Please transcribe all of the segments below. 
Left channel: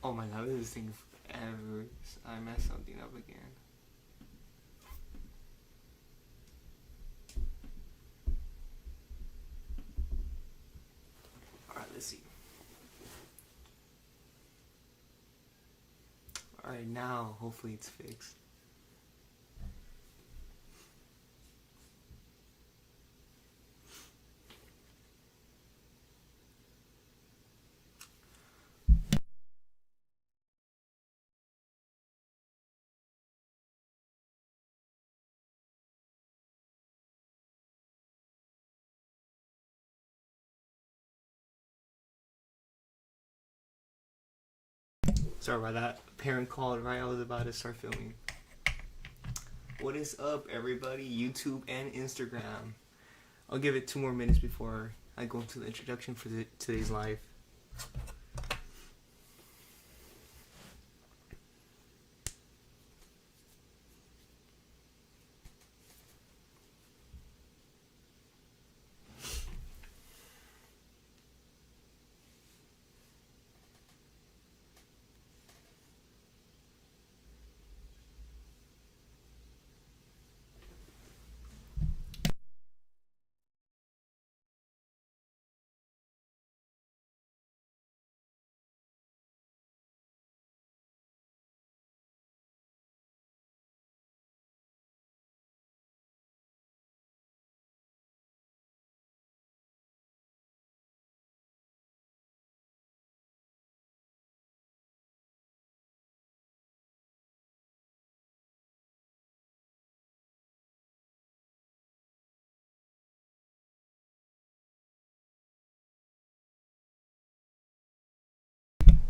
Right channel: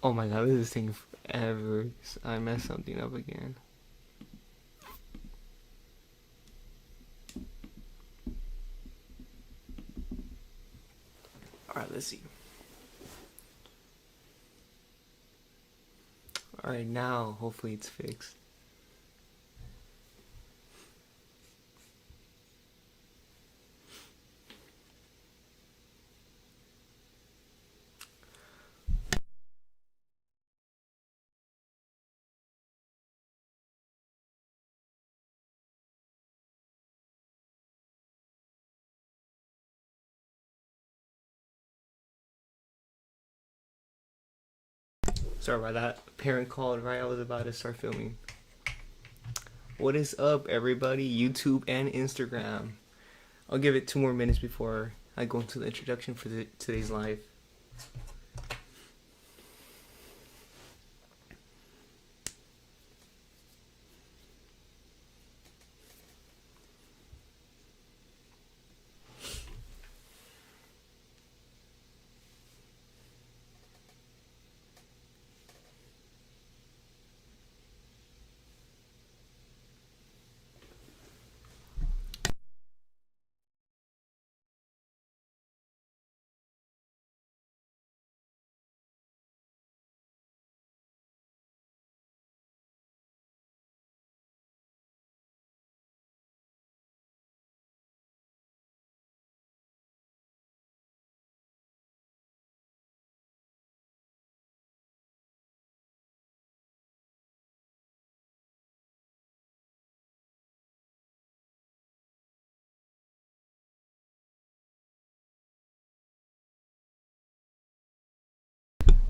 Oh my god, this is taking forever. I messed something up again. Alright, let's see. Alright, now hopefully it's fixed. Sorry about that. Parent called right I was about to start filming. What is up, everybody? YouTube and Instagram. I'll give it 2 more minutes before I go into the introduction for today's live.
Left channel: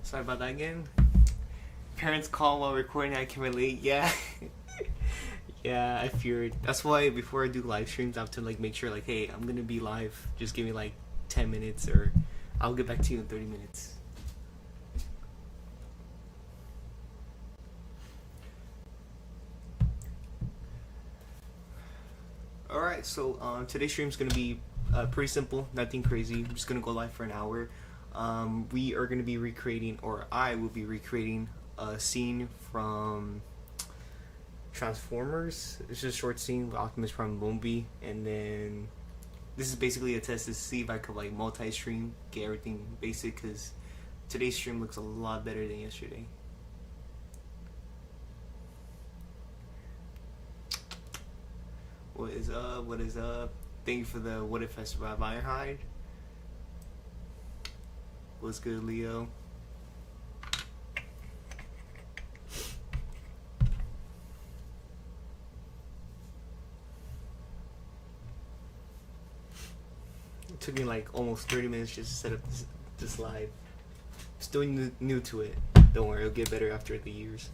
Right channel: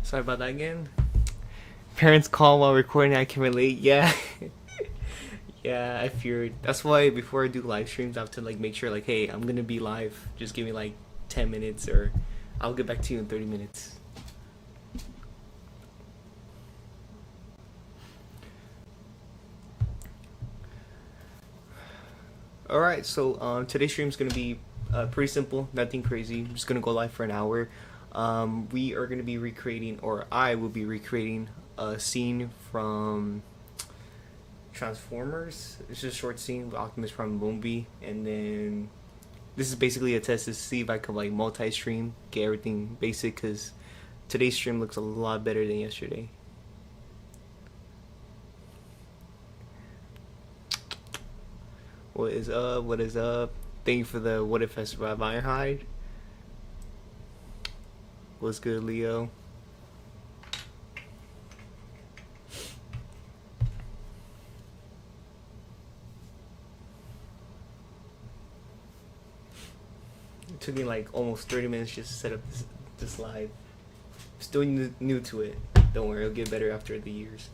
Sorry about that again. Parents call while recording, I can relate. Yeah. Yeah, I feared. That's why before I do live streams, I have to like make sure like, hey, I'm gonna be live. Just give me like 10 minutes, or I'll get back to you in 30 minutes. All right, so today's stream is gonna be pretty simple, nothing crazy. I'm just gonna go live for an hour. We are gonna be recreating, or I will be recreating a scene from Transformers. It's just a short scene with Optimus Prime and Bumblebee, and then this is basically a test to see if I could like multi-stream, get everything basic, because today's stream looks a lot better than yesterday. What is up? What is up? Thank you for the What If I Survive Ironhide. What's good, Leo? It took me like almost 30 minutes just to set up this live. Still new to it. Don't worry, it'll get better after the years.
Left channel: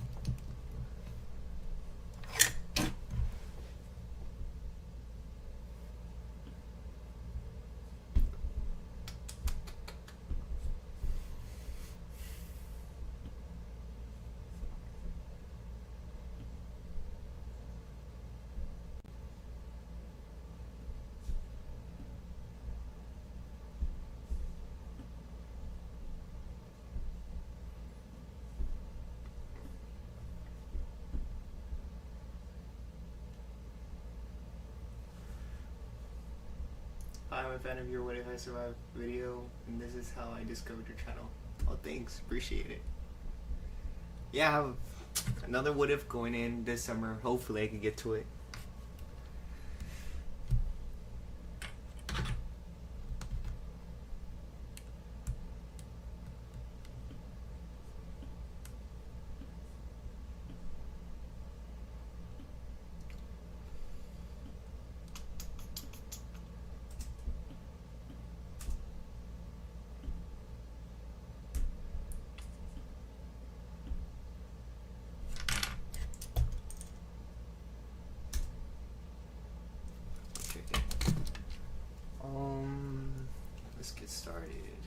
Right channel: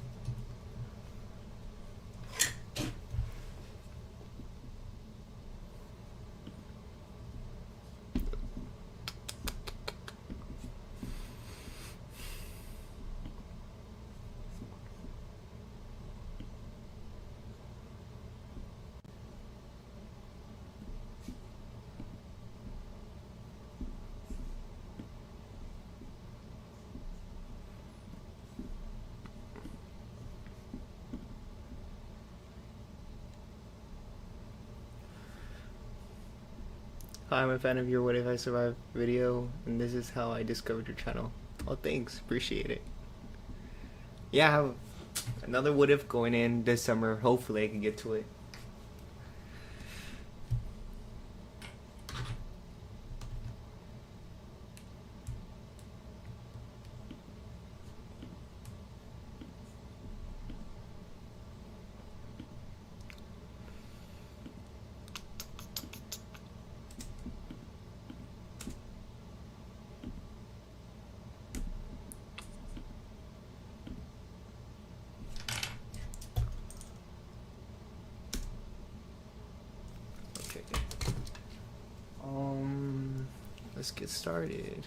Hi, I'm a fan of your What If I Survive video, and this is how I discovered your channel. Oh, thanks. Appreciate it. Yeah, I have another What If going in this summer. Hopefully I can get to it. Okay. Let's get started.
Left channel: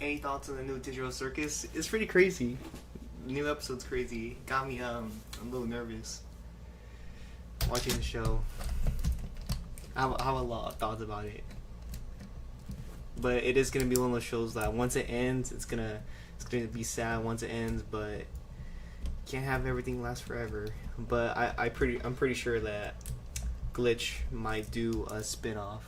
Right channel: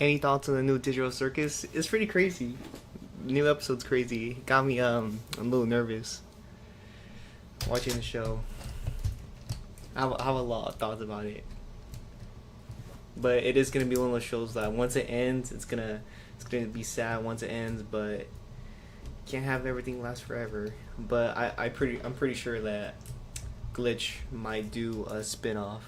Any thoughts on the new Digital Circus? It's pretty crazy. New episode's crazy. Got me a little nervous watching the show. I have a lot of thoughts about it, but it is gonna be one of those shows that once it ends, it's gonna be sad once it ends, but can't have everything last forever. But I'm pretty sure that Glitch might do a spin-off.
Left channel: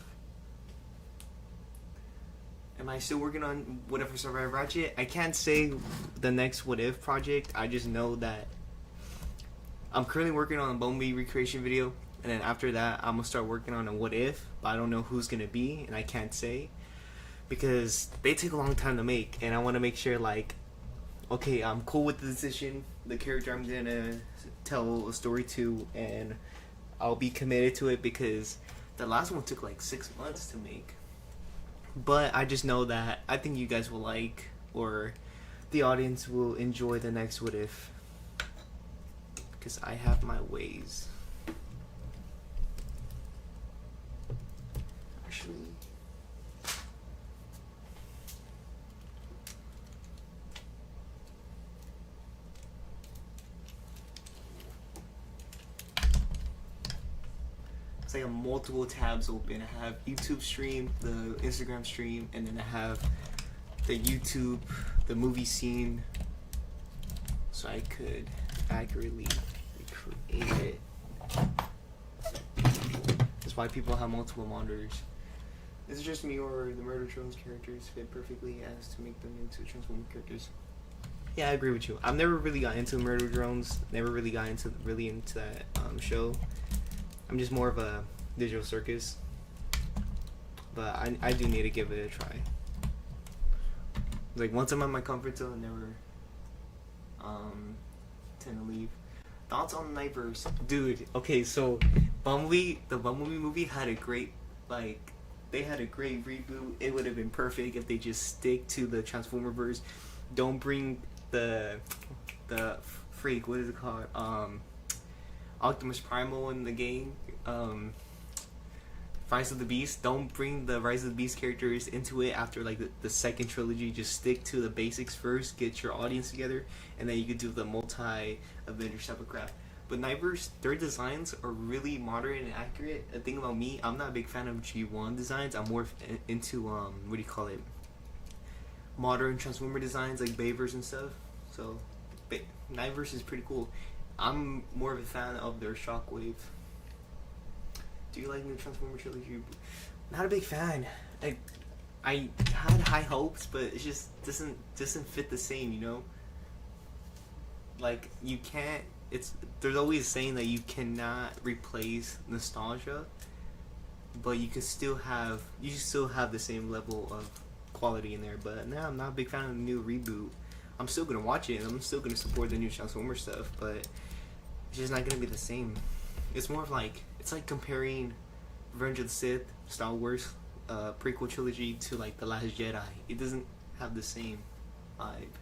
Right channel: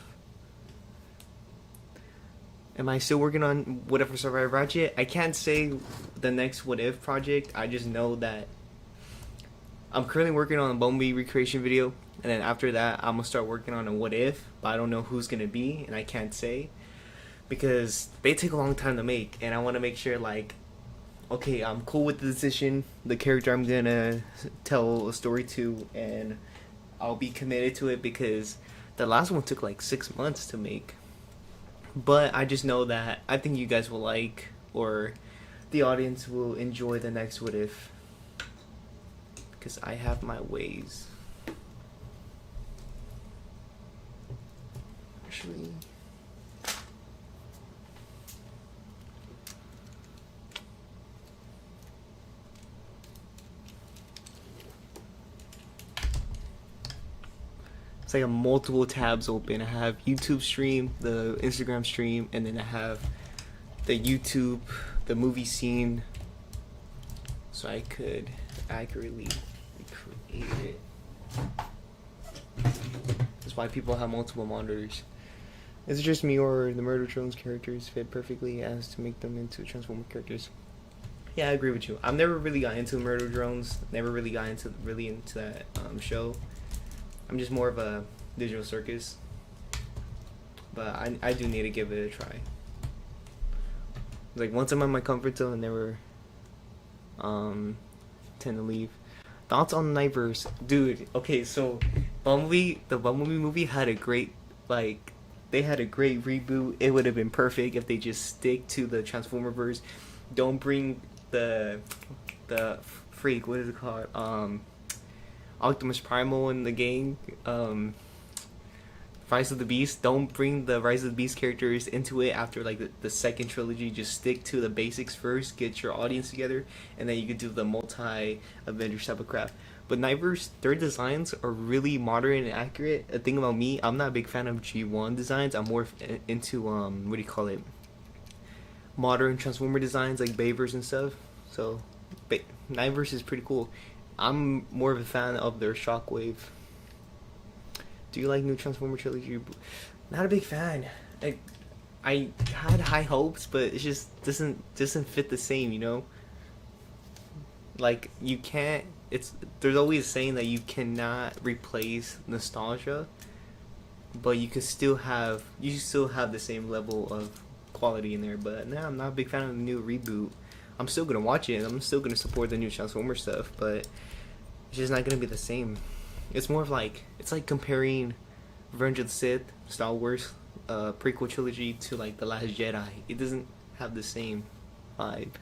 Am I still working on What If I Survive Ratchet? I can't say the next What If project. I just know that I'm currently working on a Bumblebee recreation video, and then after that I'm gonna start working on a What If, but I don't know who's gonna be, and I can't say because they take a long time to make, and I want to make sure, like, okay, I'm cool with the decision, the character I'm gonna tell a story to, and I'll be committed to it, because the last one took like 6 months to make. But I just know that I think you guys will like, or the audience will enjoy the next What If, because I have my ways. Actually, it's like a multiple tabs open. I have YouTube stream, the Instagram stream, and then I have the YouTube, the movie scene, so I could accurately recreate it. That's why people have multiple monitors. Is it just me, or the Murder Drones characters fit perfectly as to make them into Transformer characters? Yeah, I agree with you. I've never really got into Murder Drones. Never really got into that show. I'm just more of a Digital Circus, but I do need to give it a try. Like, once I'm in my comfort zone, I never tend to leave. Thoughts on Nightverse, dude? Okay, so the Bumblebee movie had a great, like, they had a great reboot. It would have been perfect if they just stick to the Transformer verse. Don't bring the freak, what is it called? Optimus Primal in the gang, Rise of the Beast. Don't bring the Rise of the Beast characters into it after like the second trilogy. Just stick to the basics first, get your audience together, and then you could do the multi-Avengers type of crap. But Nightverse, their designs are really modern and accurate. The thing about me, I'm not a big fan of G1 designs. I'm more into what do you call it? Modern Transformer designs like Bayverse and stuff. So Nightverse is pretty cool. I'm more of a fan of their Shockwave. Do you like new Transformer trilogy? Not a big fan. I had high hopes, but it just doesn't fit the same, you know? Like, you can't, there's always a saying that you cannot replace nostalgia, but you still have the same level of quality in there. But nah, I'm not a big fan of the new reboot. I'm still gonna watch it, and I'm still gonna support the new Transformer stuff, but it's just not gonna be the same. It's more of like, it's like comparing Revenge of the Sith, Star Wars prequel trilogy to like The Last Jedi. It doesn't have the same vibe.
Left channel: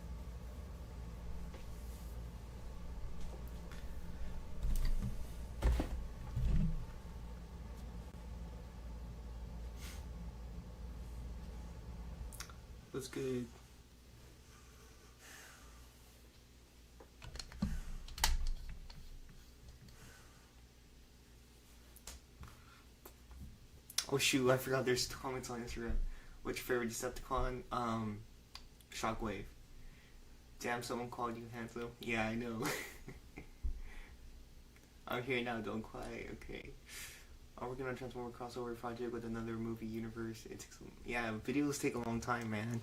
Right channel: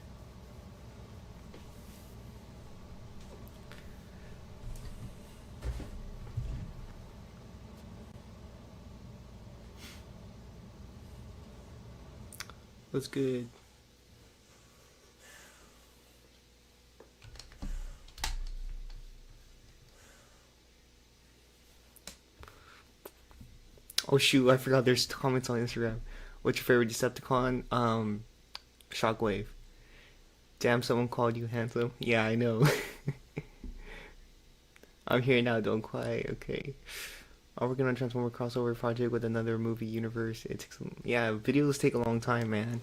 What's good? Oh shoot, I forgot there's comments on Instagram. What's your favorite Decepticon? Shockwave. Damn, someone called you handsome. Yeah, I know. I'm here now, don't cry. Okay. I'm working on a Transformer crossover project with another movie universe. It takes, yeah, videos take a long time, man.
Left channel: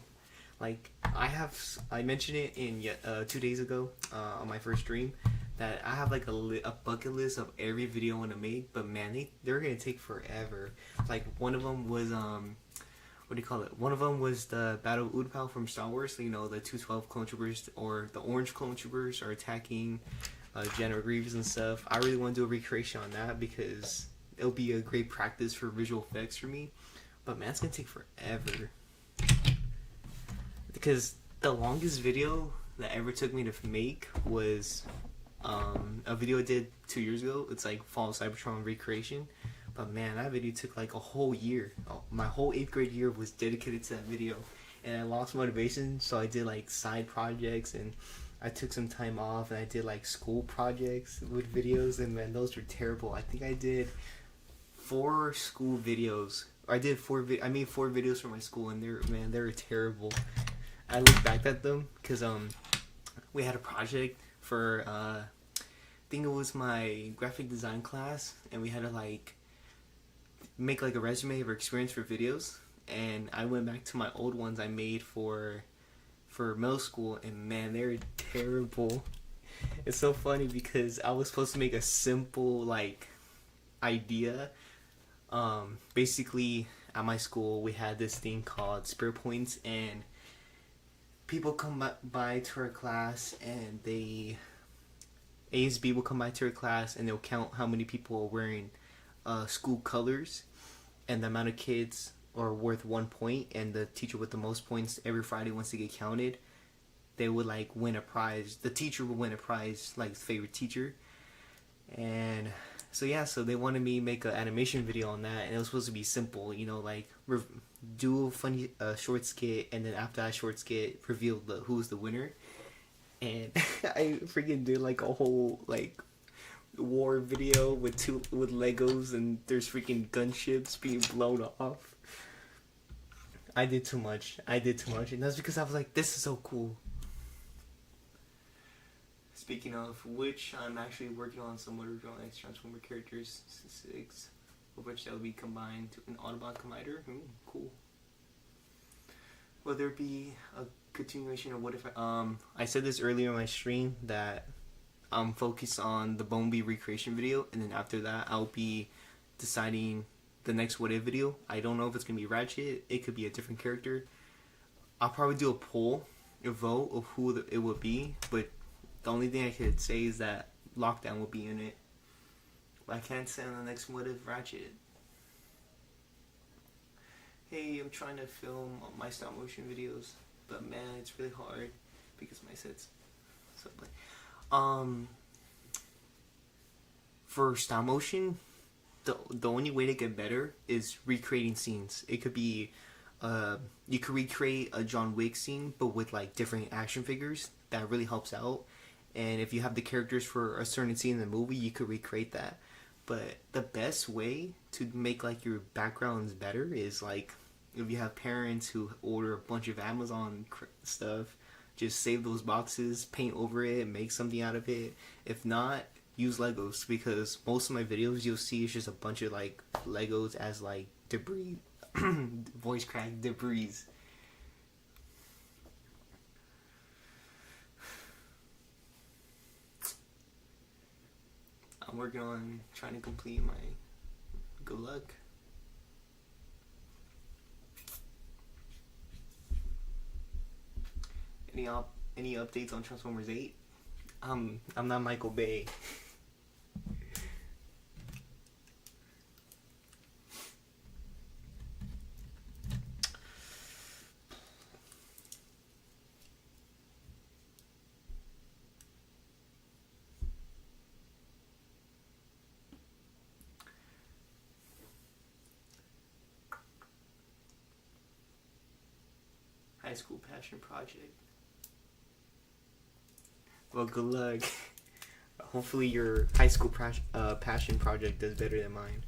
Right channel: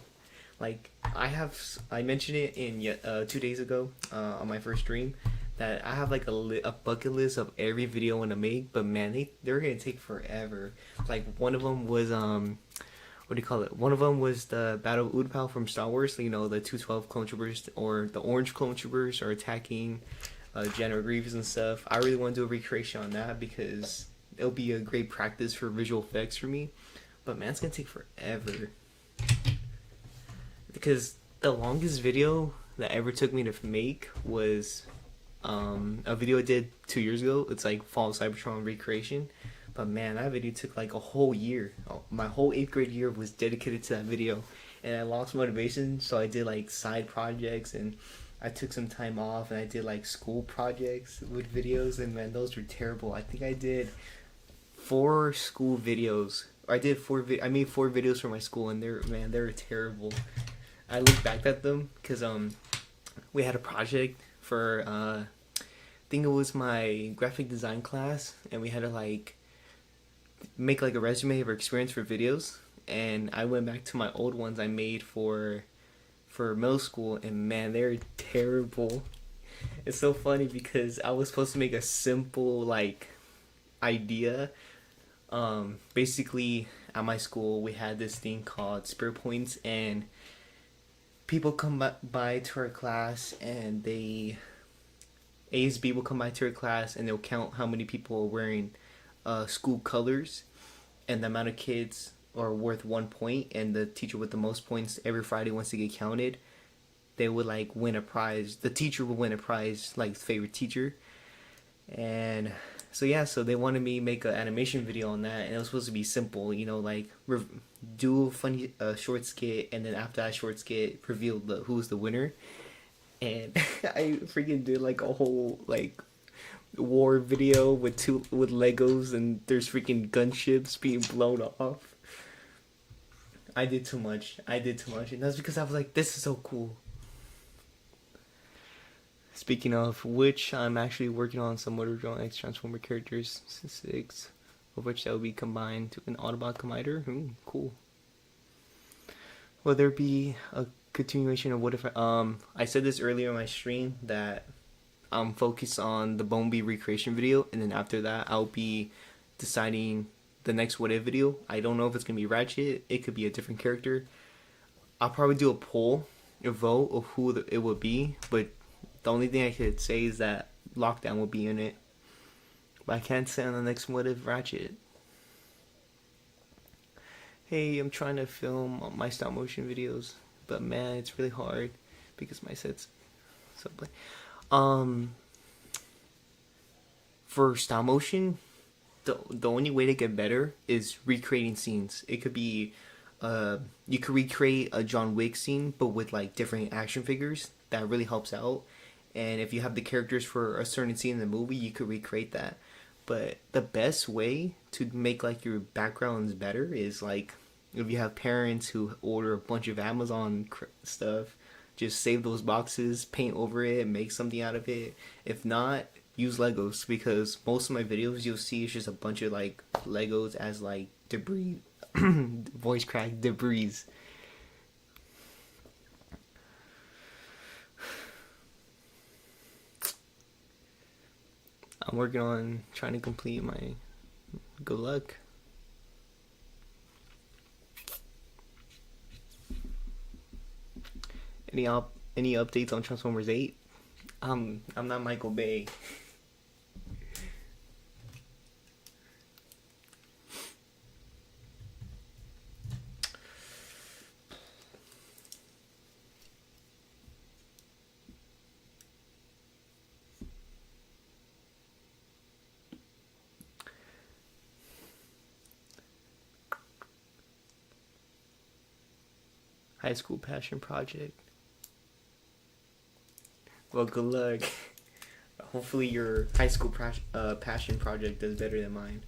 Like, I mentioned it in 2 days ago on my first stream, that I have like a bucket list of every video I want to make, but man, they're gonna take forever. Like, one of them was what do you call it? One of them was the Battle of Utapau from Star Wars. You know, the 212 clone troopers, or the orange clone troopers, are attacking General Grievous and stuff. I really want to do a recreation on that because it'll be a great practice for visual effects for me. But man, it's gonna take forever, because the longest video that ever took me to make was a video I did 2 years ago. It's like Fall of Cybertron recreation, but man, that video took like a whole year. My whole 8th grade year was dedicated to that video, and I lost motivation, so I did like side projects, and I took some time off, and I did like school projects with videos, and man, those were terrible. I think I did 4 school videos. I made 4 videos for my school, and they were terrible. I look back at them because we had a project for I think it was my graphic design class, and we had to like make like a resume of our experience for videos. And I went back to my old ones I made for middle school, and man, they're terrible. It's so funny because I was supposed to make a simple like idea. Basically at my school we had this thing called spirit points, and people come by to our class, and ASB will come by to our class, and they'll count how many people are wearing school colors, and the amount of kids are worth 1 point, and the teacher with the most points every Friday, once they get counted, they would like win a prize. The teacher would win a prize, like favorite teacher. And so yeah, so they wanted me to make an animation video on that, and it was supposed to be simple, like do a funny short skit, and then after that short skit reveal who's the winner. And I freaking did like a whole like war video with Legos, and there's freaking gunships being blown off. I did too much, and that's because I was like, this is so cool. Speaking of which, I'm actually working on some Motor Drone X Transformer characters, 6 of which that will be combined to an Autobot Collider. Cool. Will there be a continuation of what if I said this earlier in my stream that I'm focused on the Bumblebee recreation video, and then after that I'll be deciding the next what if video. I don't know if it's gonna be Ratchet, it could be a different character. I'll probably do a vote of who it would be, but the only thing I could say is that Lockdown will be in it, but I can't say on the next what if Ratchet. Hey, I'm trying to film my stop motion videos, but man, it's really hard because my set's so for stop motion, the only way to get better is recreating scenes. It could be you could recreate a John Wick scene, but with like different action figures. That really helps out. And if you have the characters for a certain scene in the movie, you could recreate that. But the best way to make like your backgrounds better is like if you have parents who order a bunch of Amazon stuff, just save those boxes, paint over it, make something out of it. If not, use Legos, because most of my videos you'll see is just a bunch of like Legos as like debris, voice crack debris. I'm working on trying to complete my good luck. Any updates on Transformers 8? I'm not Michael Bay. High school passion project. Well, good luck. Hopefully your high school passion project does better than mine.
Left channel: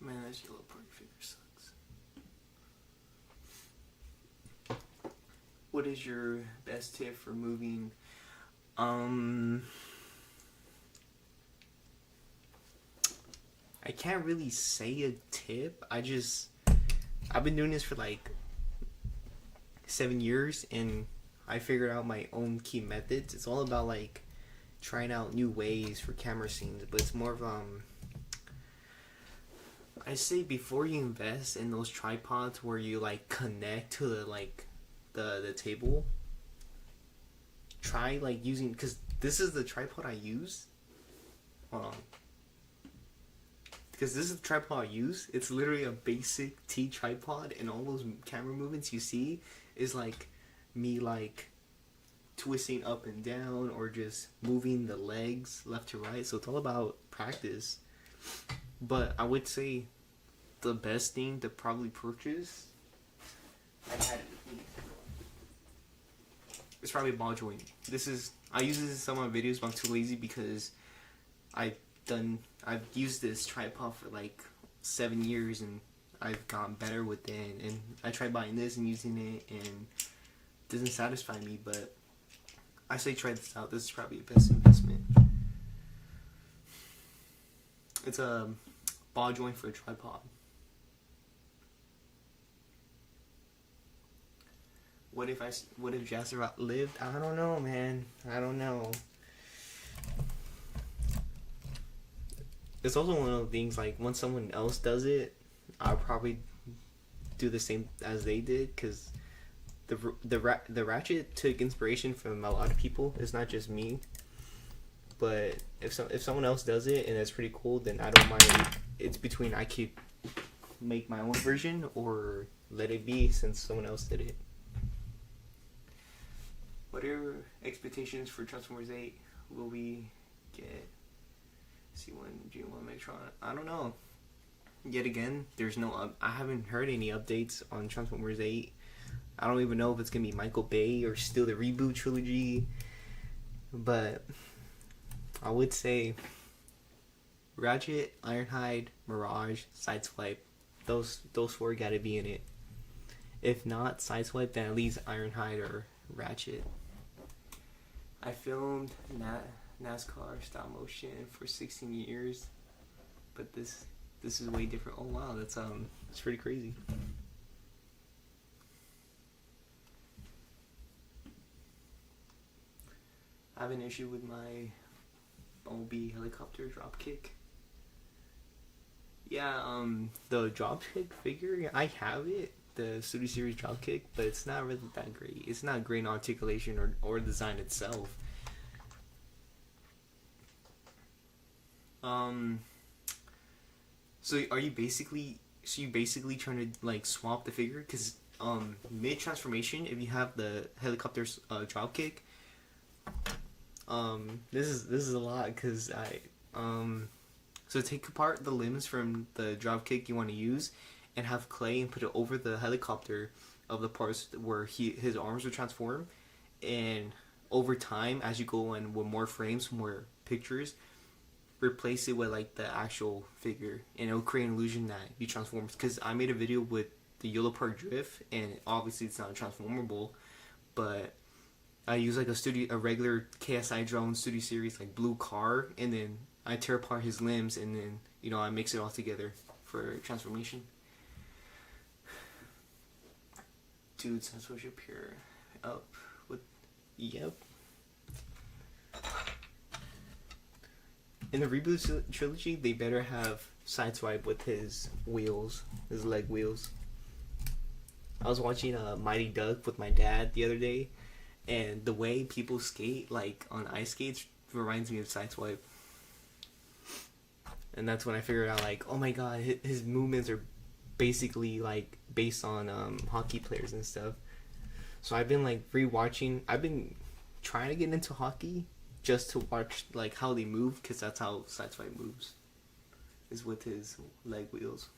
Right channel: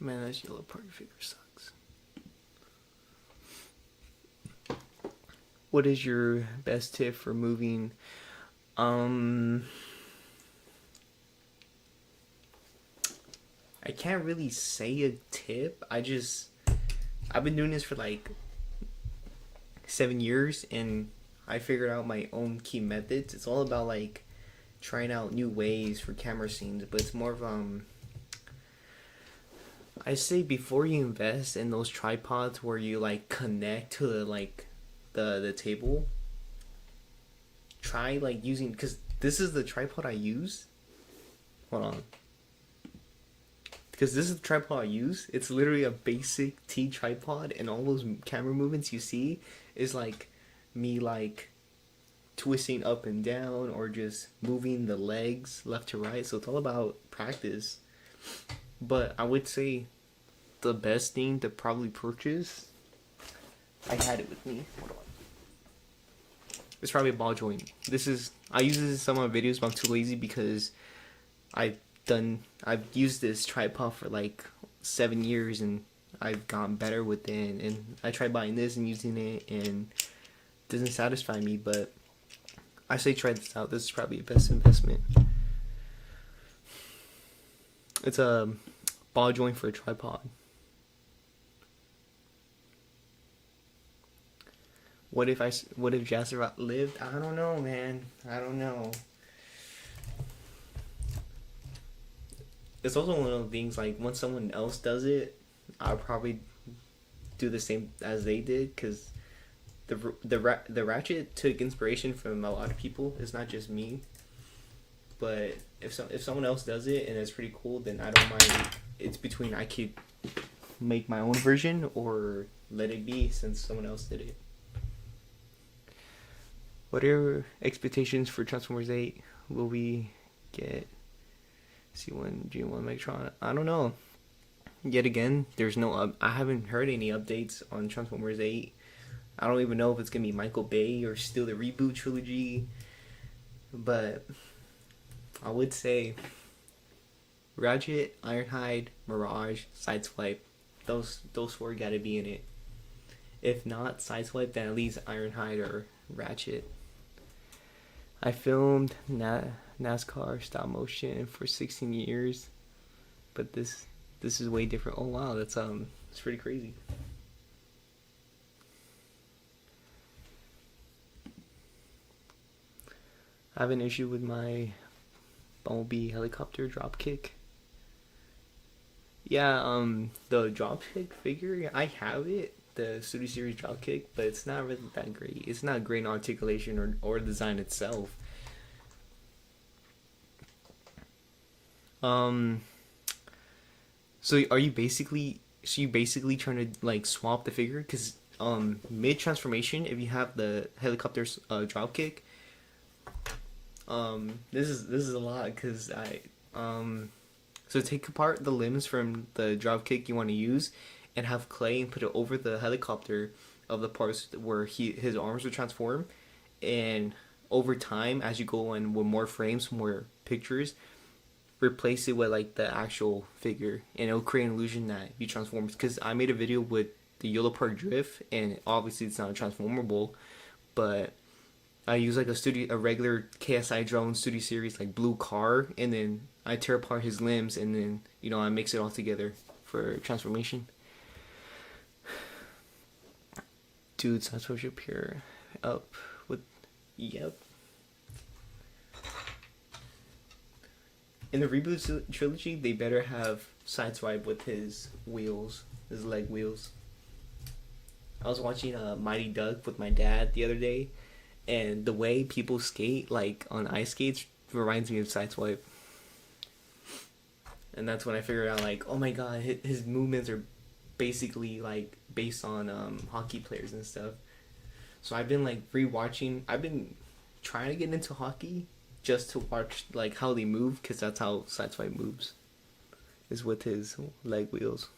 Man, this yellow party figure sucks. What is your best tip for moving? I can't really say a tip. I've been doing this for like 7 years, and I figured out my own key methods. It's all about like trying out new ways for camera scenes, but it's more of I say before you invest in those tripods where you like connect to the table, try like using, because this is the tripod I use. Hold on. because this is the tripod I use. It's literally a basic T tripod, and all those camera movements you see is like me like twisting up and down or just moving the legs left to right. So it's all about practice. But I would say the best thing to probably purchase, I had it with me, it's probably a ball joint. I use this in some of my videos, but I'm too lazy because I've used this tripod for like 7 years and I've gotten better with it, and I tried buying this and using it and it doesn't satisfy me. But I say try this out. This is probably the best investment. It's a ball joint for a tripod. What if Jasper lived? I don't know, man. I don't know. It's also one of the things, like, once someone else does it, I'll probably do the same as they did, because the ratchet took inspiration from a lot of people. It's not just me. But if someone else does it and it's pretty cool, then I don't mind. It's between I could make my own version or let it be since someone else did it. What are your expectations for Transformers 8? Will we get C1, G1, Megatron? I don't know. Yet again, there's no. I haven't heard any updates on Transformers 8. I don't even know if it's gonna be Michael Bay or still the reboot trilogy. But I would say Ratchet, Ironhide, Mirage, Sideswipe. Those four gotta be in it. If not Sideswipe, then at least Ironhide or Ratchet. I filmed NASCAR stop motion for 16 years, but this is way different. Oh wow, that's pretty crazy. I have an issue with my Bumblebee helicopter dropkick. Yeah, the dropkick figure, I have it, the Studio Series dropkick, but it's not really that great. It's not great in articulation or design itself. So are you basically trying to like swap the figure? Because mid transformation, if you have the helicopter's dropkick, this is a lot, because so take apart the limbs from the dropkick you want to use and have clay and put it over the helicopter of the parts where his arms would transform, and over time, as you go in with more frames, more pictures, replace it with like the actual figure, and it'll create an illusion that you transform. Because I made a video with the Yellow Park Drift, and obviously it's not transformable, but I use like a regular KSI drone Studio Series like blue car, and then I tear apart his limbs, and then I mix it all together for transformation. Dude, censorship here up with yep. In the reboot trilogy, they better have Sideswipe with his wheels, his leg wheels. I was watching Mighty Duck with my dad the other day, and the way people skate, like on ice skates, reminds me of Sideswipe. And that's when I figured out, like, oh my god, his movements are basically like based on hockey players and stuff. So I've been like rewatching. I've been trying to get into hockey just to watch like how they move, because that's how Sideswipe moves, is with his leg wheels.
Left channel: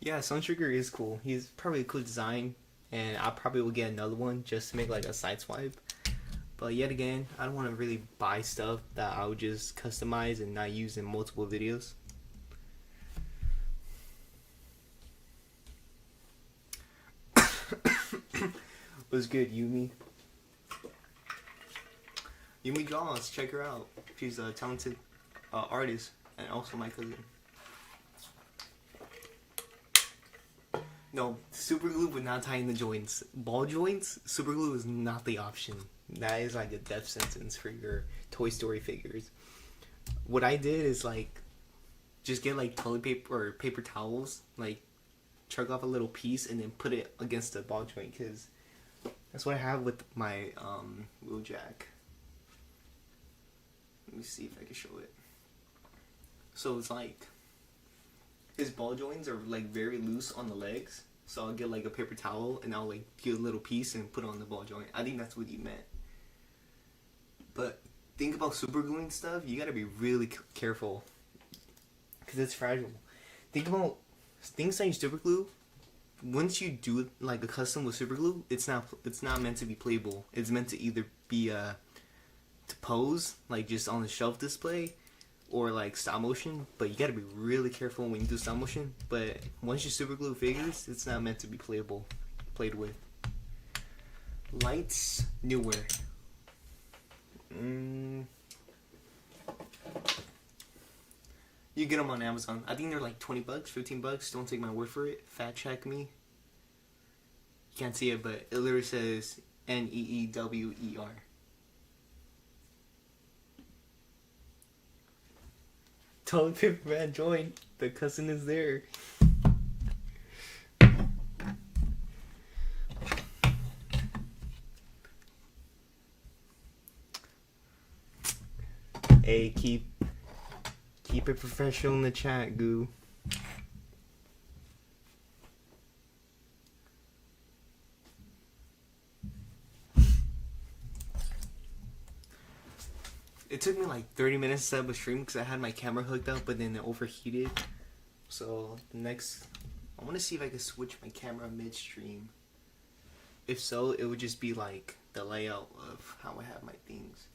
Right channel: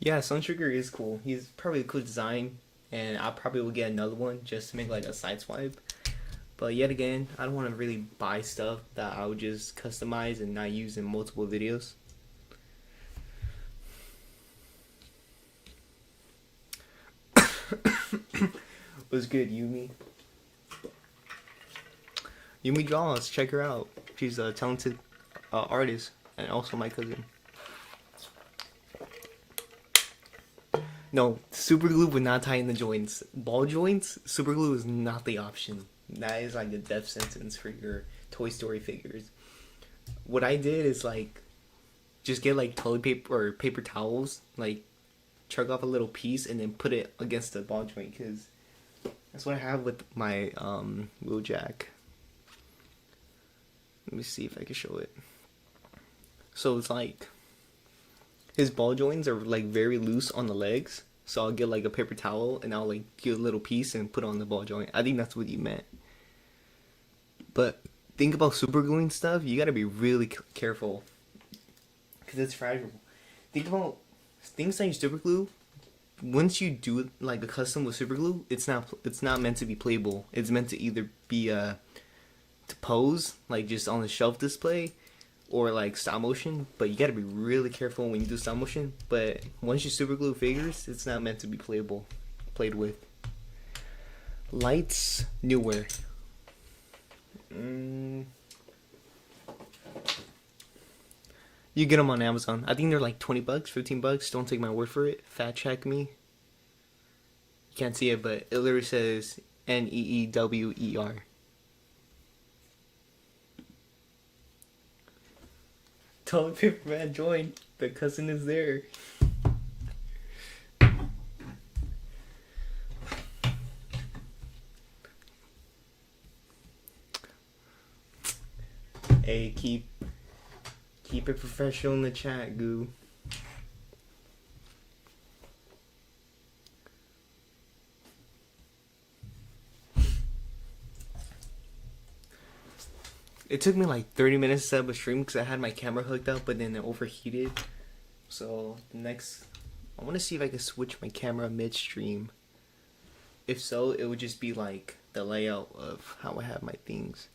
Yeah, Suntrigger is cool. He's probably a cool design, and I probably will get another one just to make like a Sideswipe. But yet again, I don't want to really buy stuff that I would just customize and not use in multiple videos. What's good, Yumi? Yumi Draws, check her out. She's a talented artist, and also my cousin. No, super glue would not tie in the joints. Ball joints, super glue is not the option. That is like a death sentence for your Toy Story figures. What I did is like just get like toilet paper or paper towels, like chug off a little piece and then put it against the ball joint, because that's what I have with my wheeljack. Let me see if I can show it. So it's like his ball joints are like very loose on the legs. So I'll get like a paper towel and I'll like get a little piece and put on the ball joint. I think that's what you meant. But think about super gluing stuff. You gotta be really careful because it's fragile. Think about things like super glue. Once you do it like a custom with super glue, it's not meant to be playable. It's meant to either be to pose like just on the shelf display or like stop motion, but you gotta be really careful when you do stop motion. But once you super glue figures, it's not meant to be played with. Lights, newer. You get them on Amazon. I think they're like $20, $15. Don't take my word for it. Fact check me. You can't see it, but it literally says NEEWER. Toilet paper man join. The cousin is there. Hey, keep it professional in the chat, goo. It took me like 30 minutes to set up a stream because I had my camera hooked up, but then it overheated. So next, I want to see if I can switch my camera midstream. If so, it would just be like the layout of how I have my things.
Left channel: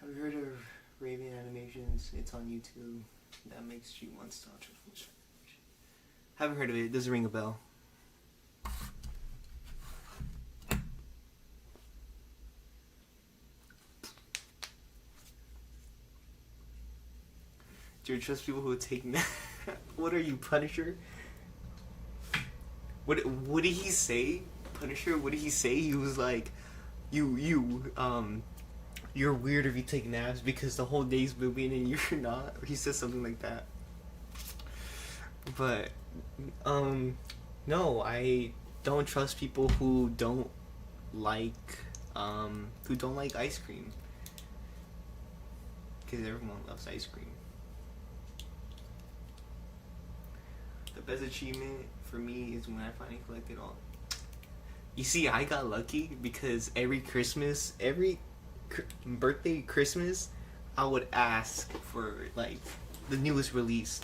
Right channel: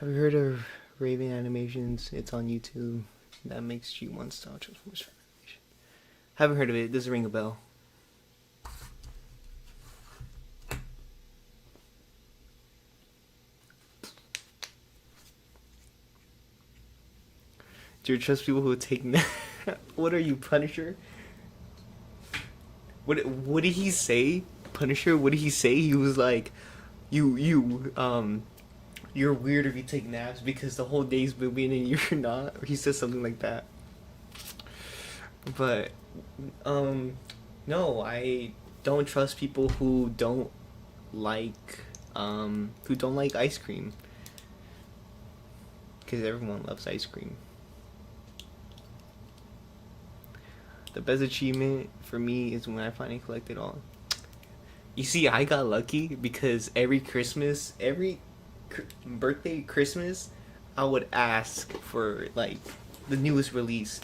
Have you heard of Raven Animations? It's on YouTube. That makes G1 style transformers. Haven't heard of it. Doesn't ring a bell. Do you trust people who take What are you, Punisher? What did he say? Punisher, what did he say? He was like, you're weird if you take naps because the whole day's moving and you're not. Or he says something like that. But no, I don't trust people who don't like ice cream. Because everyone loves ice cream. The best achievement for me is when I finally collected all. You see, I got lucky because every Christmas, every birthday, Christmas, I would ask for like the newest release.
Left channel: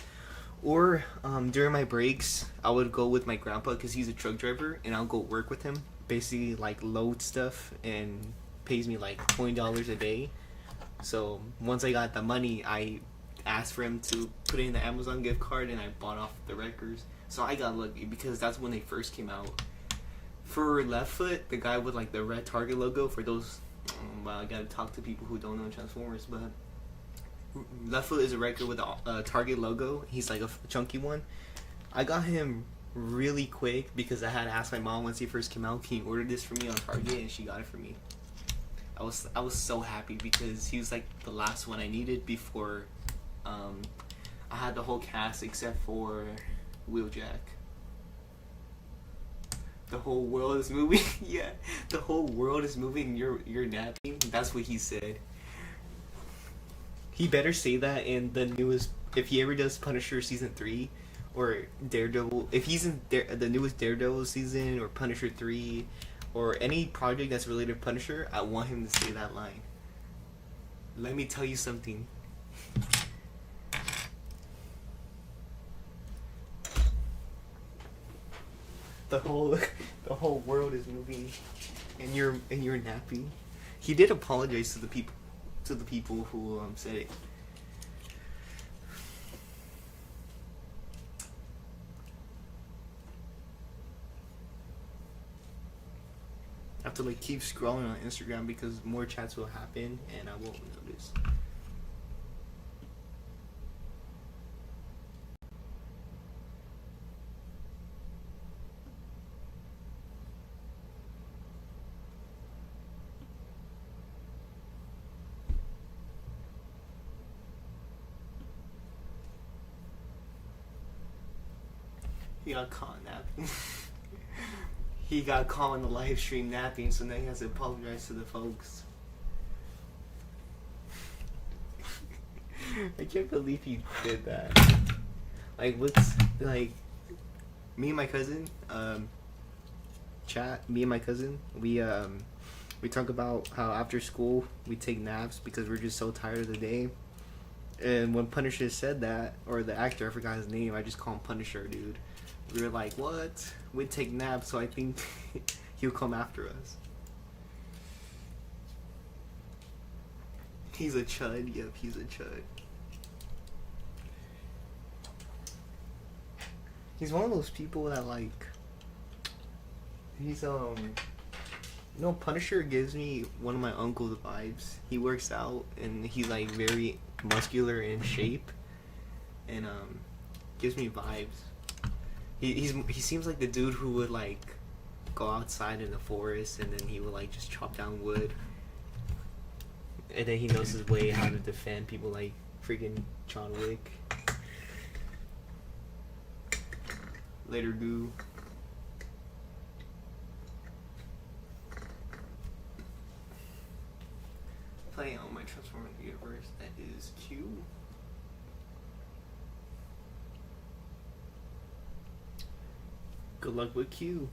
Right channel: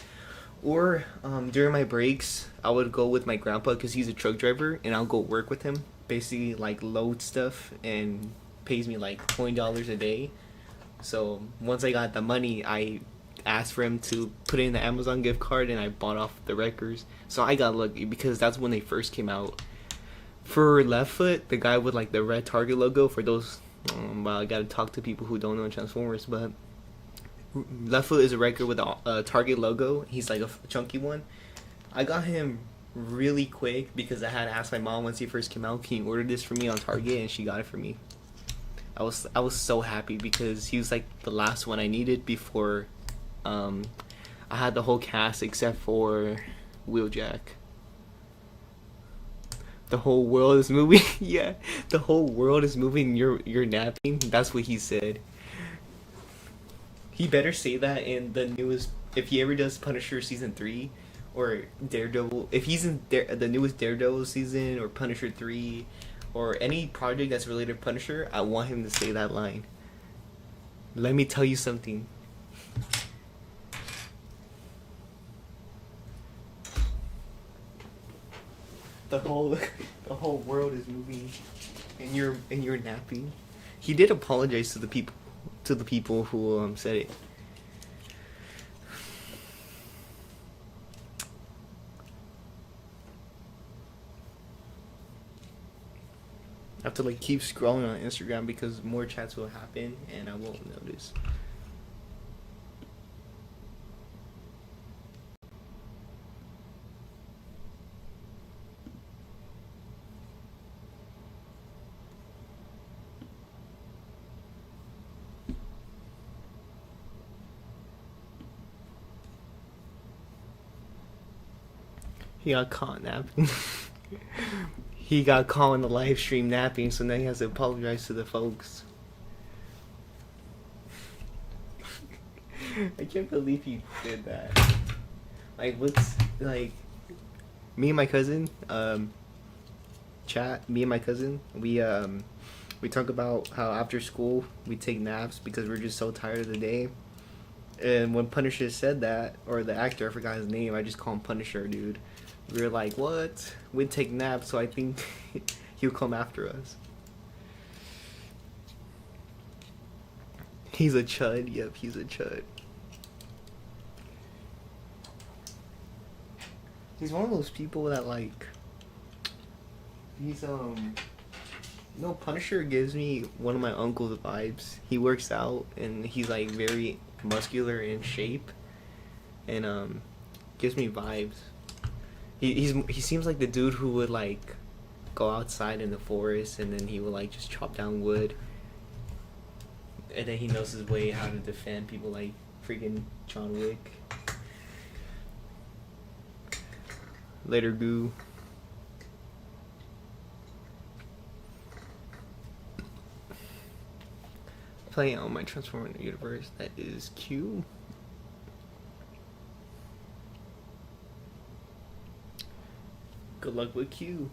Or during my breaks, I would go with my grandpa because he's a truck driver, and I'll go work with him. Basically, like load stuff and pays me like $20 a day. So once I got the money, I asked for him to put in the Amazon gift card and I bought off the records. So I got lucky because that's when they first came out. For Left Foot, the guy with like the red Target logo, for those well, I gotta talk to people who don't know Transformers, but Left Foot is a record with a Target logo. He's like a chunky one. I got him really quick because I had to ask my mom once he first came out, can you order this for me on Target, and she got it for me. I was so happy because he was like the last one I needed before I had the whole cast except for Wheeljack. The whole world is moving. Yeah, the whole world is moving. You're napping. That's what he said. He better say that in the newest. If he ever does Punisher season 3 or Daredevil, if he's in the newest Daredevil season or Punisher 3 or any project that's related to Punisher, I want him to say that line. Let me tell you something. The whole world is moving, and you're napping. He did apologize to the people who said it. I have to like keep scrolling on Instagram because more chats will happen and I won't notice. He got caught napping. He got caught on the live stream napping, so now he has to apologize to the folks. I can't believe he did that. Like, what's like? Me and my cousin, Me and my cousin, we talk about how after school we take naps because we're just so tired of the day. And when Punisher said that, or the actor, I forgot his name, I just call him Punisher, dude. We were like, what? We'd take naps, so I think he'll come after us. He's a chud. Yep, he's a chud. He's one of those people that like. He's No, Punisher gives me one of my uncle's vibes. He works out and he's like very muscular in shape, and gives me vibes. He seems like the dude who would like go outside in the forest and then he would like just chop down wood. And then he knows his way how to defend people like freaking John Wick. Later, Goo. Playing on my Transformer universe. That is Q. Good luck with Q.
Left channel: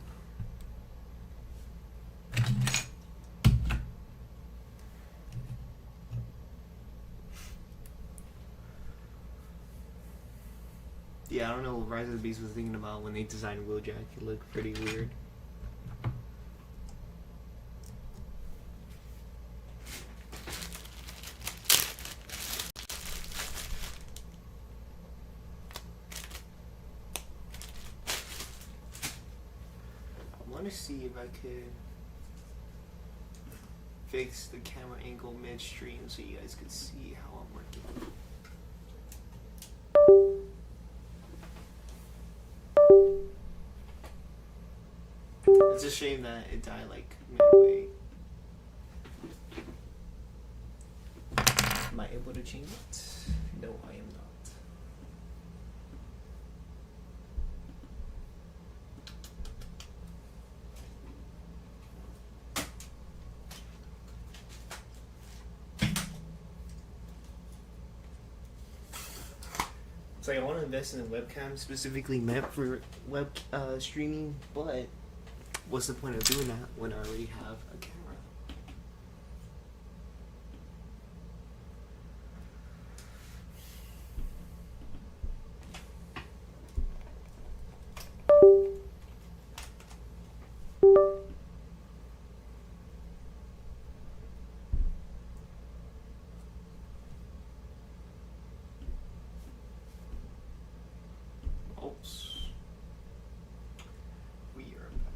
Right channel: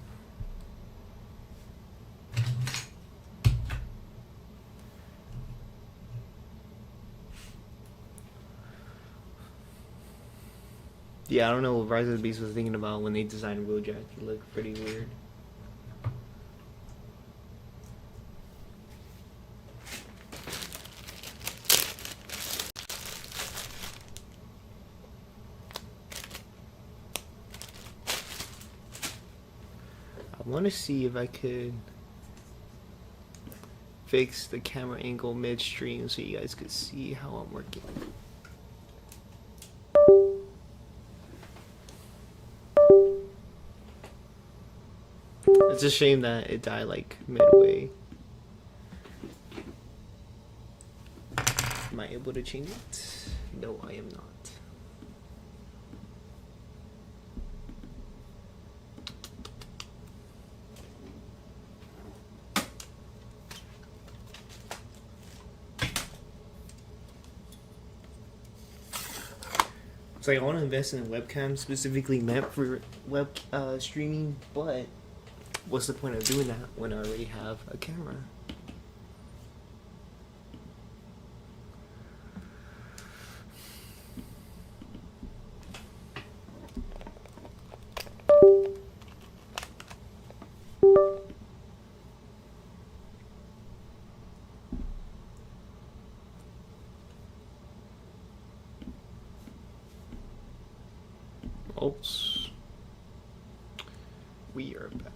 Yeah, I don't know what Rise of the Beast was thinking about when they designed Wheeljack. He looked pretty weird. I want to see if I could fix the camera angle midstream so you guys could see how I'm working. It's a shame that it died like midway. Am I able to change it? No, I am not. It's like I want to invest in a webcam specifically meant for web streaming, but what's the point of doing that when I already have a camera? Oops. We are back.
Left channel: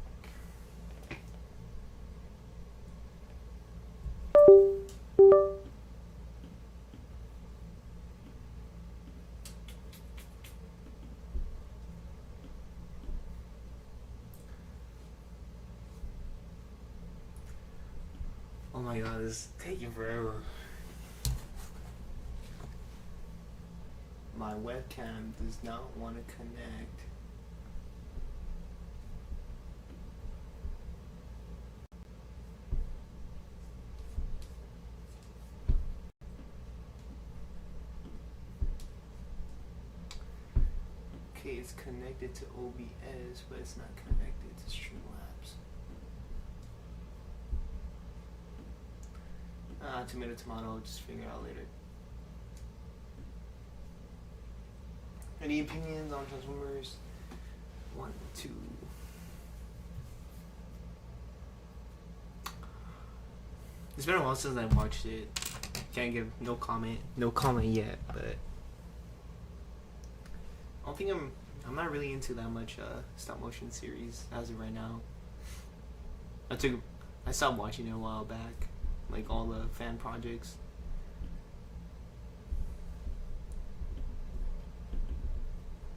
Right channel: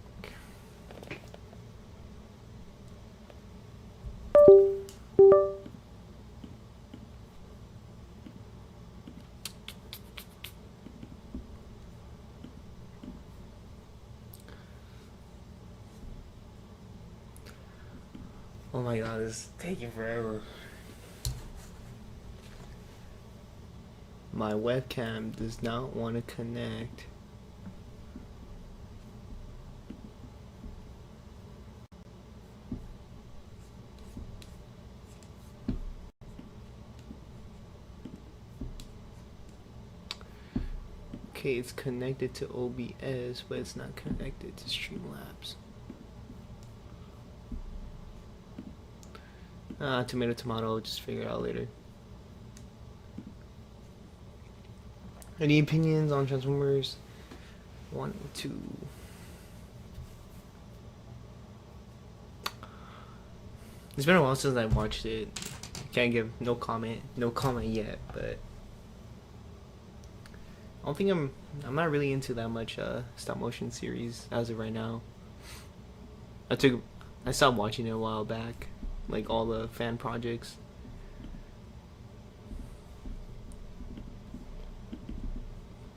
Oh my god, this is taking forever. My webcam does not want to connect. Okay, it's connected to OBS, but it's not connected to Streamlabs. Tomato, I'll just figure it out later. Any opinions on Transformers 1, 2? It's been a while since I watched it. Can't give no comment yet, but I don't think I'm not really into that much stop motion series as of right now. I stopped watching it a while back, like all the fan projects.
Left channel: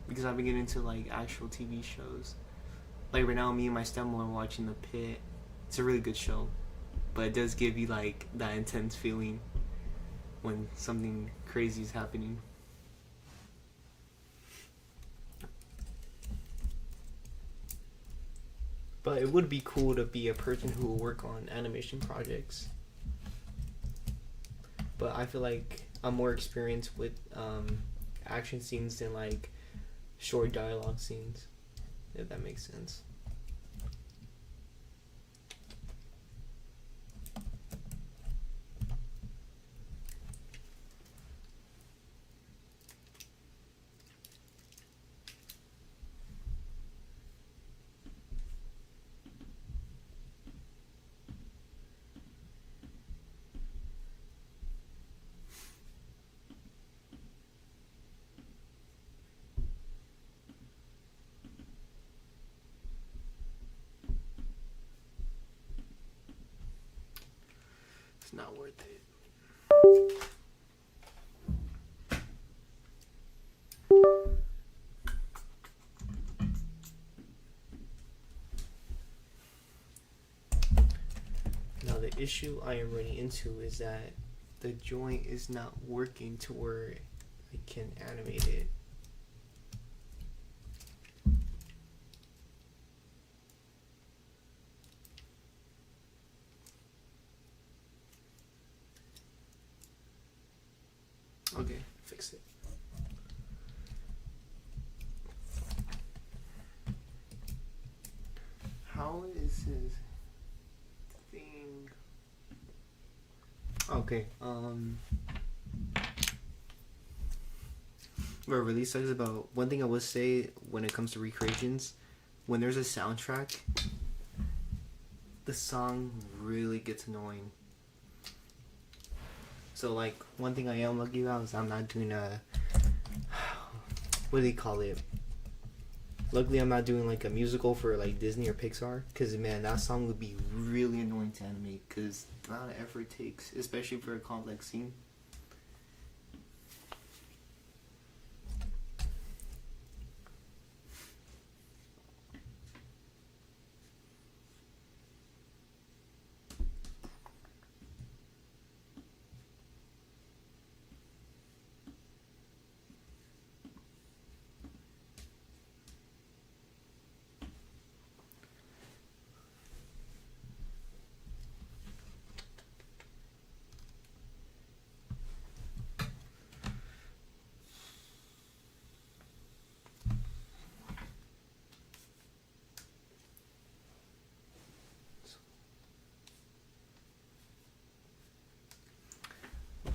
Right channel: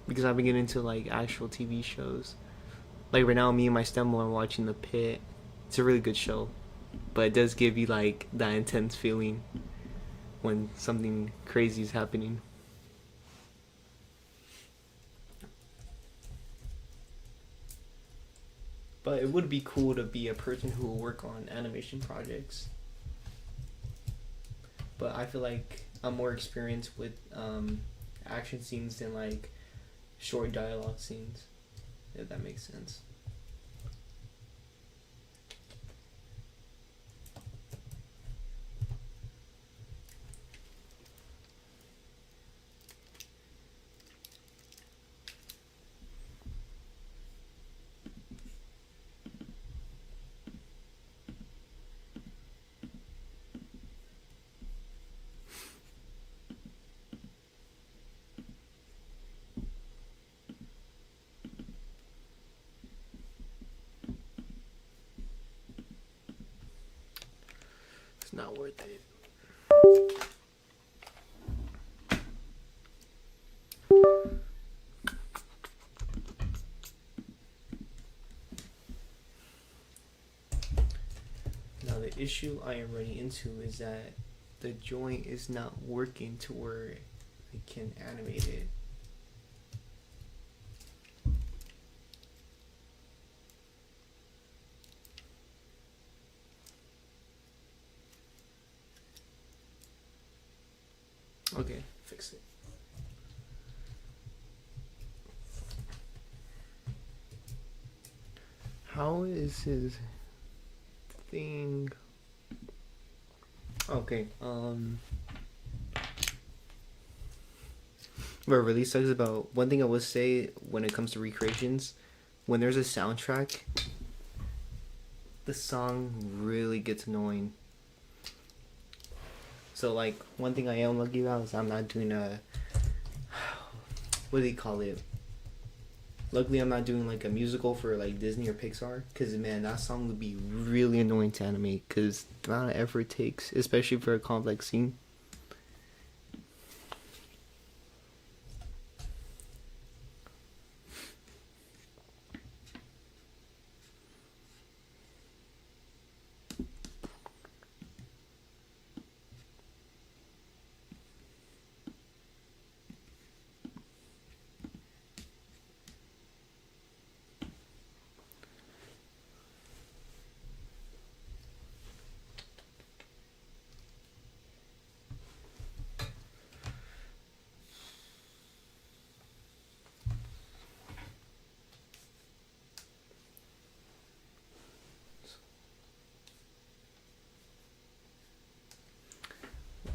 Because I've been getting into like actual TV shows. Like right now, me and my stepmom are watching The Pit. It's a really good show, but it does give you like that intense feeling when something crazy is happening. But it would be cool to be a person who will work on animation projects. But I feel like I'm more experienced with action scenes than like short dialogue scenes, if that makes sense. It's not worth it. Now the issue I am running into is that the joint is not working to where I can animate it. Okay, fix it. How is his thing? Okay, what really sucks about one thing I would say when it comes to recreations, when there's a soundtrack, the song really gets annoying. So like one thing I am lucky about is I'm not doing a what do they call it? Luckily I'm not doing like a musical for like Disney or Pixar, because man, that song would be really annoying to animate because the amount of effort it takes, especially for a complex scene.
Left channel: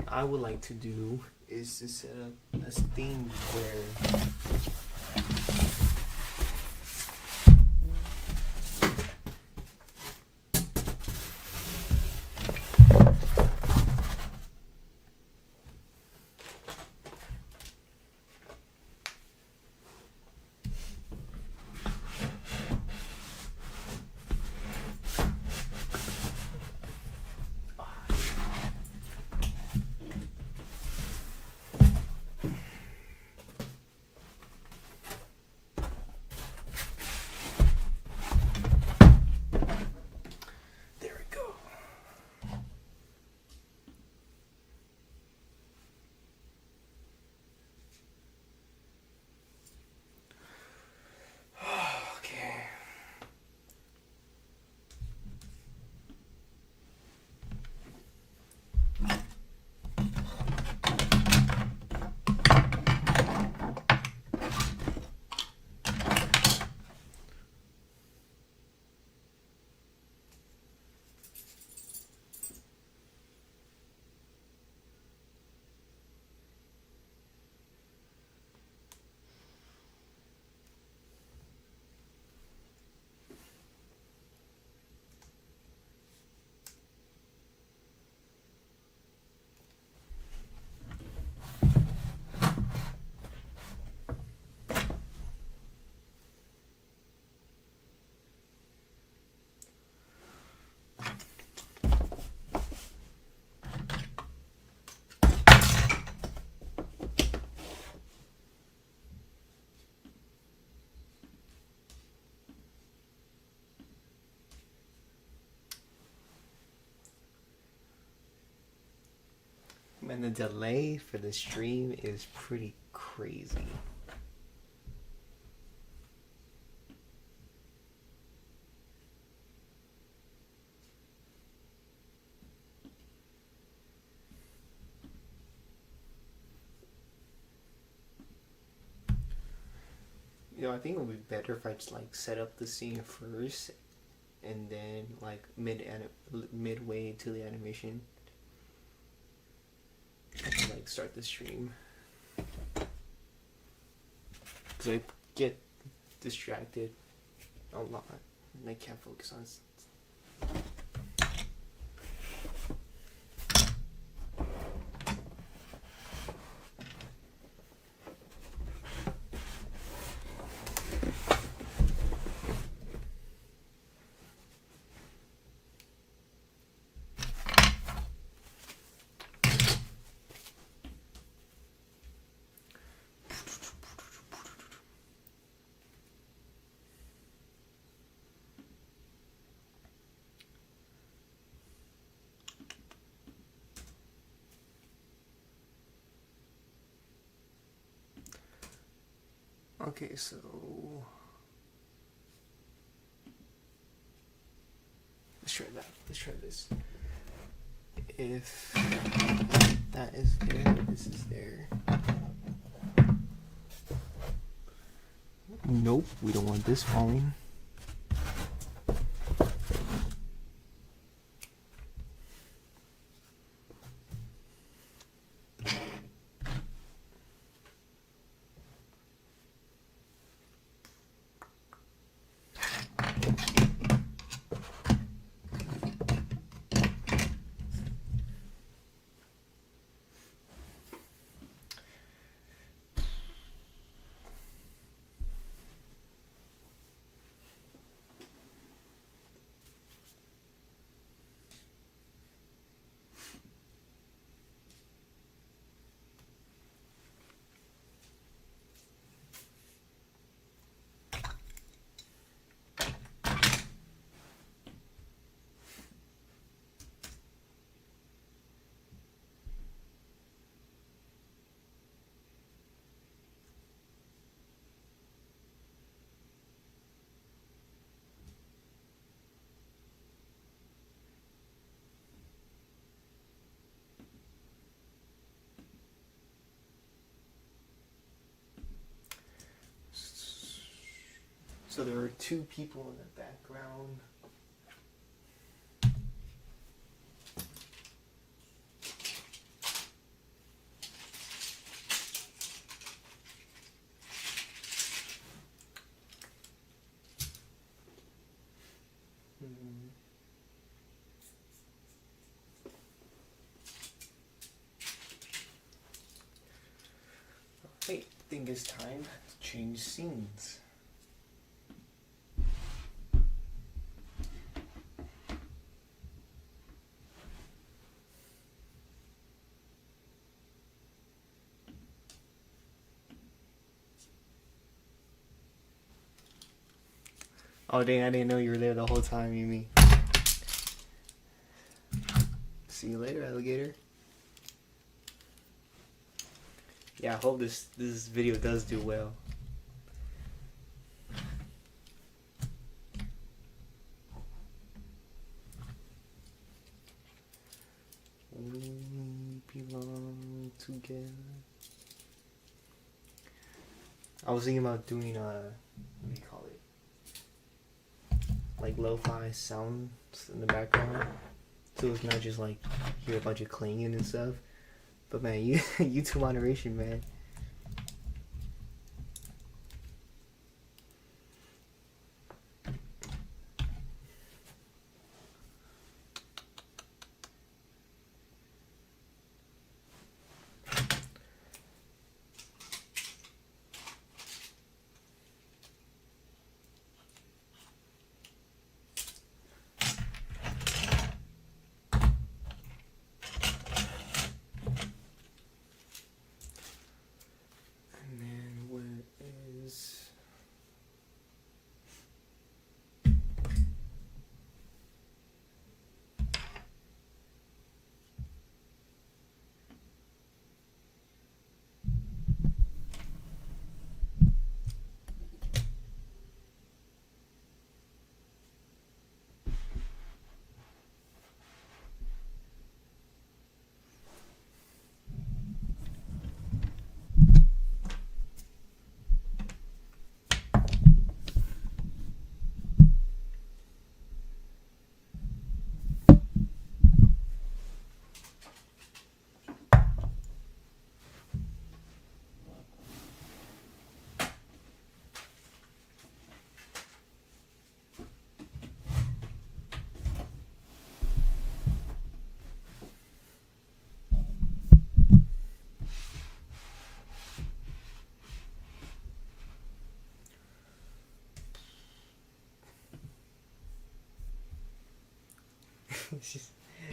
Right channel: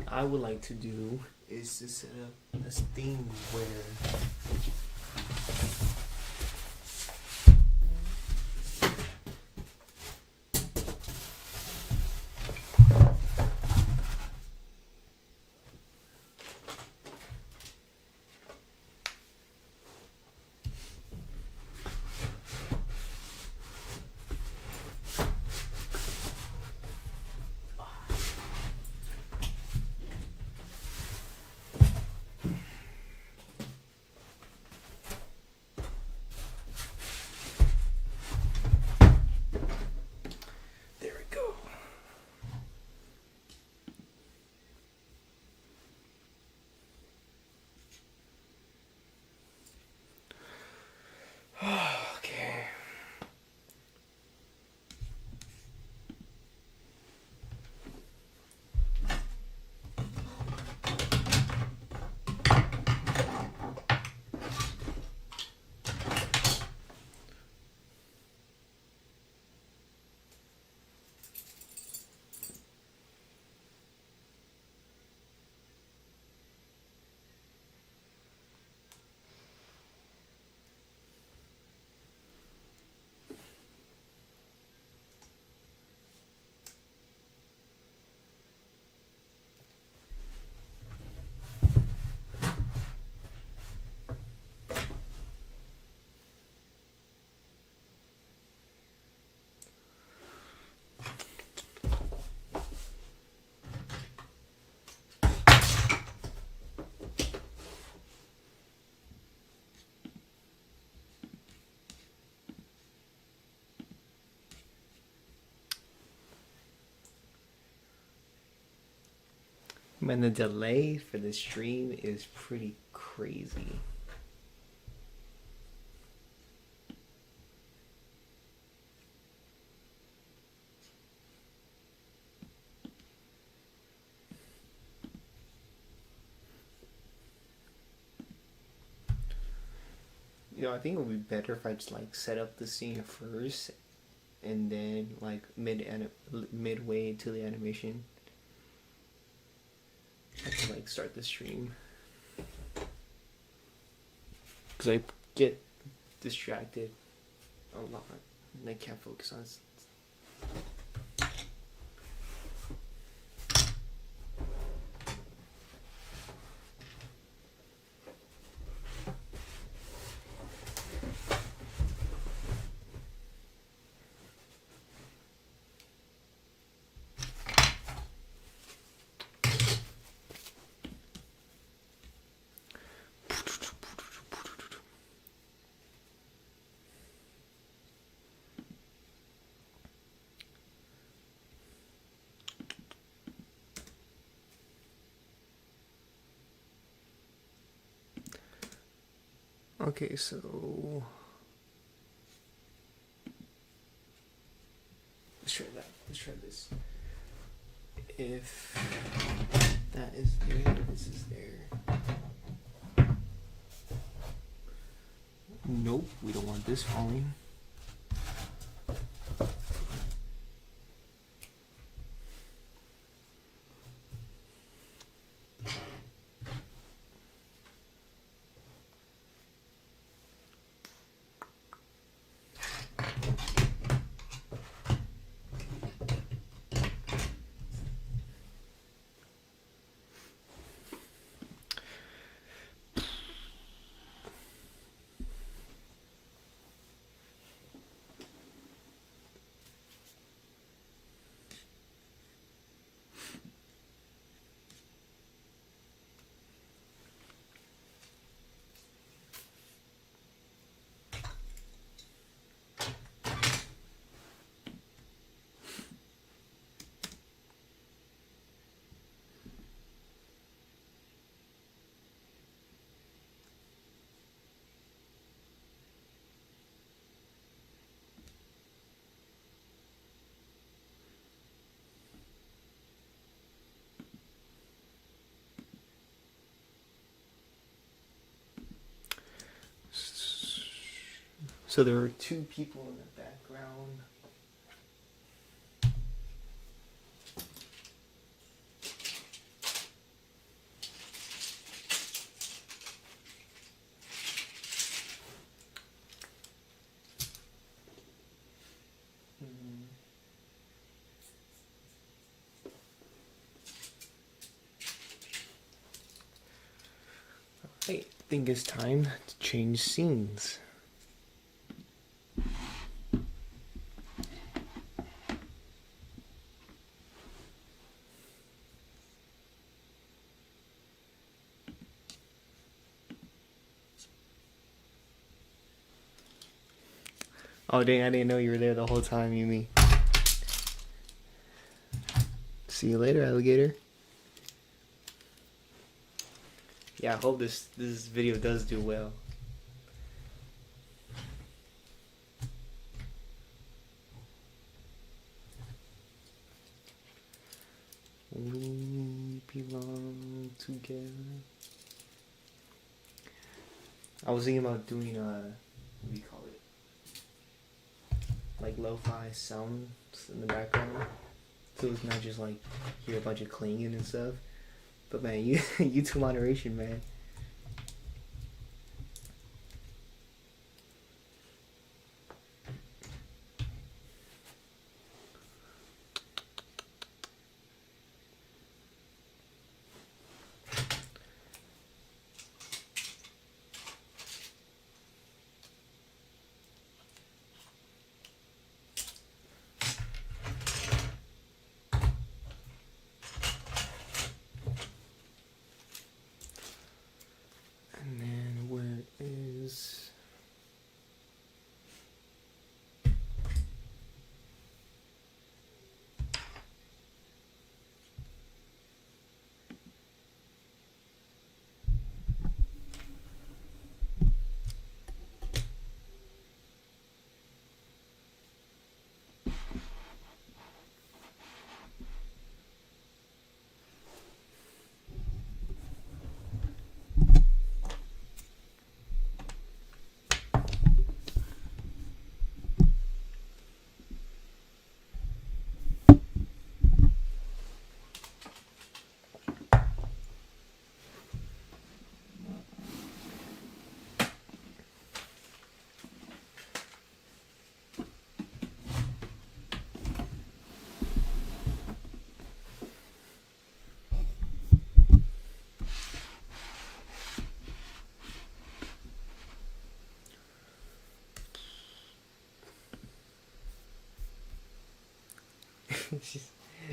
I would like to do is to set up a theme where there we go. Okay. Man, the delay for the stream is pretty crazy. I think it would be better if I just like set up the scene first, and then like midway to the animation, I can like start the stream. Cause I get distracted a lot, and I can't focus on. Okay, so let's try that. Let's try this. If that is there, this is there. Nope, we don't want this falling. So there are two people in the background. I think it's time to change scenes. Oh dang, I didn't know you were there the whole time, Yumi. See you later, alligator. Yeah, I hope this video does do well. We belong together. I was thinking about doing what do you call it? Like lo-fi sounds in the background. So it's not just like hear a bunch of clanging and stuff. But man, YouTube moderation, man.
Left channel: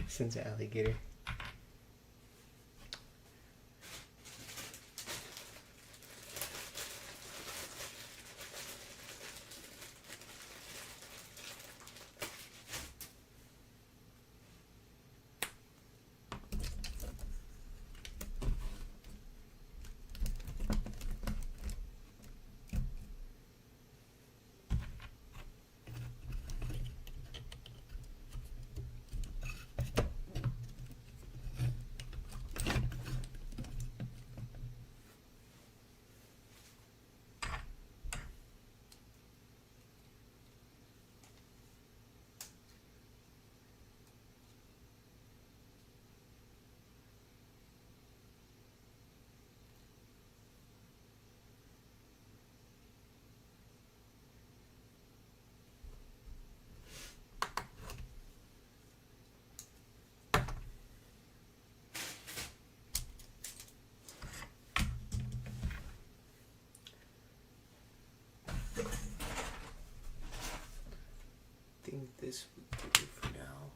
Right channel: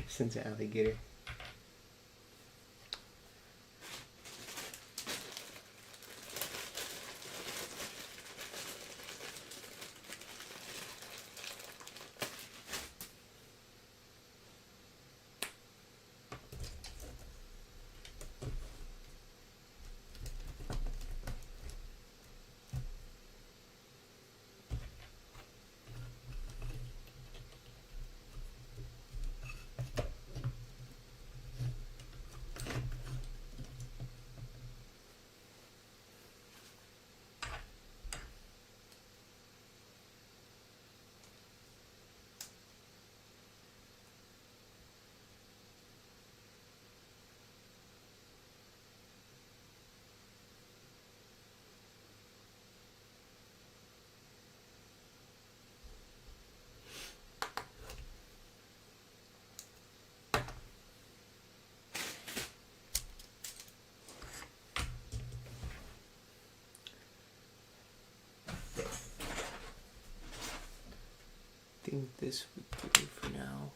Since an alligator. I think this would do for now.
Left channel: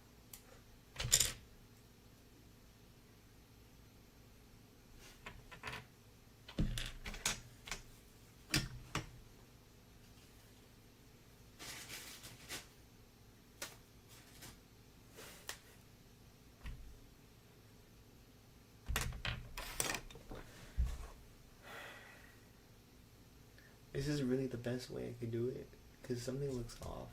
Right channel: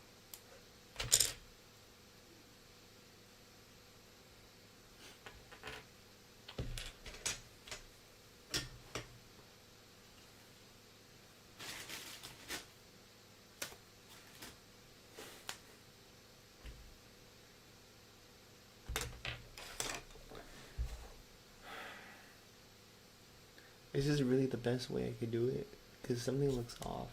This is really the best way I could do it because something looks off.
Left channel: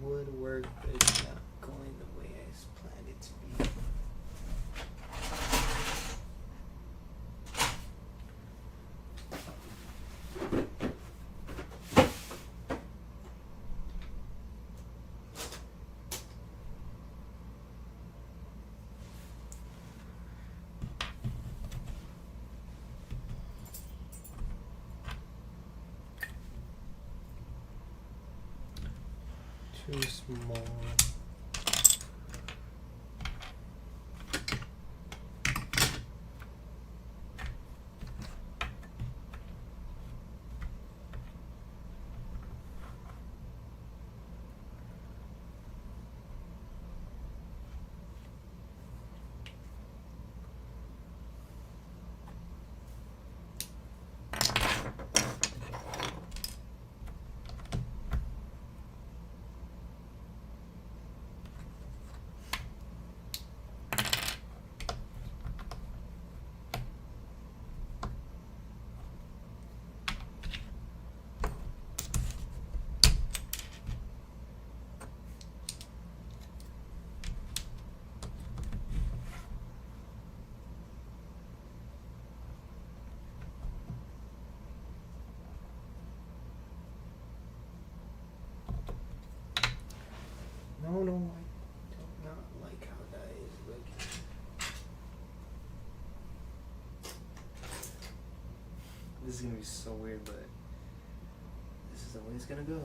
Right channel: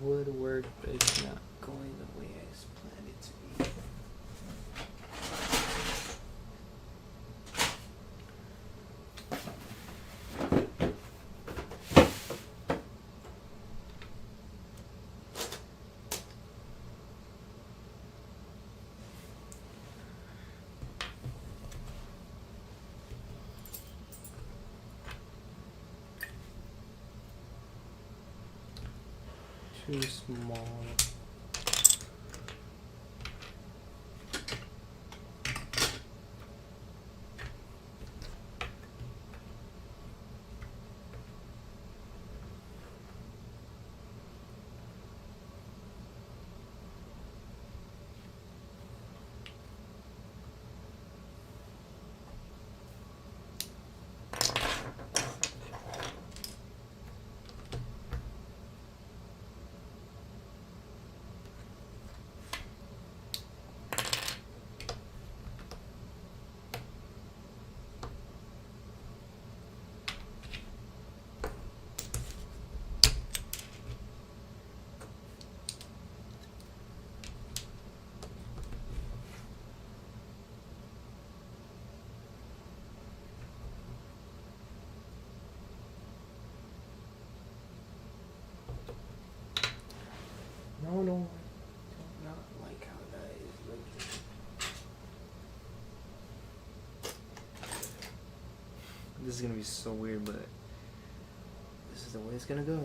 Would work, but it's not going the way I planned it to be. Too small. No, no, I do not like how that is looking. This is gonna be so weird, but this is the way it's gonna go.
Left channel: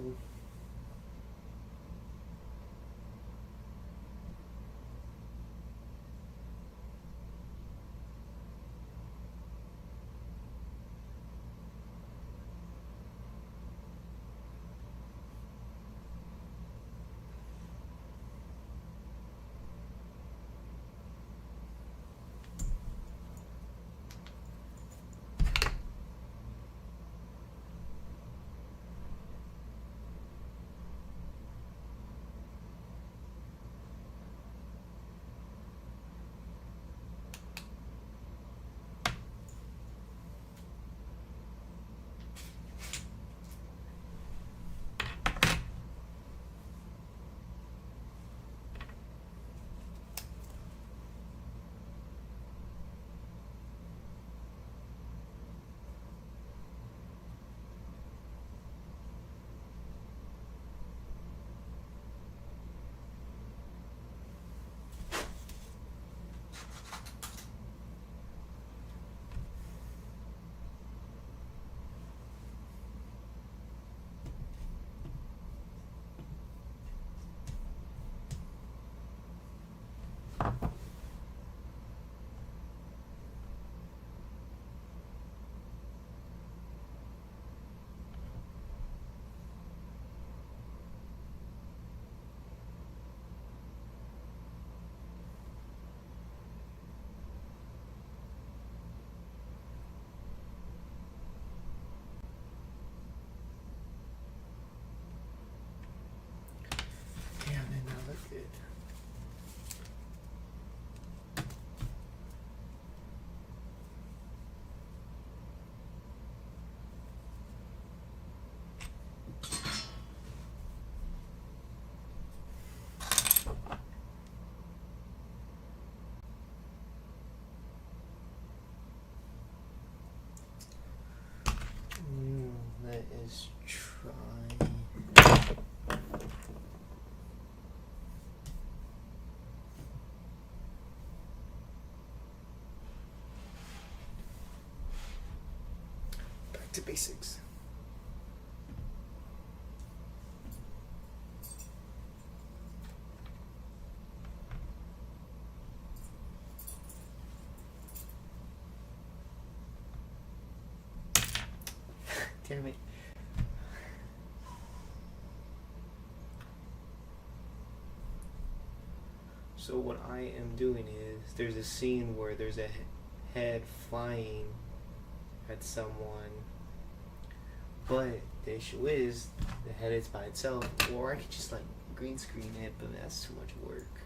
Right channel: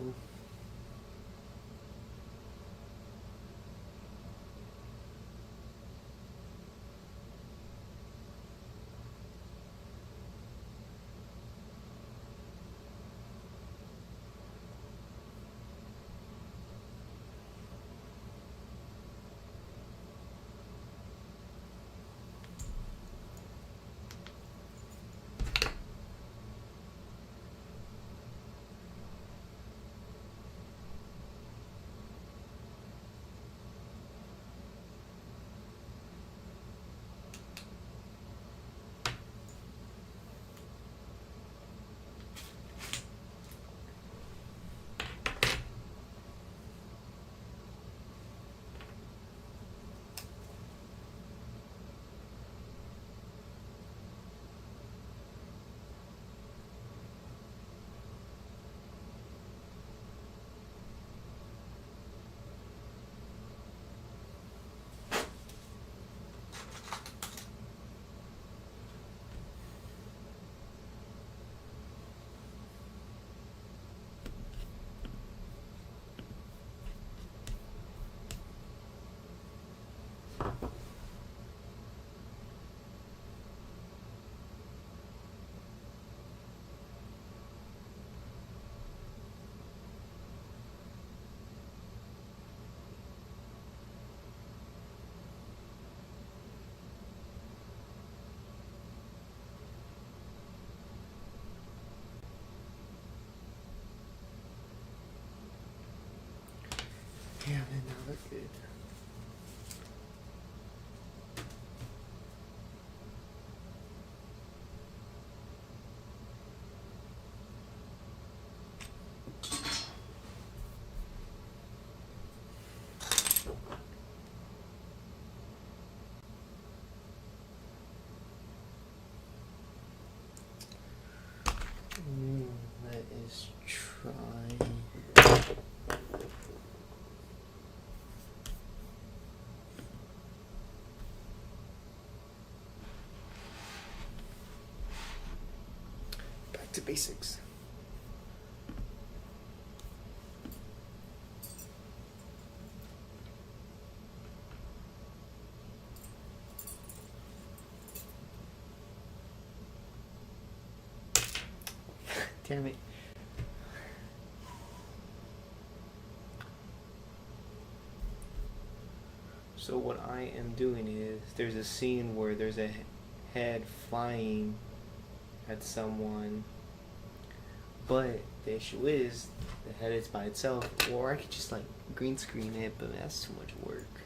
Yeah, man, that look good. Let us try. Back to basics. Damn it. So what I am doing is, there's a scene where there's a head flying at someone, but the issue is the head is by itself, or I could just like green screen it, but that's too much work.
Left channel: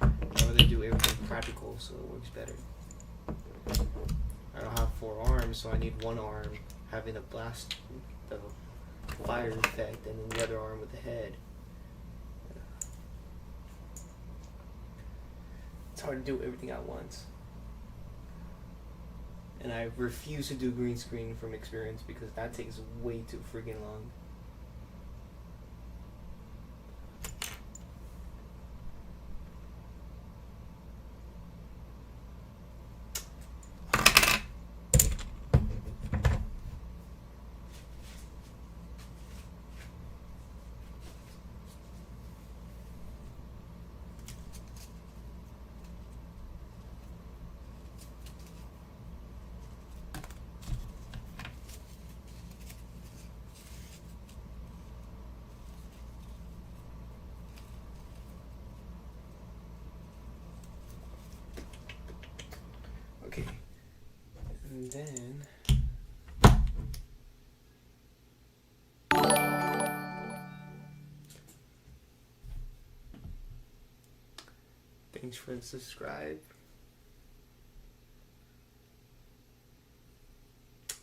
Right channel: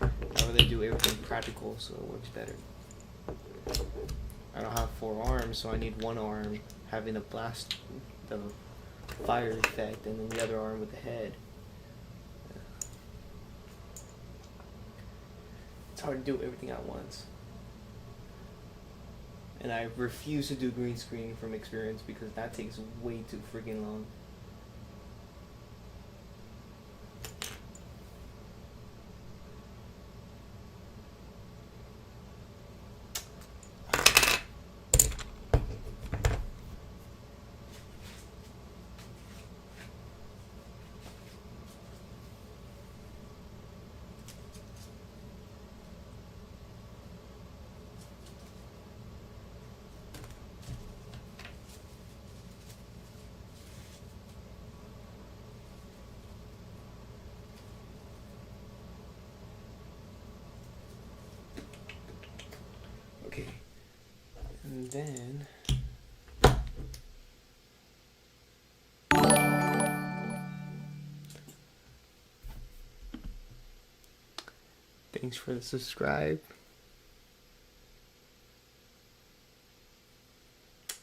I'd rather do everything practical so it works better. I don't have 4 arms, so I need 1 arm having the blast, the fire effect, and then the other arm with the head. It's hard to do everything at once. And I refuse to do green screen from experience because that takes way too freaking long. Okay, and then thanks for the subscribe.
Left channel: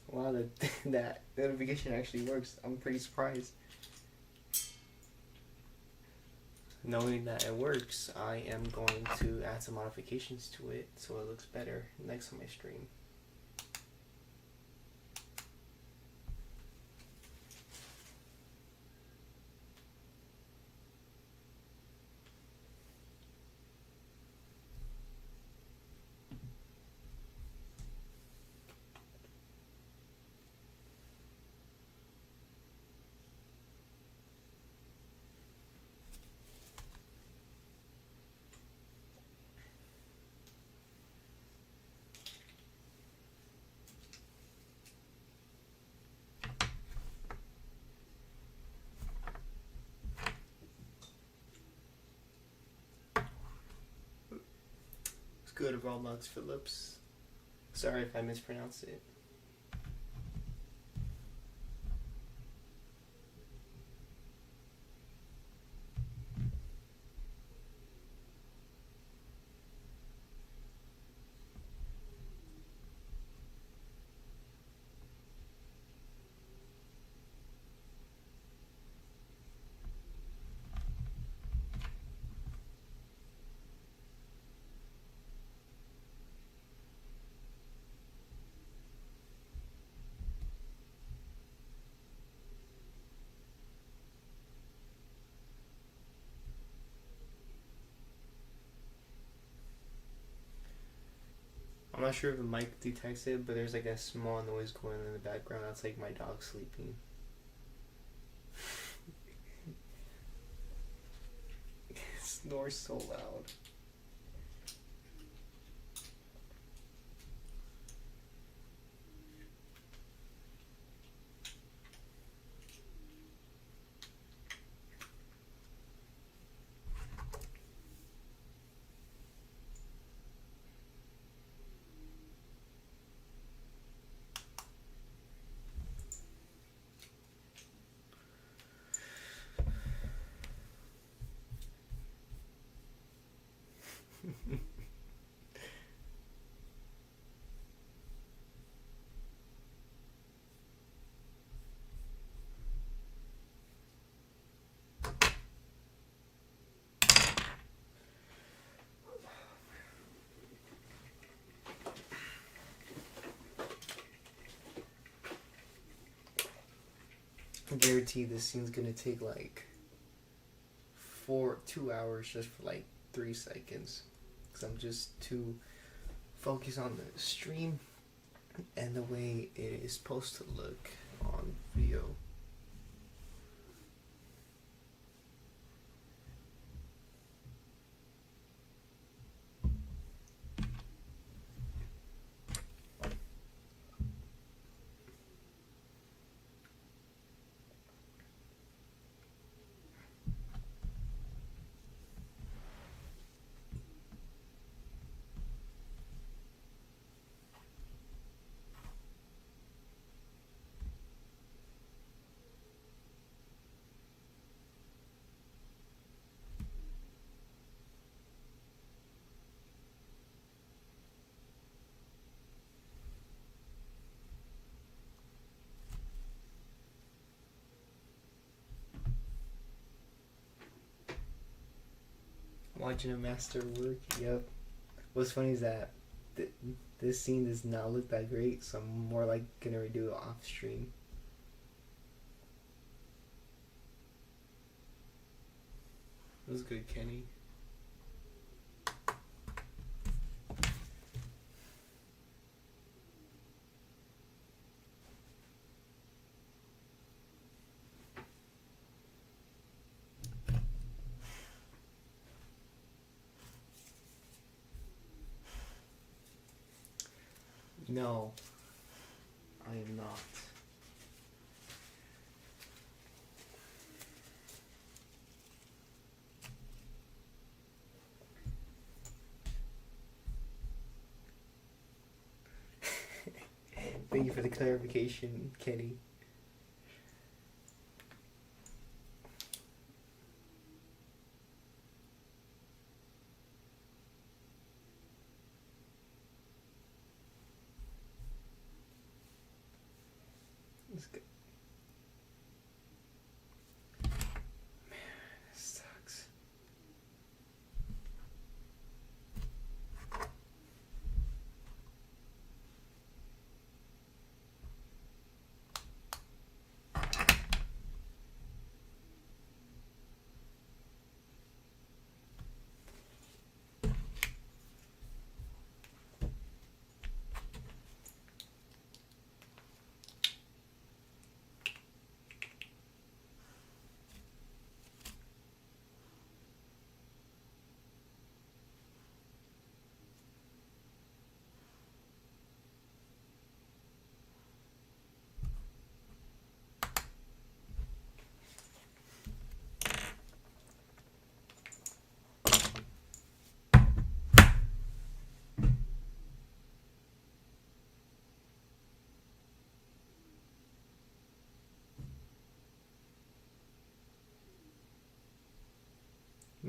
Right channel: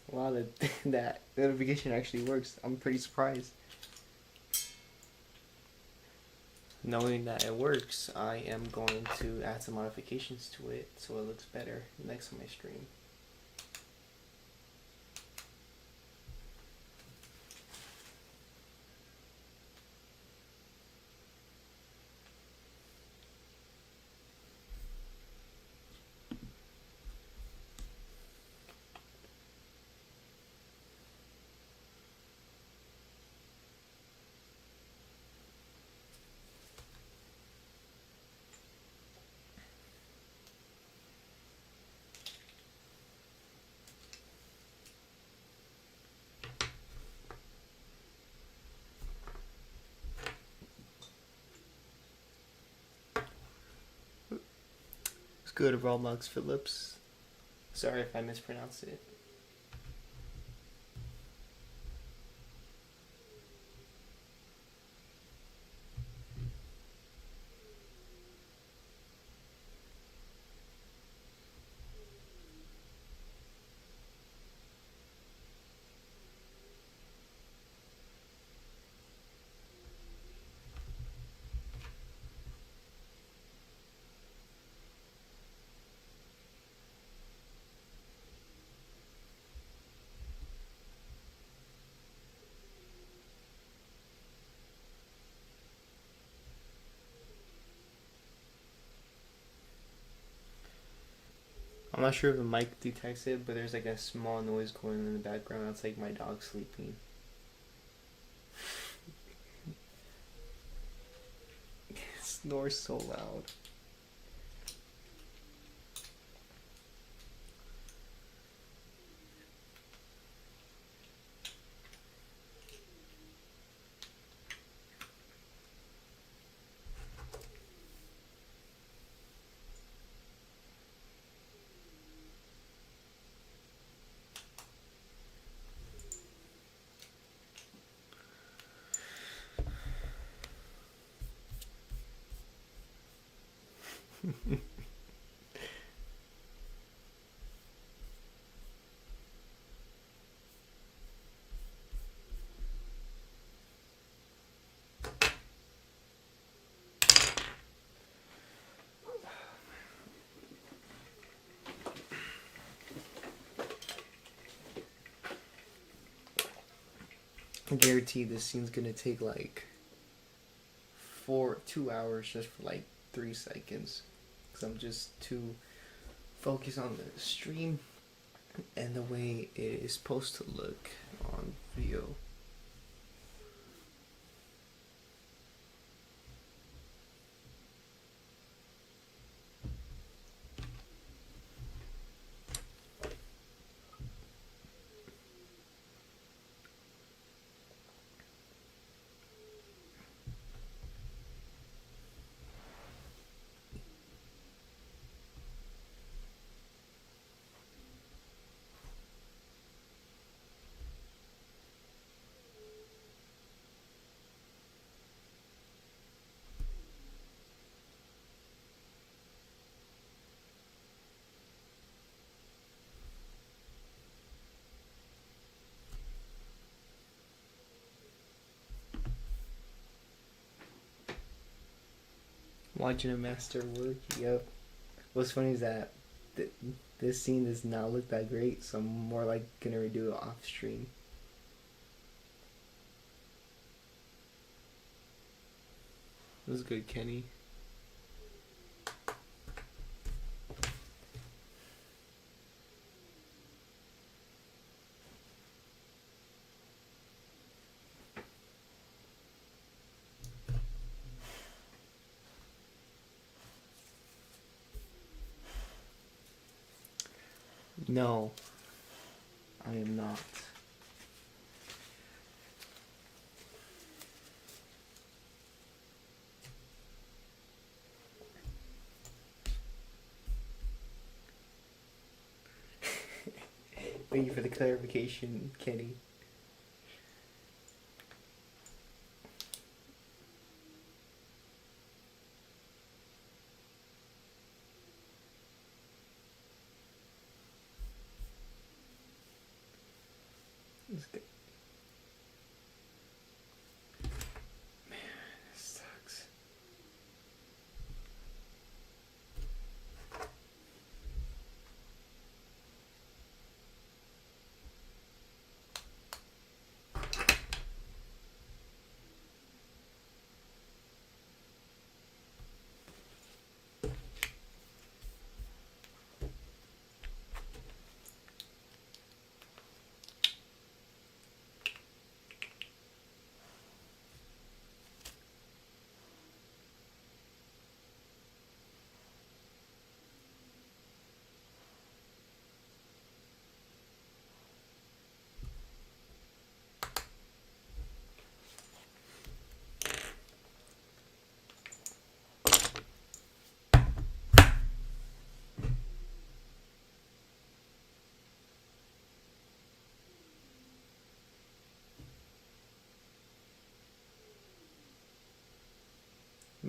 Wow, that notification actually works. I'm pretty surprised. Knowing that it works, I am going to add some modifications to it so it looks better next time I stream. It's good, Roblox Phillips. Sorry if I mispronounced it. I'm not sure if the mic detects it, but there's like a small noise going in the background. That's like my dog sleeping. It snores so loud. I guarantee this scene's gonna take like 2 hours just for like 3 seconds, because I'm just too focused on the stream and the way it is supposed to look on video. Watching a master work, yep. What's funny is that this scene does not look that great, so I'm more like gonna redo it off stream. It was good, Kenny. No, I am not. Thank you for the clarification, Kenny. Let's go. Man, this sucks.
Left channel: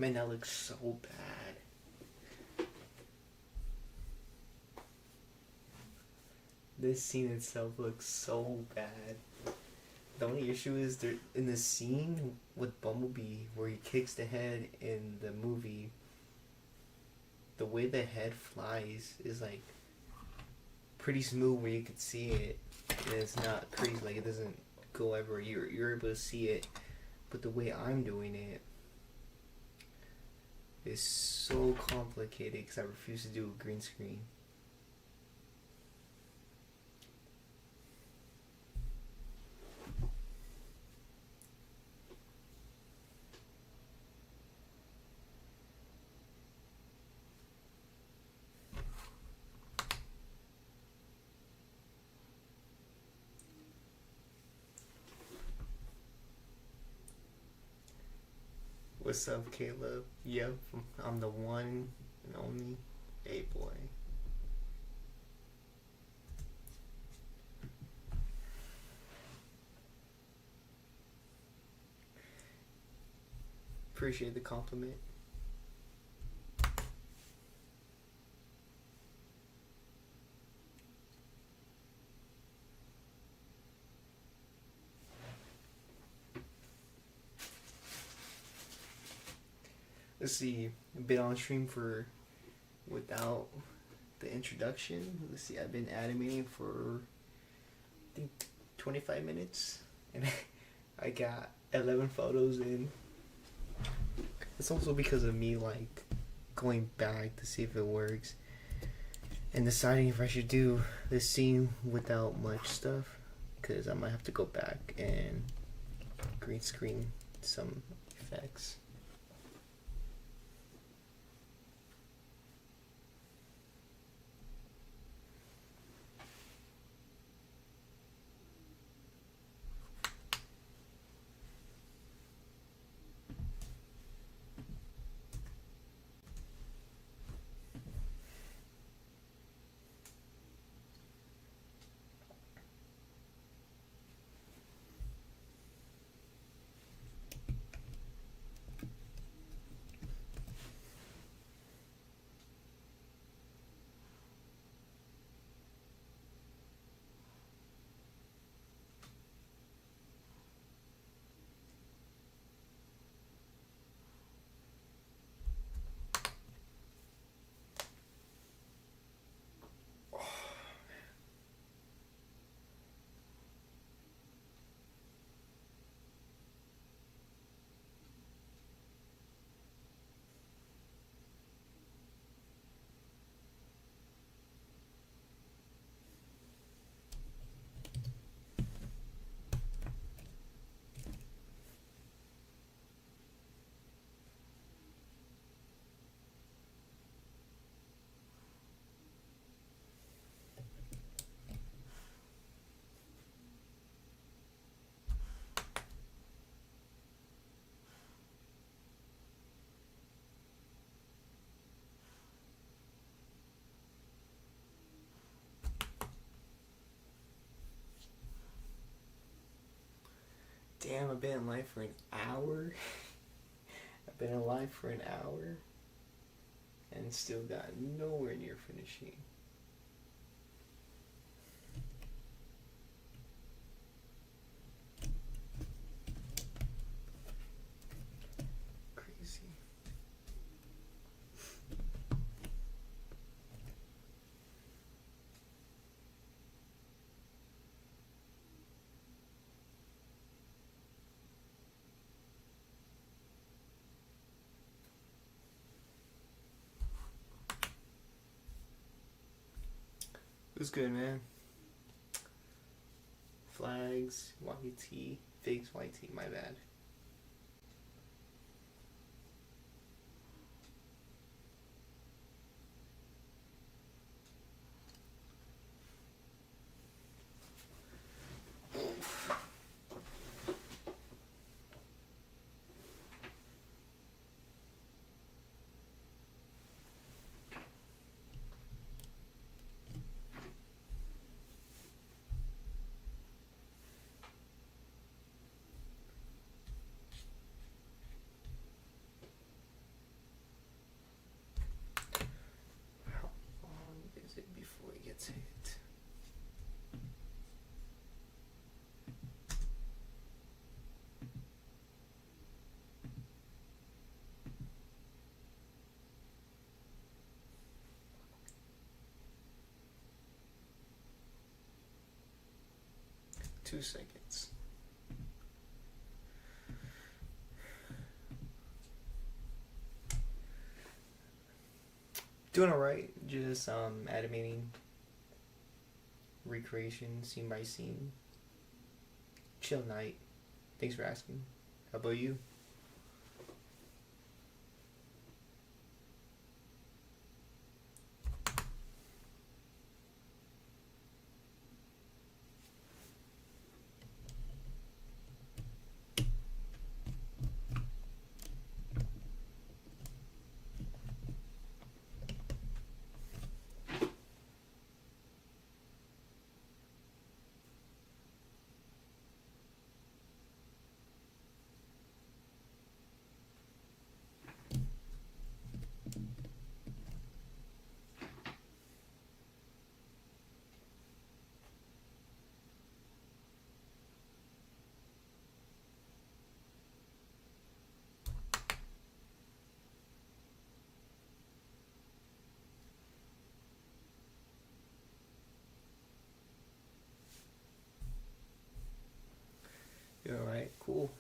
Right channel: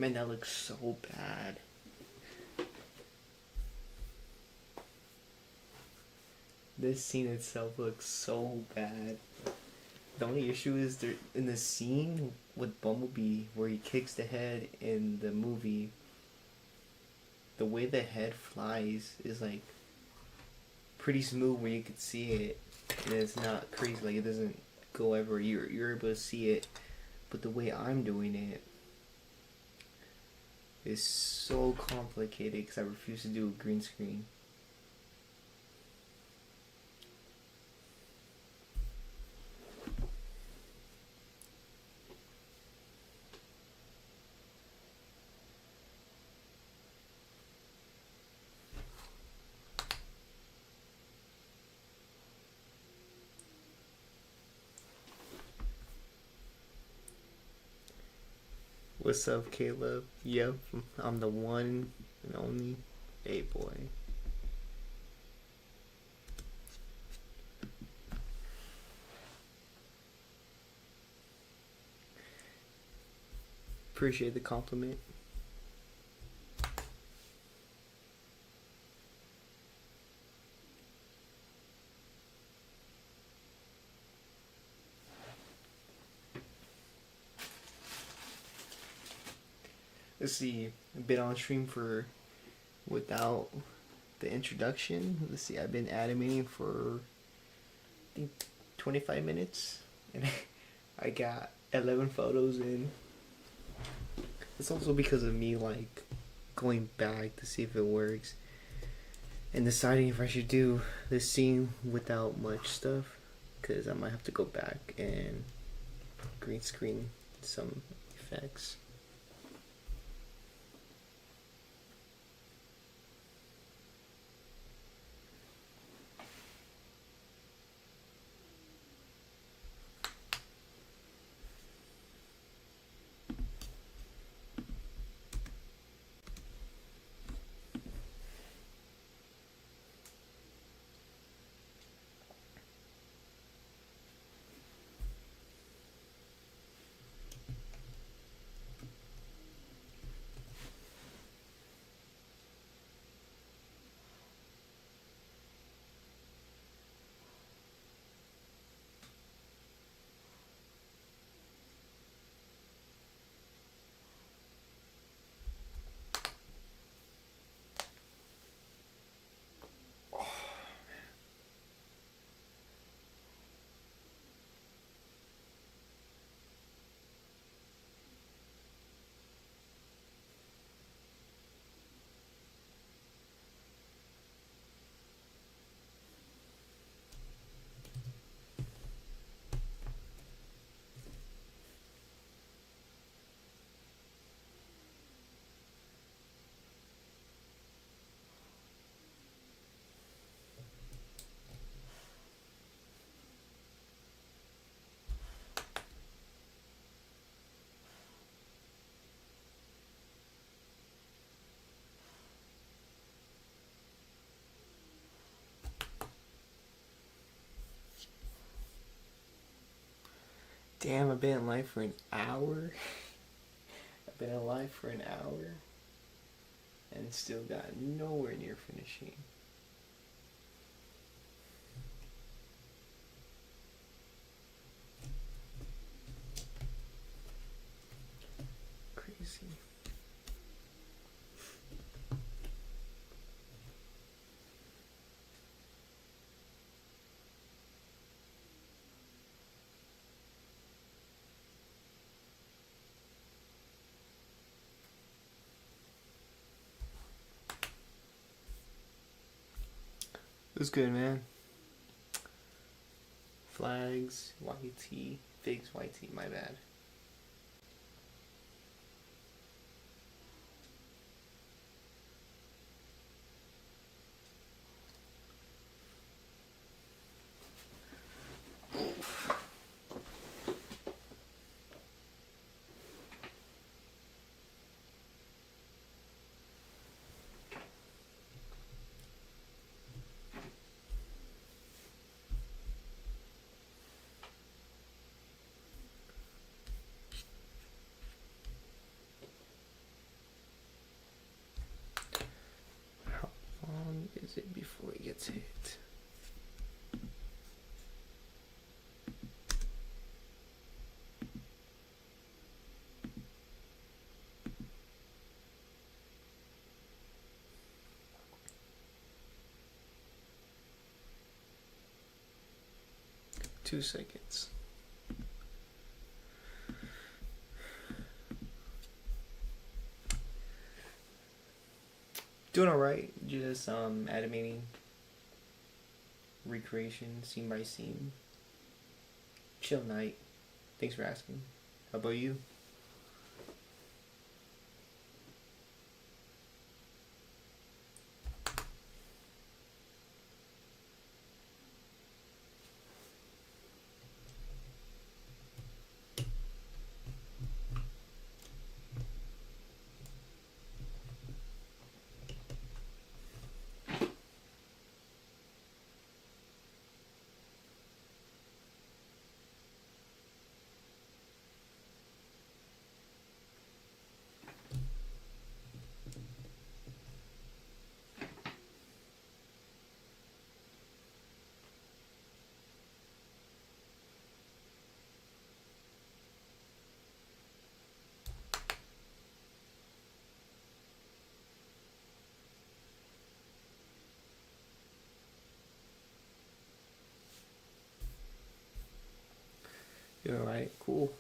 Man, that looks so bad. This scene itself looks so bad. The only issue is there in the scene with Bumblebee where he kicks the head in the movie. The way the head flies is like pretty smooth where you can see it, and it's not crazy. Like it doesn't go everywhere. You're able to see it, but the way I'm doing it is so complicated because I refuse to do a green screen. What's up, Caleb? Yep, I'm the one and only A-boy. Appreciate the compliment. Let's see, I've been on stream for without the introduction. Let's see, I've been animating for I think 25 minutes and I got 11 photos in. It's also because of me like going back to see if it works and deciding if I should do this scene without much stuff, because I might have to go back and green screen some effects. Damn, I've been live for an hour. I've been alive for an hour and still got nowhere near finishing. Crazy. It was good, man. Flags, YT, figs, YT, my bad. it before it gets hit. Two seconds. Doing alright, just animating, recreation, scene by scene. Chill night. Thanks for asking. How about you? You alright? Cool.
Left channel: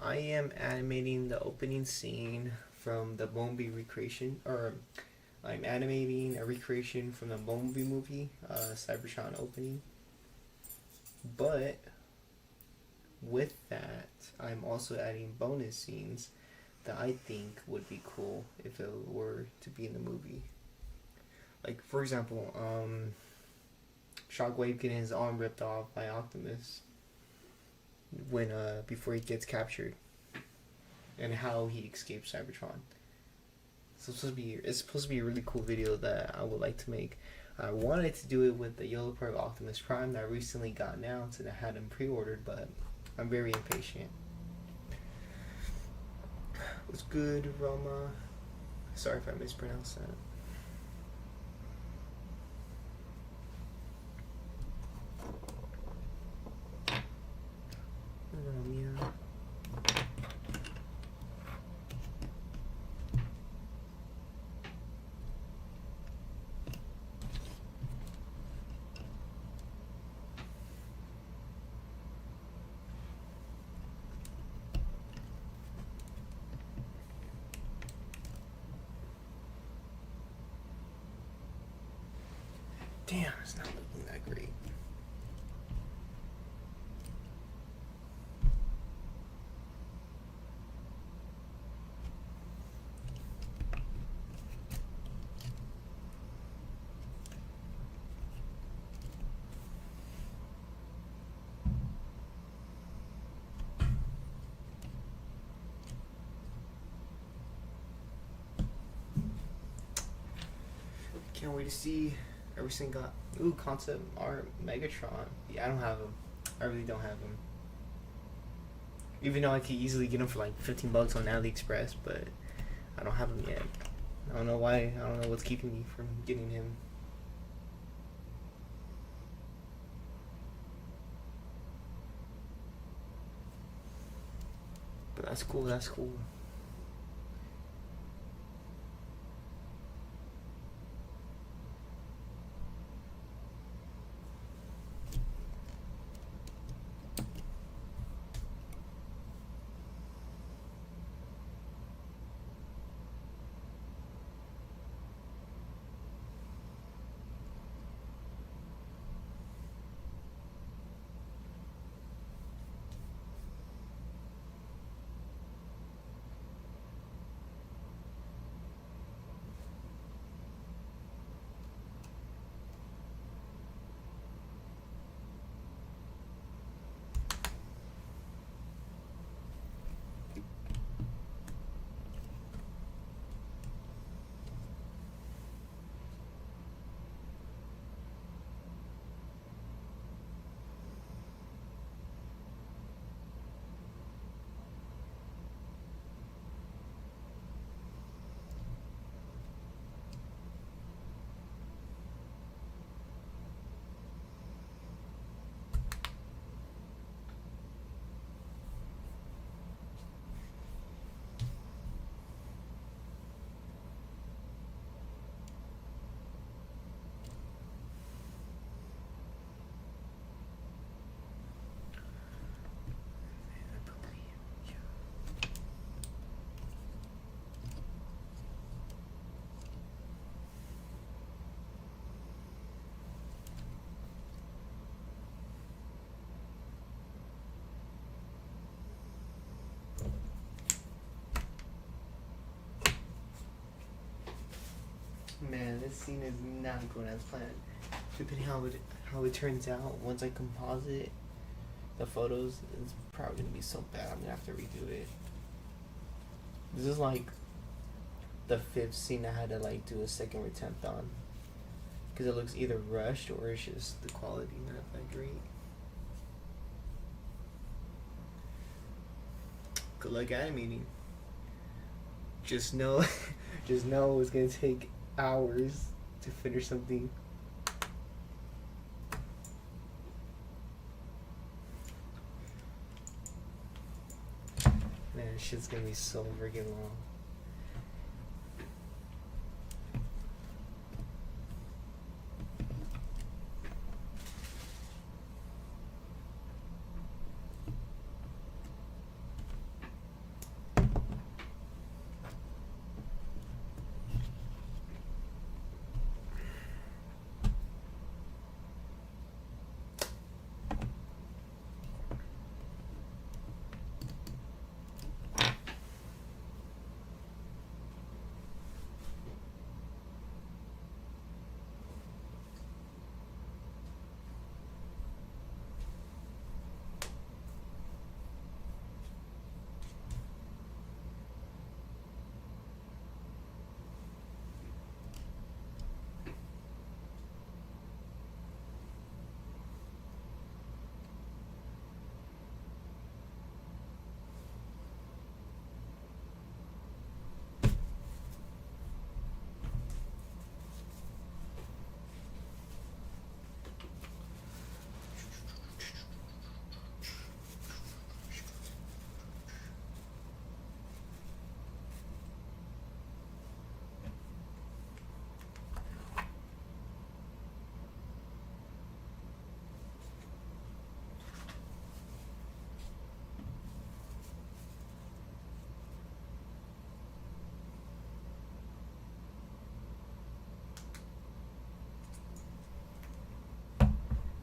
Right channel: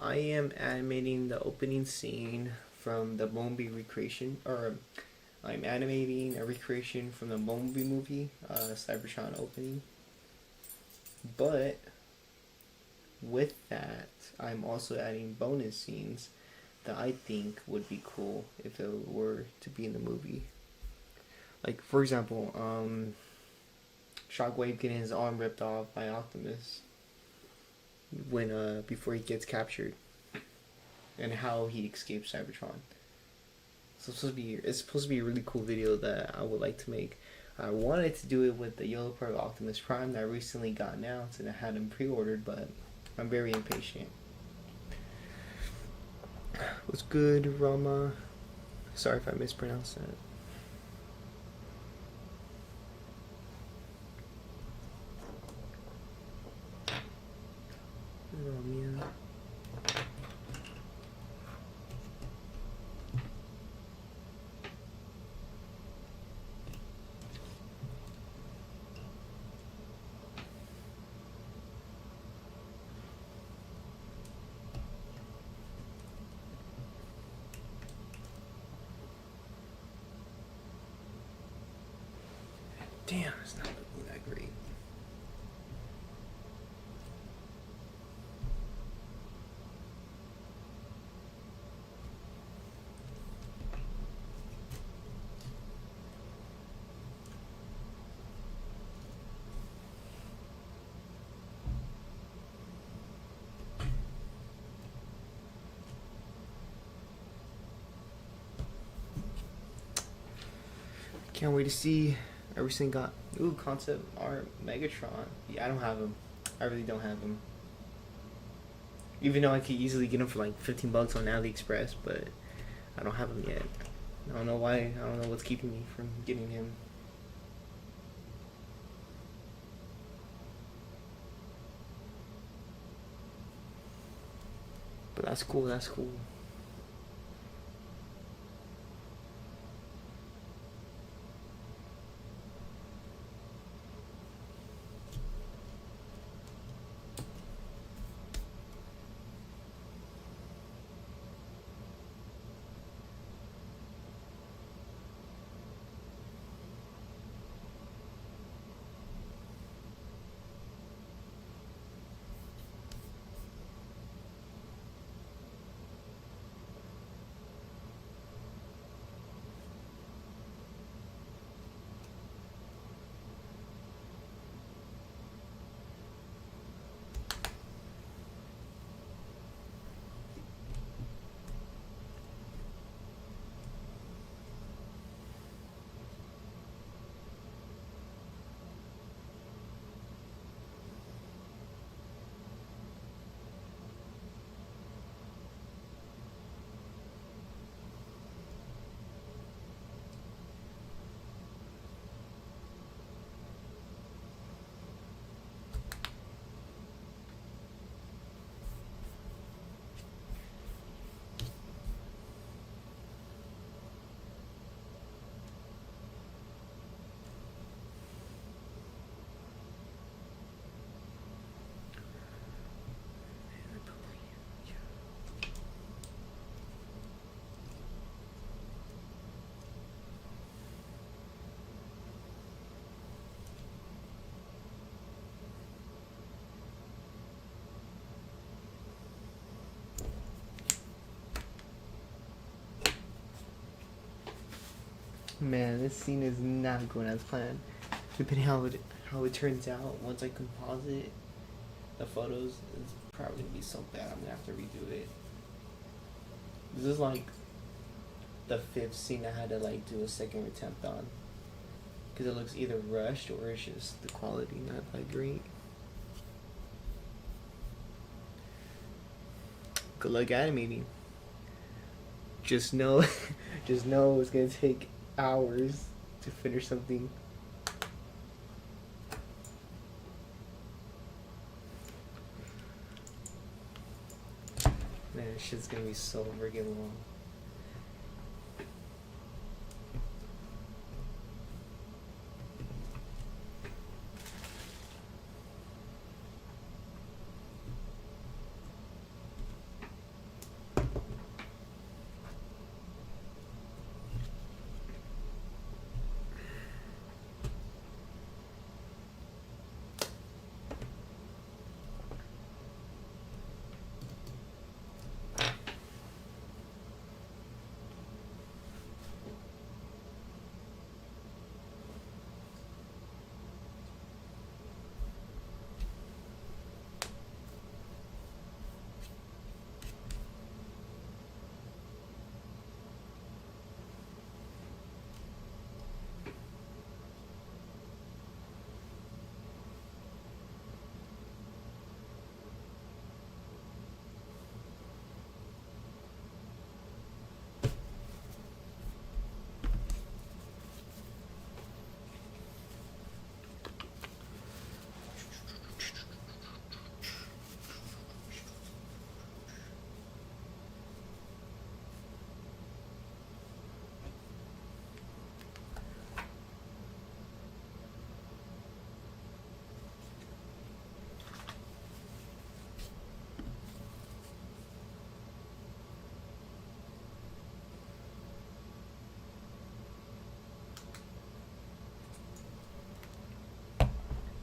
I am animating the opening scene from the Bumblebee recreation, or I'm animating a recreation from the Bumblebee movie, Cybertron opening. But with that, I'm also adding bonus scenes that I think would be cool if it were to be in the movie. Like, for example, Shockwave getting his arm ripped off by Optimus when before he gets captured, and how he escapes Cybertron. So it's supposed to be a really cool video that I would like to make. I wanted to do it with the Yellow Part of Optimus Prime that recently got announced, and I had him pre-ordered, but I'm very impatient. What's good, Roma? Sorry if I mispronounced that. Romeo. Damn, it's not looking that great. Can't wait to see everything got concept art Megatron. Yeah, I don't have him. I really don't have him. Even though I could easily get him for like $15 on AliExpress, but I don't have him yet. I don't know why. I don't know what's keeping me from getting him. But that's cool. That's cool. Man, this scene is not going as planned. Depending how it turns out once I composite the photos, it's probably gonna be so bad. I'm gonna have to redo it. This is like the fifth scene I had to like do a second attempt on because it looks either rushed or it's just the quality not that great. Good luck animating. Just know, just know it's gonna take hours to finish something. Man, this shit's gonna be so freaking long.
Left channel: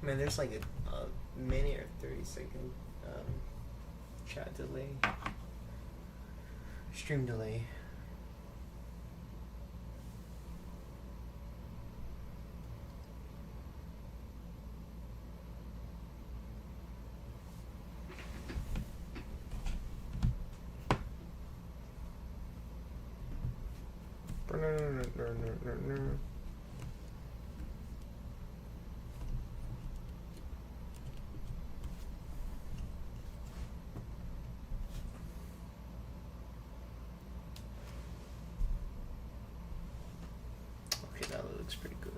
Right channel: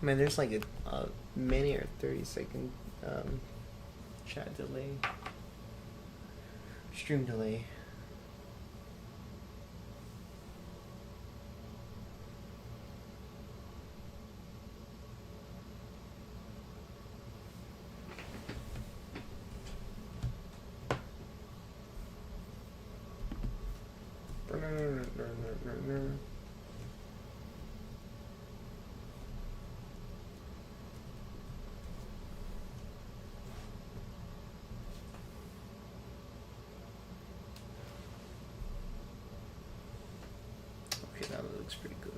Man, there's like a minute or 30-second chat delay, stream delay. Okay, that looks pretty good.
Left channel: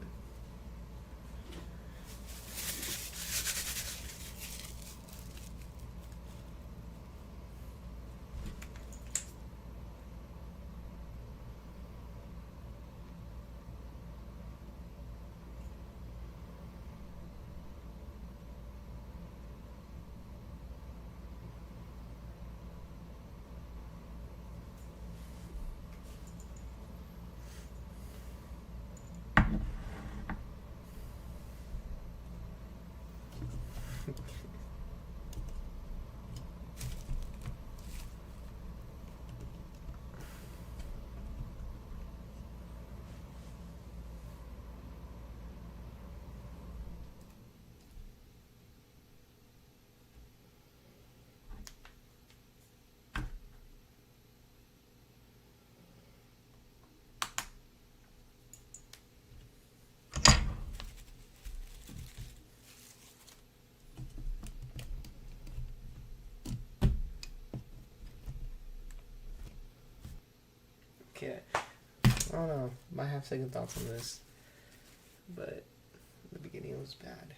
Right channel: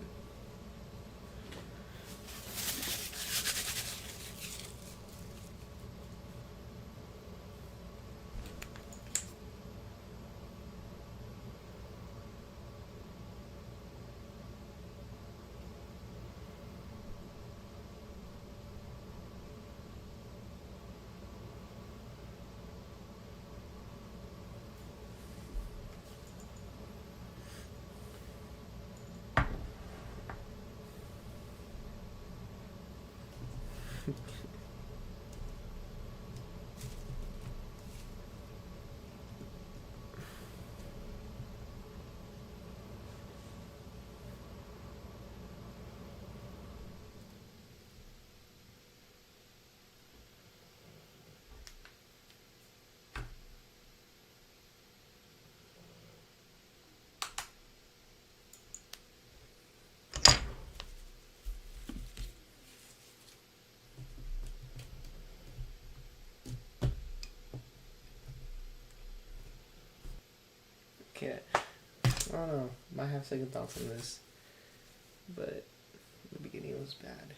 Okay, I don't know. Might have second thoughts on this, but the beginning was bad.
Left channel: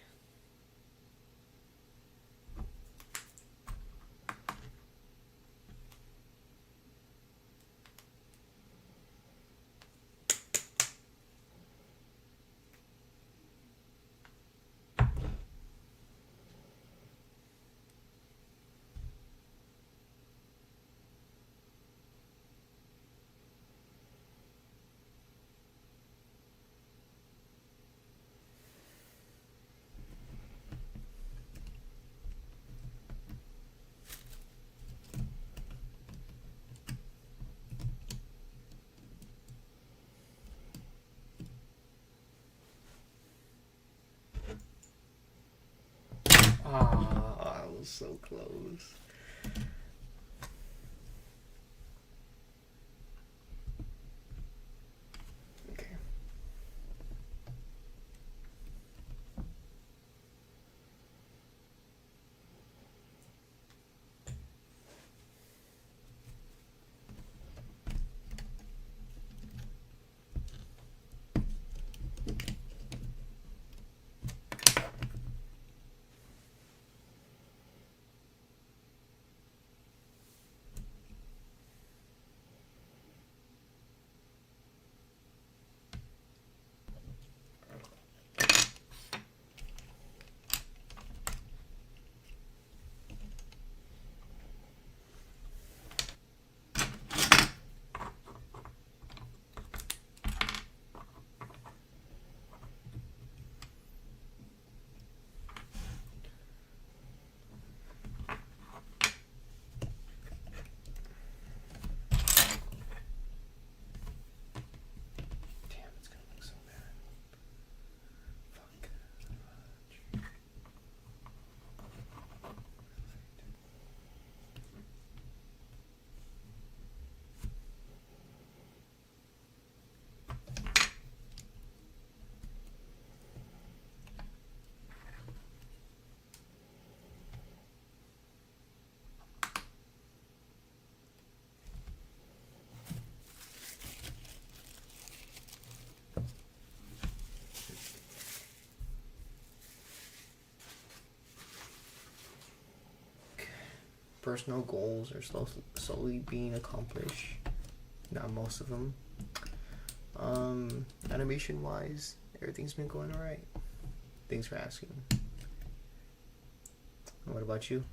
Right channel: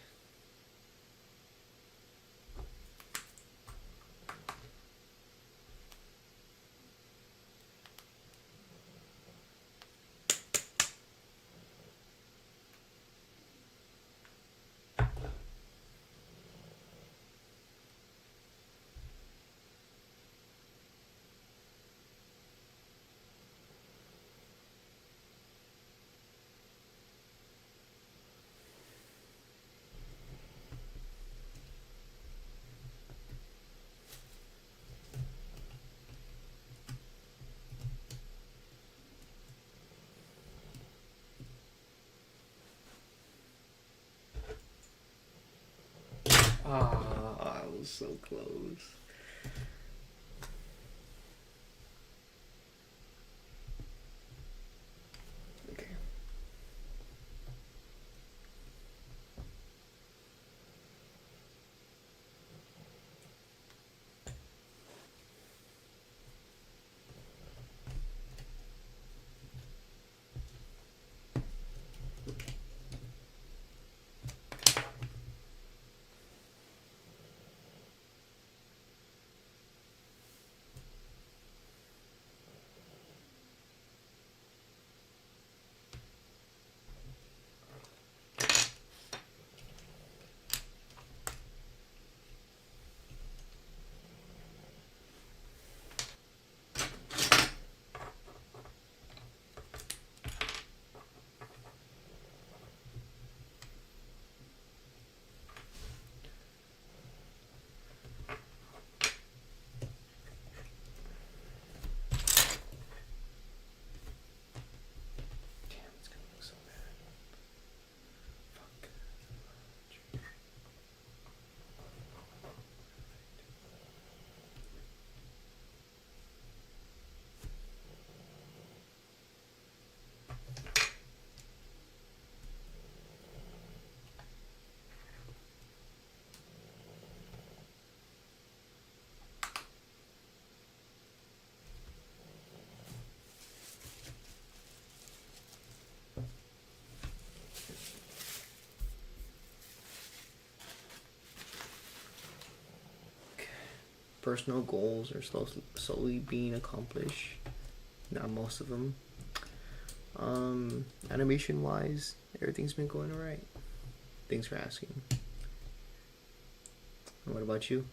was so close. Okay. Personal goals are slowly being accomplished. Not most of them. Animation wise, everything's been going alright. Thanks for asking. What about you?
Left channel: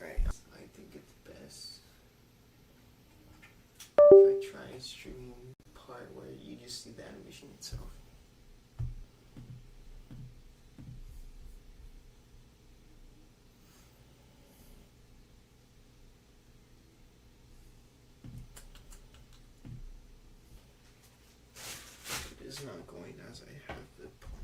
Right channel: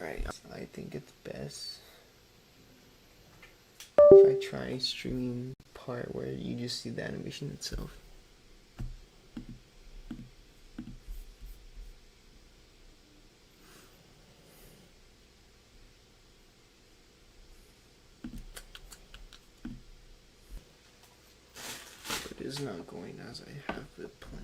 Right. I think it's best if I try streaming part where you just see the animation itself. It is not going as I have it planned.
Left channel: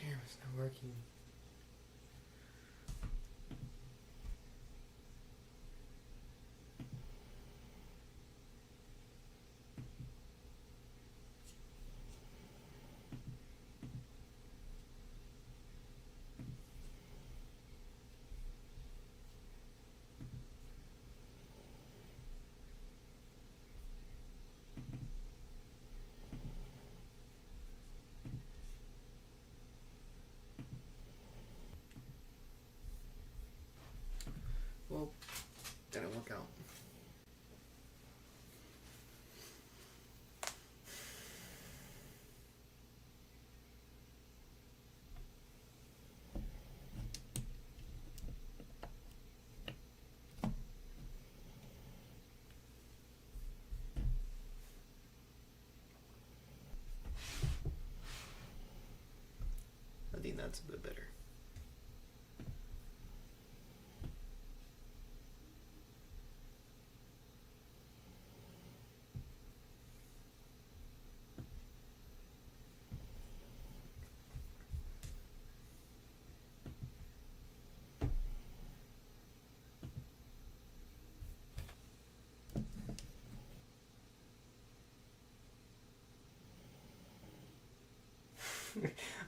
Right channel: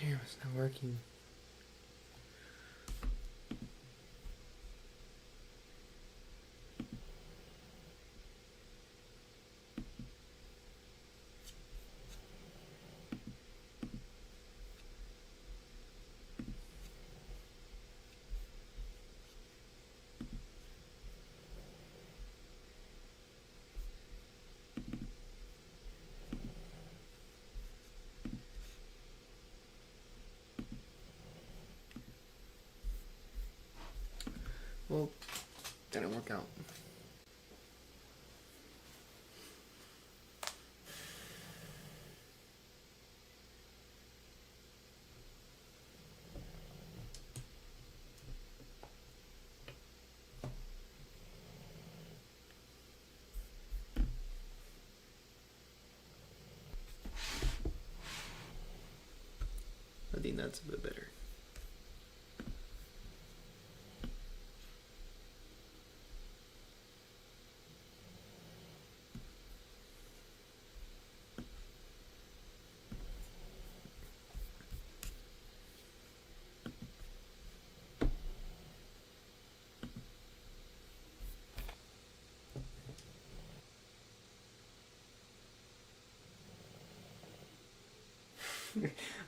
Damn, it's not working. Well, didn't work out. I think that's a bit better.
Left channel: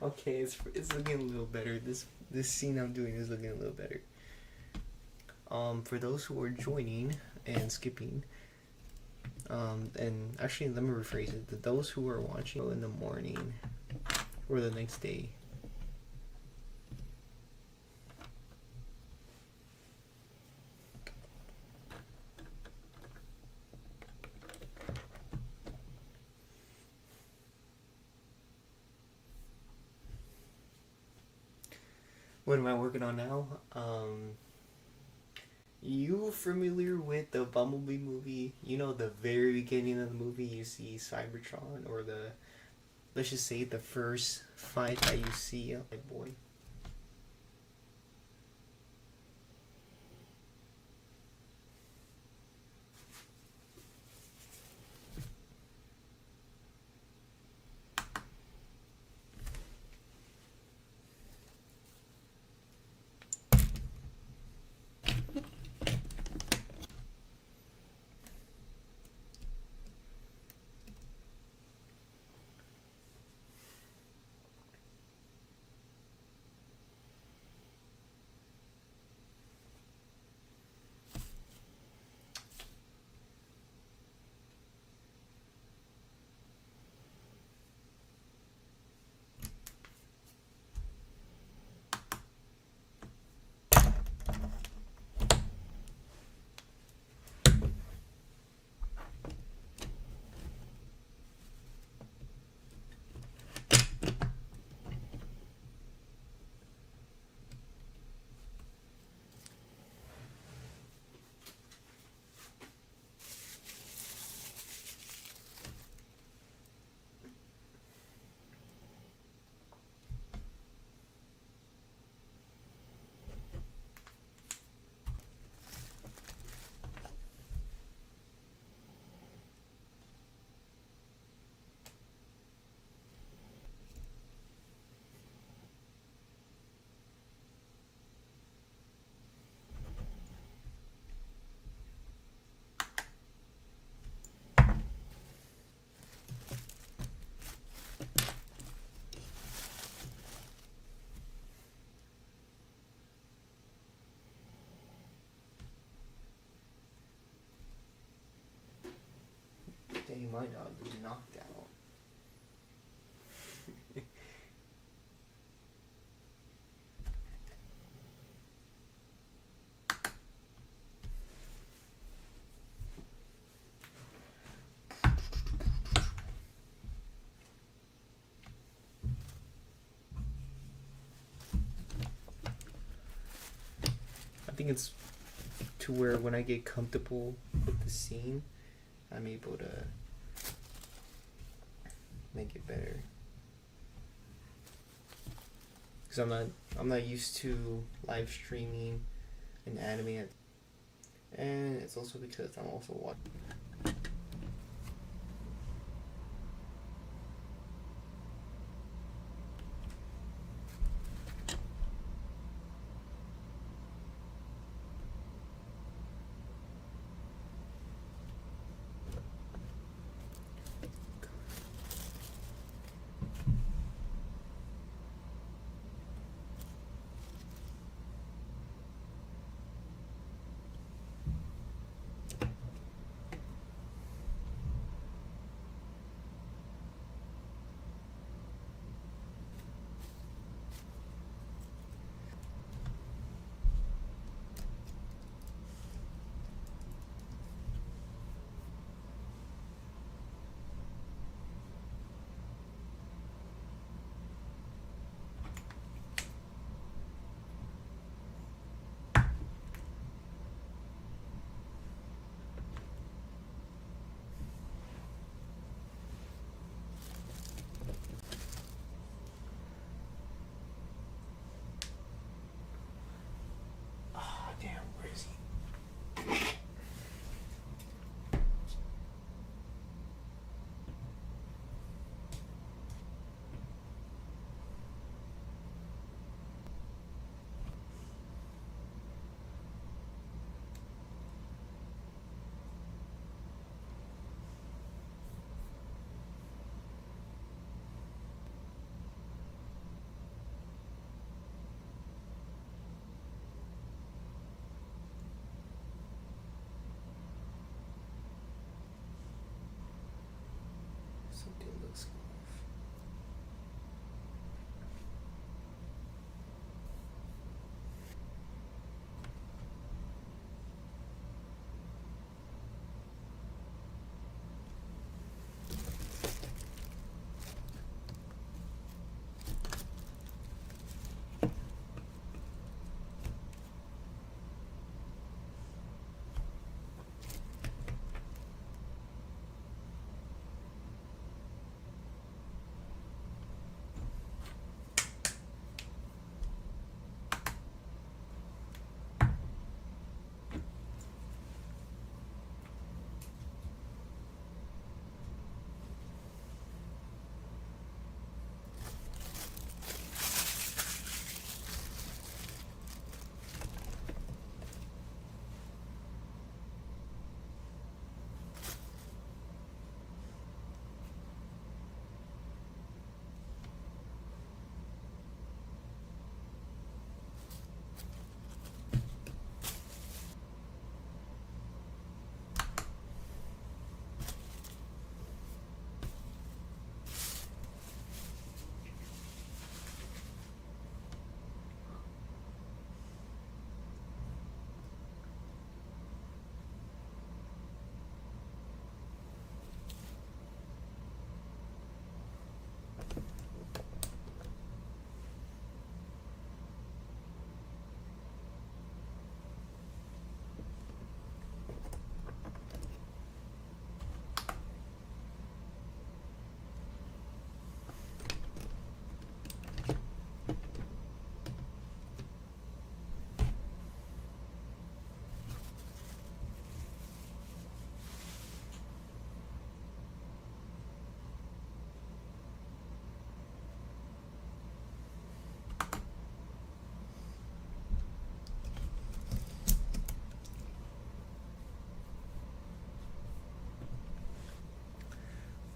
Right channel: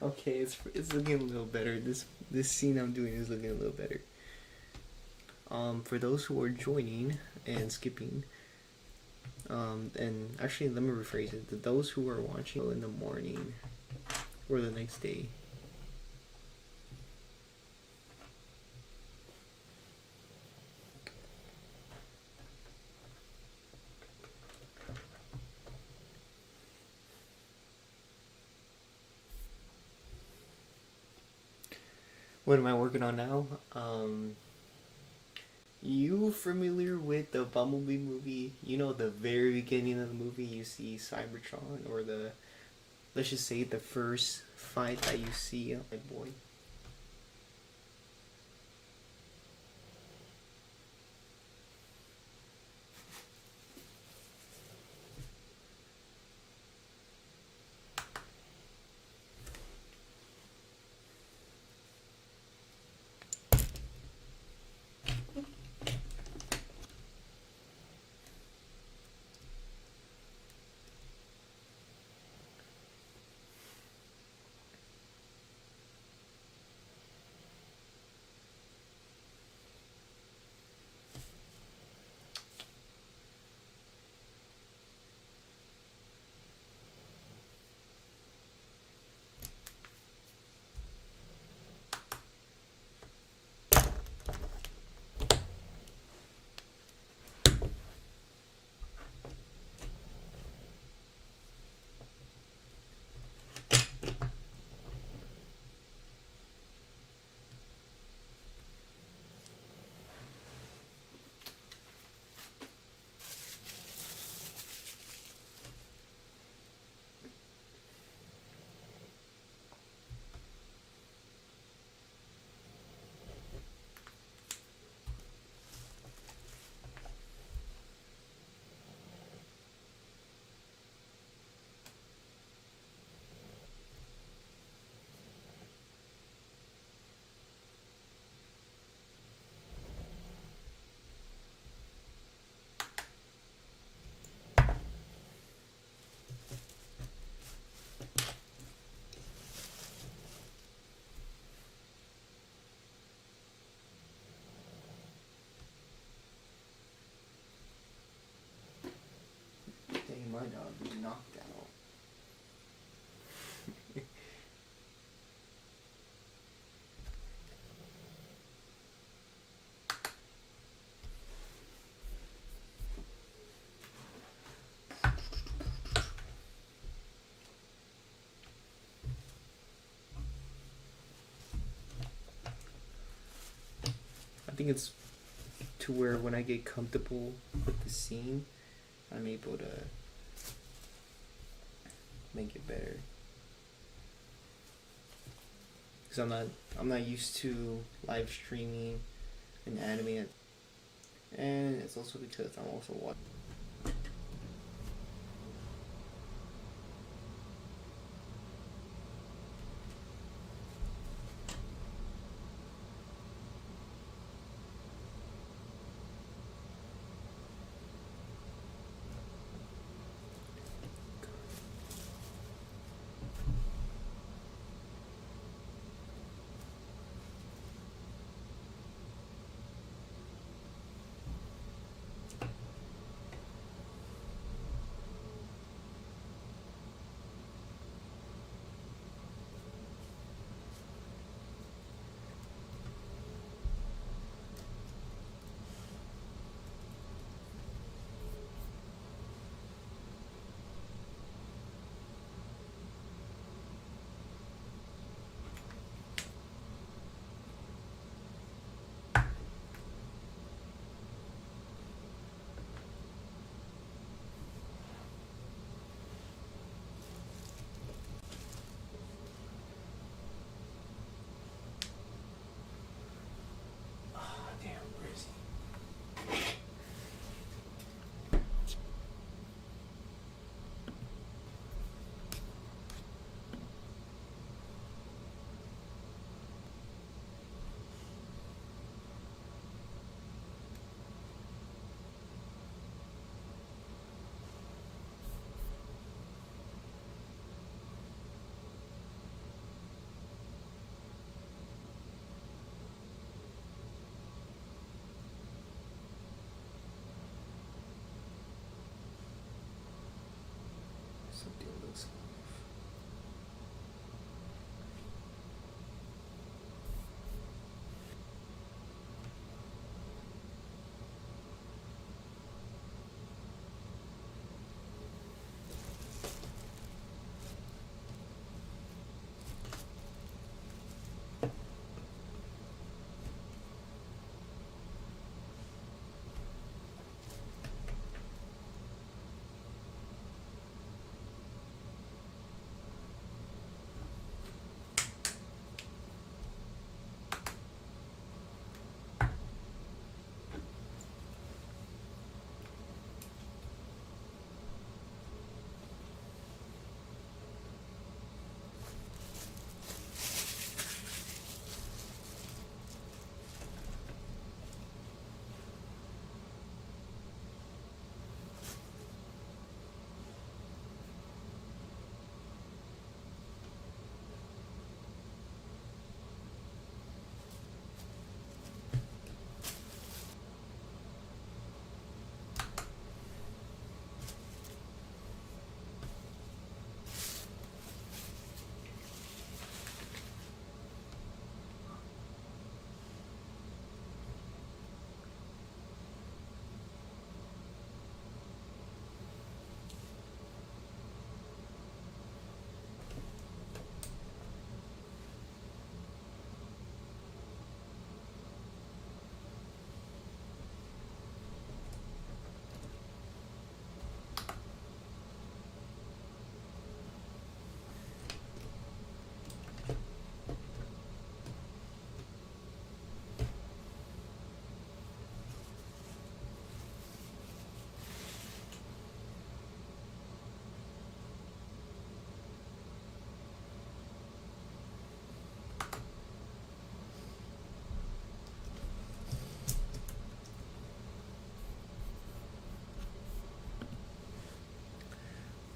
Okay, it's looking a little better. This scene I'm doing is looking a little better. For those who are joining and skipping, and actually let me rephrase it. Those who are watching in the morning or the next day. What am I working on now? You familiar with the Bumblebee movie? You know, the very beginning of the movie, you see Cybertron, or let's just say the first fight that you see, my boy. Dang, my dog be knocked out. I think it's to where when I get comfortable with the scene, I'm able to make it better. Because I'm not used to live streaming an anime, and it's also because I'm also watching.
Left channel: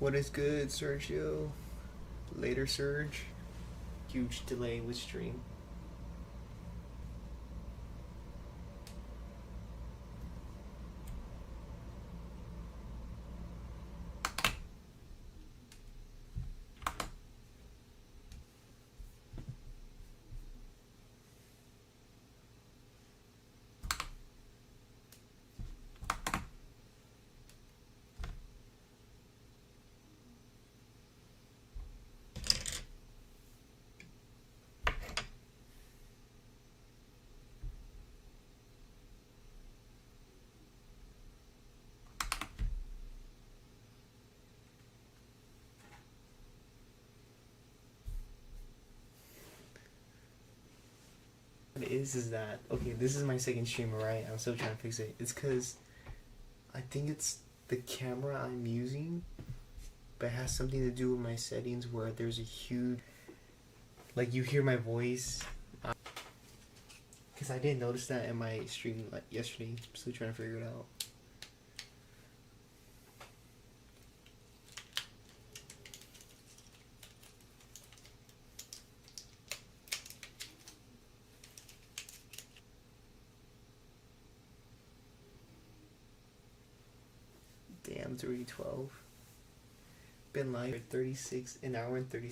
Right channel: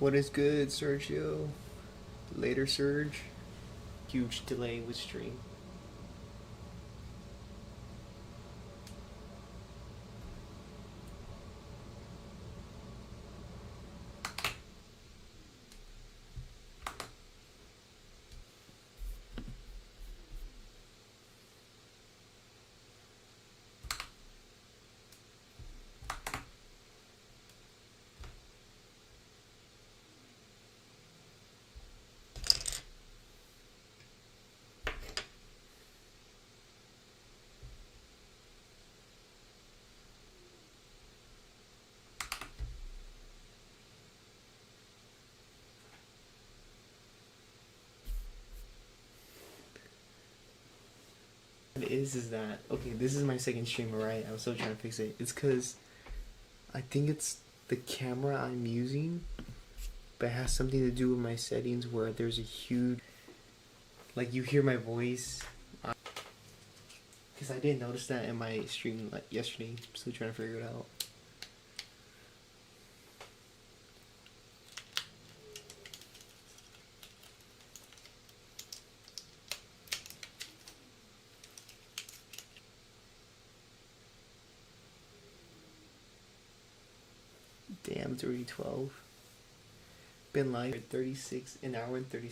What is good, Sergio? Later, Surge. Huge delay with stream. What it is that okay? This is my second stream, right? I'm still trying to fix it. It's because I think it's the camera I'm using, but it has something to do with my settings where there's a huge, like you hear my voice. Because I didn't notice that in my stream like yesterday. I'm still trying to figure it out. Damn, it's already 12. Been live for 36, an hour and 30.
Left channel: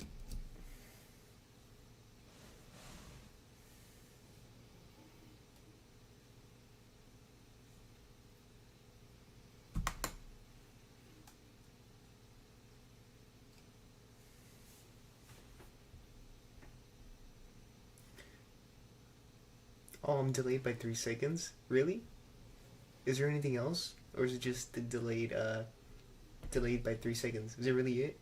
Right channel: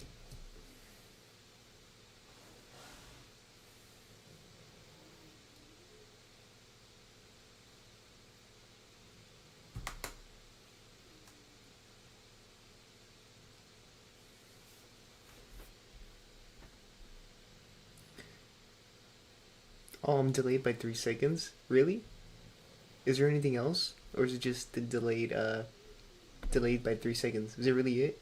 Oh, I'm delayed by 3 seconds? Really? Is there anything else? Or is it just the delayed by 3 seconds? Is it really it?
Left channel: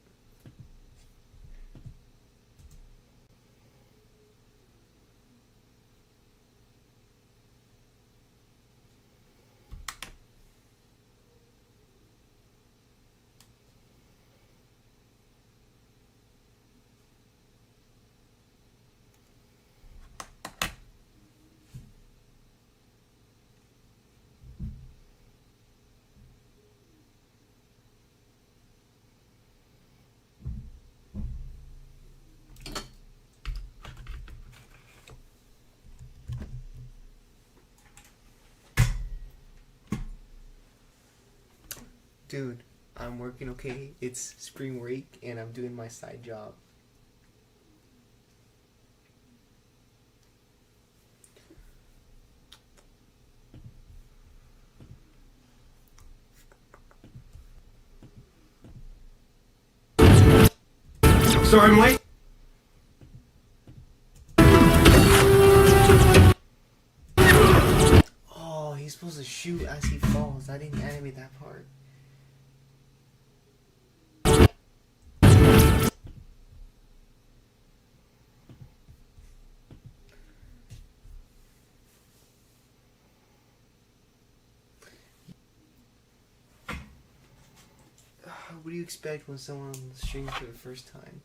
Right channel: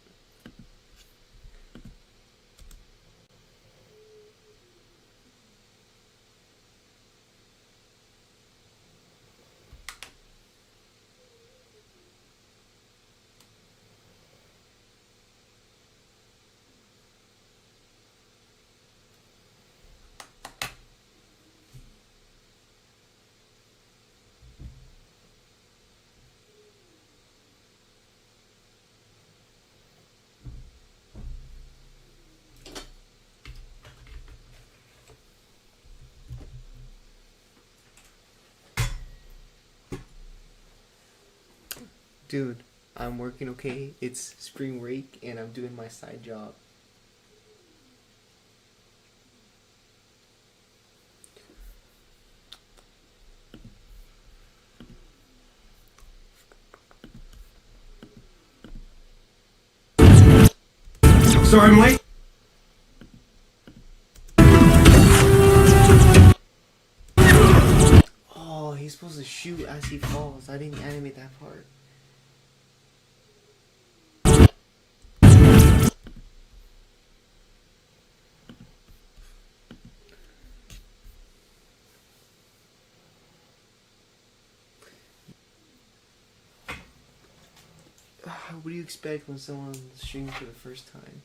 Dude, I'm working okay. It's spring break and I'm doing my side job. Sorry, I'm late. Oh, he's supposed to shoot as he falls. I didn't animate that part. What do you expect when someone streams for the first time?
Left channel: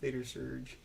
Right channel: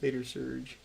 Later, Surge.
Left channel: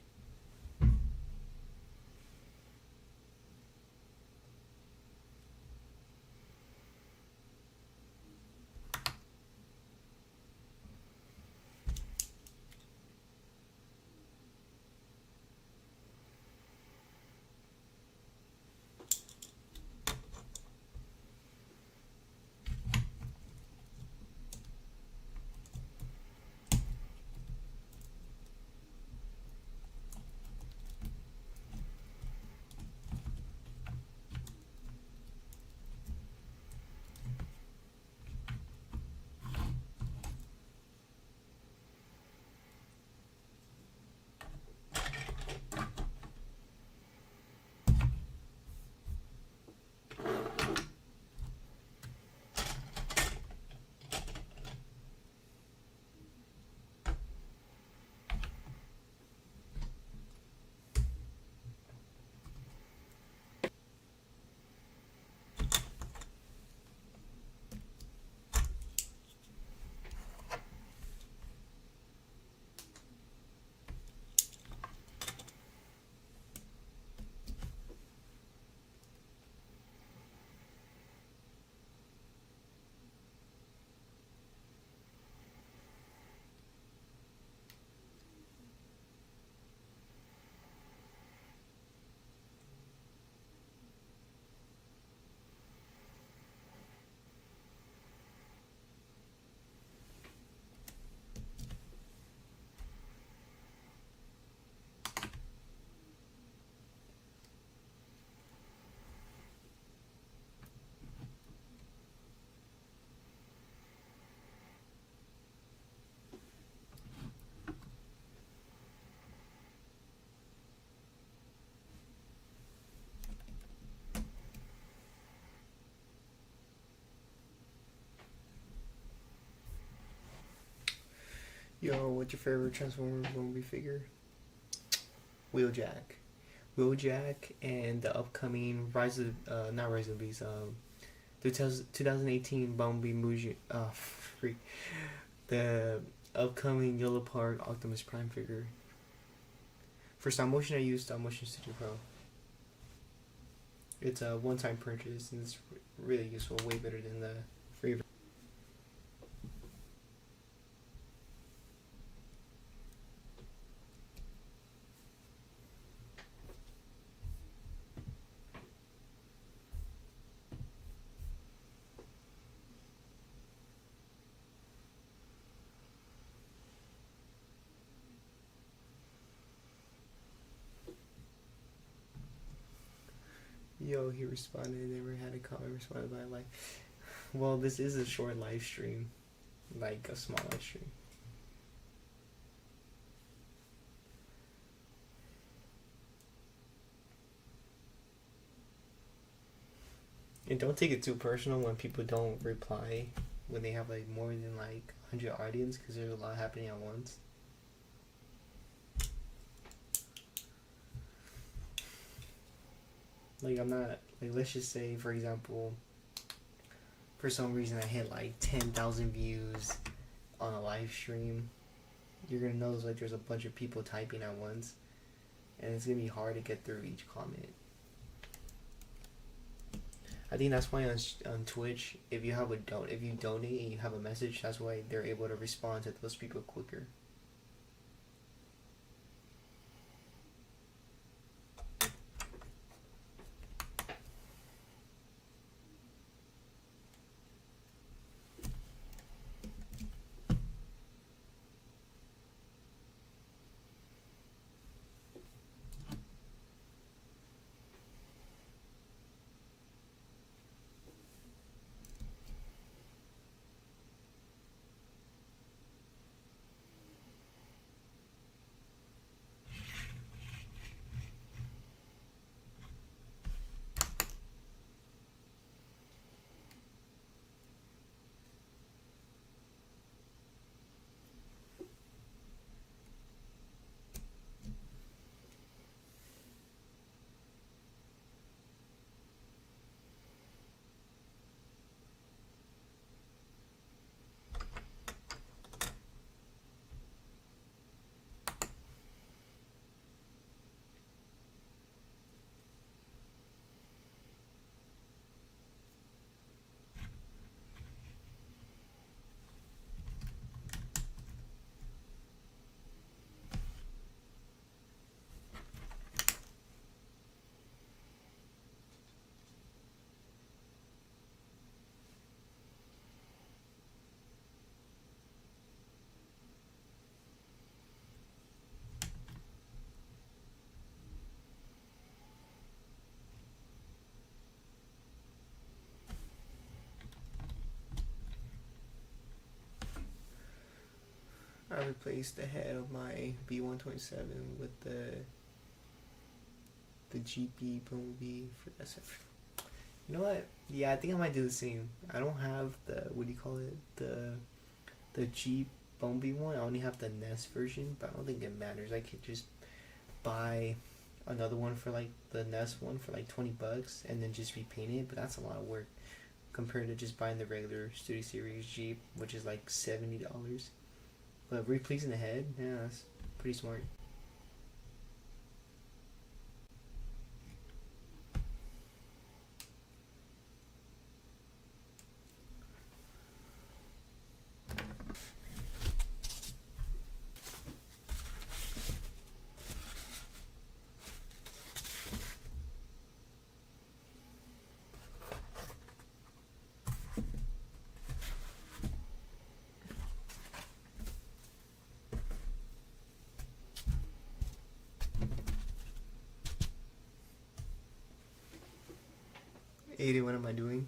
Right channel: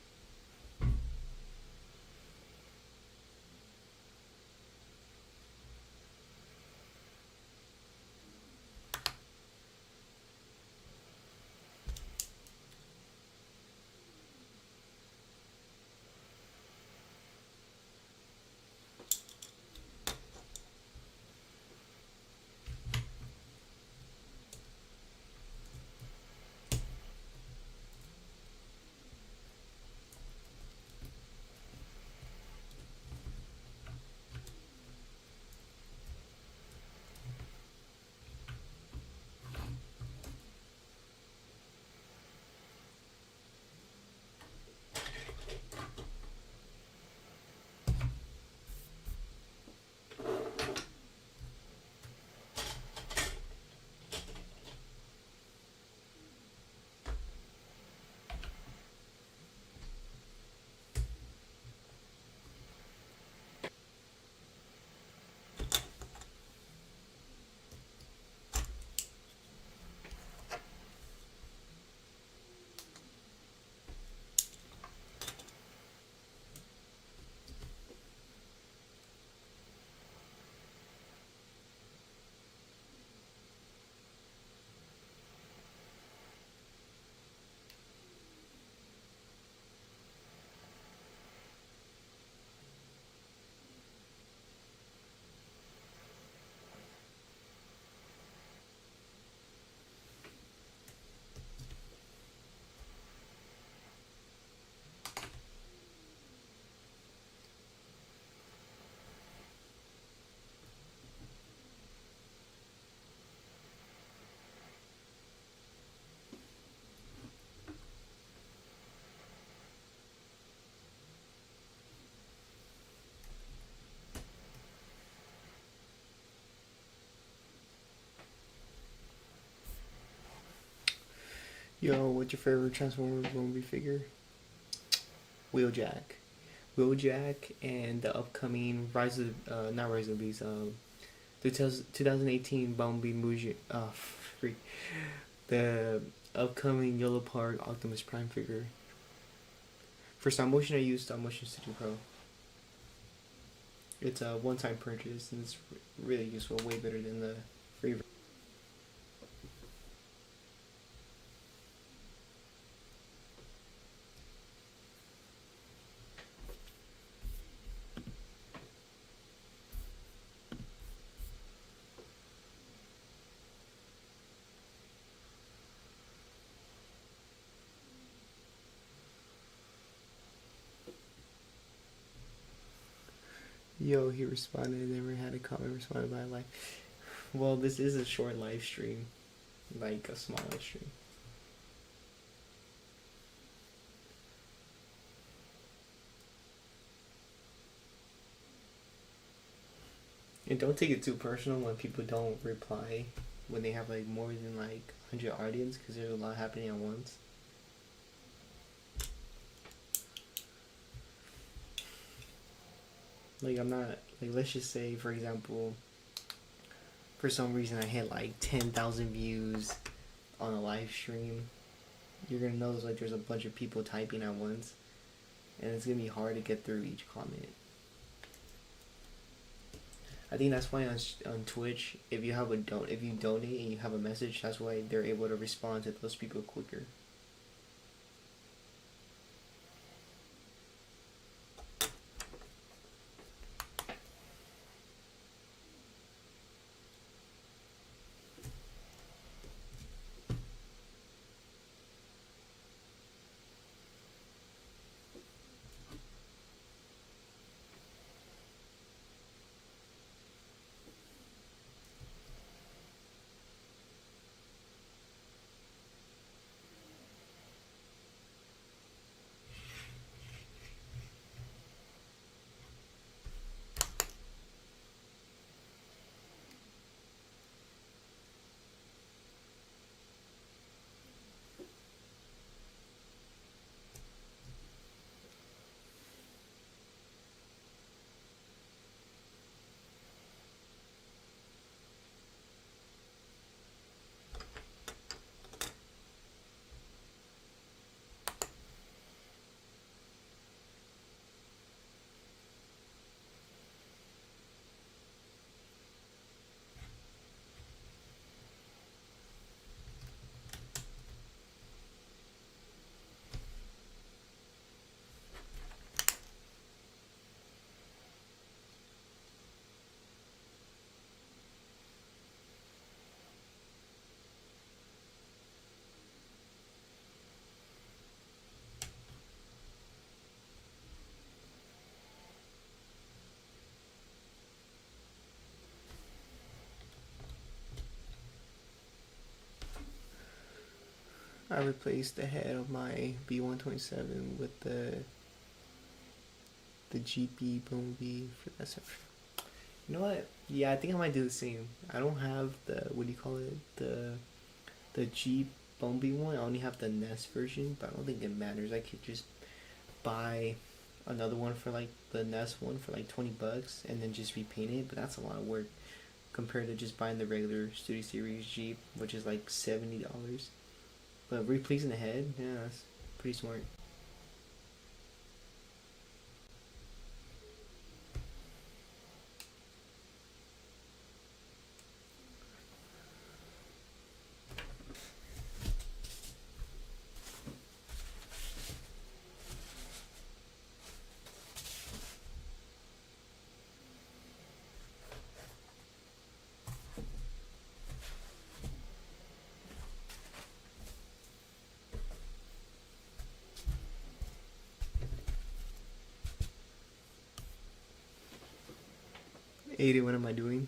Yo, what's your favorite Transformers Bumblebee figure? Wheeljack. Wheeljack and the upcoming Rise of not Rise of the Beast, the 2018 Bumblebee Muji, freak, the upcoming Yellow Park Optimus Prime figure. For stop motion, I use Stop Motion Studio Pro. It's a one-time purchase and it's really useful, way better than the free. Yo, he responded. Never had a comment responded by a like. Well, this is a short live stream, like a small live stream. And don't take it too personal when people don't reply when they have like more than like 100 audience, because there's a lot happening at once. Like I'm not like, let's just say for example, for some reason I hit like 10,000 views on a live stream. You're gonna notice like there's a bunch of people typing at once, and it's gonna be hard to get through each comment. I think that's why on Twitch, if you donate and you have a message, that's why they're able to respond to those people quicker. I replaced the head of my B127 with the GP Bumblebee for that section. You know what? Yeah, I think I might do the same. I don't have the, what do you call it? The Jeep Bumblebee one. I only have the Nest version, but I don't think it matters. I could just buy another one for like the Nest one for like $20 and then just repaint it, but that's a lot of work compared to just buying the regular Studio Series Jeep, which is like $70. But replacing the head, yeah, that's pretty smart. Aiden, what am I doing?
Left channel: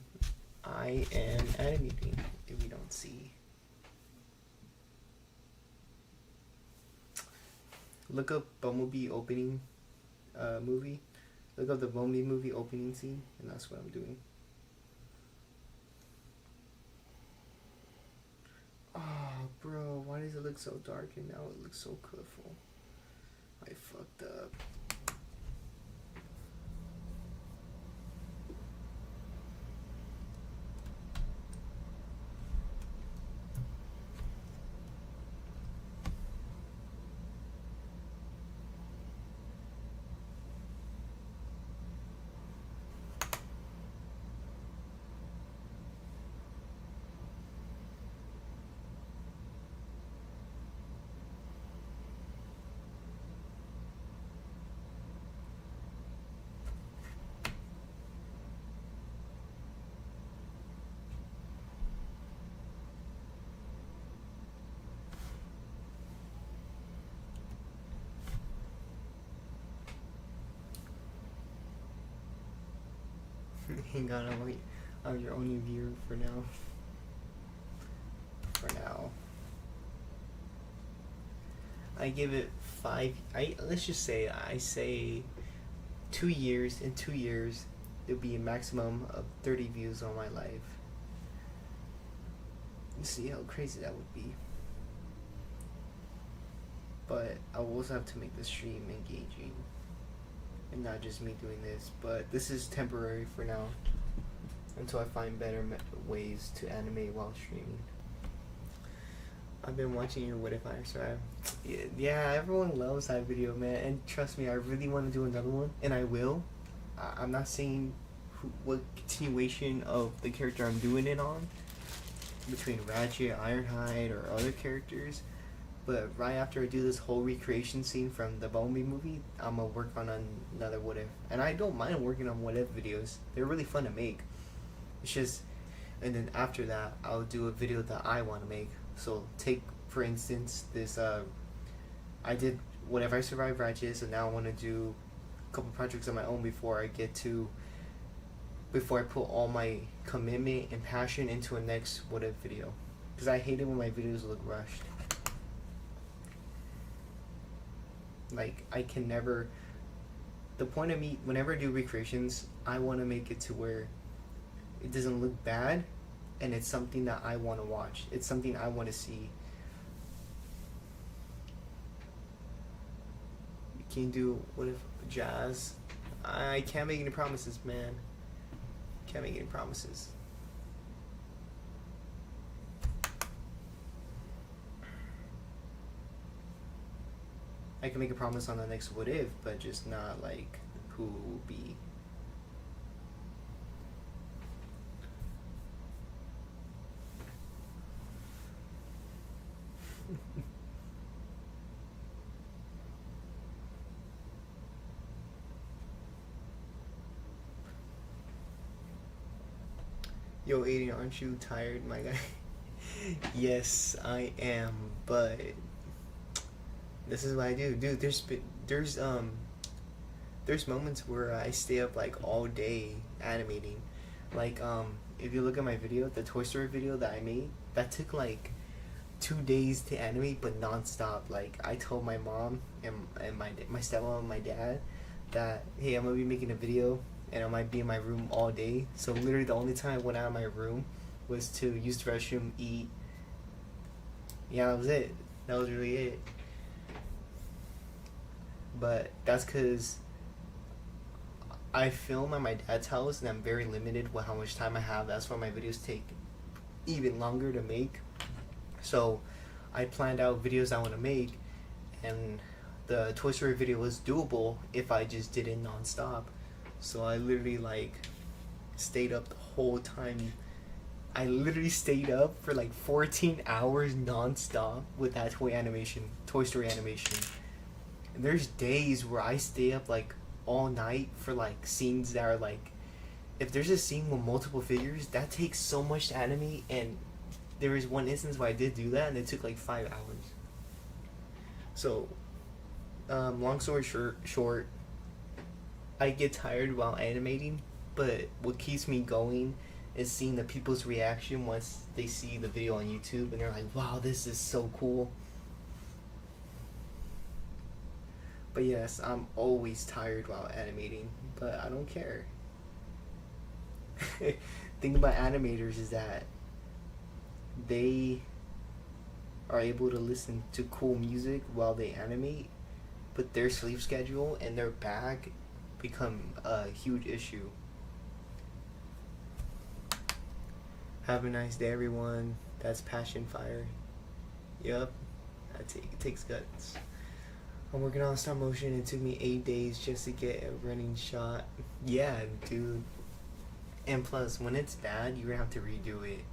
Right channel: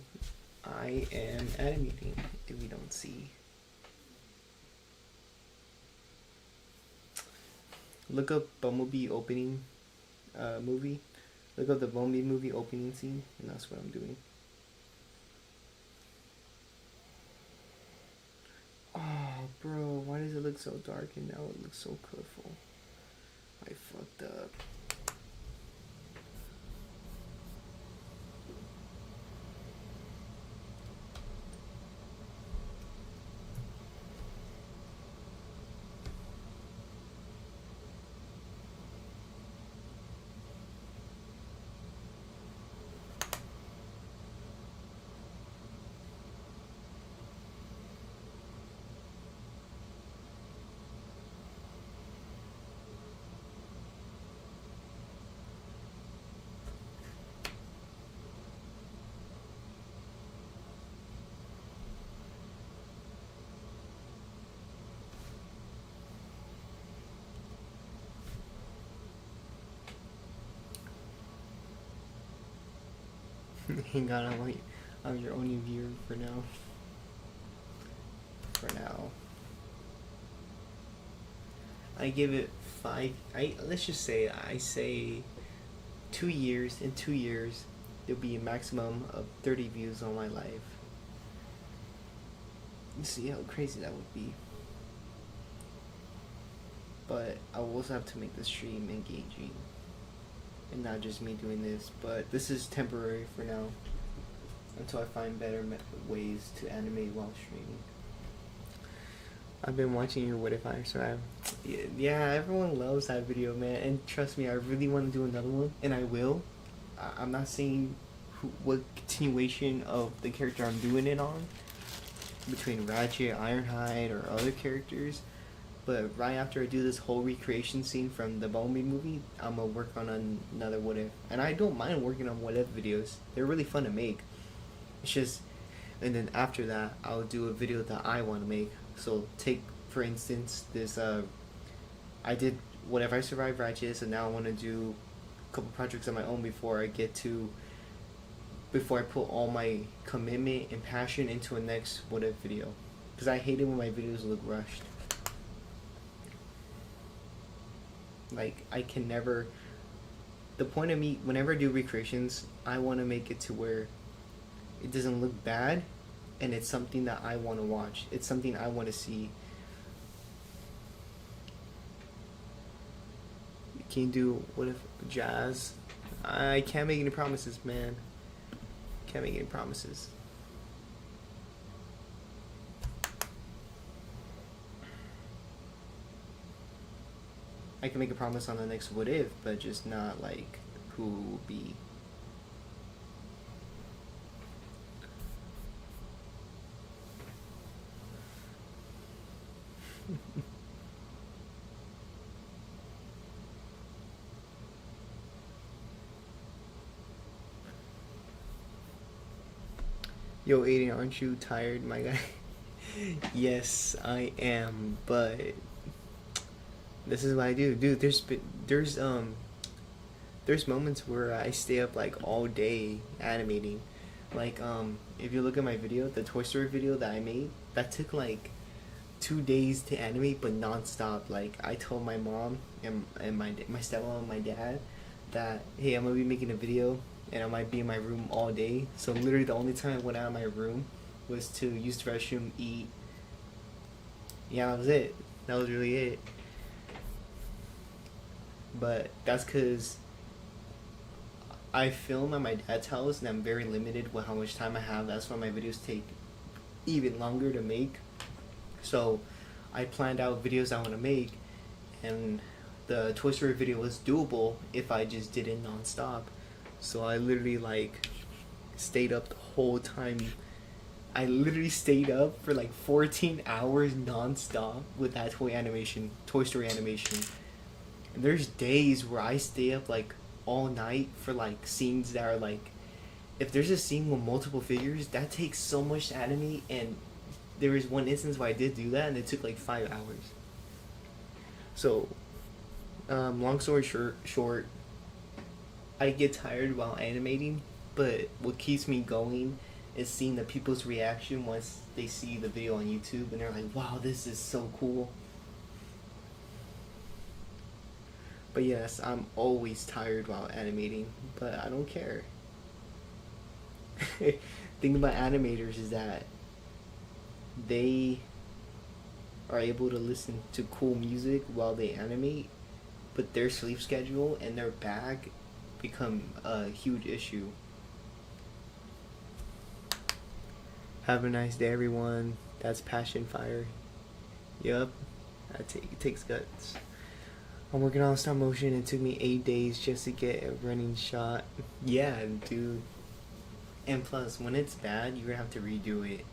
I am animating, if you don't see. Look up Bumblebee opening movie. Look up the Bumblebee movie opening scene, and that's what I'm doing. Oh, bro, why does it look so dark and now it looks so colorful? I fucked up. Hang on, I'm your only viewer for now. For now. I give it 5. Let's just say I say 2 years. In 2 years, there'll be a maximum of 30 views on my live. Let's see how crazy that would be. But I will also have to make the stream engaging, and not just me doing this. But this is temporary for now, until I find better ways to animate while streaming. I've been watching your What If I Survive. Yeah, everyone loves that video, man. And trust me, I really want to do another one, and I will. I'm not saying what continuation of the character I'm doing it on, between Ratchet, Ironhide, or other characters. But right after I do this whole recreation scene from the Bumblebee movie, I'm gonna work on another What If. And I don't mind working on What If videos. They're really fun to make. It's just, and then after that, I'll do a video that I want to make. So take, for instance, this, I did What If I Survive Ratchet, so now I want to do a couple projects of my own before I put all my commitment and passion into a next What If video. Because I hate it when my videos look rushed. Like, I can never, the point of me, whenever I do recreations, I want to make it to where it doesn't look bad, and it's something that I want to watch. It's something I want to see. You can't do What If Jazz. I can't make any promises, man. Can't make any promises. I can make a promise on the next What If, but just not like who will be. Yo, Aiden, aren't you tired, my guy? Yes, I am, but this is what I do. Dude, there's moments where I stay up like all day animating. Like if you look at my video, the Toy Story video that I made, that took like 2 days to animate, but nonstop. Like I told my mom and my stepmom and my dad that hey, I'm gonna be making a video and I might be in my room all day. So literally the only time I went out of my room was to use the restroom, eat. Yeah, that was it. That was really it. But that's because I film at my dad's house and I'm very limited with how much time I have. That's why my videos take even longer to make. So I planned out videos I want to make, and the Toy Story video was doable if I just did it nonstop. So I literally like stayed up the whole time. I literally stayed up for like 14 hours nonstop with that Toy Story animation. And there's days where I stay up like all night for like scenes that are like, if there's a scene with multiple figures, that takes so much to animate. And there was one instance where I did do that and it took like 5 hours. So, long story short, I get tired while animating, but what keeps me going is seeing the people's reaction once they see the video on YouTube and they're like, wow, this is so cool. But yes, I'm always tired while animating, but I don't care. Thing about animators is that they are able to listen to cool music while they animate, but their sleep schedule and their back become a huge issue. Have a nice day, everyone. That's Passion Fire. Yup, it takes guts. I'm working on stop motion. It took me 8 days just to get a running shot. Yeah, dude. And plus, when it's bad, you're gonna have to redo it.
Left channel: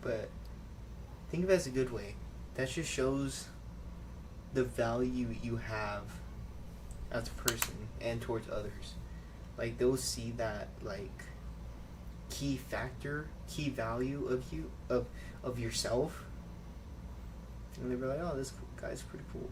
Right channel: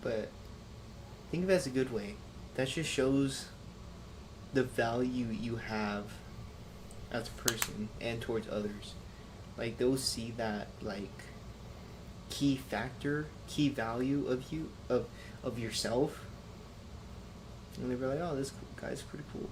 But think of it as a good way. That just shows the value you have as a person and towards others. Like they'll see that like key value of you of yourself, and they'll be like, oh, this guy's pretty cool.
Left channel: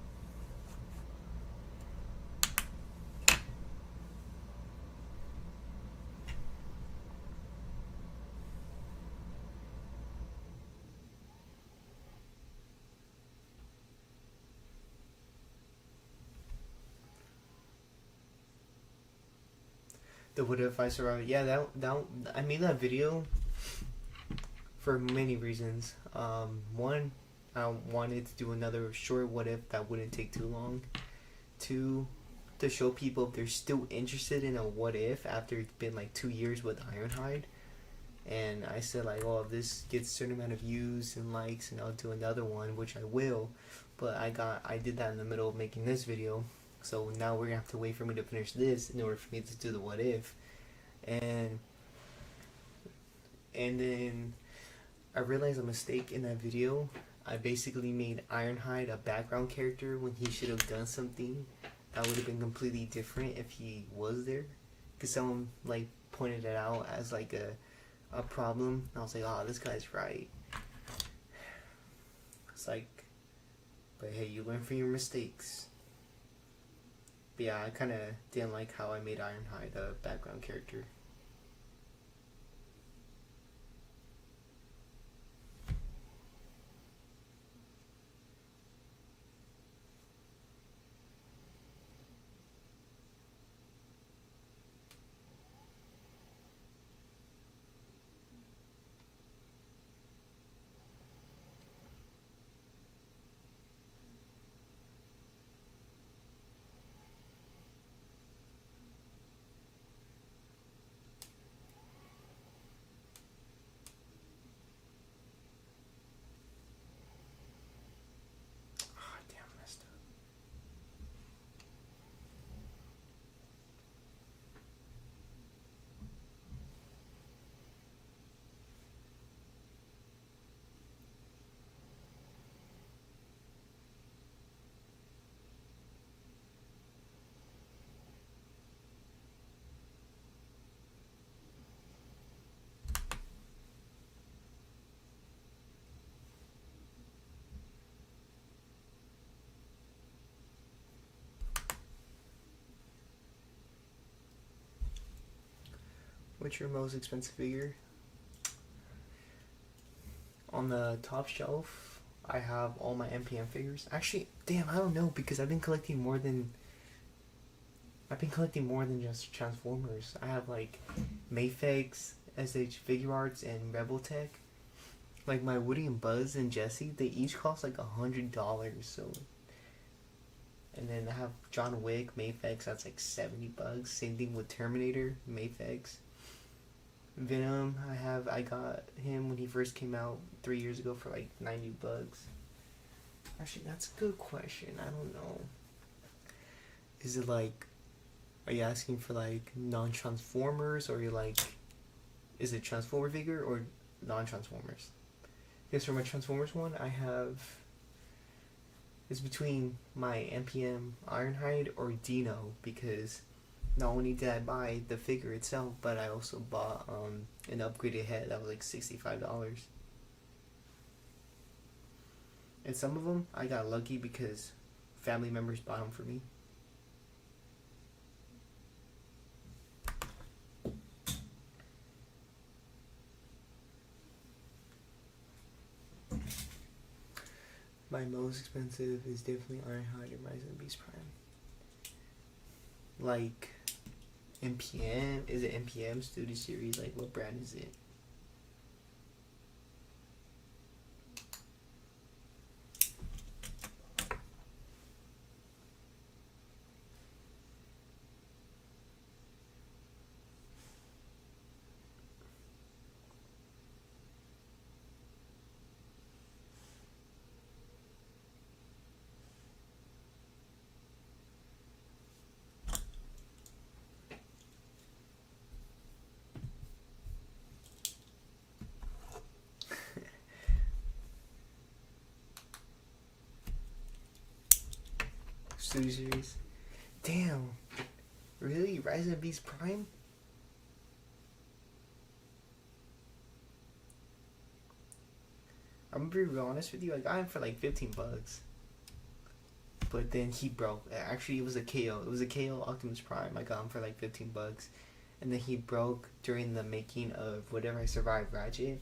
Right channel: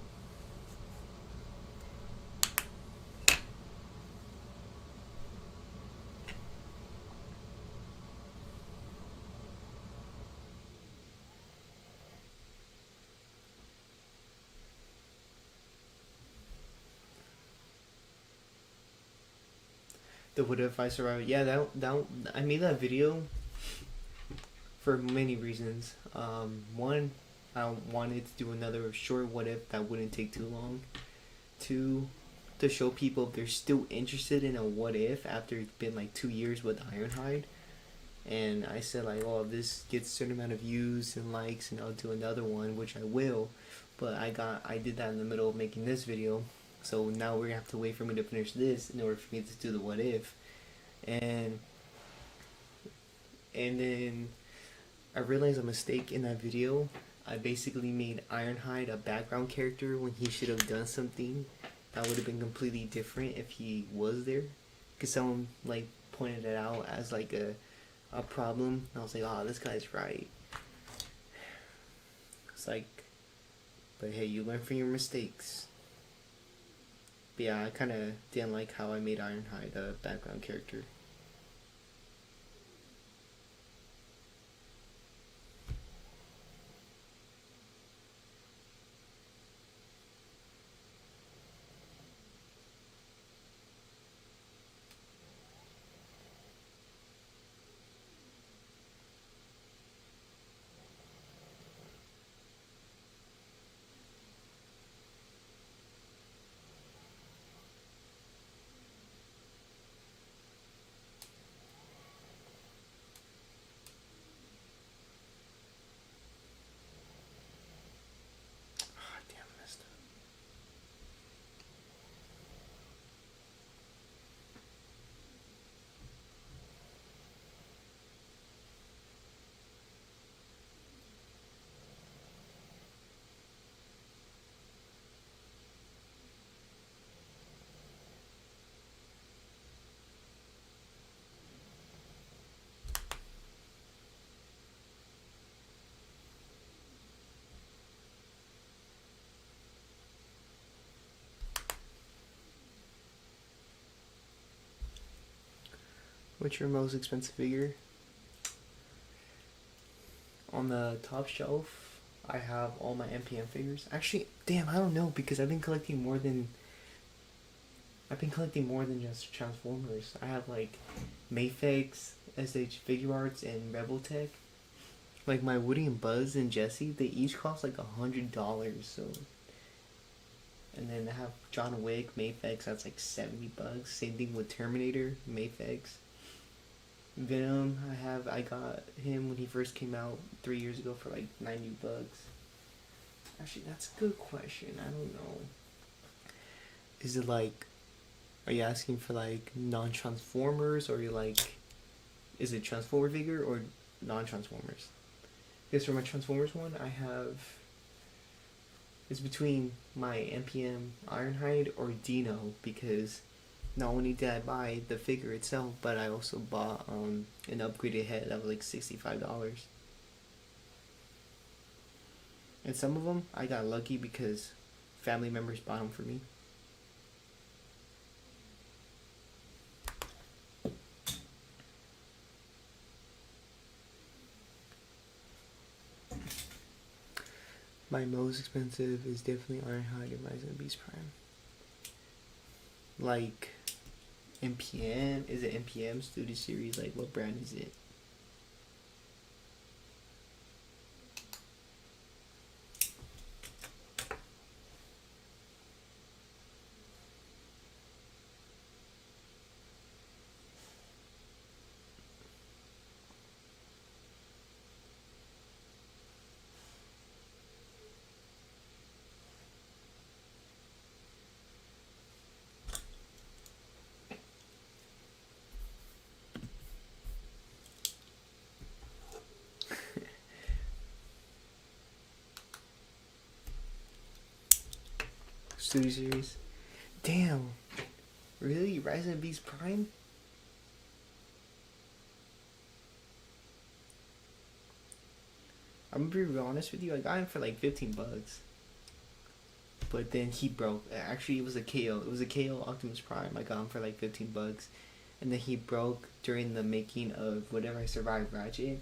The What If I Survived? Yeah, that I made that video for many reasons. One, I wanted to do another short What If that wouldn't take too long. Two, to show people if they're still interested in a What If after it's been like 2 years with Ironhide. And I said like, oh, if this gets a certain amount of views and likes, and I'll do another one, which I will. But I did that in the middle of making this video. So now we're gonna have to wait for me to finish this in order for me to do the What If. And then I realized a mistake in that video. I basically made Ironhide a background character when he should have done something that would have been completely different if he was there. Because someone like pointed it out as like a problem. And I was like, oh, this guy's right. It's like, but hey, you learn from your mistakes. But yeah, I kind of didn't like how I made Ironhide a background character. What's your most expensive figure? On the top shelf, I have all my MPM figures. Actually, damn, I don't know because I've been collecting more than just Transformers. I have like Mayfix, SH Figure Arts, and Rebel Tech. Like my Woody and Buzz and Jesse, they each cost like $100. So, and then I have John Wick Mayfix. That's like $70. Same thing with Terminator Mayfix. Venom, I got him when he first came out 3 years ago for like $90. Actually, that's a good question. I don't know. Is it like, are you asking for like non-Transformers, or are you like, is it Transformer figure or non-Transformers? Because for my Transformers one, it's between my MPM Ironhide or Dino, because not only did I buy the figure itself, but I also bought an upgraded head that was like $65. And some of them I got lucky because family members bought them for me. My most expensive is definitely Ironhide and Rise of the Beast Prime. Like MPM, is it MPM Studio Series? Like what brand is it? Studio Series. Damn. Really? Rise of the Beast Prime? I'm gonna be real honest with you, I got him for like $15. But then he broke. Actually, it was a KO. It was a KO Optimus Prime. I got him for like $15. And then he broke during the making of Whatever I Survived Ratchet.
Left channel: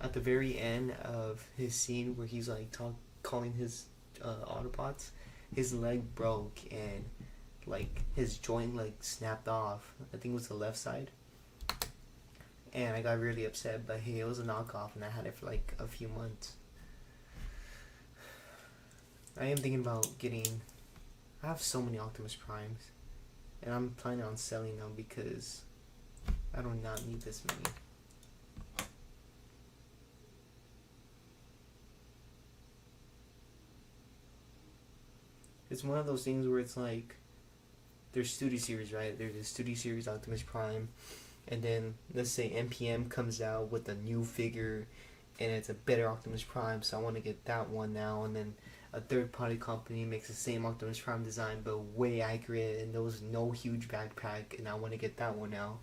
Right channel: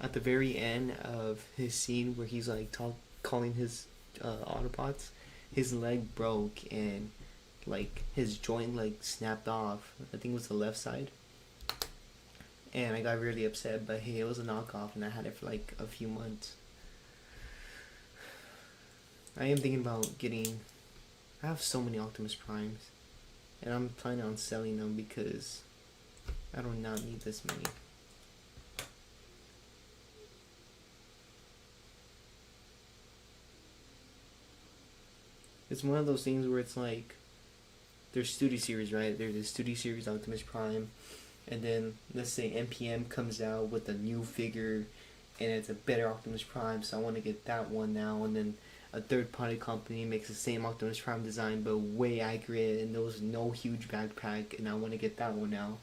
At the very end of his scene where he's like calling his Autobots, his leg broke and like his joint like snapped off. I think it was the left side. And I got really upset, but hey, it was a knockoff and I had it for like a few months. I am thinking about getting, I have so many Optimus Primes and I'm planning on selling them because I do not need this many. It's one of those things where it's like, there's Studio Series, right? There's the Studio Series Optimus Prime, and then let's say MPM comes out with a new figure, and it's a better Optimus Prime, so I want to get that one now, and then a third-party company makes the same Optimus Prime design, but way accurate, and there's no huge backpack, and I want to get that one now.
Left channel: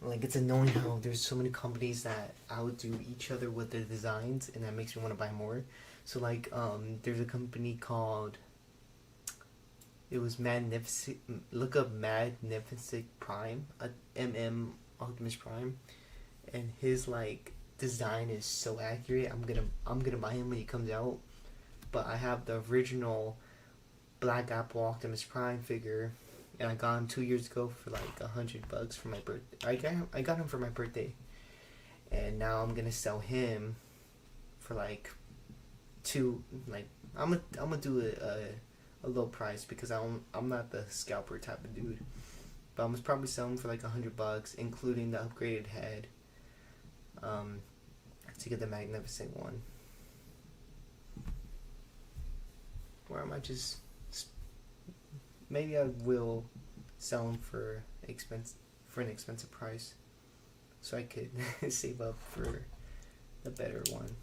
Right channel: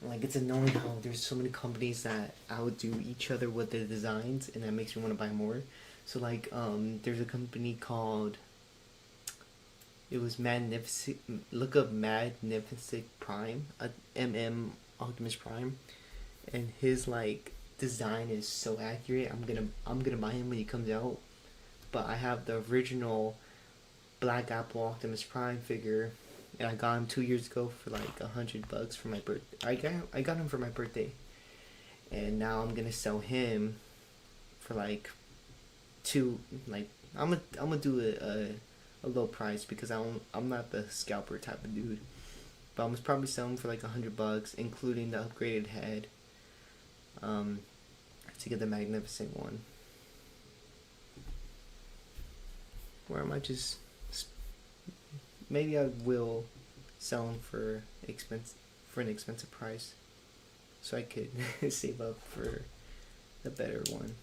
Like, it's annoying how there's so many companies that outdo each other with their designs, and that makes me want to buy more. So like, there's a company called, it was Magnificent, look up Magnificent Prime, Optimus Prime, and his like design is so accurate. I'm gonna buy him when he comes out. But I have the original Black Apple Optimus Prime figure, and I got him 2 years ago for like $100 for my birthday. I got him for my birthday, and now I'm gonna sell him for like I'm gonna do a low price because I'm not the scalper type of dude, but I'm gonna probably sell him for like $100, including the upgraded head, to get the Magnificent one. Or I might just, maybe I will sell them for an expensive price, so I could save up for the better one.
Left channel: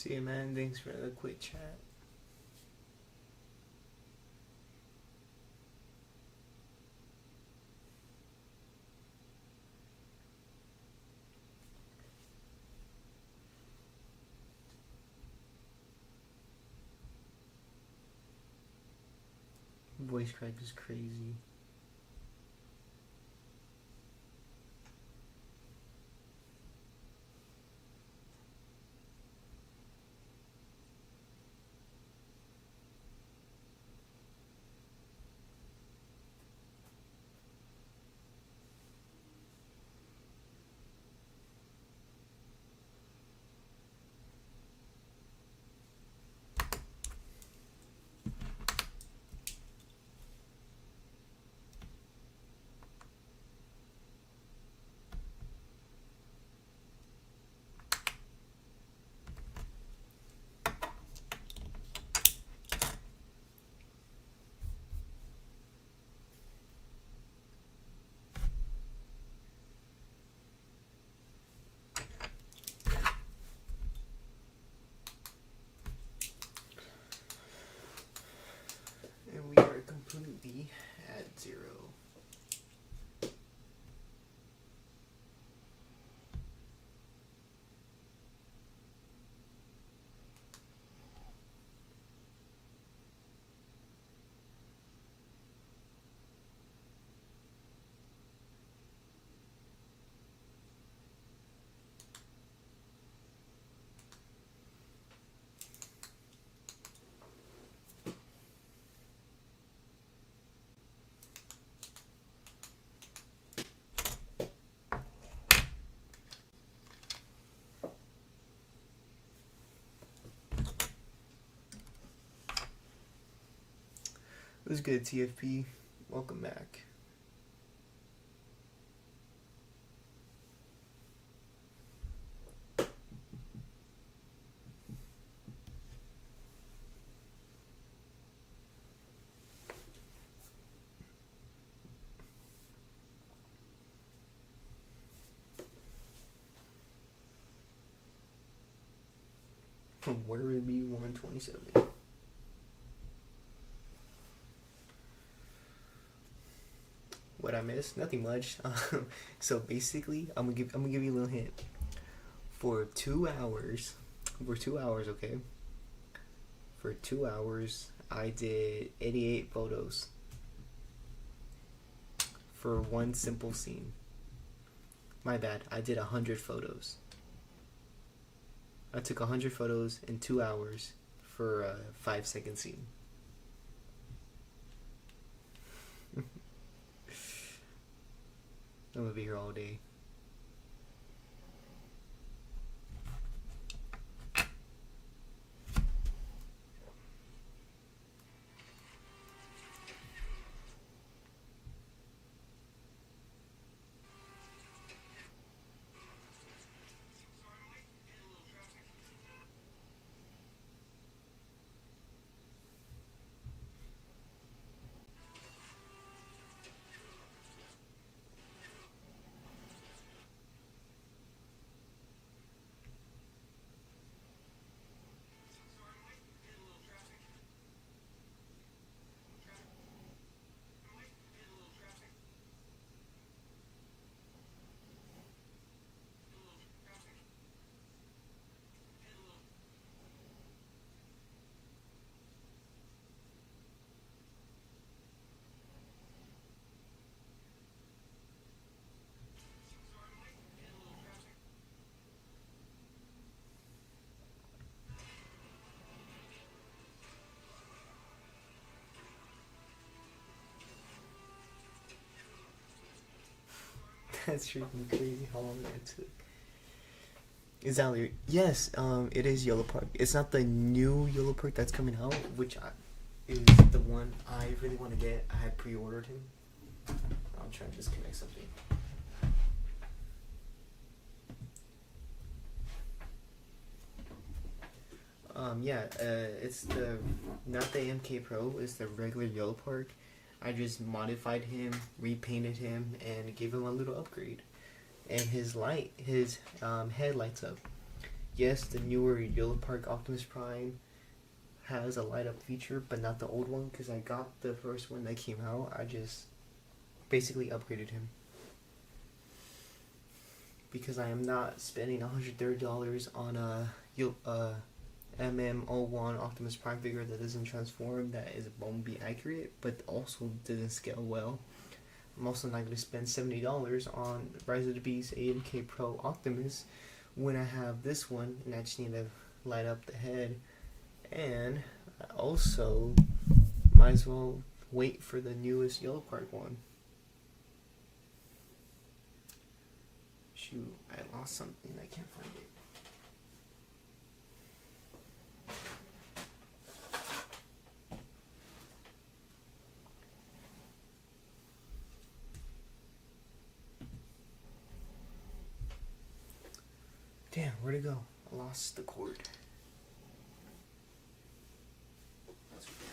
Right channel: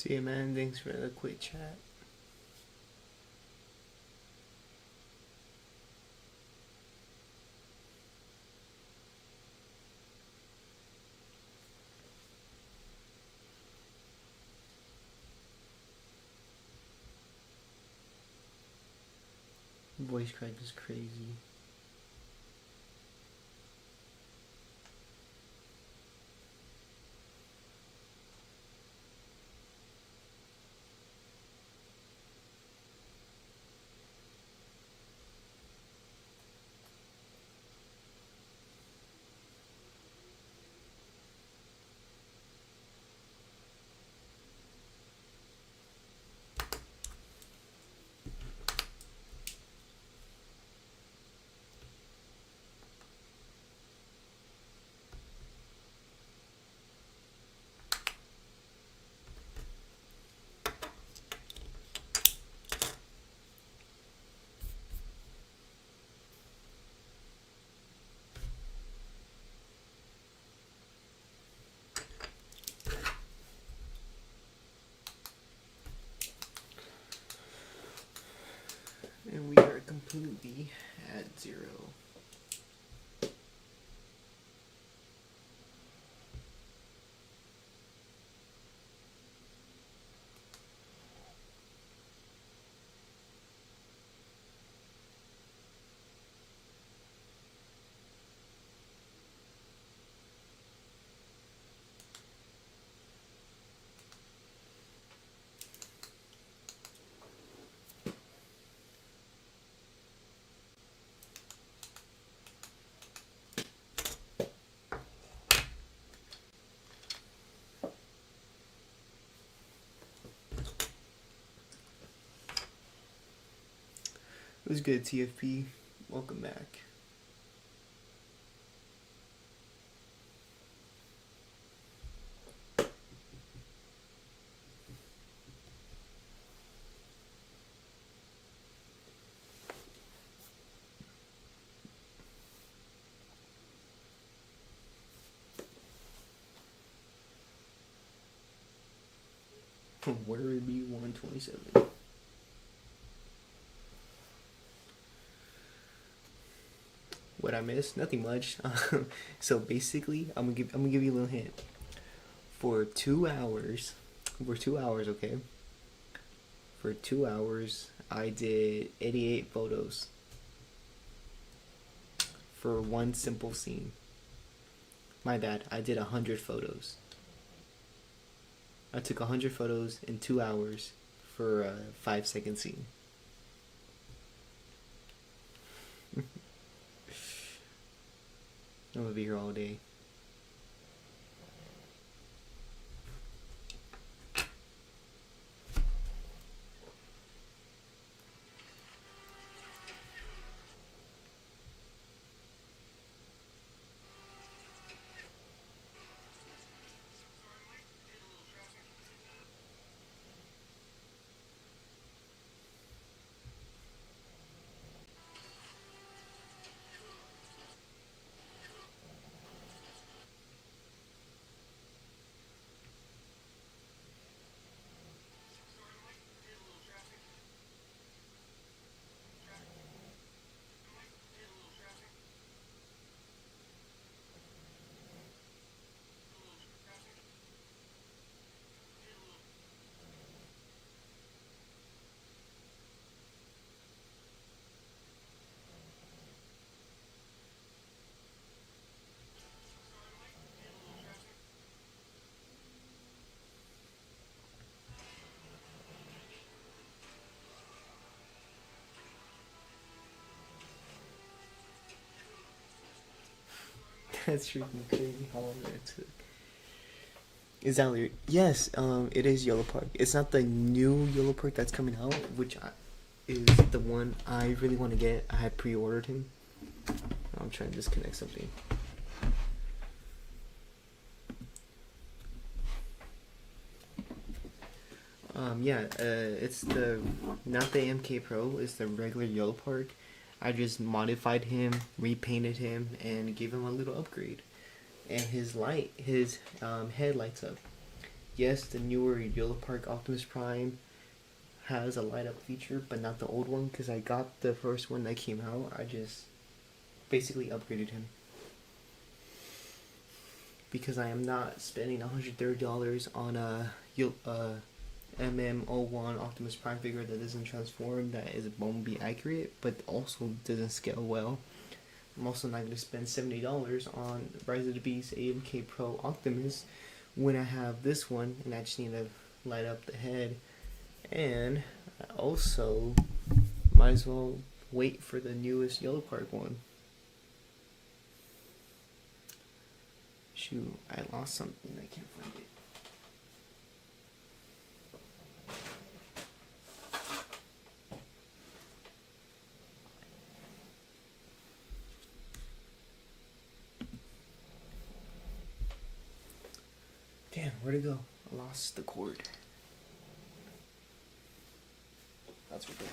See you, man. Thanks for the quick chat. Voice crack is crazy. And we are completely at 0. It was good, TFP. Welcome back. Where would it be 127? What I missed? Nothing much. So basically, I'm gonna give you a little hint. For 2 hours, okay. For 2 hours, I did 88 photos for one simple scene. My bad. I did 100 photos. I took 100 photos in 2 hours for a 5-second scene. I'm gonna be here all day. That's freaking crazy how long that took. Exactly. Yes, it is Yellow Park. It's not the new Yellow Park that's coming out, which is the one I really want to get. I had pre-ordered him. I'm trying to disconnect something. It's not the MK Pro, it's the regular Yellow Park. I just modified him, repainted him, and gave him a little upgrade. And his head lights up. yes, the newer Yellow Park Optimus Prime has a light up feature, but not the old one, because I got the first one that came out. I just basically upgraded him. Because I am not spending $130 on a MM01 Optimus Prime figure that doesn't transform, that is Bumblebee accurate, but also doesn't scale well. I'm also not going to spend $70 on Rise of the Beast AMK Pro Optimus when I have this one and I just need to light up the head. And I also might as well wait for the newest Yellow Park one. Shoot, I lost something. I can't find it. Damn, where'd it go? I lost the cord. That's right there.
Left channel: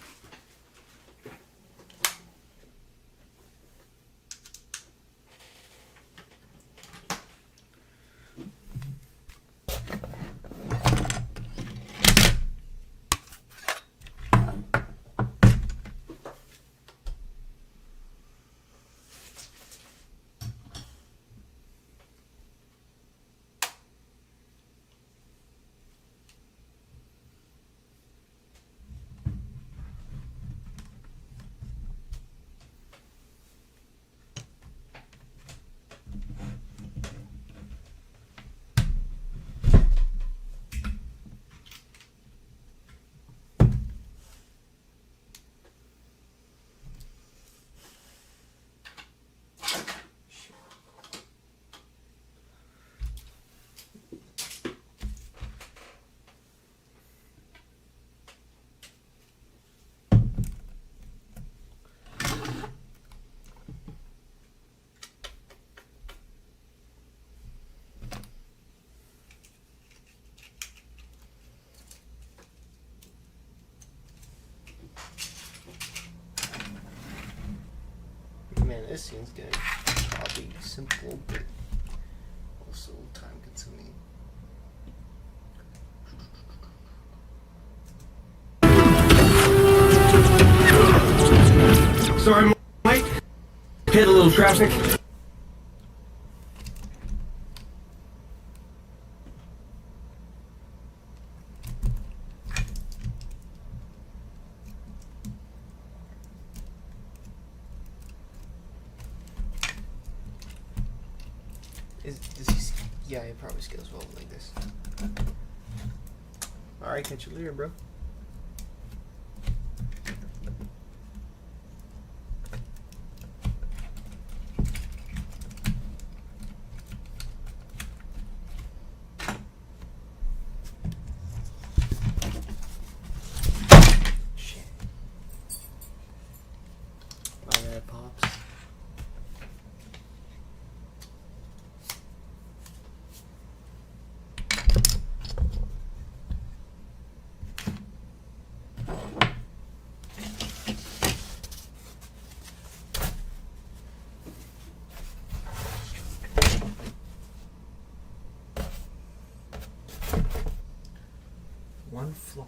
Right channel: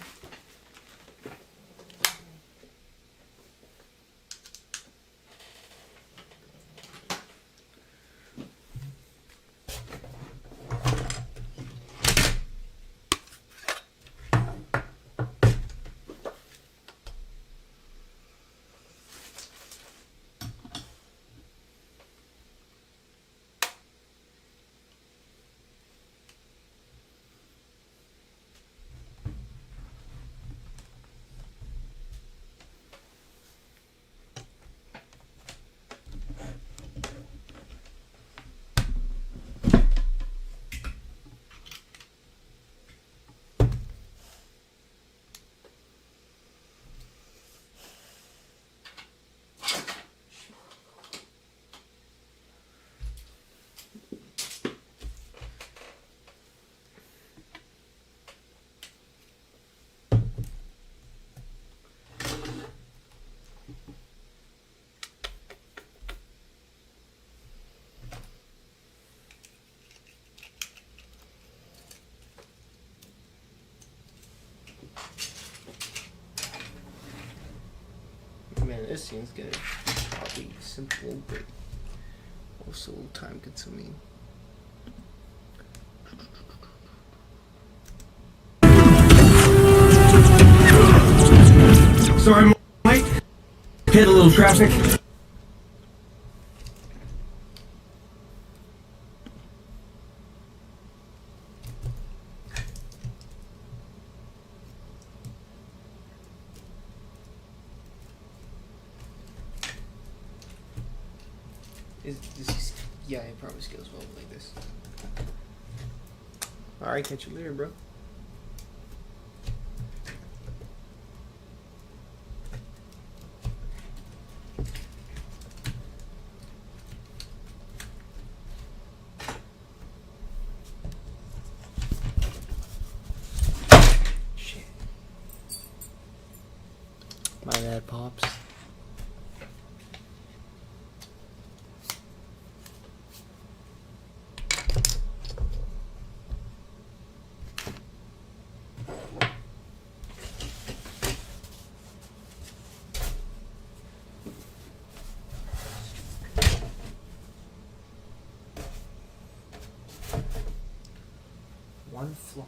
Man, this seems good. Probably simple, but also time consuming. Sorry, Mike. Hit a little traffic. Yeah, it probably scales well like this. Alright, catch you later, bro. Shit. My bad, Pops. One flaw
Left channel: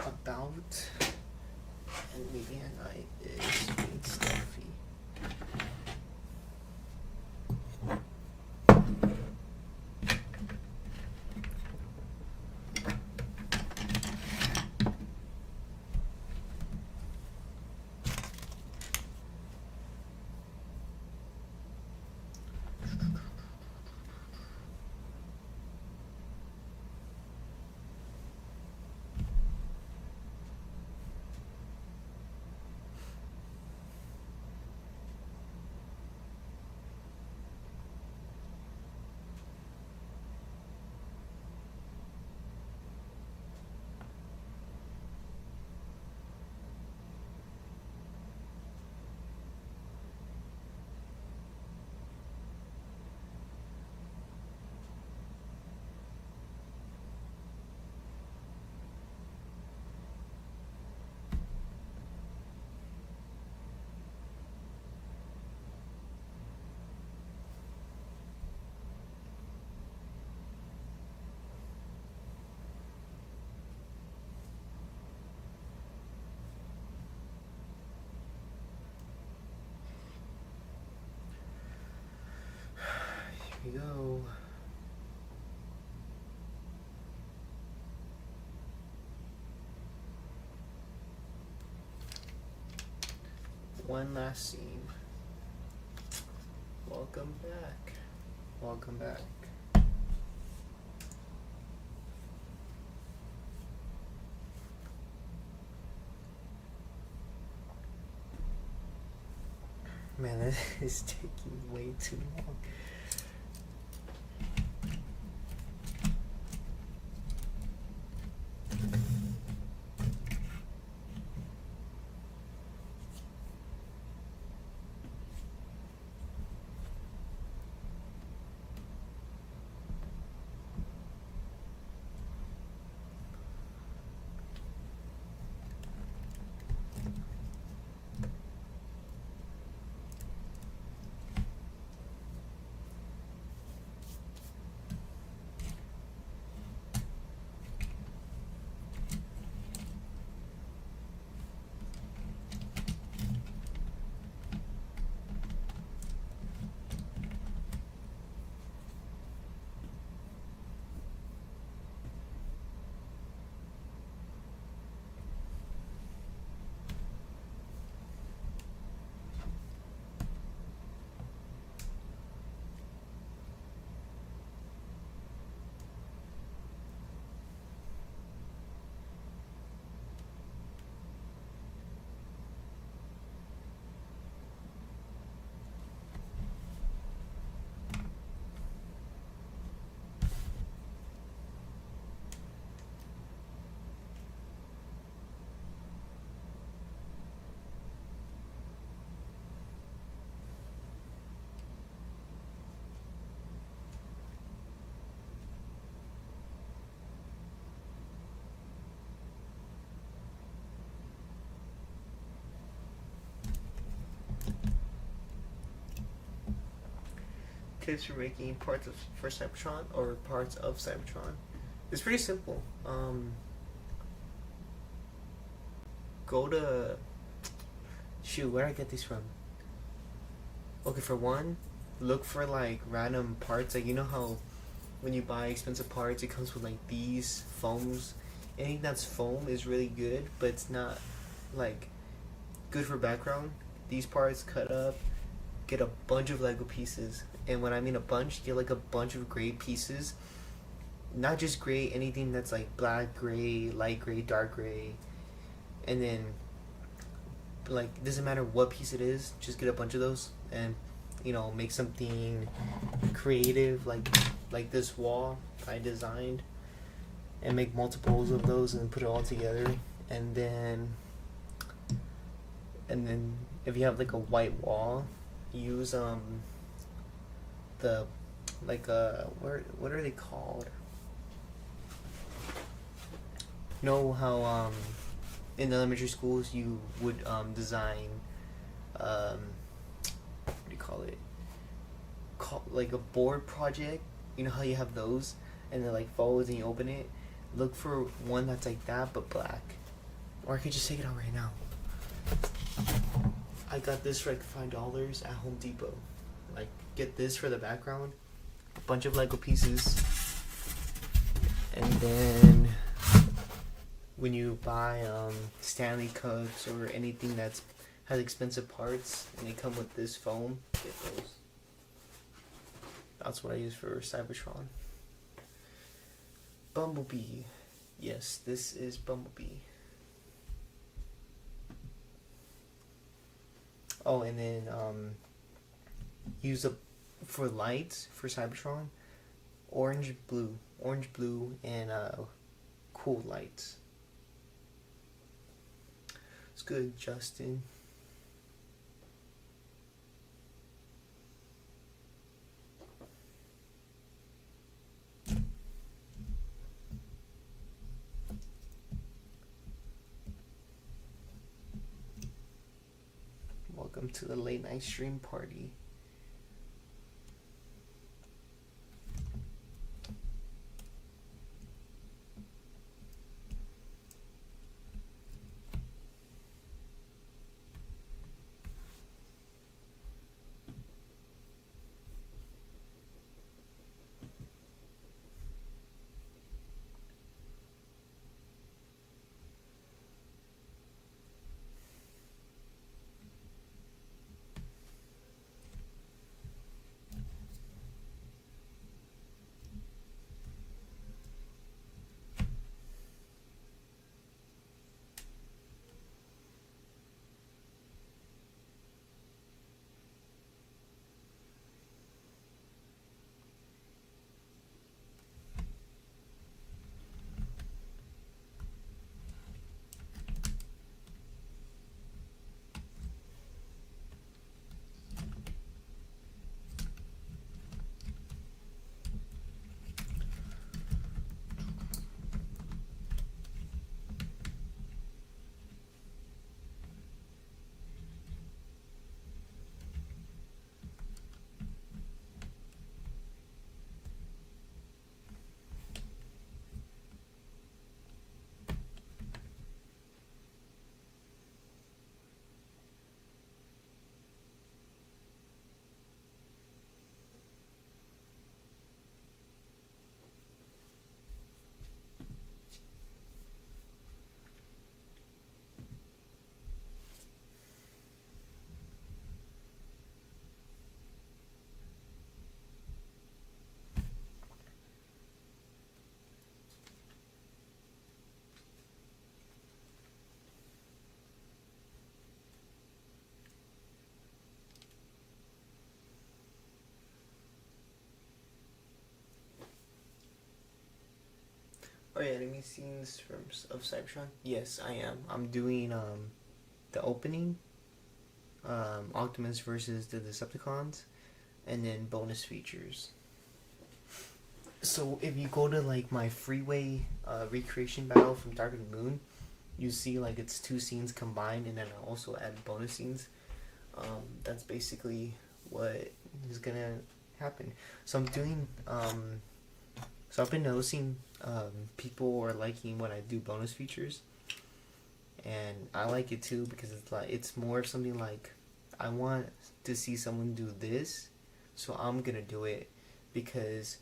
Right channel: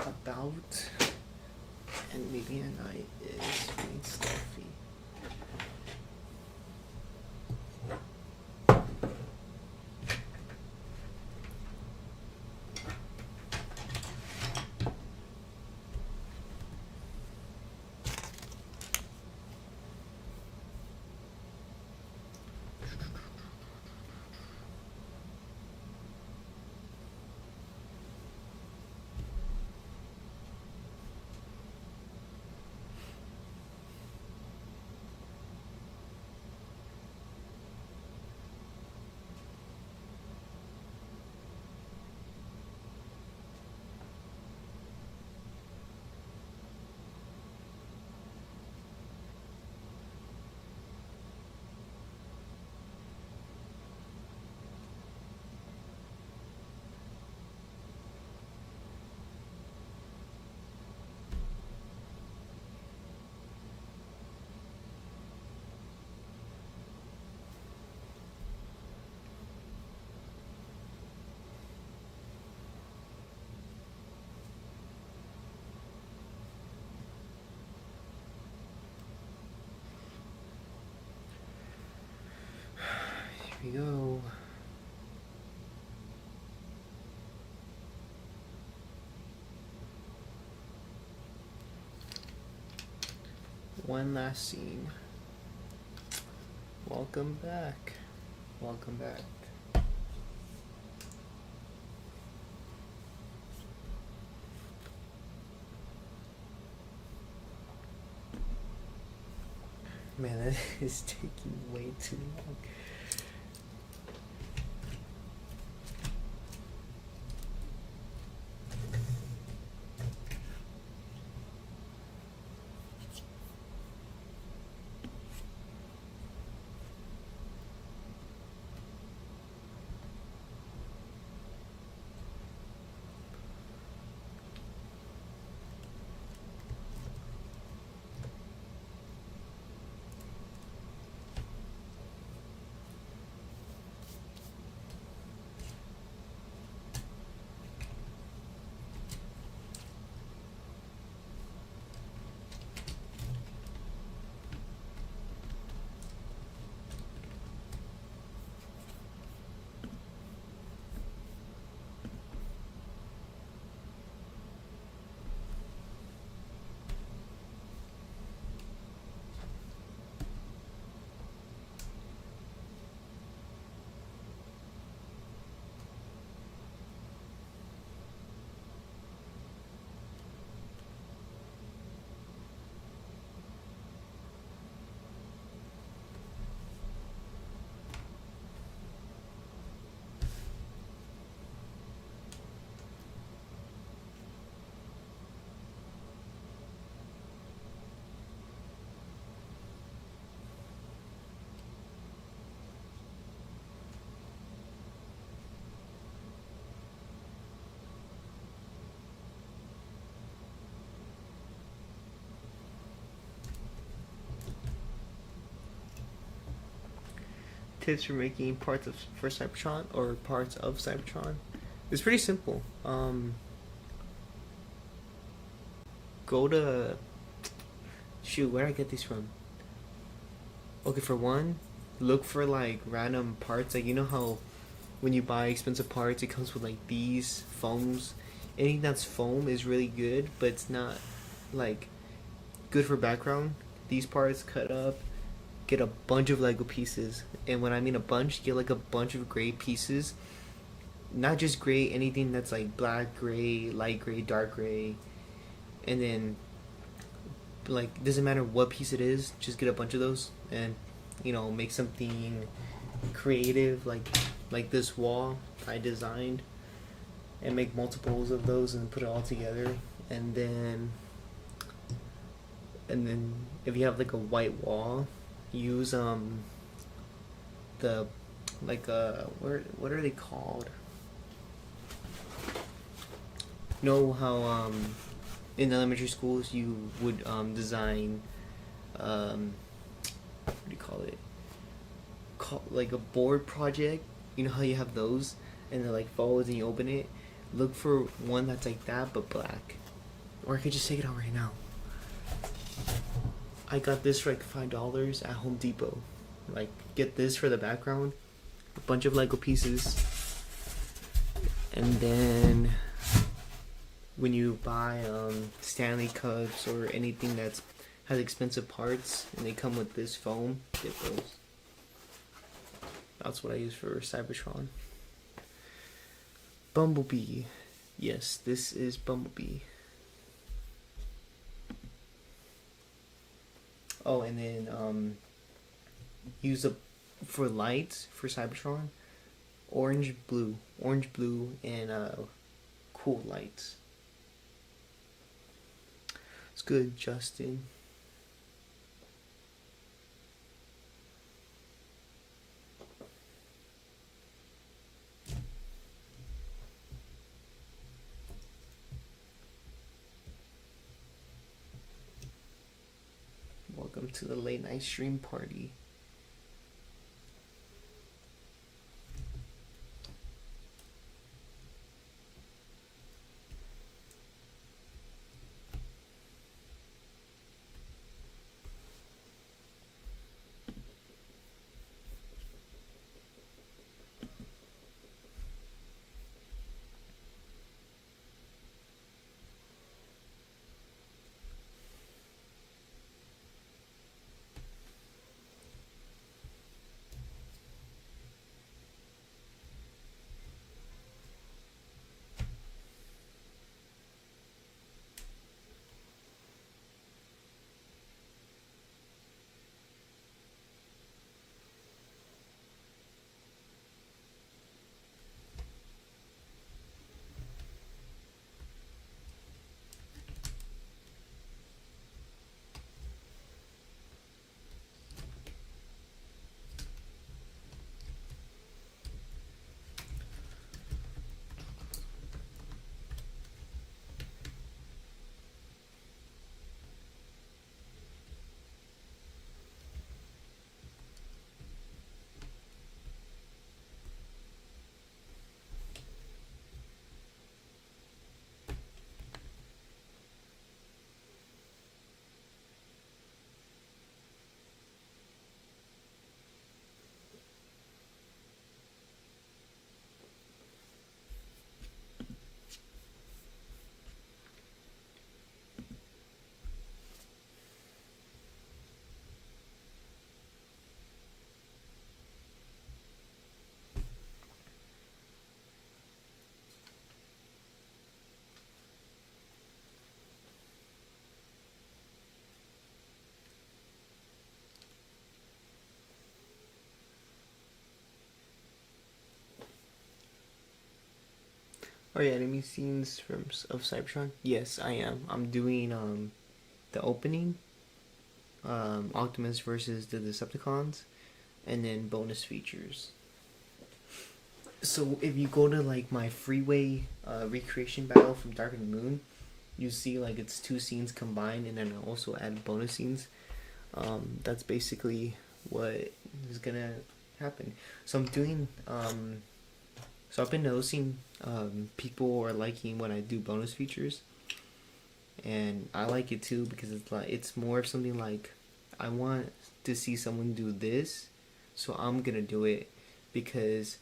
about and maybe a night is being stealthy. we go. One last scene. Welcome back. Welcome back. Man, that is taking way too long. Tips for making parts for Cybertron or parts of Cybertron. It's pretty simple. Go to shoot. Where did I get these from? Okay, for one, look for like random parts. Like you know how when you buy expensive parts, it comes with like these foams. Anything that's foam is really good, but it's not like good for background. These parts cut up. Get a bunch of Lego pieces, and when I mean a bunch, get like a bunch of gray pieces. Not just gray, anything that's like black, gray, light gray, dark gray, and then like doesn't matter what piece it is, just get a bunch of those, and you know make something creative like this wall I designed, and make multiples of those and put it all together, and then if you have like a white wall, use the like what are they called? Know how in elementary schools you would design what do you call it? Like a board project. You know how you have those and they're like folds and you open it. Look for one that's like that but black. Or I could just take it out right now. I got this for like $5 at Home Depot. Like, get this for the background. A bunch of Lego pieces. And then when you buy Stanley cups or anything that's has expensive parts and they come with this foam, get those. That's what I use for Cybertron. Bumblebee. Yes, this is Bumblebee. Oh, and then use for lights for Cybertron, orange, blue, and cool lights. It's good, Justin. Welcome to the late night stream party. Oh yeah, enemy scenes of Cybertron. Yes, I am. I'm doing the opening, Optimus versus the Decepticons, and then bonus features. So if you go to like my freeway recreation battle from Dark of the Moon, you see like it's two scenes combined, and then I also add bonus scenes. That's basically what is gonna happen. So I'm doing so I've been noticing people are liking when I do bonus features, and I like it too because it's more of something like I want to see someone do this, so I'm gonna do it because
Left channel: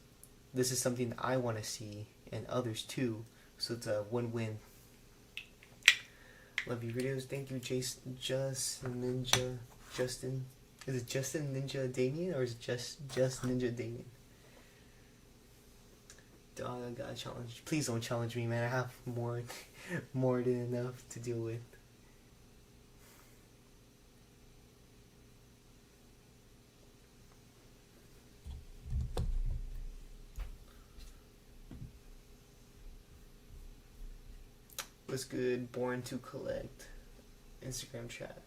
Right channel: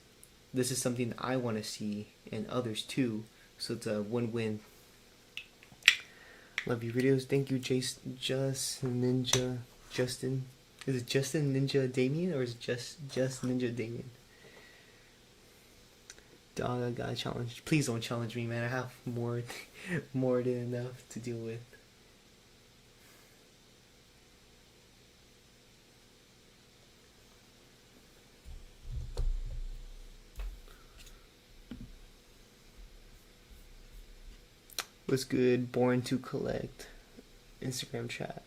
this is something I want to see and others too. So it's a win-win. Love your videos. Thank you, Justin. Is it Justin Ninja Damien or is it just Ninja Damien? Dog, I got challenged. Please don't challenge me, man. I have more than enough to deal with. What's good? Born to collect. Instagram chat.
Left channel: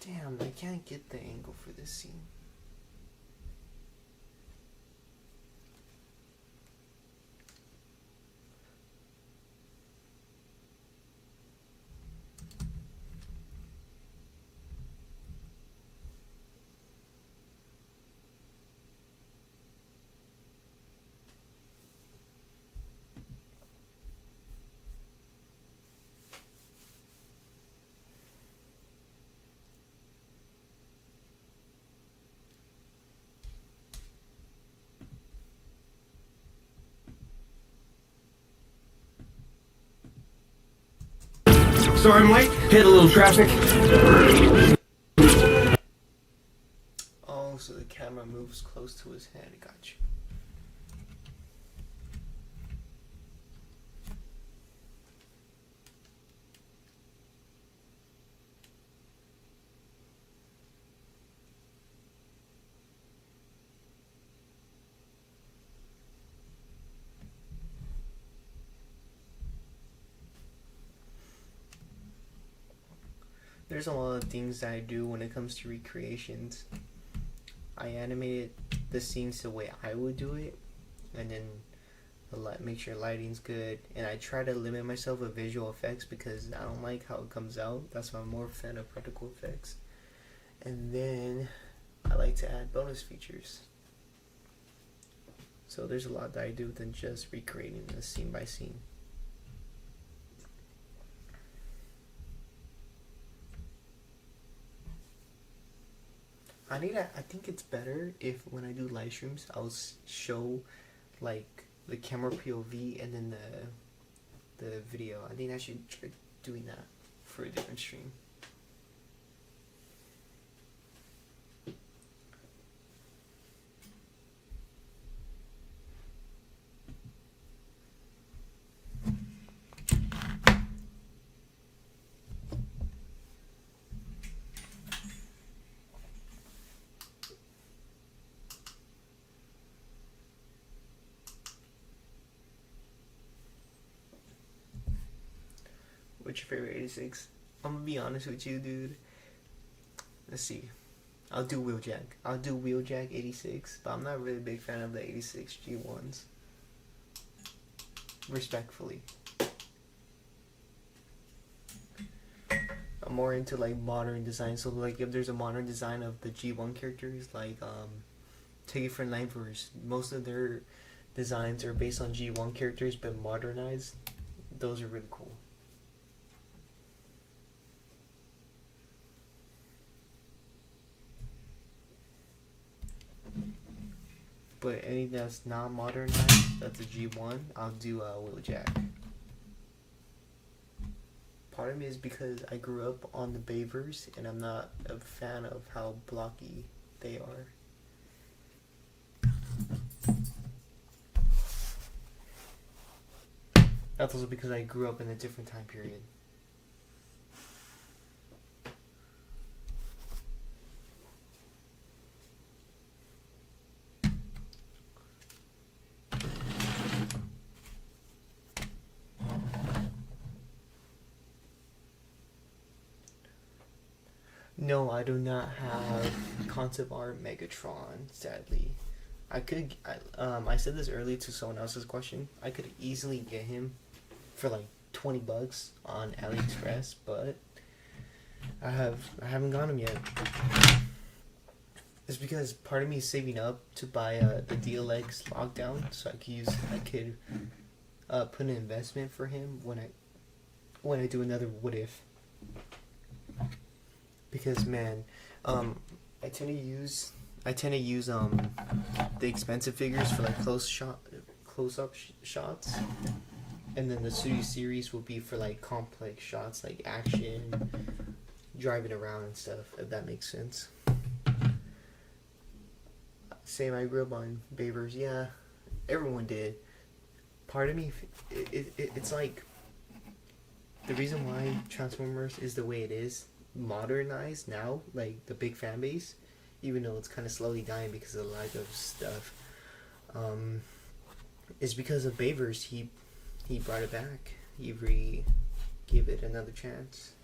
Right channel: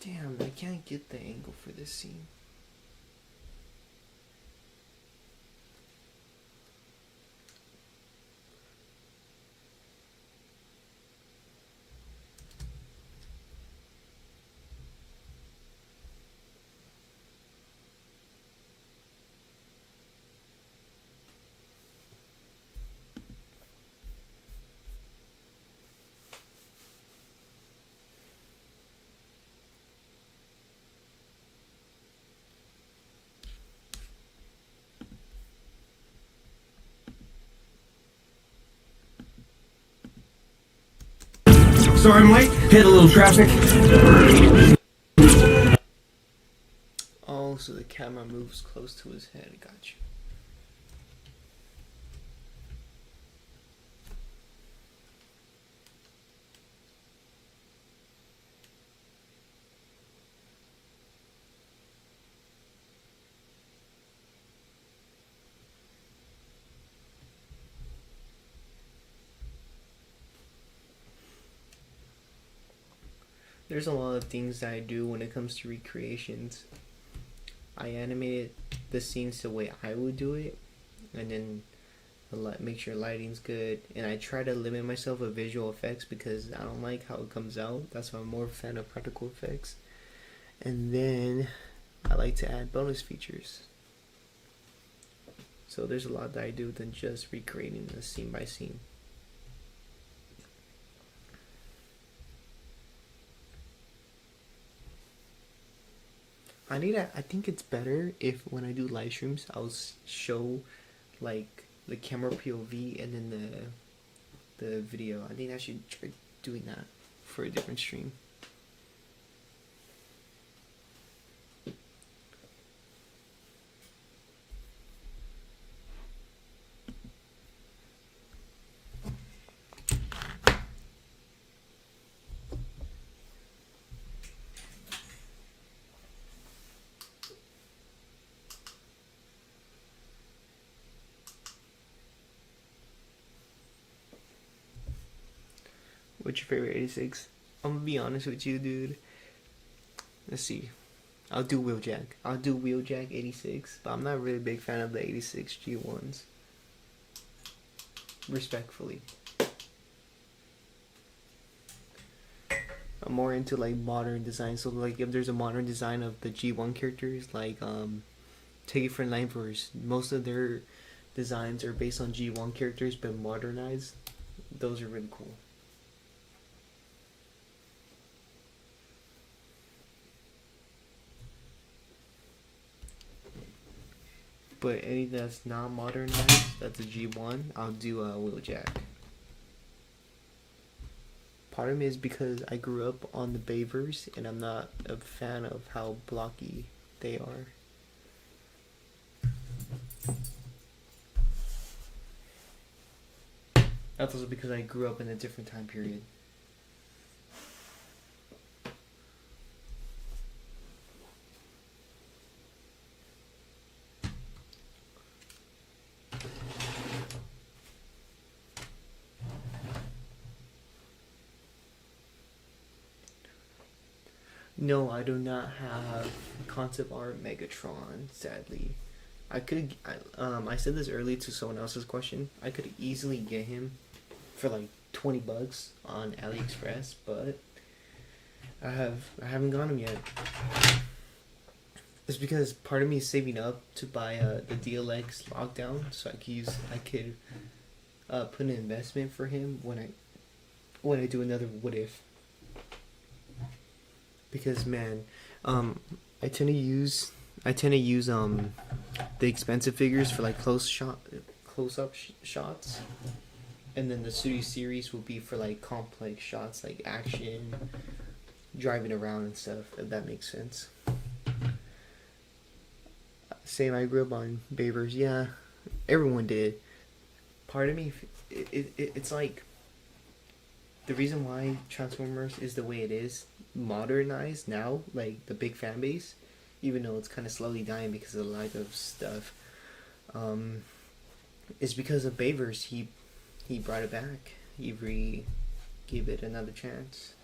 Damn, I can't get the angle for this scene. Sorry I'm late. Hit a little traffic. Oh, so the camera moves close to his head. Gotcha. There's a lot of things that I do when it comes to recreations. I animated the scenes the way I would do it, and then make sure lighting's good. And I try to limit myself with visual effects because I don't like how it comes out. That's why I'm more of a fan of practical effects. And then I like to add bonus features. So there's a lot that I do than just recreating a scene by scene. I think it's better if when I do live streams, I'll show like the camera POV and then the video. I think I should try doing that for a different stream. What's your favorite 86? I'm gonna be honest with you, dude. Let's see. I'll do Wheeljack. I'll do Wheeljack 86, but I'm not really a big fan of the 86 G1s. Respectfully. I'm more into like modern design. So like if there's a modern design of the G1 characters, like Take It From Nightverse, most of their designs are based on G1 characters but modernized. Those are really cool. But anything that's not modernized, that's a G1, I'll do a Wheeljack. Part of me is because I grew up on the Bavers and I'm not a fan of how blocky they are. That's also because I grew up in a different time period. No, I do not have concept art Megatron, sadly. I said this earlier to someone else's question. I could easily get him for like $20 on AliExpress, but I haven't got him yet. It's because part of me is saving up to buy the DLX lockdown, so I could put an investment for him when I do another what if. Because man, I tend to use the expensive figures for like close up shots, and then the series will be for like complex shots like action, driving around and stuff. If that makes sense. Same, I grew up on Bayverse. Yeah, everyone did. Part of me, it's like the reason why Transformers is the way it is, modernized now, like the big fan base, even though it's kind of slowly dying because of the lack of stuff, is because of Bayverse. He brought it back. He gave it another chance.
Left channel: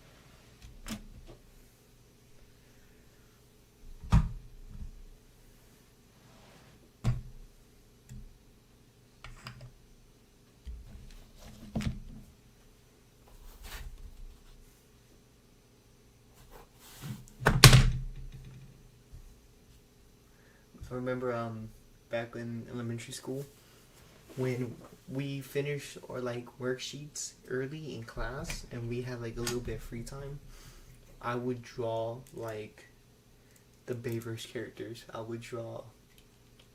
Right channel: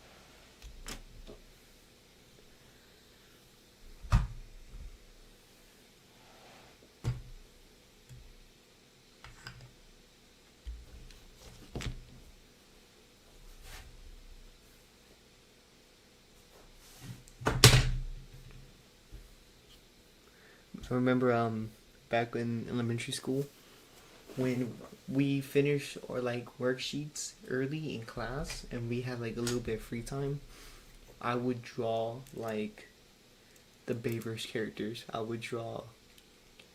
I remember back in elementary school when we finished our like worksheets early in class and we had like a little bit of free time, I would draw like the Bayverse characters. I would draw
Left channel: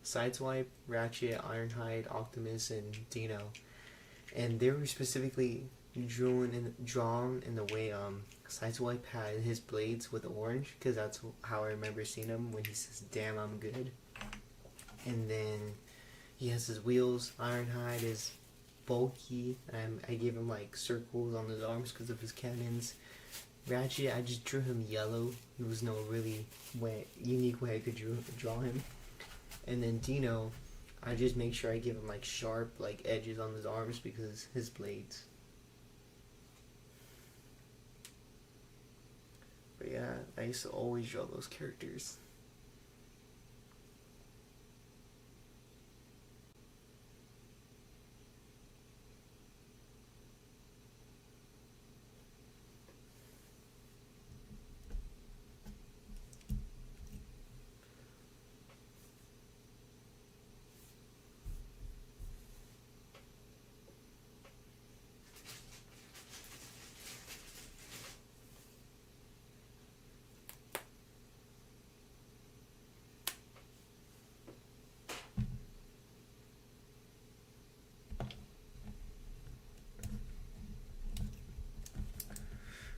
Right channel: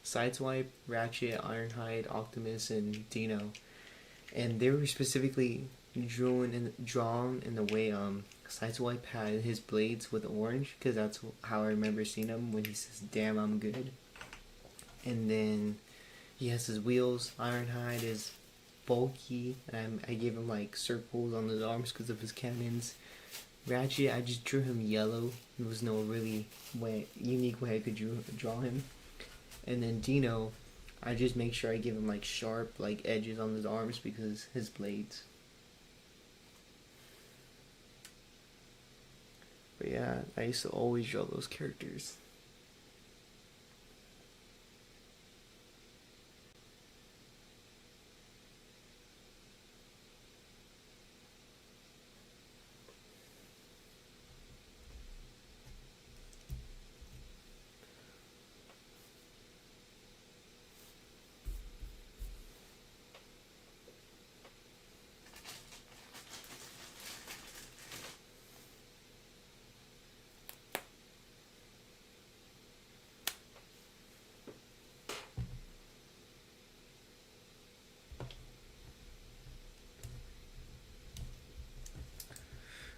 Sideswipe, Ratchet, Ironhide, Optimus, and Dino, and they were specifically drawn in the way Sideswipe had his blades with orange, because that's how I remember seeing him when he says "Damn, I'm good." And then he has his wheels. Ironhide is bulky, and I gave him like circles on his arms because of his cannons. Ratchet, I just drew him yellow. There was no really unique way I could draw him. And then Dino, I just make sure I give him like sharp like edges on his arms because his blades. But yeah, I used to always draw those characters.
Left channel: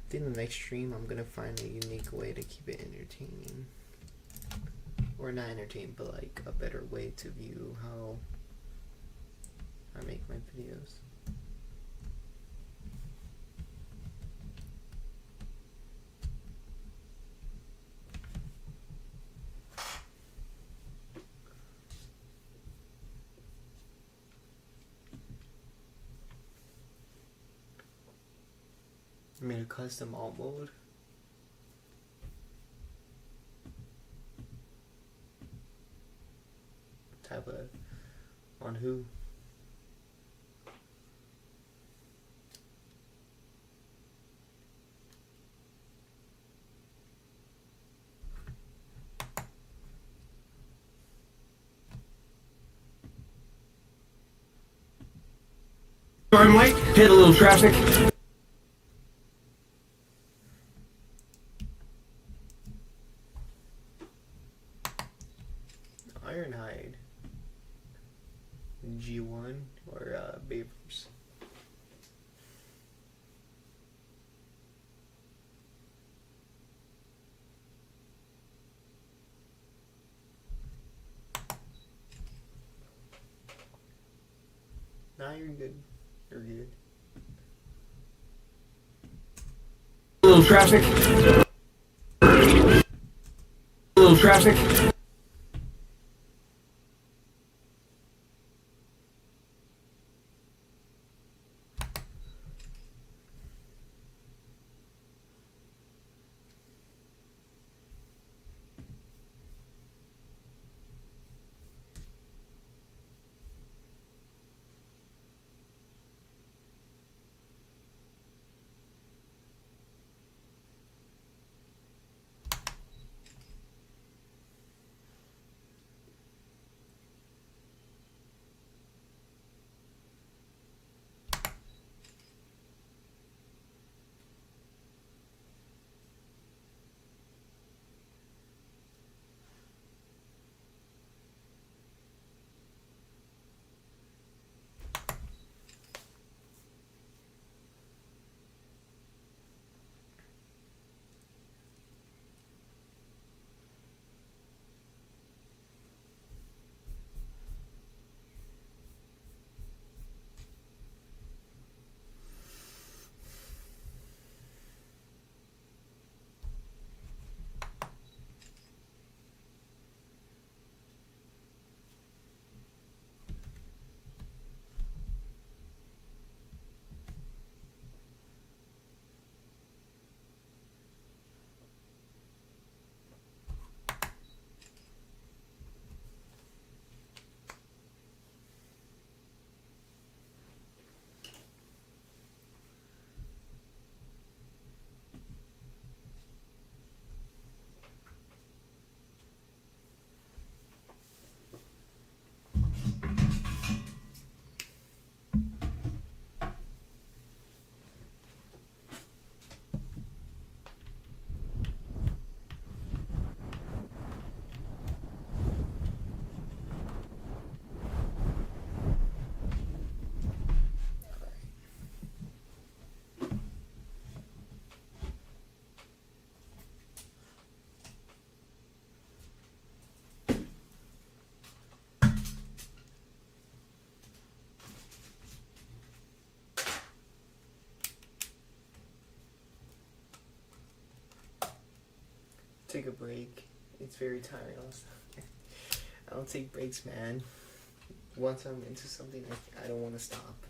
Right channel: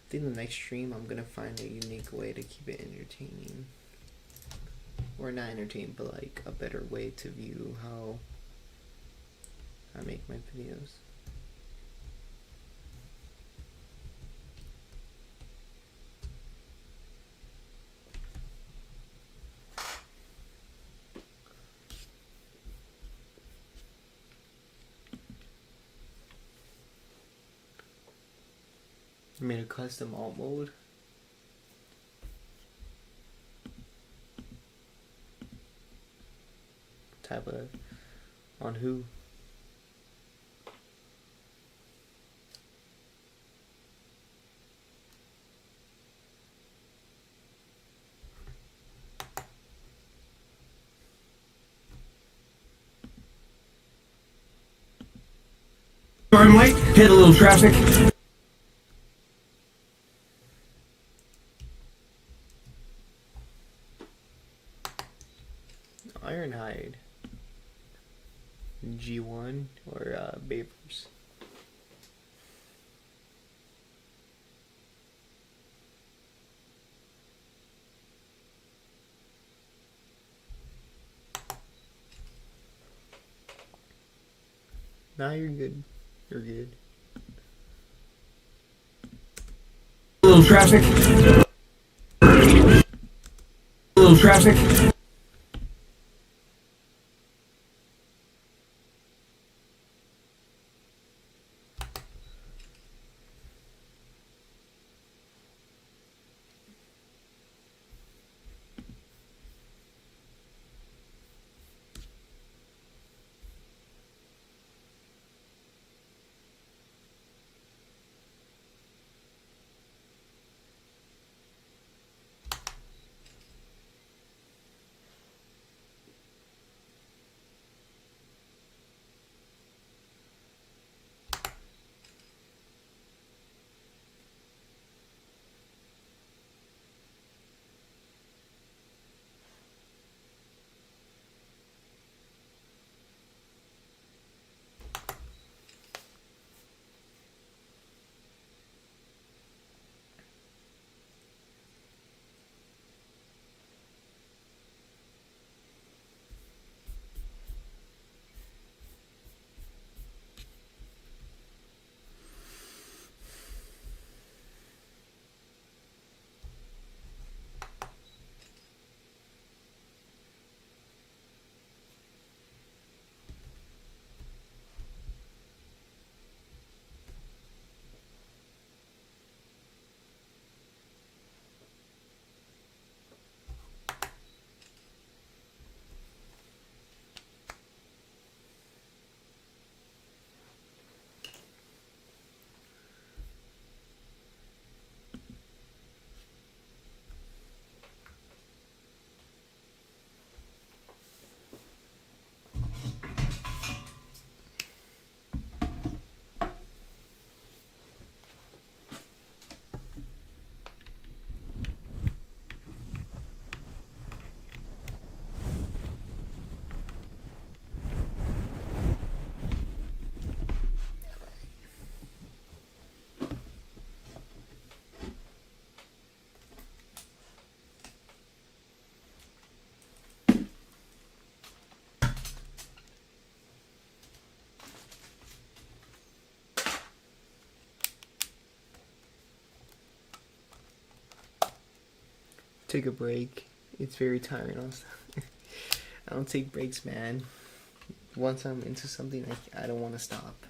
I think the next stream I'm gonna find a unique way to keep it entertaining. Or not entertaining, but like a better way to view how I make my videos. I made a custom alt mode. Type of on who? Sorry I'm late. Hit a little traffic. Ironhide, G1, or Bayverse. Nah, you're good. You're good. A little traffic. A little traffic. take a break. It's very tiring also. I don't take breaks, man. Once I'm into something, I don't want to stop.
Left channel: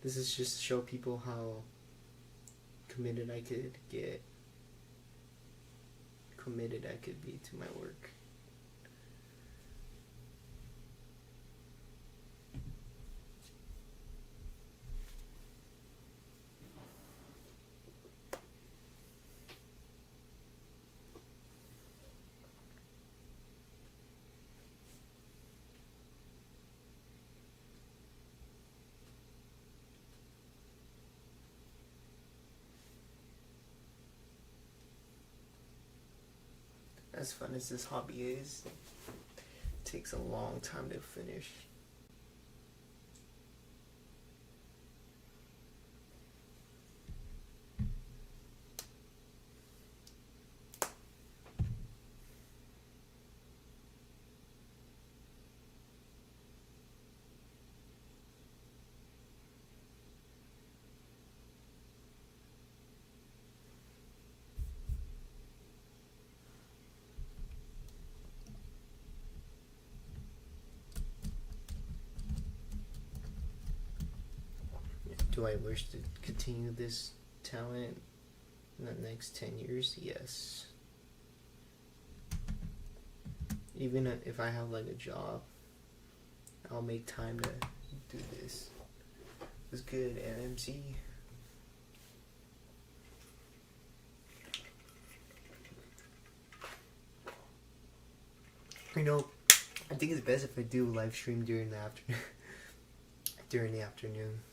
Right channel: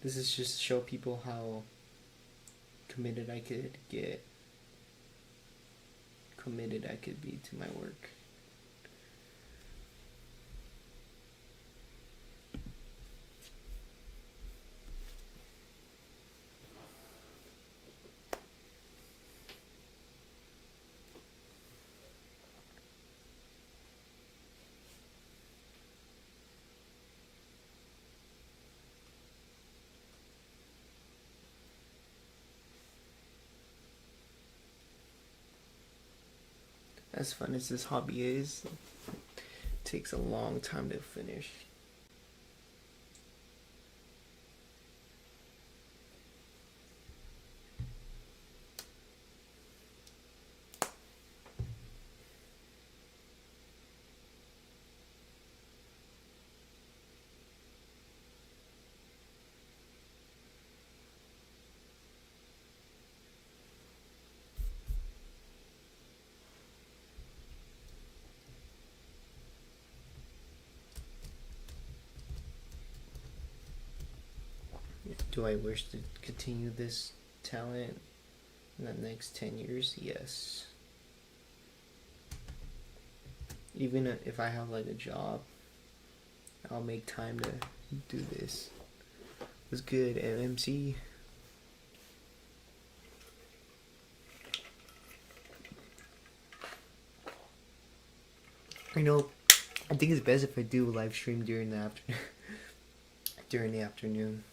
This is just to show people how committed I could get. Committed I could be to my work. As fun as this hobby is, it takes a long time to finish. Do I wish to continue this talent in the next 10 years? Yes. Even if I have like a job, I'll make time to do this. It was good, MMC. You know, I think it's best if I do a live stream during the afternoon.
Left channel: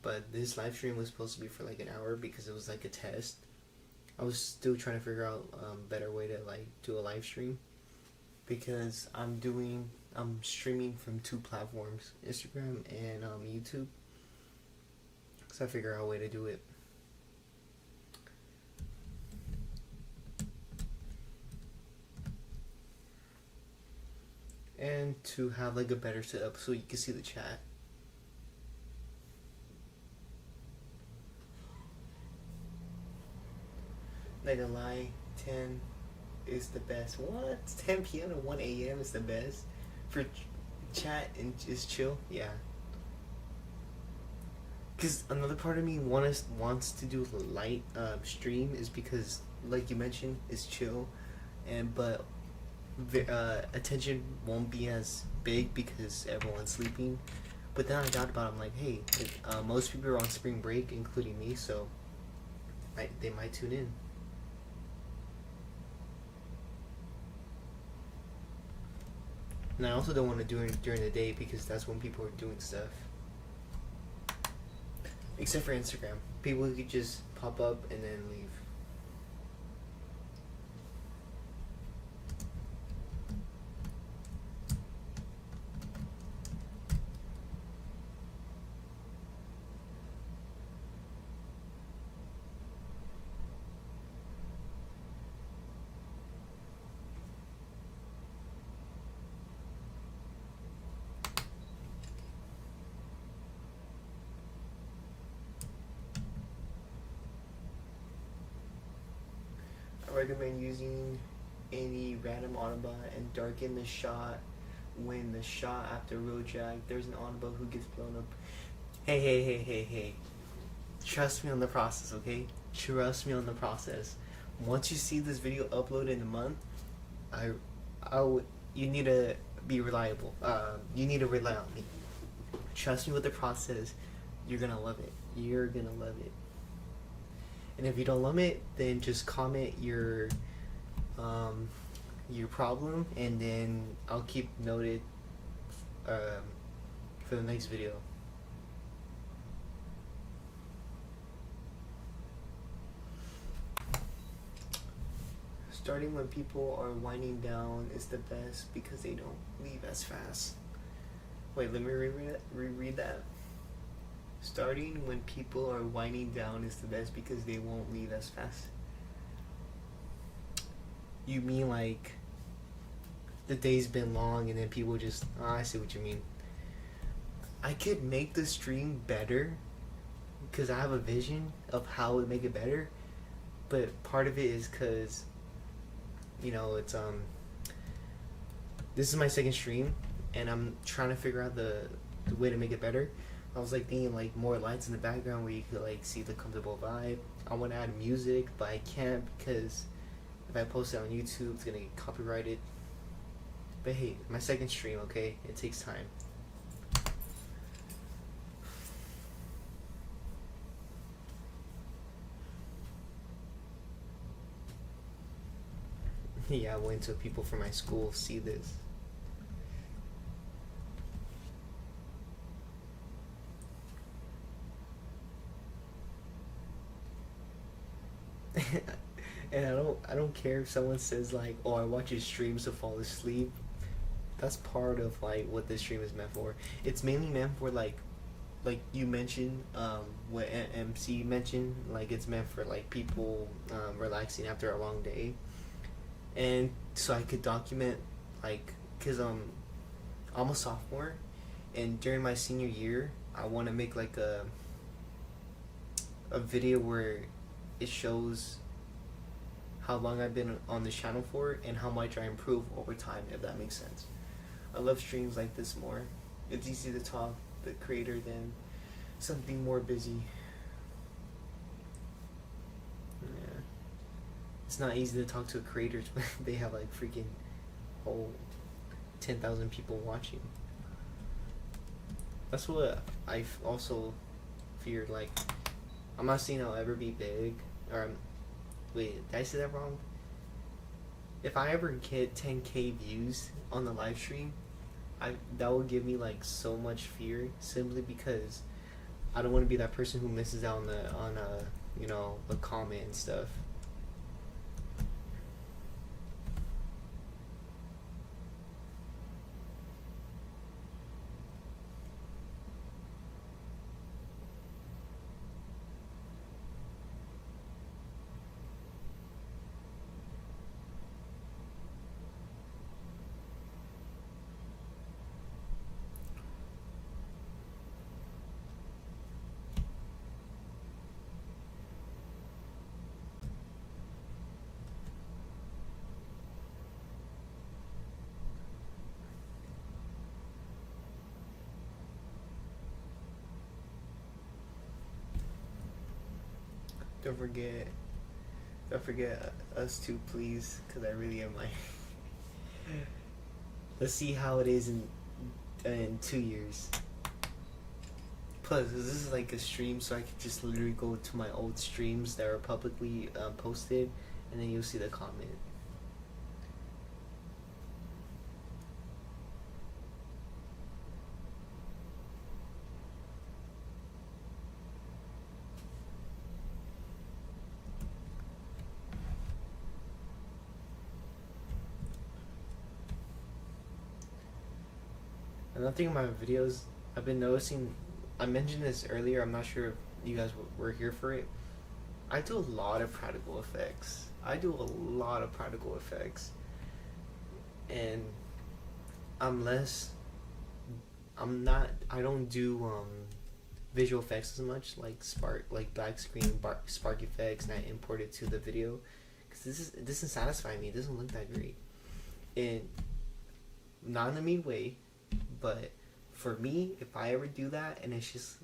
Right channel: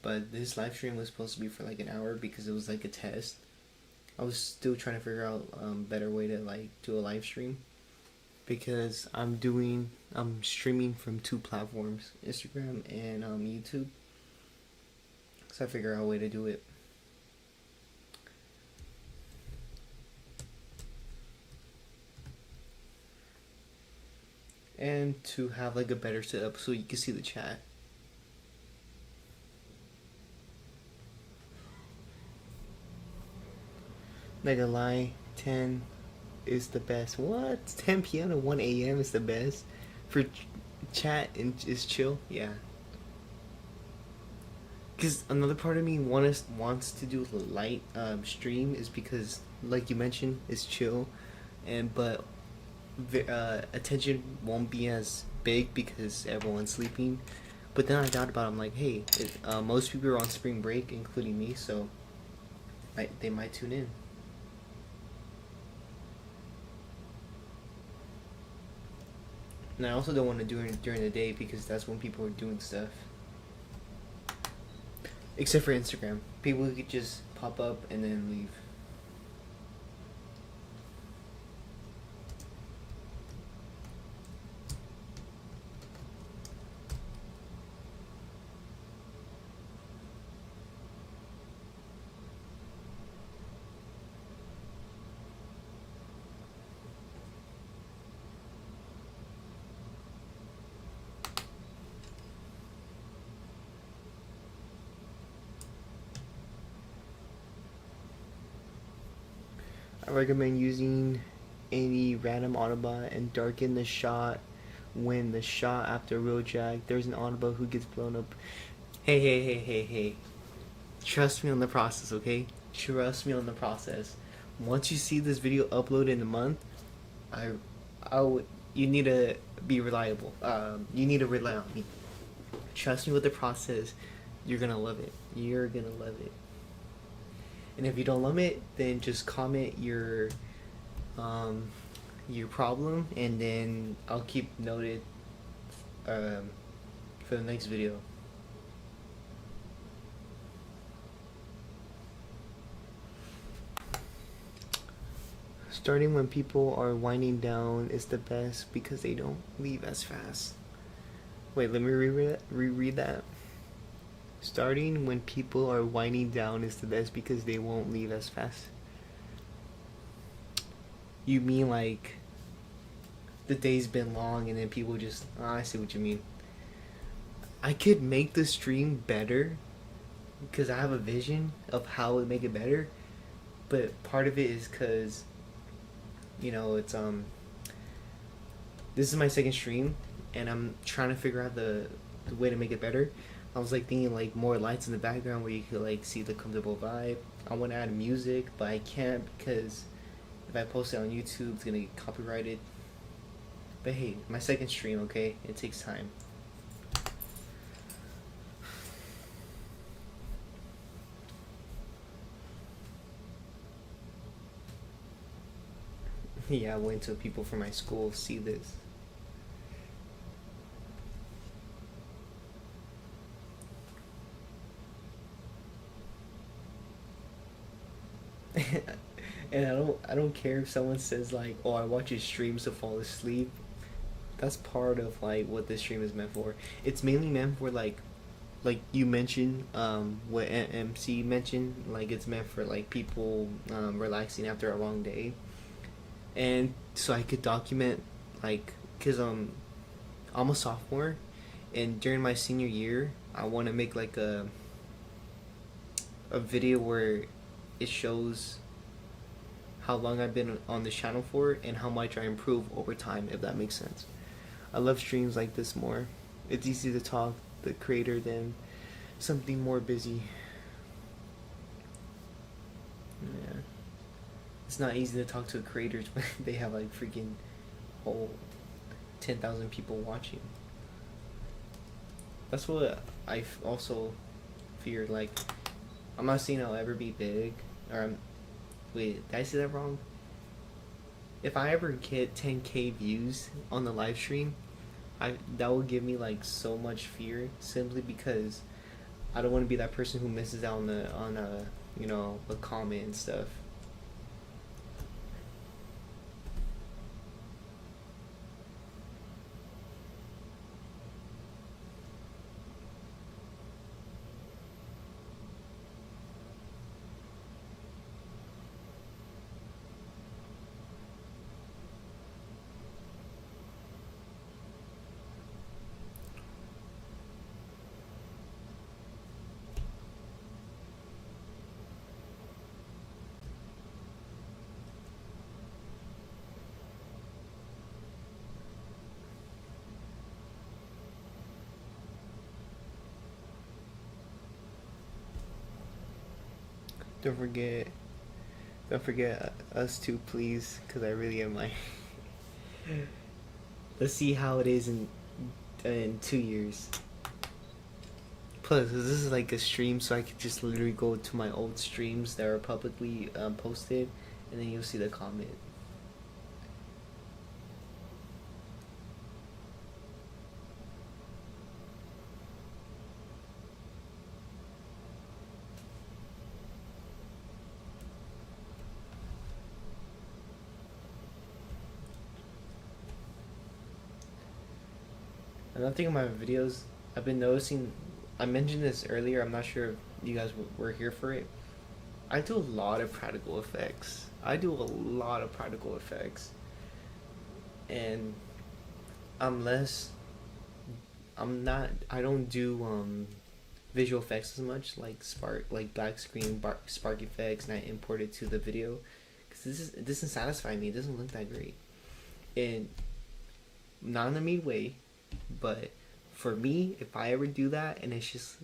But this live stream was supposed to be for like an hour because it was like a test. I was still trying to figure out better way to like do a live stream, because I'm streaming from 2 platforms, Instagram and YouTube. So I figure out a way to do it. And to have like a better setup so you can see the chat. Not gonna lie, 10 is the best. What? 10 p.m. to 1 a.m. is the best for chat and just chill? Yeah. Because another part of me wants to do a light stream is because, like you mentioned, it's chill, but attention won't be as big because everyone's sleeping. But then I thought about it, I'm like, hey, most people are on spring break, including me, so they might tune in. And I also don't want to do it during the day because that's when people are doing stuff. Except for Instagram. People could just pop up and then leave. I recommend using any random Autobot and darken the shot when the shot after real jack. There's an Autobot who gets blown up. Hey. Trust me on the process, okay? Trust me on the process. Once you see this video uploaded in a month, you need to be reliable. You need to rely on me. Trust me with the process. You're gonna love it. You're gonna love it. And if you don't love it, then just comment your problem, and then I'll keep noted for the next video. Starting when people are winding down is the best because they don't leave as fast. Wait, let me reread that. Starting when people are winding down is the best because they won't leave as fast. You mean like the day's been long and then people just, oh, I see what you mean. I could make the stream better because I have a vision of how to make it better, but part of it is because, it's this is my second stream and I'm trying to figure out the way to make it better. I was like thinking like more lights in the background where you could like see the comfortable vibe. I want to add music, but I can't because if I post it on YouTube, it's gonna get copyrighted. But hey, my second stream, okay? It takes time. Yeah, I wait until people from my school see this. And I don't care if someone says like, "Oh, I watch your streams to fall asleep." That's part of like what this stream is meant for. It's mainly meant for like you mentioned, what MC mentioned, like it's meant for like people relaxing after a long day, and so I could document like, cause I'm a sophomore, and during my senior year, I want to make like a video where it shows how long I've been on this channel for and how much I improve over time, if that makes sense. I love streams like this more. It's easy to talk the creator than something more busy. Yeah. It's not easy to talk to a creator when they have like freaking whole 10,000 people watching. That's what I also feared. Like, I'm not saying I'll ever be big, or wait, did I say that wrong? If I ever get 10K views on the live stream, that will give me like so much fear, simply because I don't want to be that person who misses out on a comment and stuff. Don't forget, don't forget us too, please, because I really am like. Let's see how it is in 2 years. Plus, this is like a stream, so I could just literally go to my old streams that are publicly posted, and then you'll see the comment. Another thing in my videos, I've been noticing, I mentioned this earlier, I'm not sure if you guys were here for it. I do a lot of practical effects. And I don't do visual effects as much, like black screen, spark effects, and I import it to the video. Because it doesn't satisfy me, it doesn't look that great. And not in a mean way, but for me, if I ever do that and it's just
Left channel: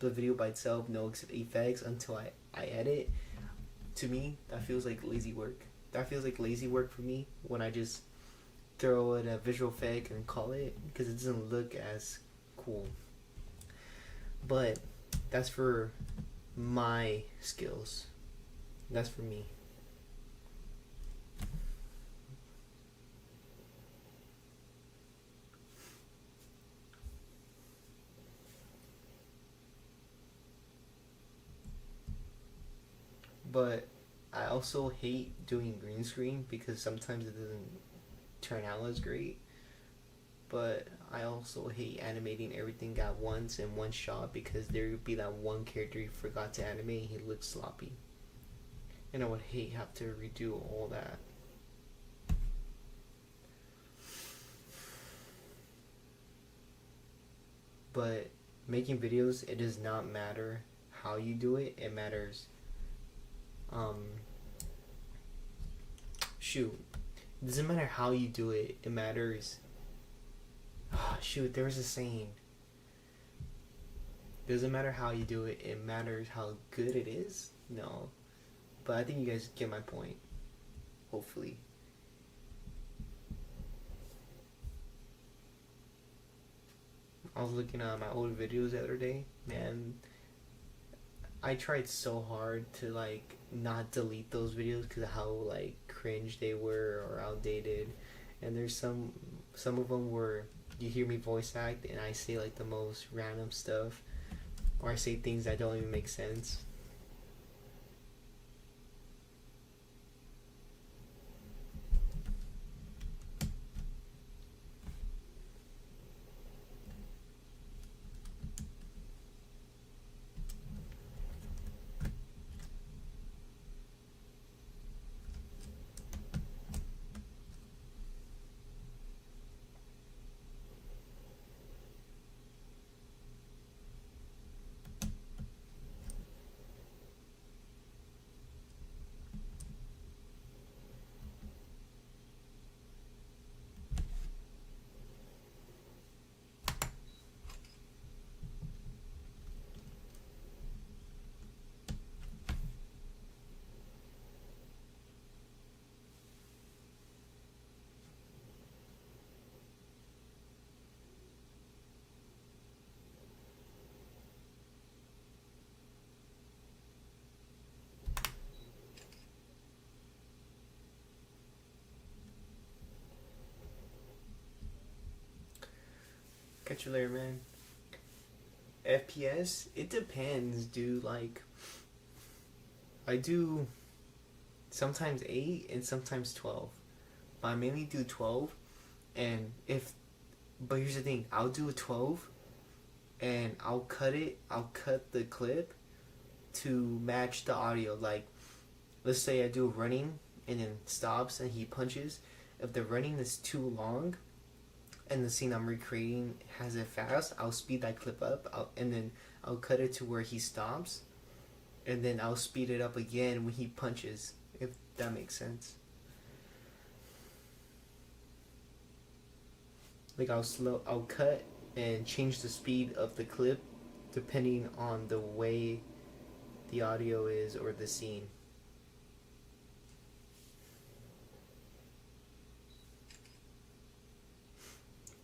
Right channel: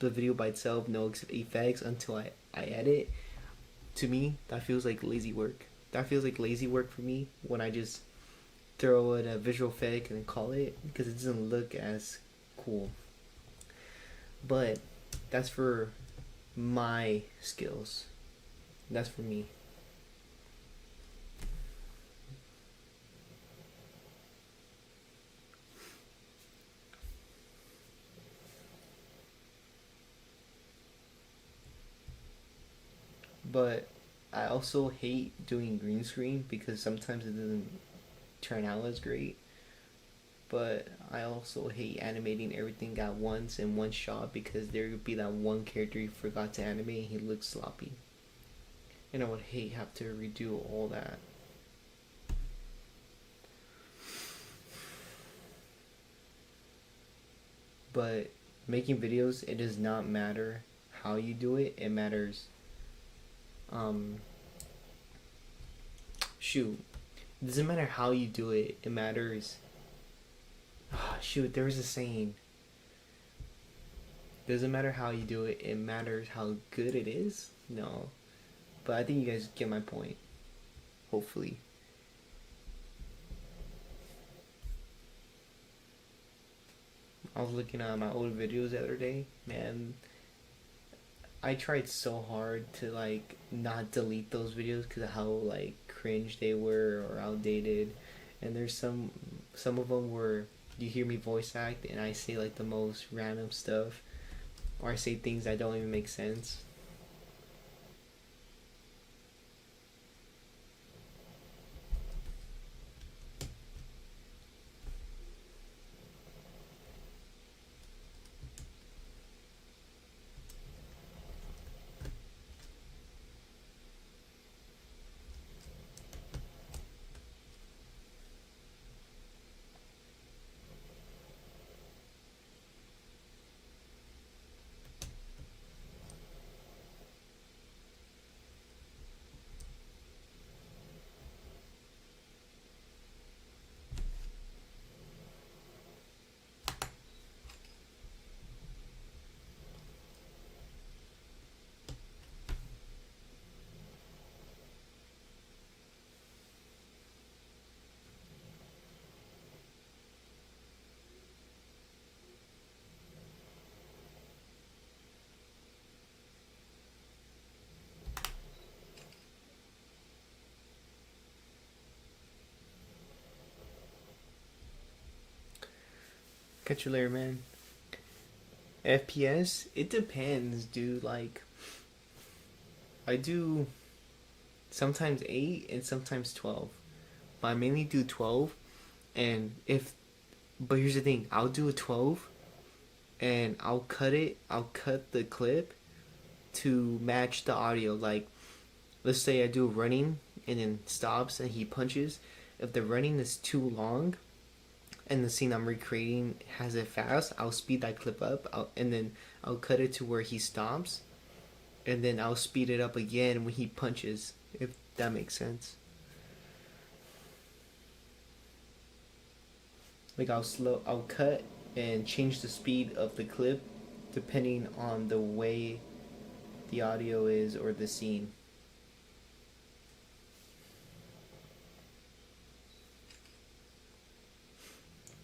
the video by itself, no effects until I edit, to me that feels like lazy work. That feels like lazy work for me when I just throw in a visual effect and call it, because it doesn't look as cool. But that's for my skills. That's for me. But I also hate doing green screen because sometimes it doesn't turn out as great. But I also hate animating everything at once in one shot, because there would be that one character you forgot to animate and he looks sloppy. And I would hate have to redo all that. But making videos, it does not matter how you do it. It matters. Um, shoot, it doesn't matter how you do it. It matters. Shoot, there was a saying. Doesn't matter how you do it. It matters how good it is. No, but I think you guys get my point. Hopefully. I was looking at my old videos the other day. Man, I tried so hard to like not delete those videos because of how like cringe they were or outdated. And there's some of them where you hear me voice act and I say like the most random stuff, or I say things that don't even make sense. Catch you later, man. FPS, it depends, dude. Like, I do sometimes 8 and sometimes 12. But I mainly do 12. And if, but here's the thing, I'll do a 12 and I'll cut the clip to match the audio. Like, let's say I do running and then stops and he punches. If the running is too long and the scene I'm recreating has it fast, I'll speed that clip up and then I'll cut it to where he stops, and then I'll speed it up again when he punches, if that makes sense. Like I'll cut and change the speed of the clip depending on the way the audio is or the scene.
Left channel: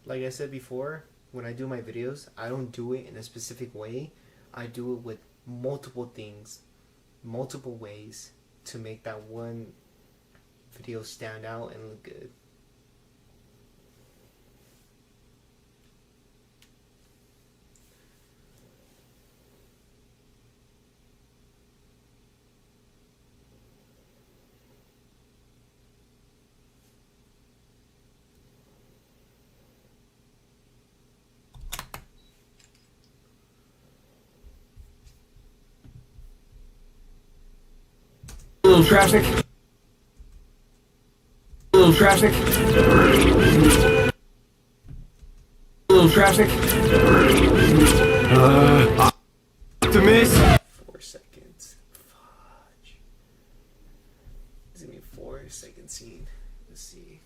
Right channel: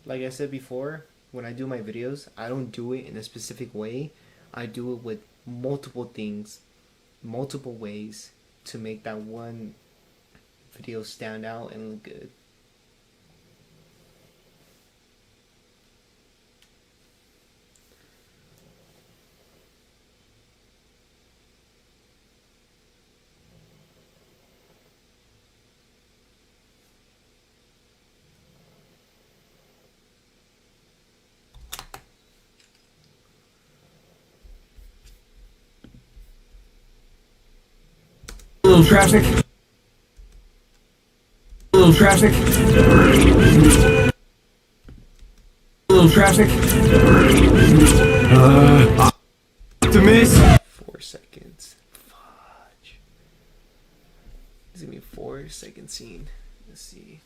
Like I said before, when I do my videos, I don't do it in a specific way. I do it with multiple things, multiple ways to make that one video stand out and look good. A little traffic. A little traffic. A little traffic. Optimus. 4 seconds. Fudge. It's gonna be 4 second scene. Let's see.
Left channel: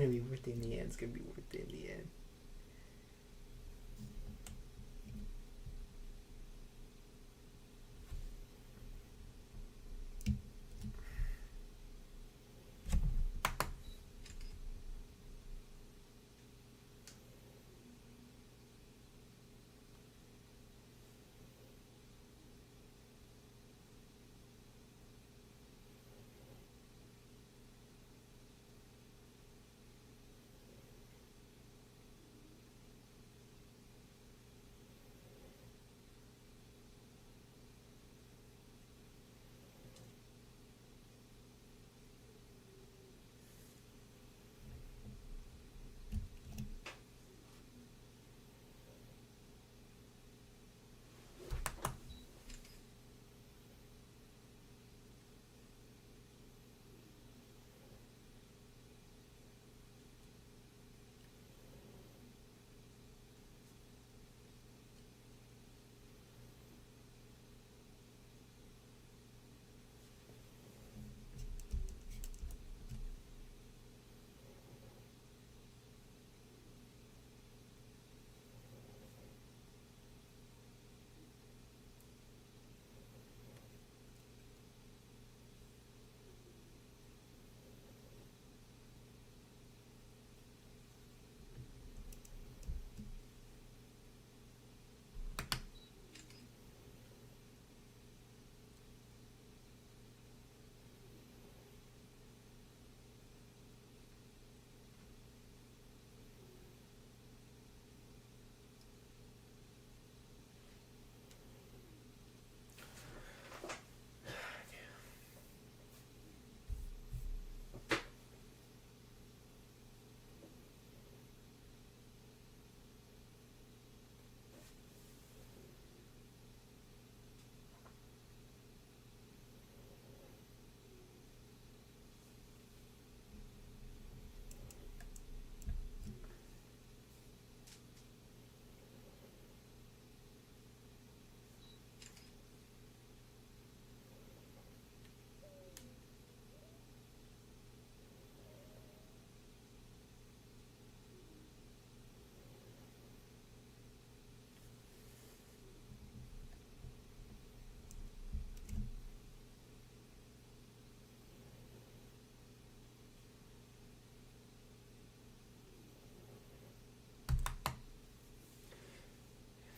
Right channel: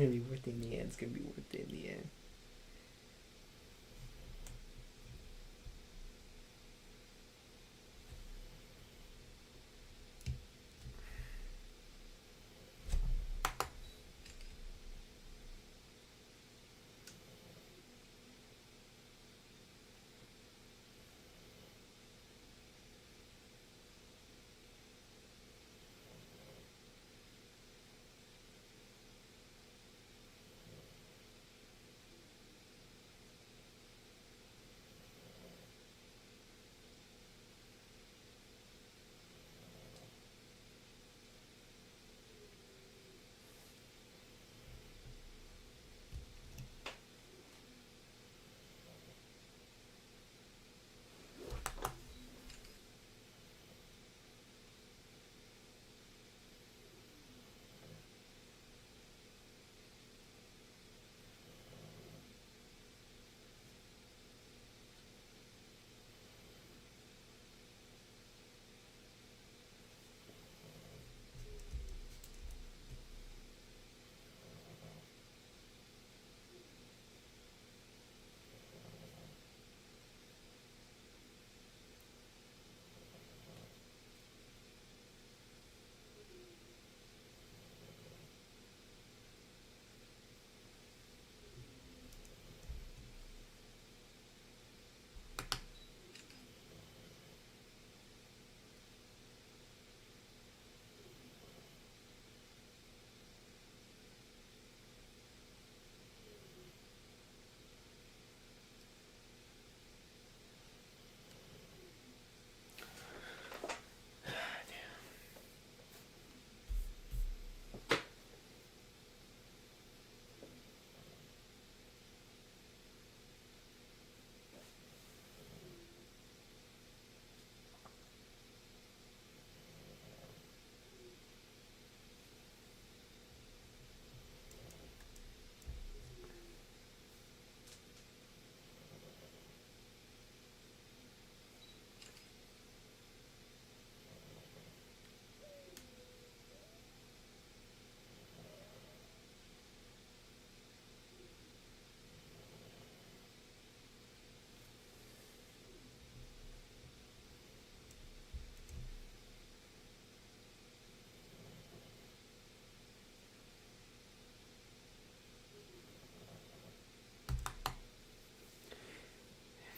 gonna be worth it in the end. It's gonna be worth it in the end.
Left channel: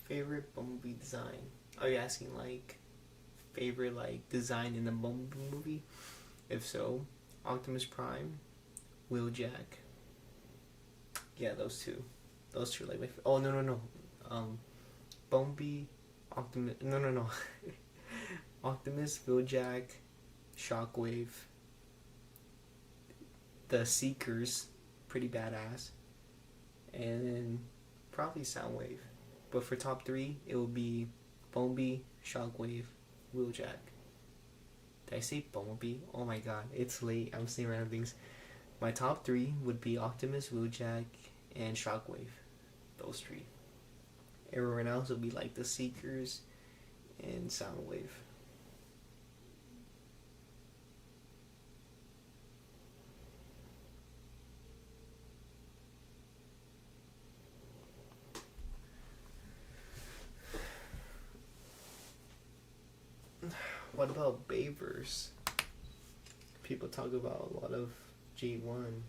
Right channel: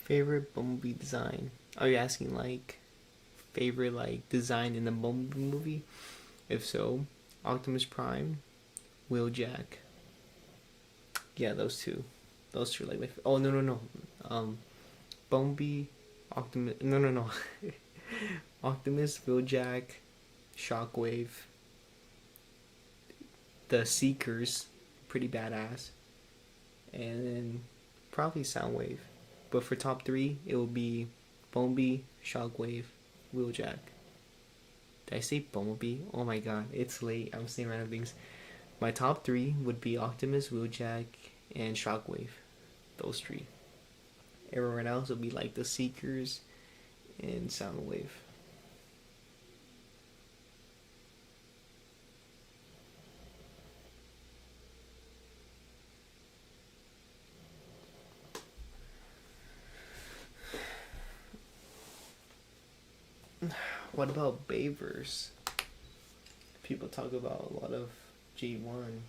Favorite Bumblebee design? Are you asking like favorite like design in the Bumblebee movie? If so, Optimus Prime, Wheeljack. Yeah, those two. Those two like my. Oh no. Bumblebee, Optimus. No. Optimus, Wheeljack, Shockwave, the Seekers, pretty badass, and then probably Soundwave. But for top three, it will be Bumblebee, Shockwave, Wheeljack. Did I say Bumblebee? Oh my god, it's late. I'm saying random things. My top three would be Optimus, Wheeljack, and Shockwave. Those three. Everyone else would be like the Seekers and Soundwave. What about Bayverse? People talk about a lot of G1.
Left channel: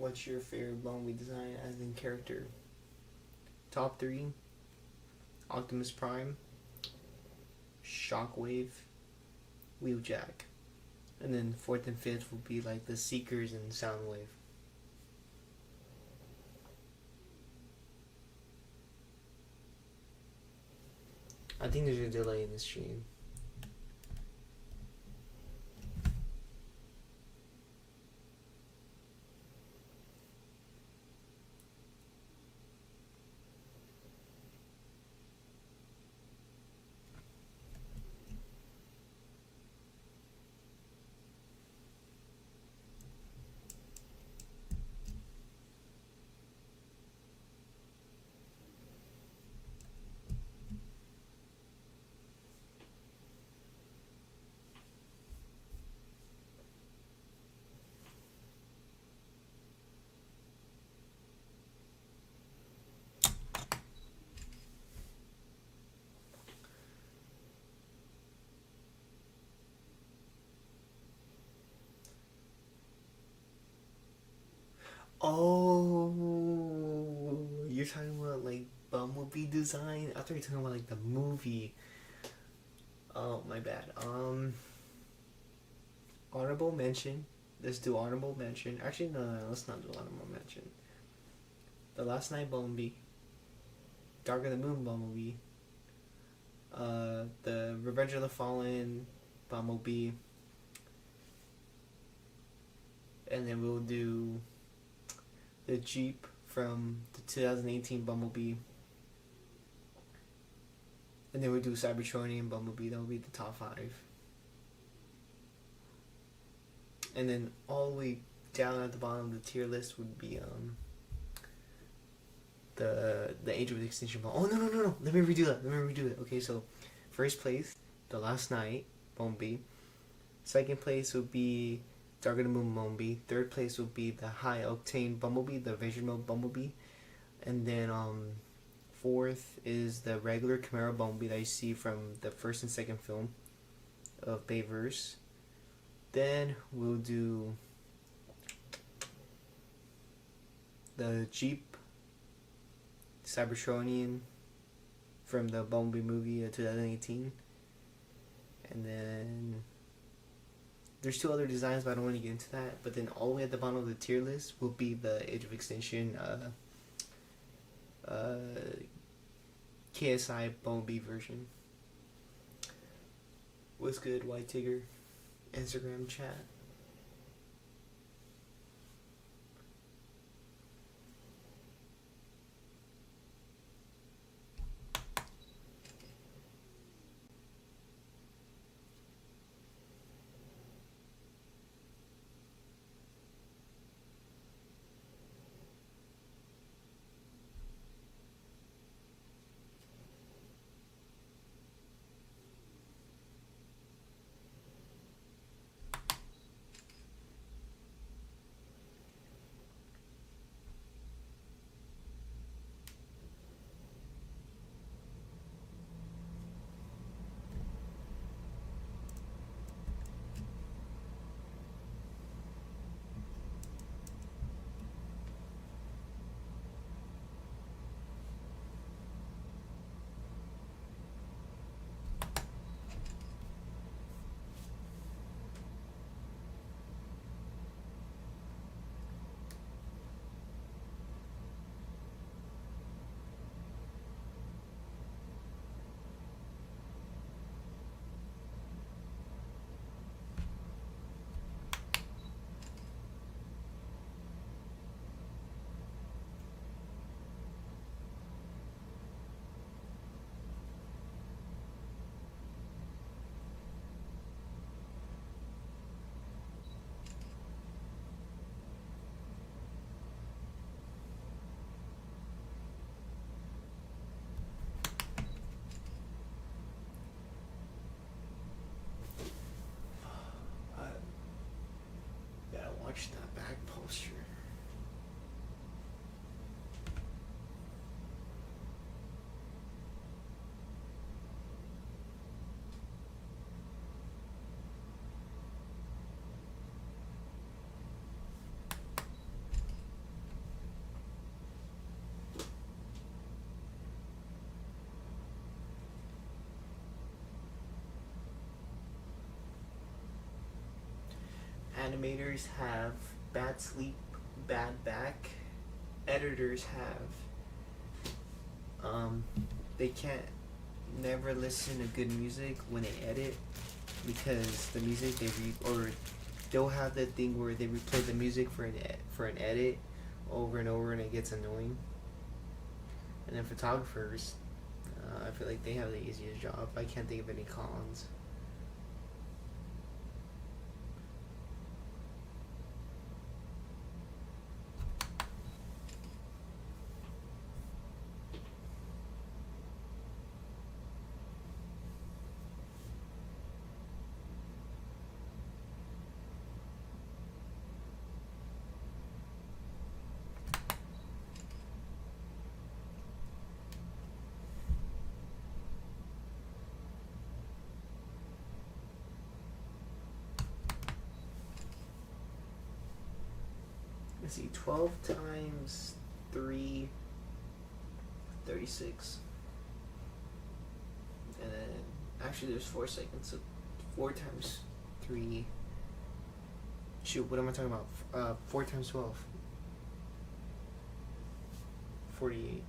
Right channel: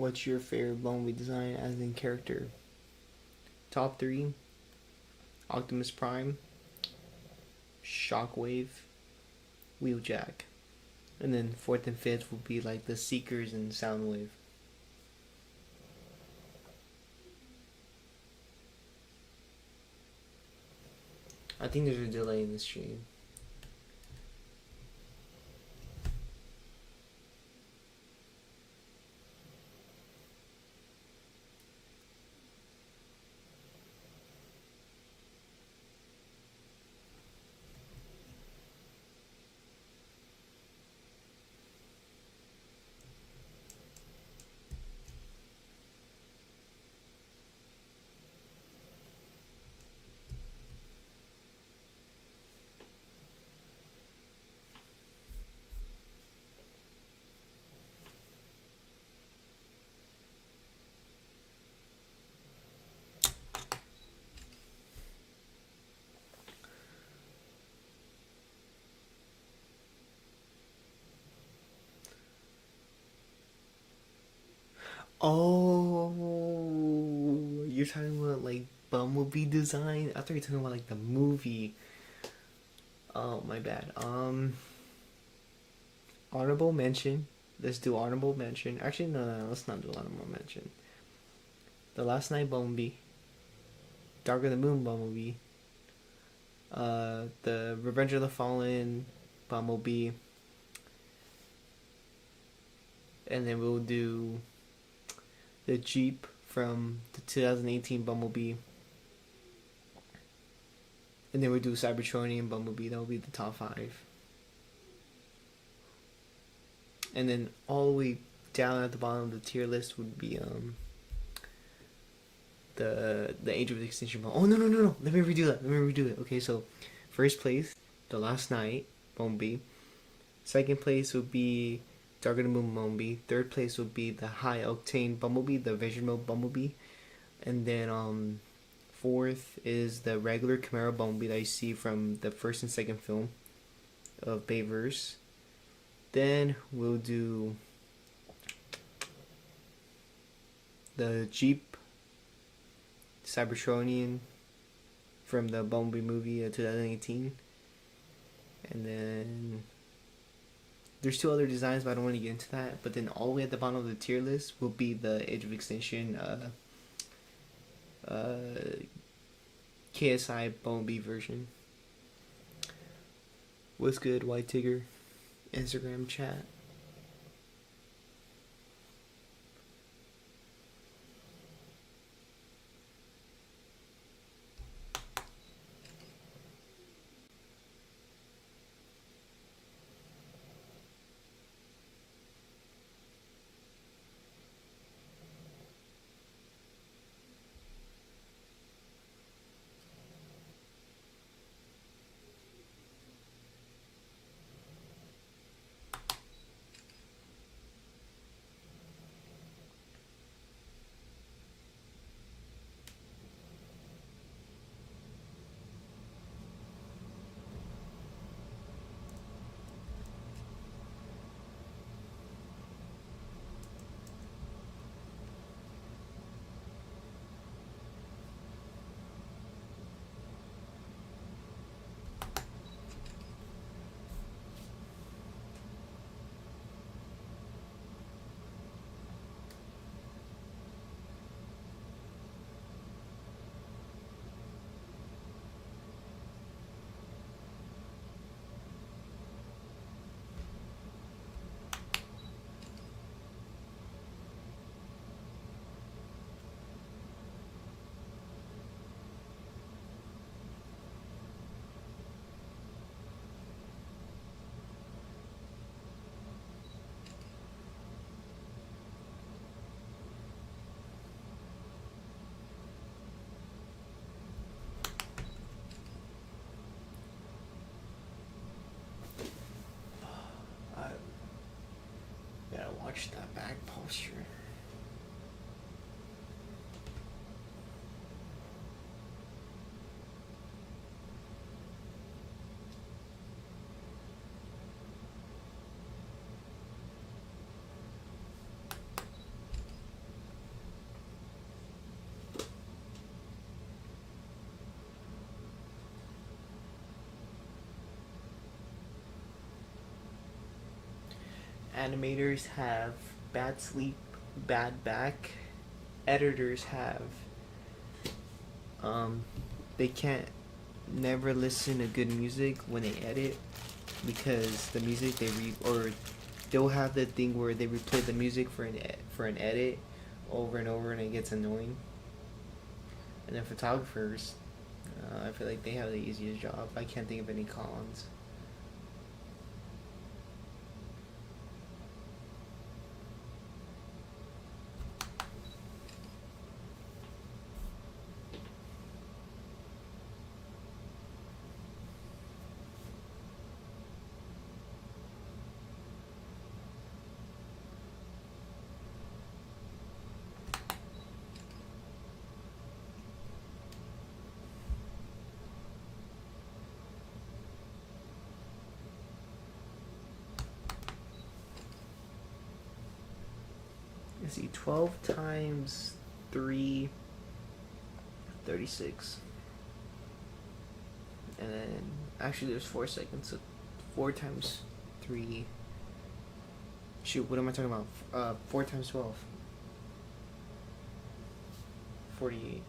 What's your favorite Bumblebee design as in character? Top three: Optimus Prime, Shockwave, Wheeljack. And then fourth and fifth would be like the Seekers and Soundwave. I think there's a delay in the stream. Oh, you're talking about like Bumblebee design? I thought you were talking about like the movie. Oh, my bad. Honorable mention. Let's do honorable mention. Actually, no, let's not do honorable mention. The Last Night Bumblebee. Dark of the Moon Bumblebee. The Revenge of the Fallen Bumblebee. And then we'll do the Jeep from the 2018 Bumblebee. And then we'll do Cybertronian Bumblebee. That will be the top 5. And then all the way down at the bottom of the tier list would be the Age of Extinction Bomb. Oh, no. Let me redo it. Okay, so first place, The Last Night Bumblebee. Second place would be Dark of the Moon Bumblebee. Third place would be the High Octane Bumblebee, the Vision Mode Bumblebee. And then fourth is the regular Chimera Bumblebee that you see from the first and second film of Bayverse. Then we'll do the Jeep Cybertronian from the Bumblebee movie 2018. And then there's 2 other designs, but I don't want to get into that. But then all the way at the bottom of the tier list will be the Age of Extinction KSI Bumblebee version. What's good, White Tigger? Instagram chat. Watch that back posture. animators have bad sleep, bad back. Editors have they can't never listen to good music when they edit, because the music or they'll have the thing where they replay the music for an edit over and over, and it gets annoying. And then photographers, I feel like they have the easiest job. I can't think of any cons. Let's see, 12 times 3, 36. And then, actually there's 4 seconds, so 4 times 3. Shoot, what am I talking about? 4 times 12. 48.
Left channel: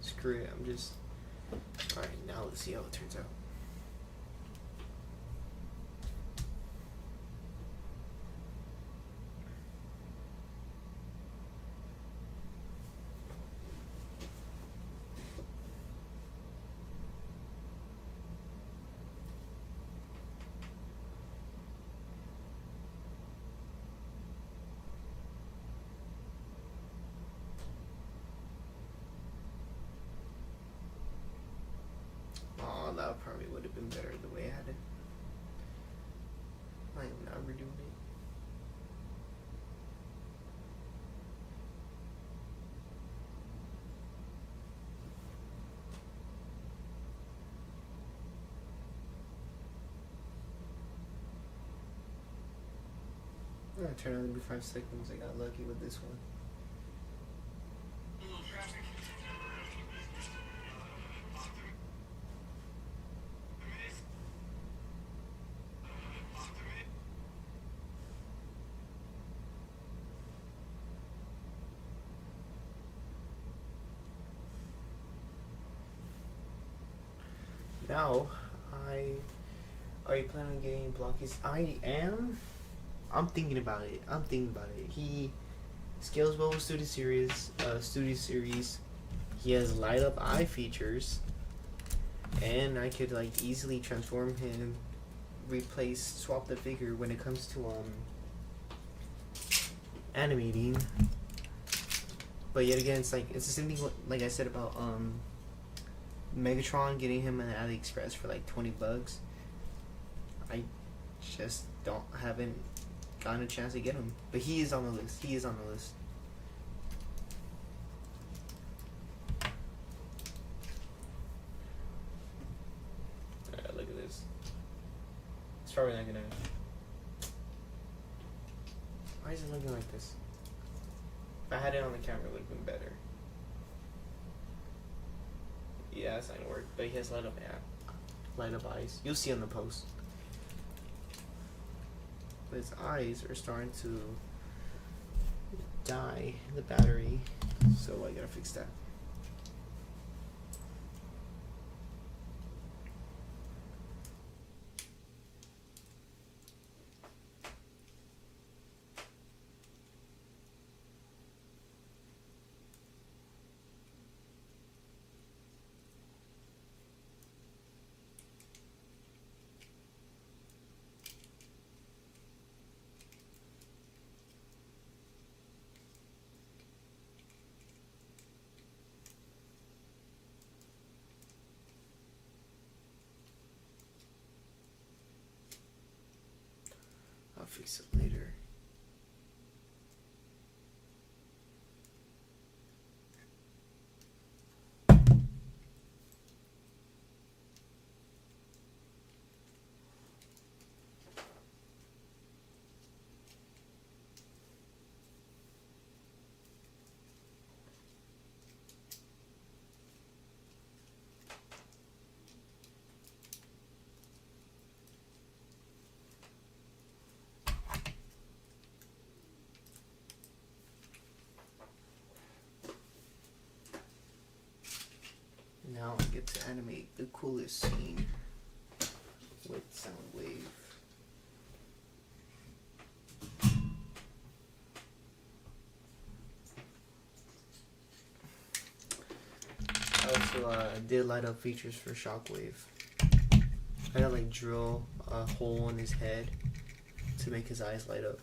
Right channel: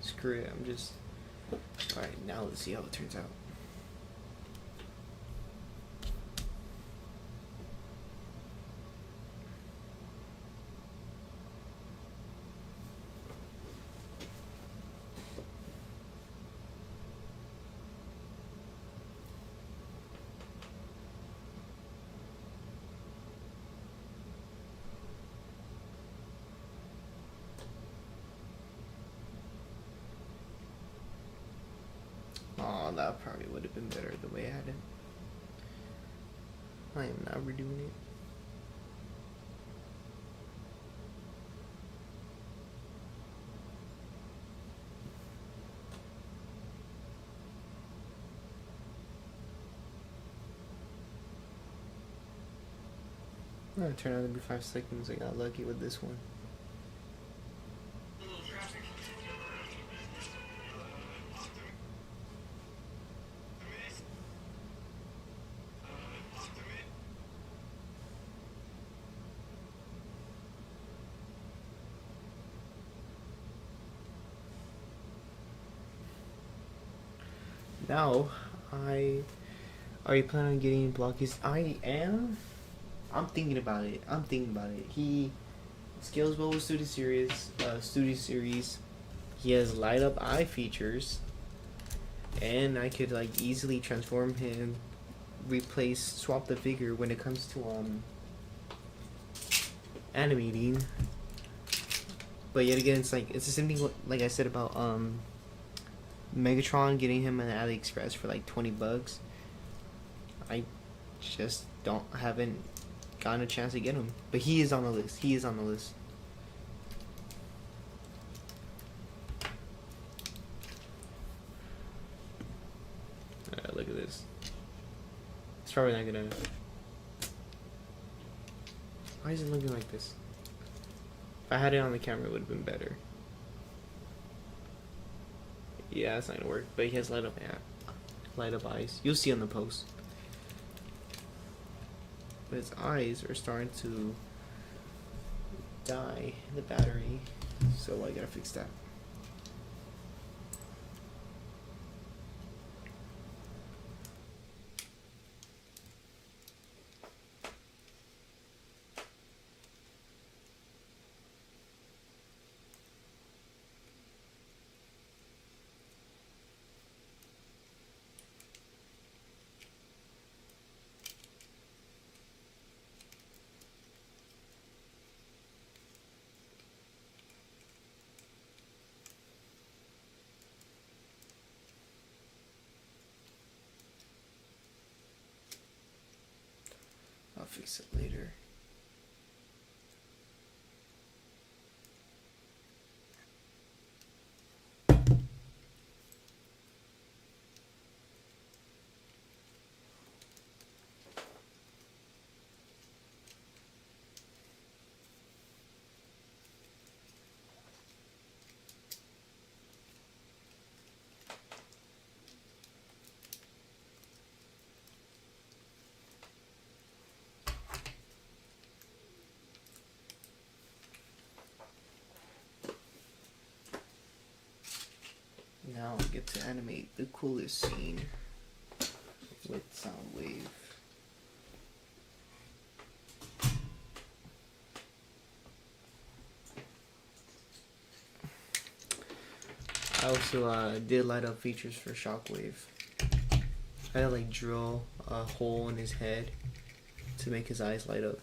Screw it, I'm just... Alright, now let's see how it turns out. Oh, that probably would have been better the way I had it. I am not redoing it. It turned out to be 5 seconds. I got lucky with this one. Now, are you planning on getting blockies? I am. I'm thinking about it. He scales well with Studio Series. He has light up eye features, and I could like easily transform him, swap the figure when it comes to animating. But yet again, it's the same thing like I said about Megatron, getting him on AliExpress for like $20. I just haven't gotten a chance to get him, but he is on the list. Look at this. It's probably not gonna. Why is it looking like this? If I had it on the camera, it would have been better. Yeah, it's not gonna work. But he has light up eyes. You'll see on the post. But his eyes are starting to die, the battery. So I gotta fix that. I'll fix it later. Now I get to animate the coolest scene with Soundwave. I also did light up features for Shockwave. I had to like drill a hole in his head to make his eyes light up.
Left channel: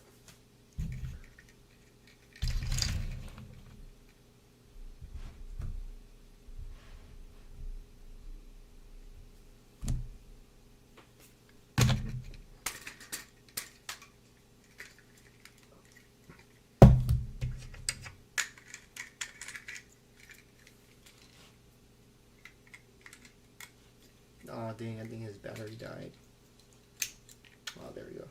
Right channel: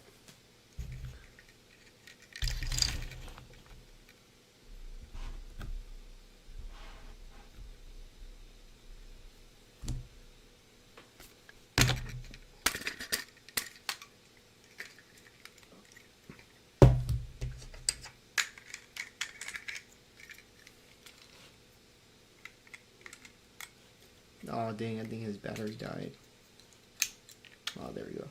Oh dang, I think his battery died. Oh, there we go.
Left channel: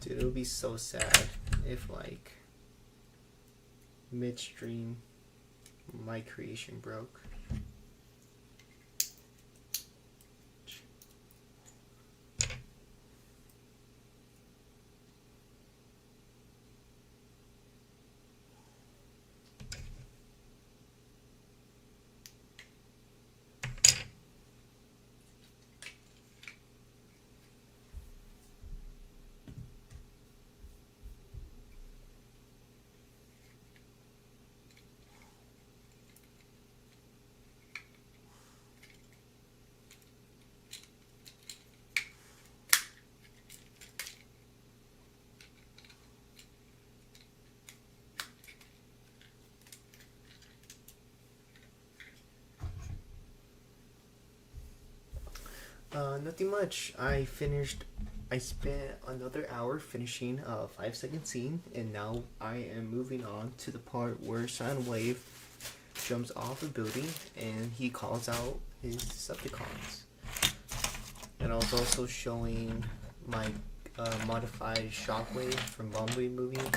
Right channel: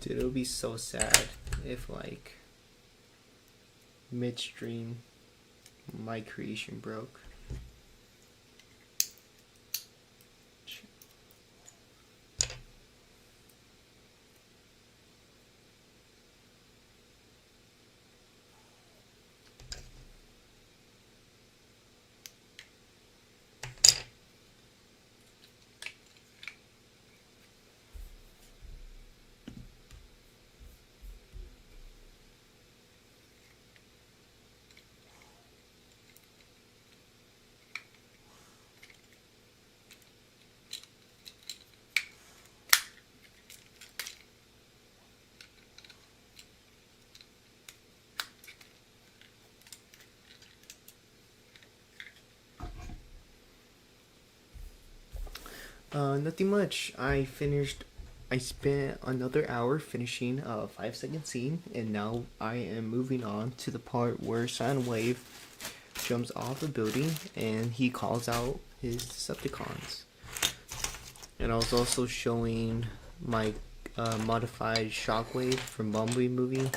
Dude, it would be so sad if like midstream my creation broke. Nothing much. I spent another hour finishing a 5-second scene, and now I am moving on to the part where Soundwave jumps off a building and he calls out his Decepticons. And I was also showing my modified Shockwave from Bumblebee movie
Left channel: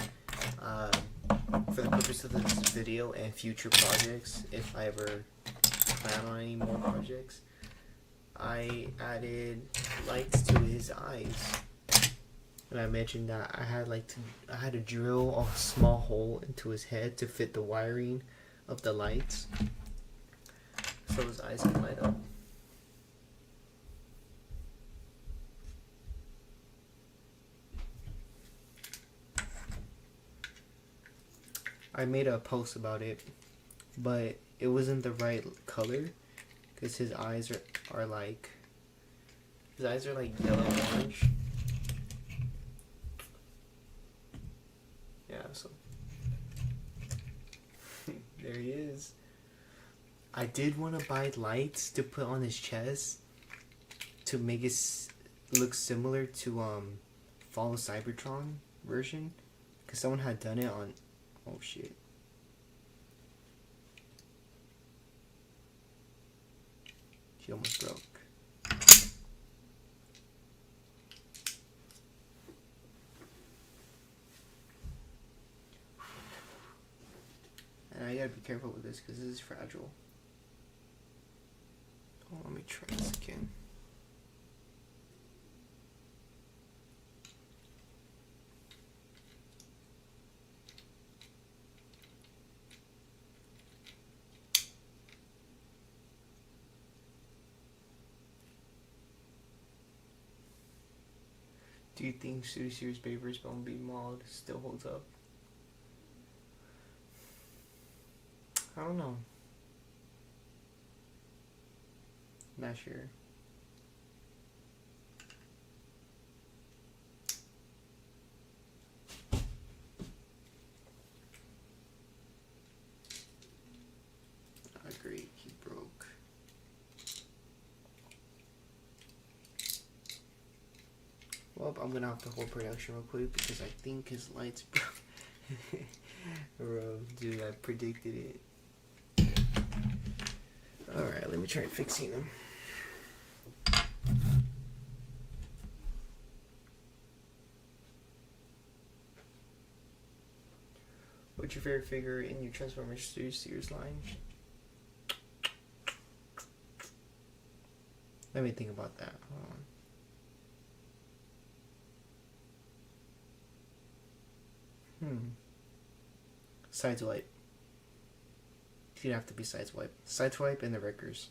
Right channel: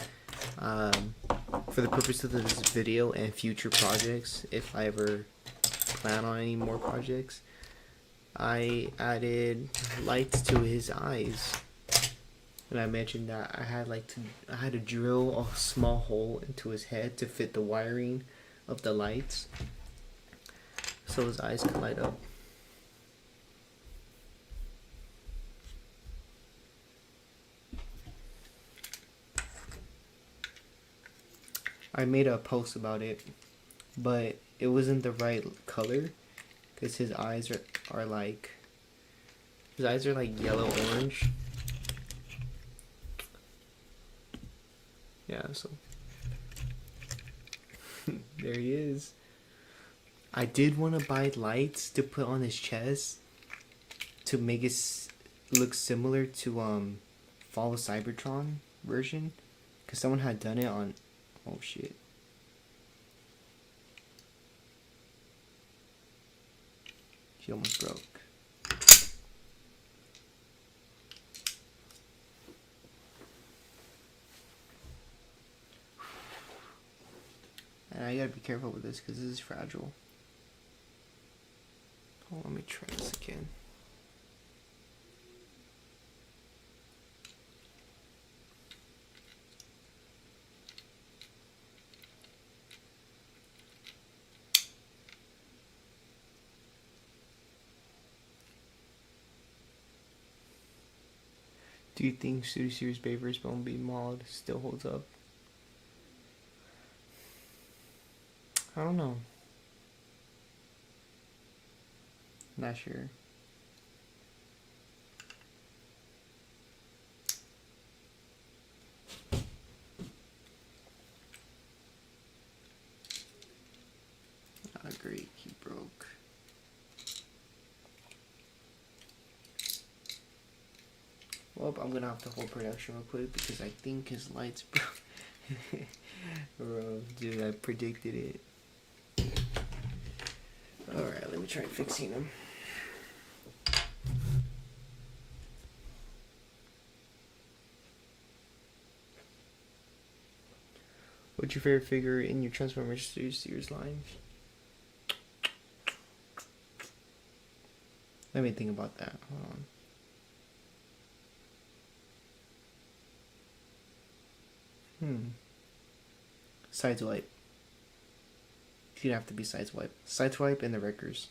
for the purpose of this video and future projects, if I ever plan on any more projects. I added lights to his eyes, and I mentioned that I had to drill a small hole into his head to fit the wiring of the lights, so his eyes could light up. I made a post about it, but it wasn't the right color. Because his eyes are like yellow orange. Yeah, so there he is. I did want to buy lights to put on his chest to make it look similar to Fall of Cybertron version, because someone had done it on. Oh shit. She almost broke. And I gotta be careful with this because this is fragile. Oh, let me try this again. Do you think Studio Series Baver's Bumblebee mod still holds up? I don't know. Not sure. Not great, he broke. Well, I'm gonna have to hold production real quick because I think his lights broke. Bro, dude, I predicted it. Alright, let me try fixing them. What's your favorite figure in your Transformers Studio Series line? Let me think about that. Hold on. Sideswipe. You'd have to be Sideswipe. Sideswipe and the Wreckers.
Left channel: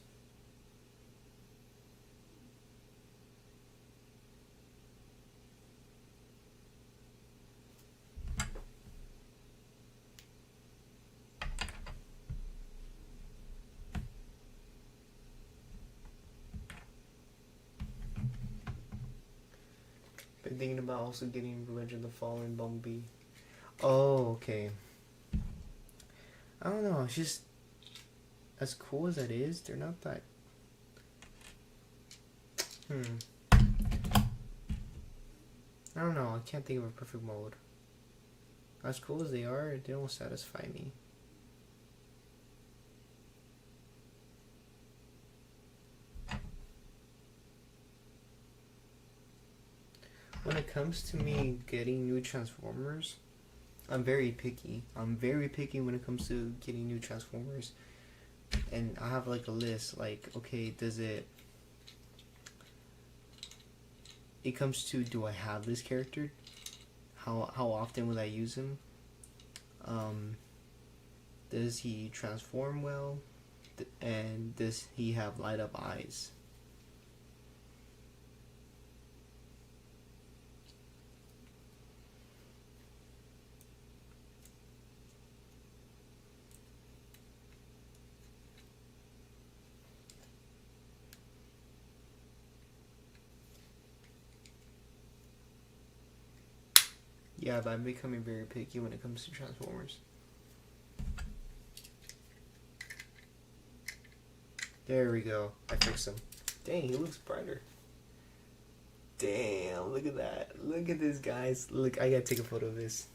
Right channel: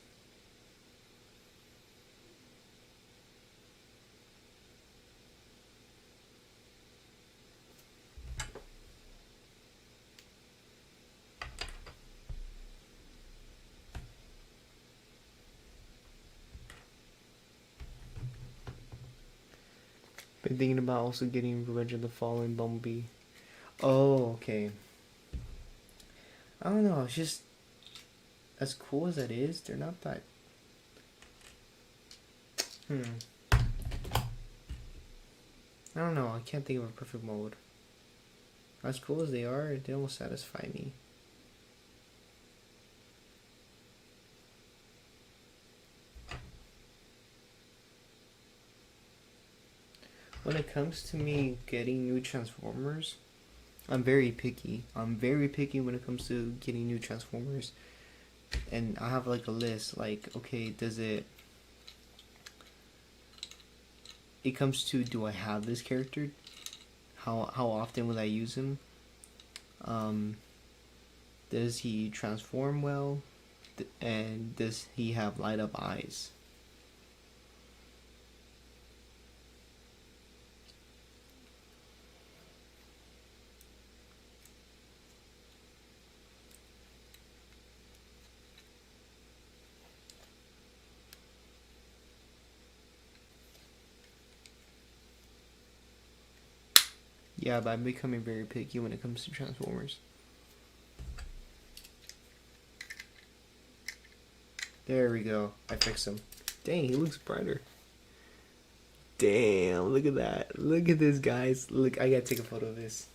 Been thinking about also getting Revenge of the Fallen Bumblebee. Oh, okay. I don't know. It's just as cool as that is, they're not that. I don't know. I can't think of a perfect mode. As cool as they are, they don't satisfy me. When it comes to me getting new Transformers, I'm very picky. I'm very picky when it comes to getting new Transformers. And I have like a list, like, okay, does it comes to, do I have this character? How often will I use him? Does he transform well? And does he have light up eyes? Yeah, but I'm becoming very picky when it comes to Transformers. There we go. I fixed him. Dang, he looks brighter. Damn, look at that. Look at this, guys. Look, I gotta take a photo of this.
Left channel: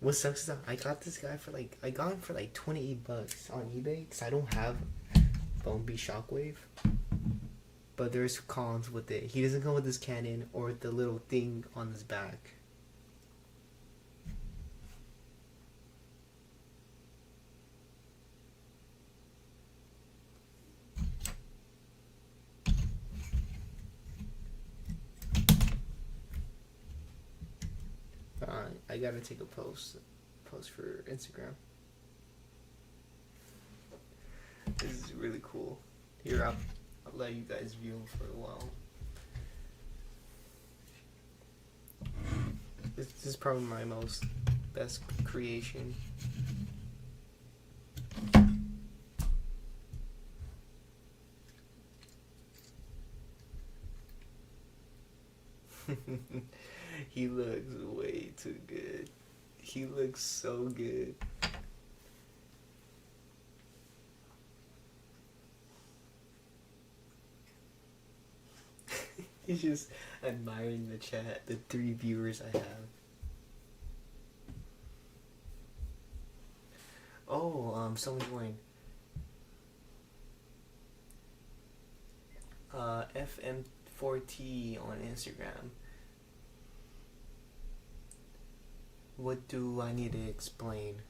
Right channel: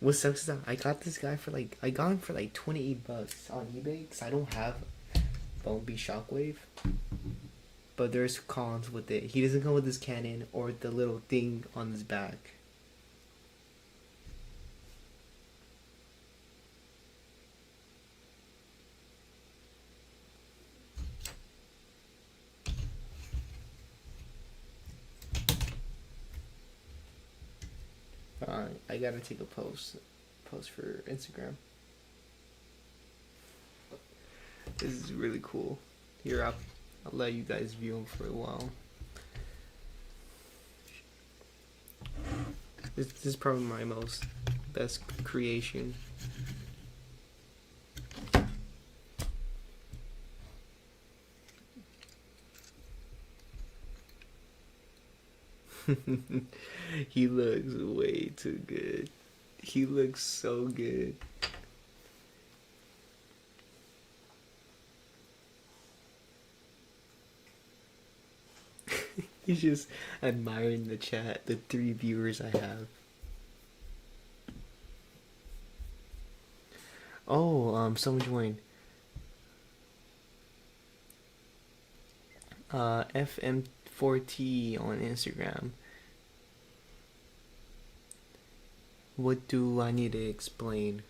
What sucks is that I got this guy for like, I got him for like $28 on eBay because I don't have Bumblebee Shockwave. But there's cons with it. He doesn't come with his cannon or the little thing on his back. I gotta take a post for Instagram. This is really cool. Here, I'll let you guys view him for a while. This is probably my best creation. He looks way too good. He looks so good. He's just admiring the chat, the 3 viewers I have. Oh, someone joined. FM4T on Instagram. What do I need to explain?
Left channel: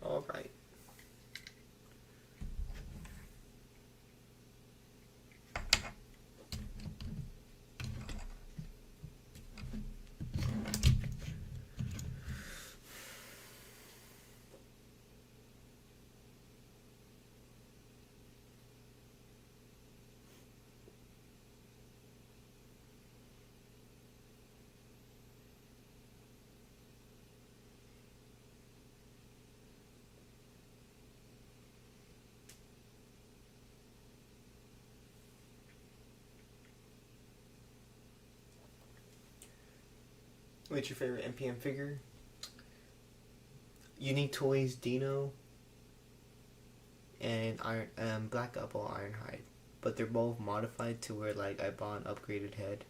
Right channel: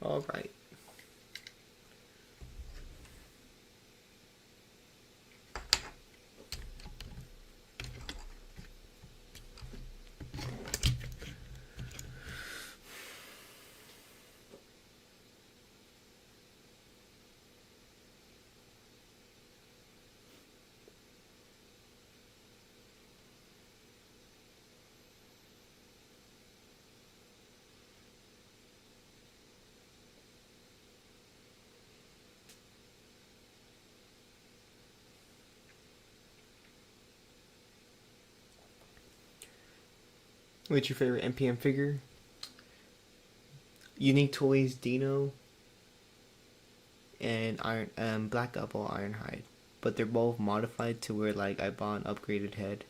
All right. What's your favorite NPM figure? Unique Toys Dino and Black Apple Ironhide. But they're both modified to where like I bought an upgraded head.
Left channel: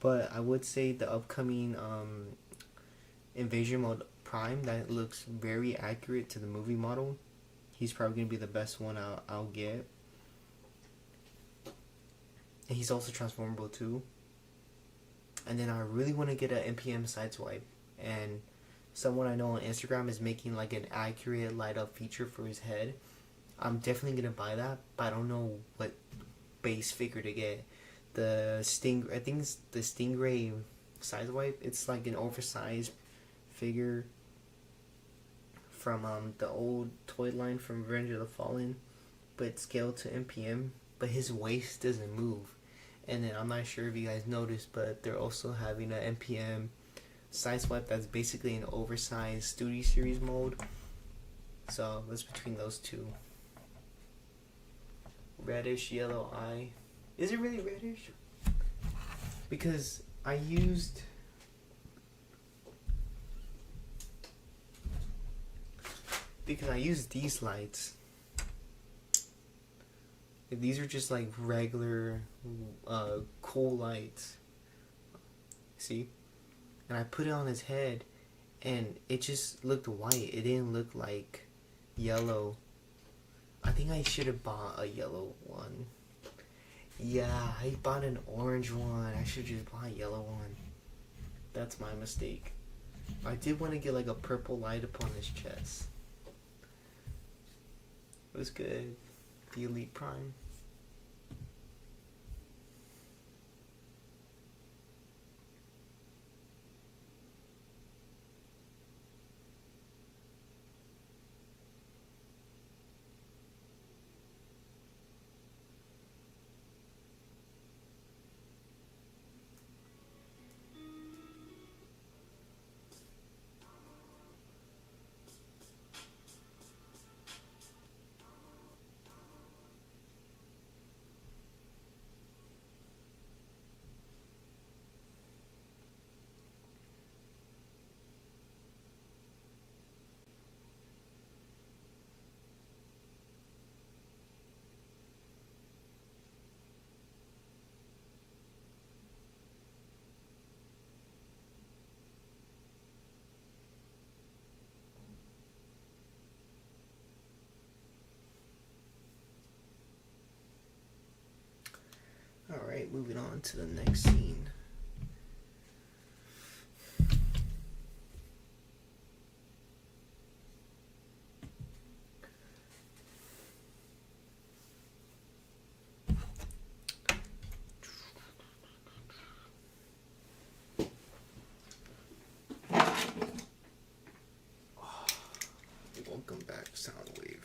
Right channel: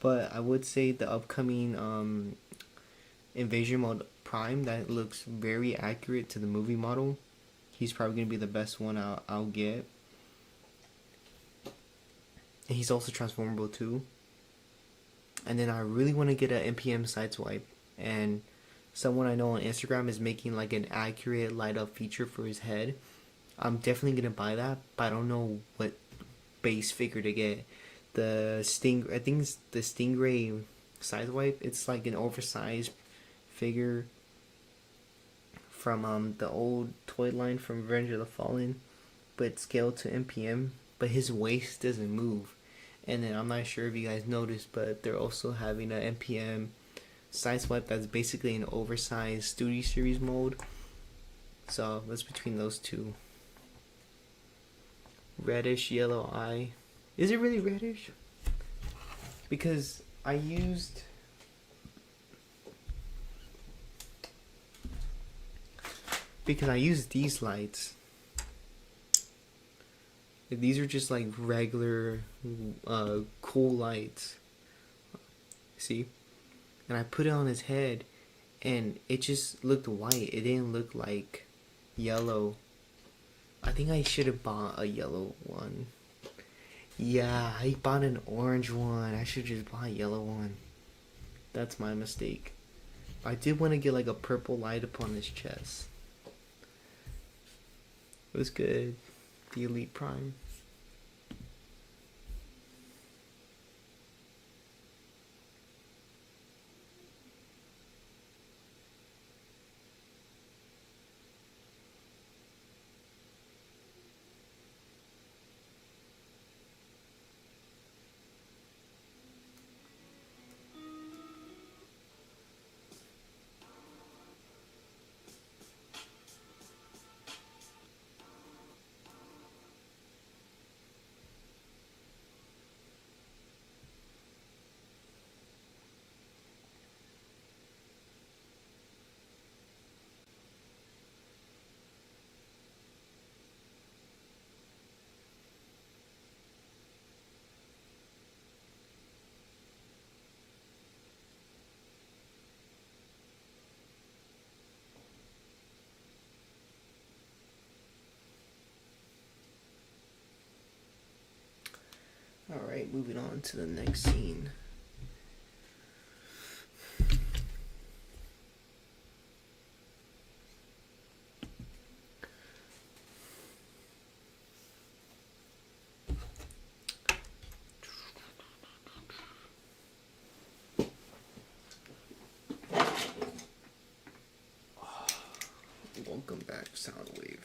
But I would say the upcoming Invasion Mode Prime, that looks very accurate to the movie model. He's probably gonna be the best one I'll get. And he's also transformable too. And then I really want to get an NPM sideswipe. And someone I know on Instagram is making like an accurate light up feature for his head. I'm definitely gonna buy that, but I don't know what base figure to get. I think it's the Stingray sideswipe. It's like an oversized figure from the old toy line from Revenge of the Fallen, but scaled to NPM. But his waist doesn't move. And then I'm not sure if you guys noticed, but they're also having an NPM sideswipe that's basically an oversized Studio Series mold. So that's between those two. Reddish yellow eye. Is it really reddish? Because I used these lights. These are just like regular cool lights. See? And I put it on his head and it just looked white. It didn't look like yellow. I think I should have bought a yellow one. Yeah, I bought an orange one. I should just buy a yellow one. That's my mistake. I did want to get like a purple light upon his chest. It was good. The Elite Prime. Alright, moving on to the next scene. Welcome back, Soundwave.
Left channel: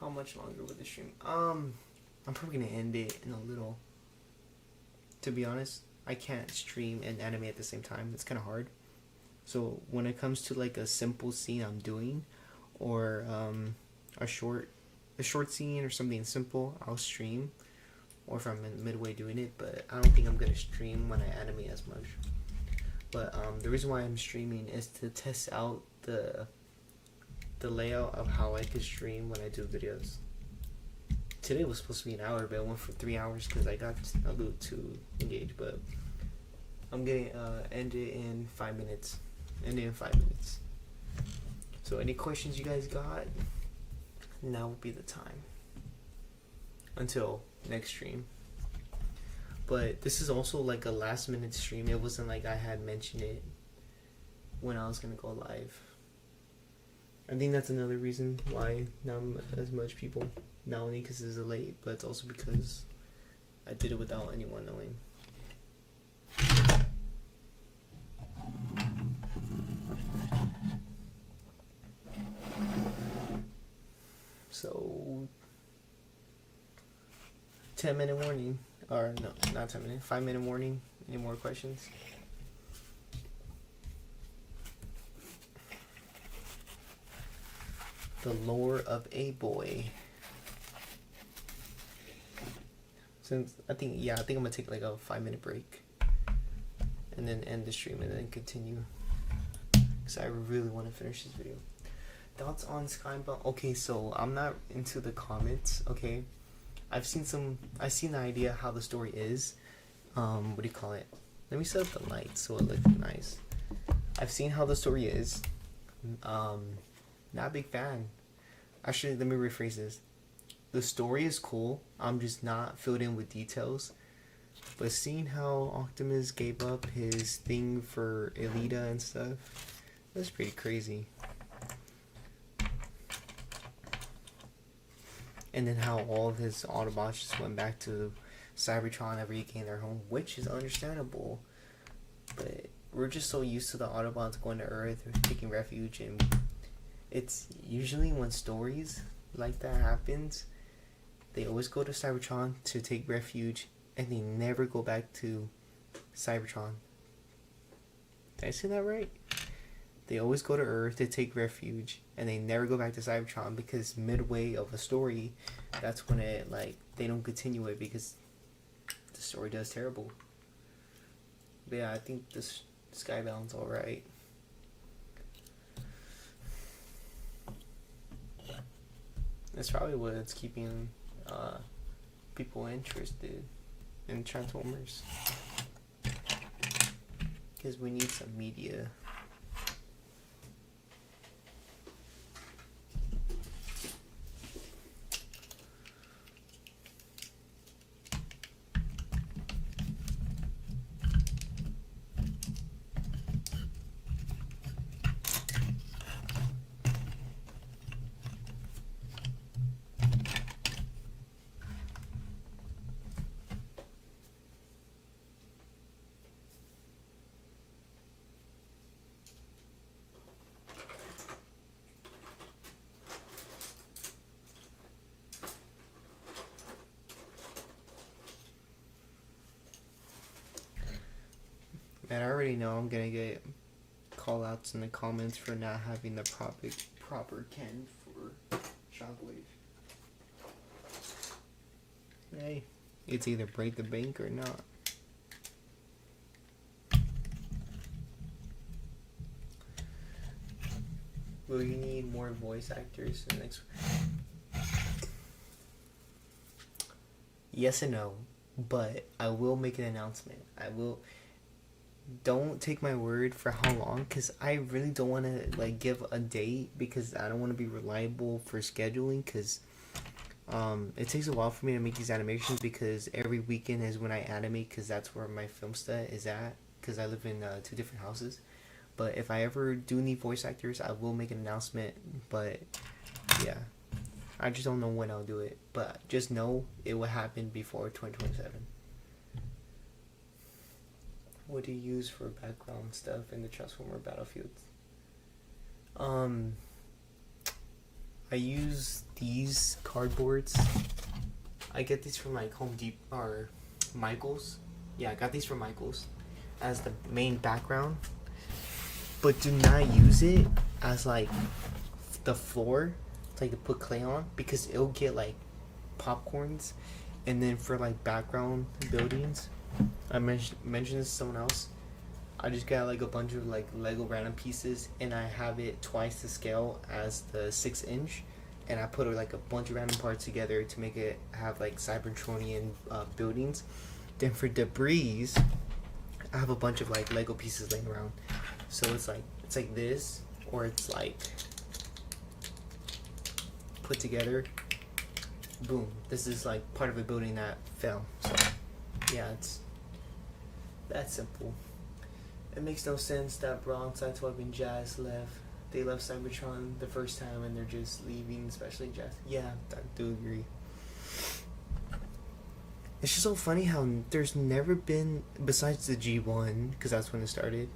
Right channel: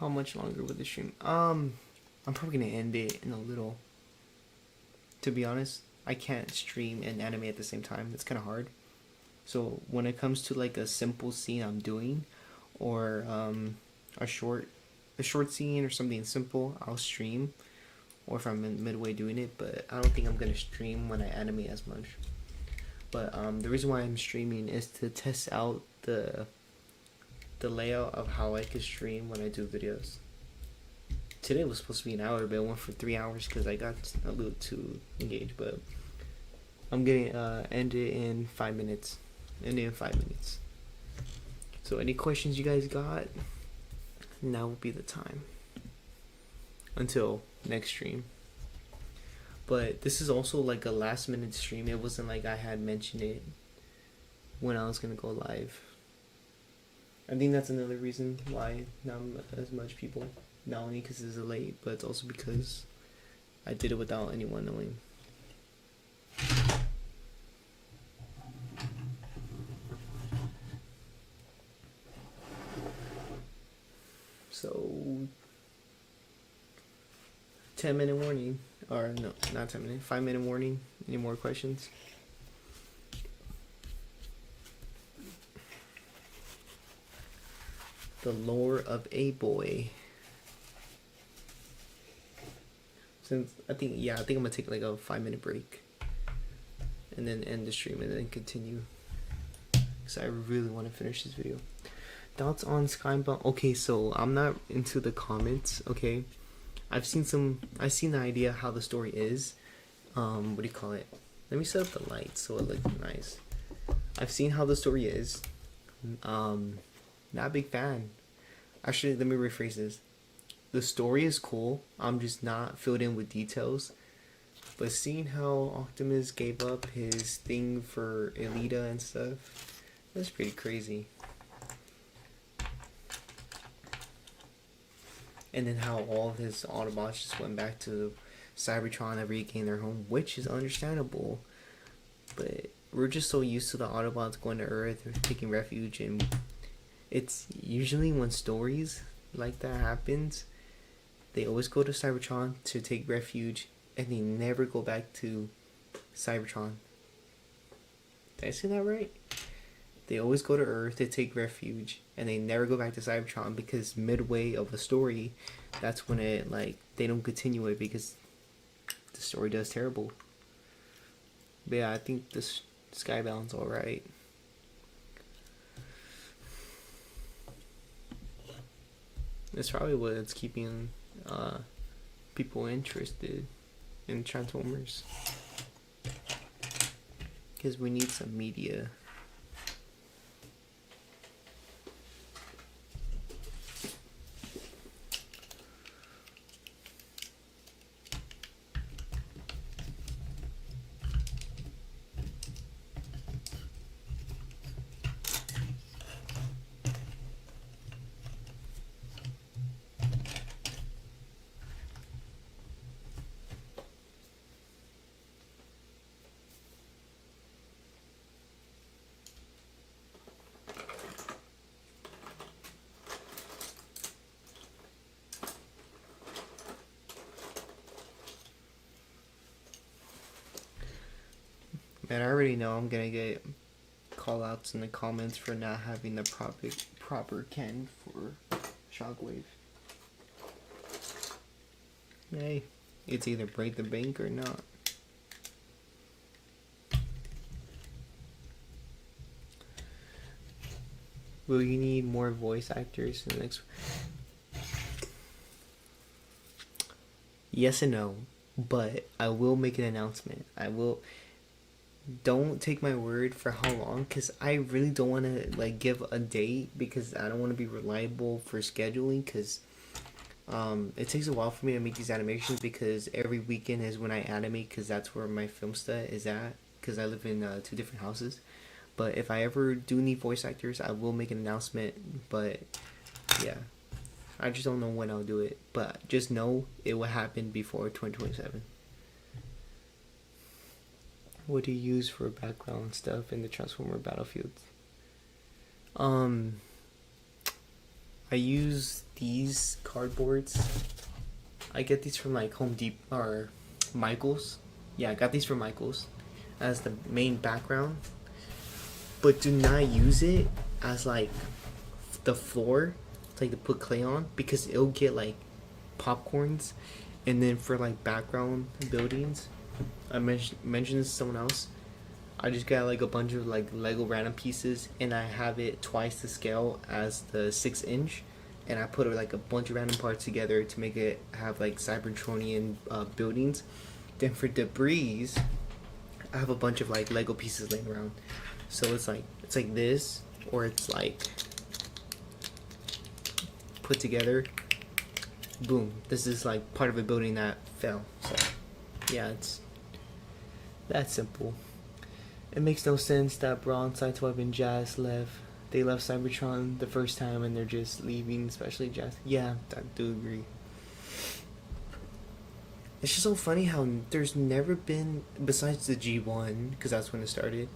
How much longer with the stream? I'm probably gonna end it in a little. To be honest, I can't stream and animate at the same time. It's kind of hard. So when it comes to like a simple scene I'm doing, or a short scene or something simple, I'll stream. Or if I'm in midway doing it, but I don't think I'm gonna stream when I animate as much. But the reason why I'm streaming is to test out the layout of how I could stream when I do videos. Today was supposed to be an hour, but it went for 3 hours because I got a little too engaged. But I'm gonna end it in 5 minutes. So any questions you guys got? Now will be the time. Until next stream. But this is also like a last minute stream. It wasn't like I had mentioned it when I was gonna go live. I think that's another reason why not as much people. Not only because it's late, but it's also because I did it without anyone knowing. So, 10-minute warning. Or no, not 10 minutes. 5 minute warning. Any more questions? The lore of a boy. Since I think I'm gonna take like a 5 minute break, and then end the stream and then continue. Cause I really want to finish this video. Thoughts on Skybound? Okay, so I'm not into the comments. Okay, I've seen the idea how the story is. What do you call it? Let me set up the lights so it looks nice. I've seen how the story is. Not a big fan. Actually, let me rephrase this. The story is cool. I'm just not filled in with details. But seeing how Optimus gave up his thing for Elita and stuff, that's pretty crazy. And then how all of his Autobots just went back to Cybertron after he gained their home, which is understandable. But we're just so used to the Autobots going to Earth or taking refuge, and it's usually when stories like that happens, they always go to Cybertron to take refuge, and they never go back to Cybertron. Did I say that right? They always go to Earth to take refuge, and they never go back to Cybertron, because midway of a story, that's when it, like, they don't continue it because the story does terrible. But yeah, I think this Skybound's alright. That's probably what's keeping people interested in Transformers, because we need some media. Man, I already know I'm gonna get call outs in the comments for not having the proper can for Shockwave. Hey, it's either break the bank or not. Will you need more voice actors in the next? Yes and no, but I will make an announcement. I will. Don't take my word for how long, because I really don't want to like give a date, because I don't want to be reliable for scheduling, because it takes a while for me to make these animations, because every weekend is when I animate, because that's where my film stud is at, because I live in 2 different houses. But if I ever do need voice actors, I will make an announcement. But yeah, I just don't know when I'll do it, but just know it will happen before 2027. What do you use for background stuff in the Transformer battlefields? I use these cardboards. I get these from like Home Depot or Michaels. Yeah, I got these from Michaels as the main background. But do not use it as like the floor, like to put clay on, because it'll get like popcorns. And then for like background buildings, I mentioned this to someone else. I just got like a bunch of like Lego random pieces, and I have it twice the scale as the 6-inch, and I put like a bunch of random parts together to make it have like Cybertronian buildings. Then for debris, I have a bunch of like Lego pieces laying around. So it's like this, or it's like put together. Boom! This is like part of a building that fell. So yeah, it's that simple. It makes no sense that Brawn, Sideswipe, and Jazz left. They left Cybertron the first time, and they're just leaving, especially Jazz. Yeah, I do agree. It's just so funny how there's never been, besides the G1, because that's when it started,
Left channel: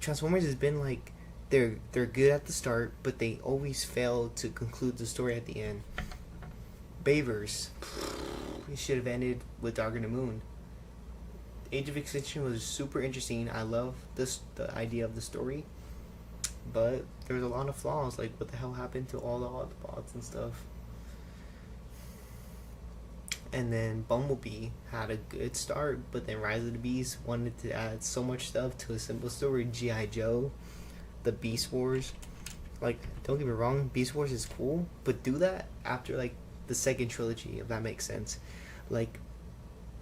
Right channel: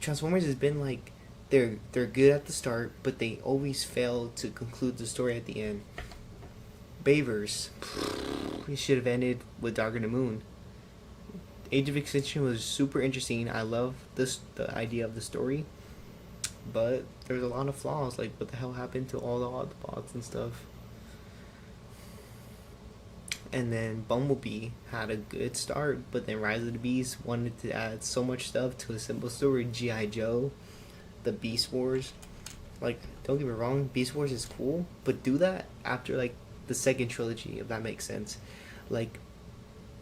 Transformers has been like, they're good at the start, but they always fail to conclude the story at the end. Bayverse. it should have ended with Dark in the Moon. Age of Extinction was super interesting. I love the idea of the story, but there's a lot of flaws. Like, what the hell happened to all the Autobots and stuff? And then Bumblebee had a good start, but then Rise of the Beast wanted to add so much stuff to a simple story. G.I. Joe, the Beast Wars. Like, don't get me wrong, Beast Wars is cool, but do that after, like, the second trilogy, if that makes sense. Like,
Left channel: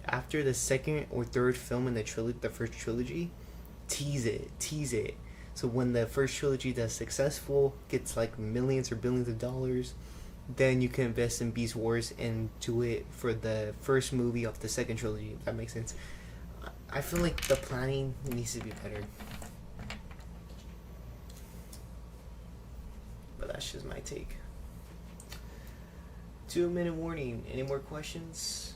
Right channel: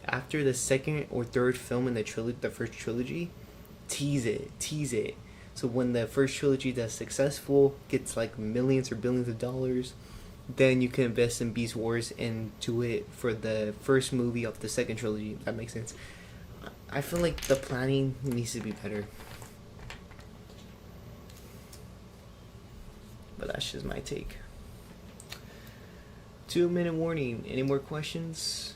after the second or third film in the first trilogy, tease it. So when the first trilogy that's successful, gets like millions or billions of dollars, then you can invest in Beast Wars and do it for the first movie of the second trilogy, if that makes sense. I feel like the planning needs to be better. But that's just my take. 2-minute warning. Any more questions?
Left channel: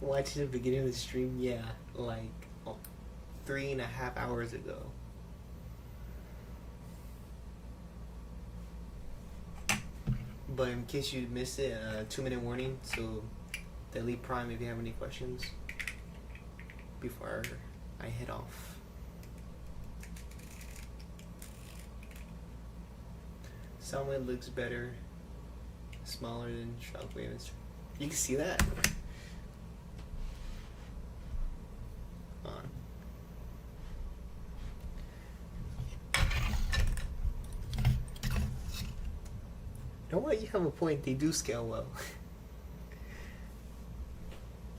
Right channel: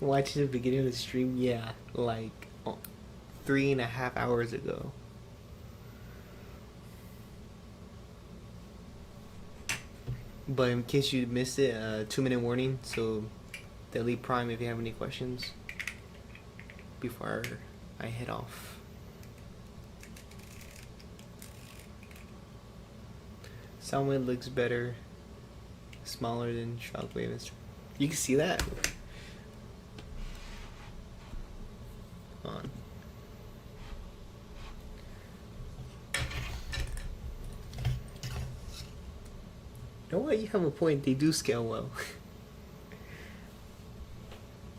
Watching the beginning of the stream, yeah, like 3.5 hours ago. But in case you missed it, 2-minute warning. So delete Prime if you have any questions before I head off. Soundwave looks better, smaller than Shockwave. You can see that. On. You know what? You have a point. They do scale well.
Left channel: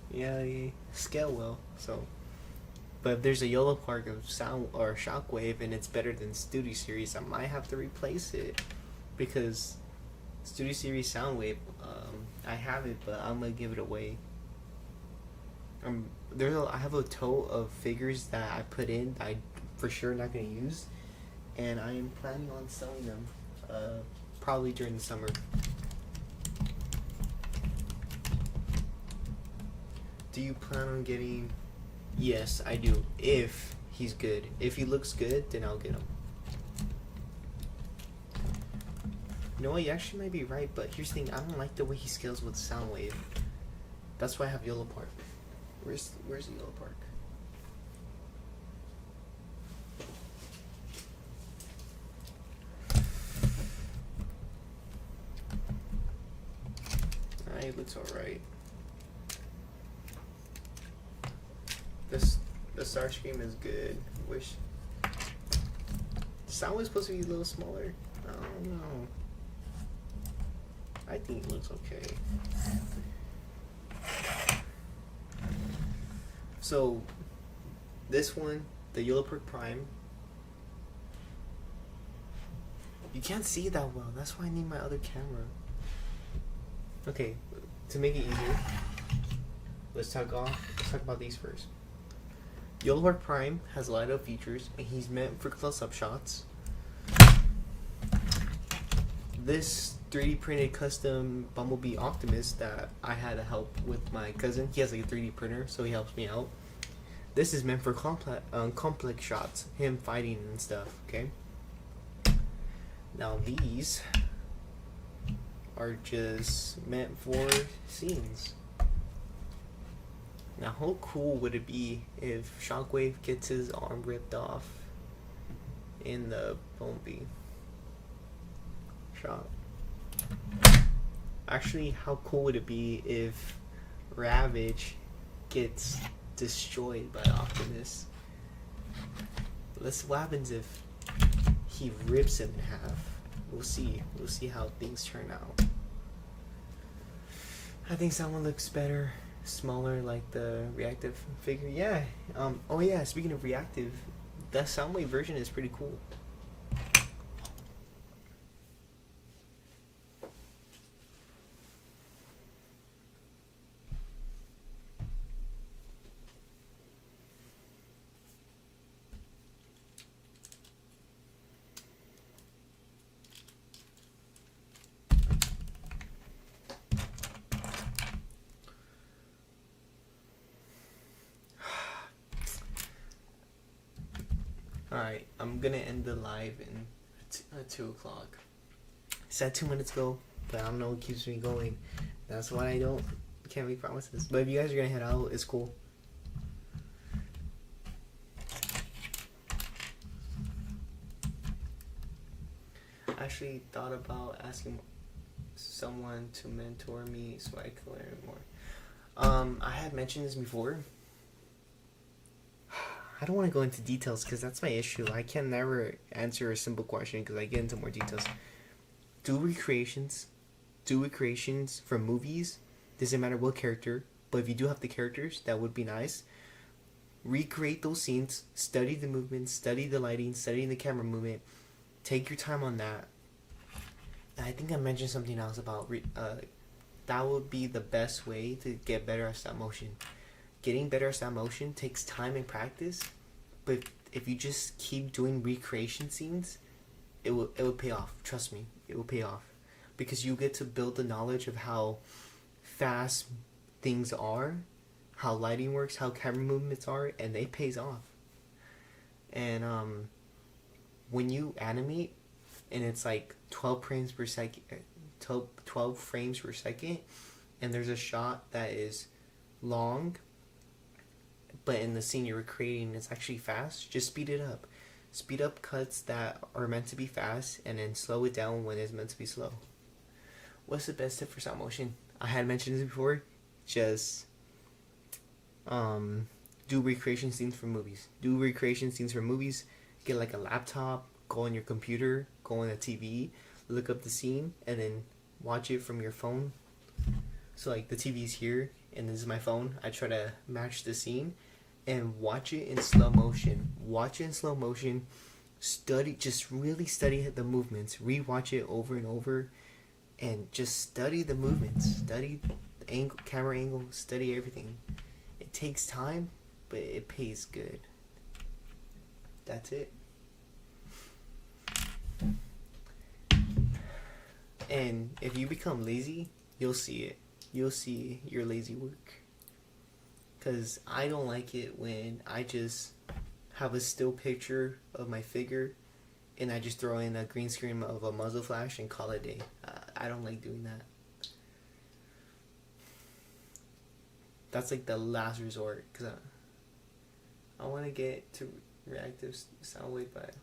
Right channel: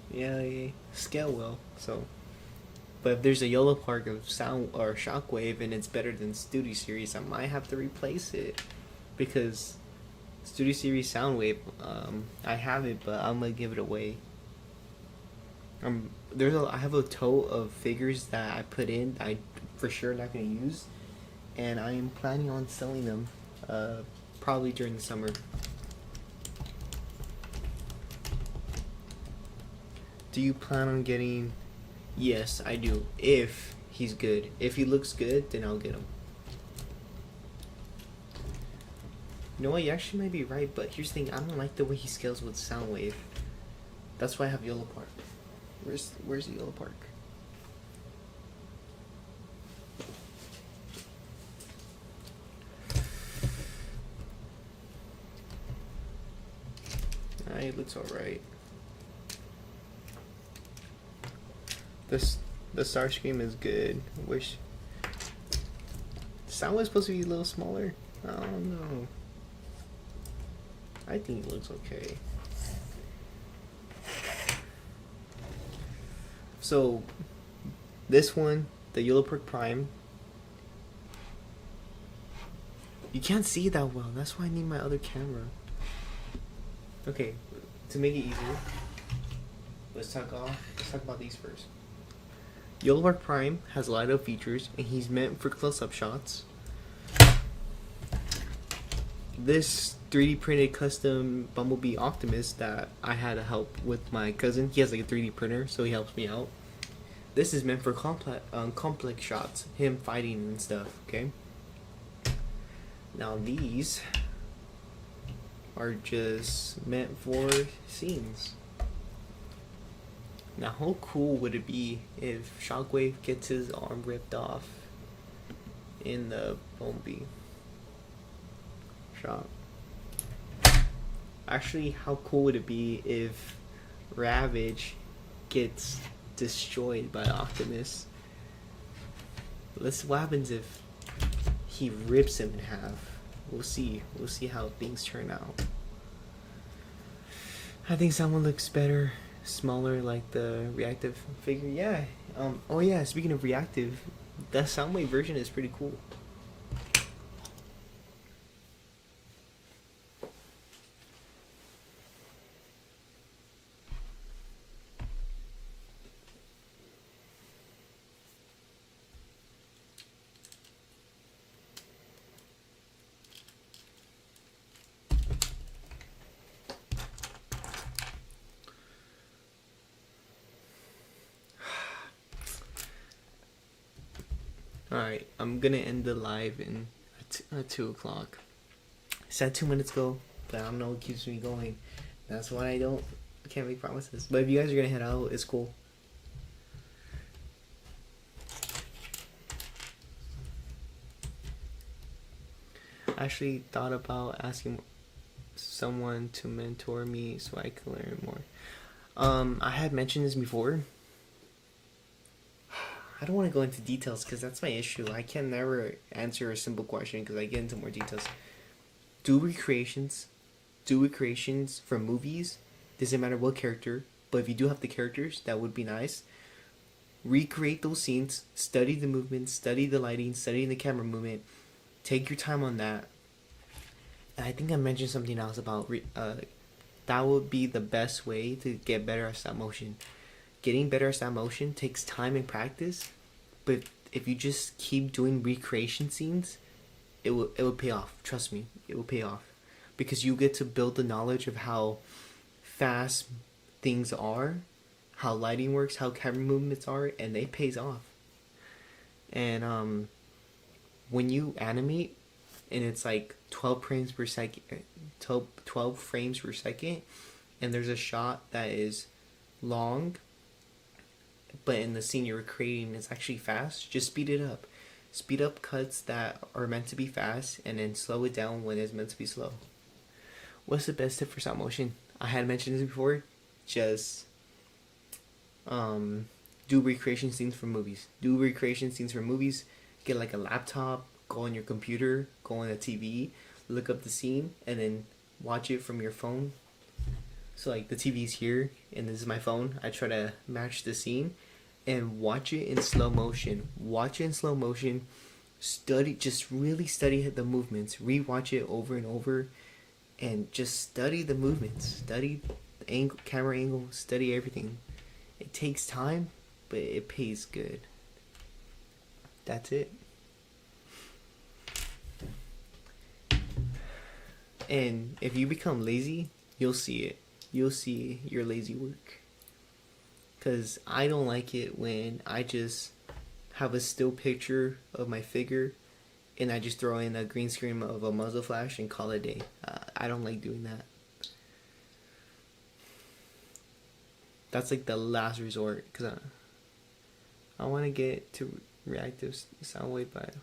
Yeah, they scale well. So, but if there's a YOLO Park of Sound or Shockwave and it's better than Studio Series, I might have to replace it because Studio Series Soundwave, I have it, but I'm gonna give it away. I have a tote of figures that I put in that I for sure not gonna use, and I am planning on selling them probably during the summer. Do you plan on getting? Yes, I do. If he's good, if he looks good, then I'll get him. You know what? You actually might be right, but here's the thing: I don't like the way he scales with Soundwave. That's why I have YOLO Park. Where's the YOLO Park? It looks alright. The Starscream is good. Wish Sound was supposed to be a little smaller. I don't know. I think it looks okay. So this one, the YOLO Park Prime, you can't see that well. That's why I need my other camera. Okay, to make it easier, let's talk about these first. YOLO Park Prime has light up features, and he's meant for close-up shots. This 3D printed custom Bumblebee Optimus that I had to help with my cousin. He has like a 3D printer, so he helps me out. This is meant for complex shots, him fighting and stuff. Okay. Now these are just meant for scenes. Now how cool would it be if Shockwave gets his arm ripped off in the Bumblebee shot? Actually, how cool would it be if Ravage gets destroyed by Optimus? What happens if he rips him in half? We'll see. We'll see how things turn out. I think someone looks better, smaller, like the reactive figure. Yeah. Oh yeah. Speaking of reactive, the Soundwave version is pretty cool. Alright, I'm gonna end the live in at 2 o'clock. I said 2 minutes ago, but I don't know what keeps me going. That's why I can't make promises. But if you guys are gonna head out, it's cool. I actually thought about asking someone to mentor me so I could learn more. I had mentioned this before. I don't want to go into details because that's my issue. I can never answer a simple question because I get into more details. Do recreations for movies. Doesn't matter what character, but if you do have the characters, that would be nice. Recreate those scenes. Study the movement. Study the lighting. Study the camera movement. Take your time on that. And I think I mentioned something else about that would be the best way to get better at stop motion. Getting better at stop motion takes time and practice, but if you just keep doing recreation scenes, it will pay off. Trust me, it will pay off, because you get to build the knowledge of how fast things are, how lighting works, how camera movements are, and it pays off. And when you animate, and it's like 12 frames per second, 12 frames per second, and there's a shot that is long, but in the scene you're creating it's actually fast, just speed it up. Speed up cuts that are meant to be fast, and then slow it down when it's meant to be slow. What's the best tip for stop motion? I had mentioned this before. Just do recreation scenes for movies. Get like a laptop, go on your computer, go on a TV, look up the scene, and then watch it from your phone. So like the TV's here, and this is my phone. I try to match the scene, and watch it in slow motion. Just really study the movements. Rewatch it over and over, and just study the movements. Study the angle, camera angle. Study everything. It takes time, but it pays good. That's it. And if you become lazy, you'll see it. You'll see your lazy work. Because I don't like it when I just have a still picture of my figure and I just throw in a green screen of a muzzle flash and call it a day. I don't like doing that. That's like the last resort, because I want to get to reactive Soundwave, but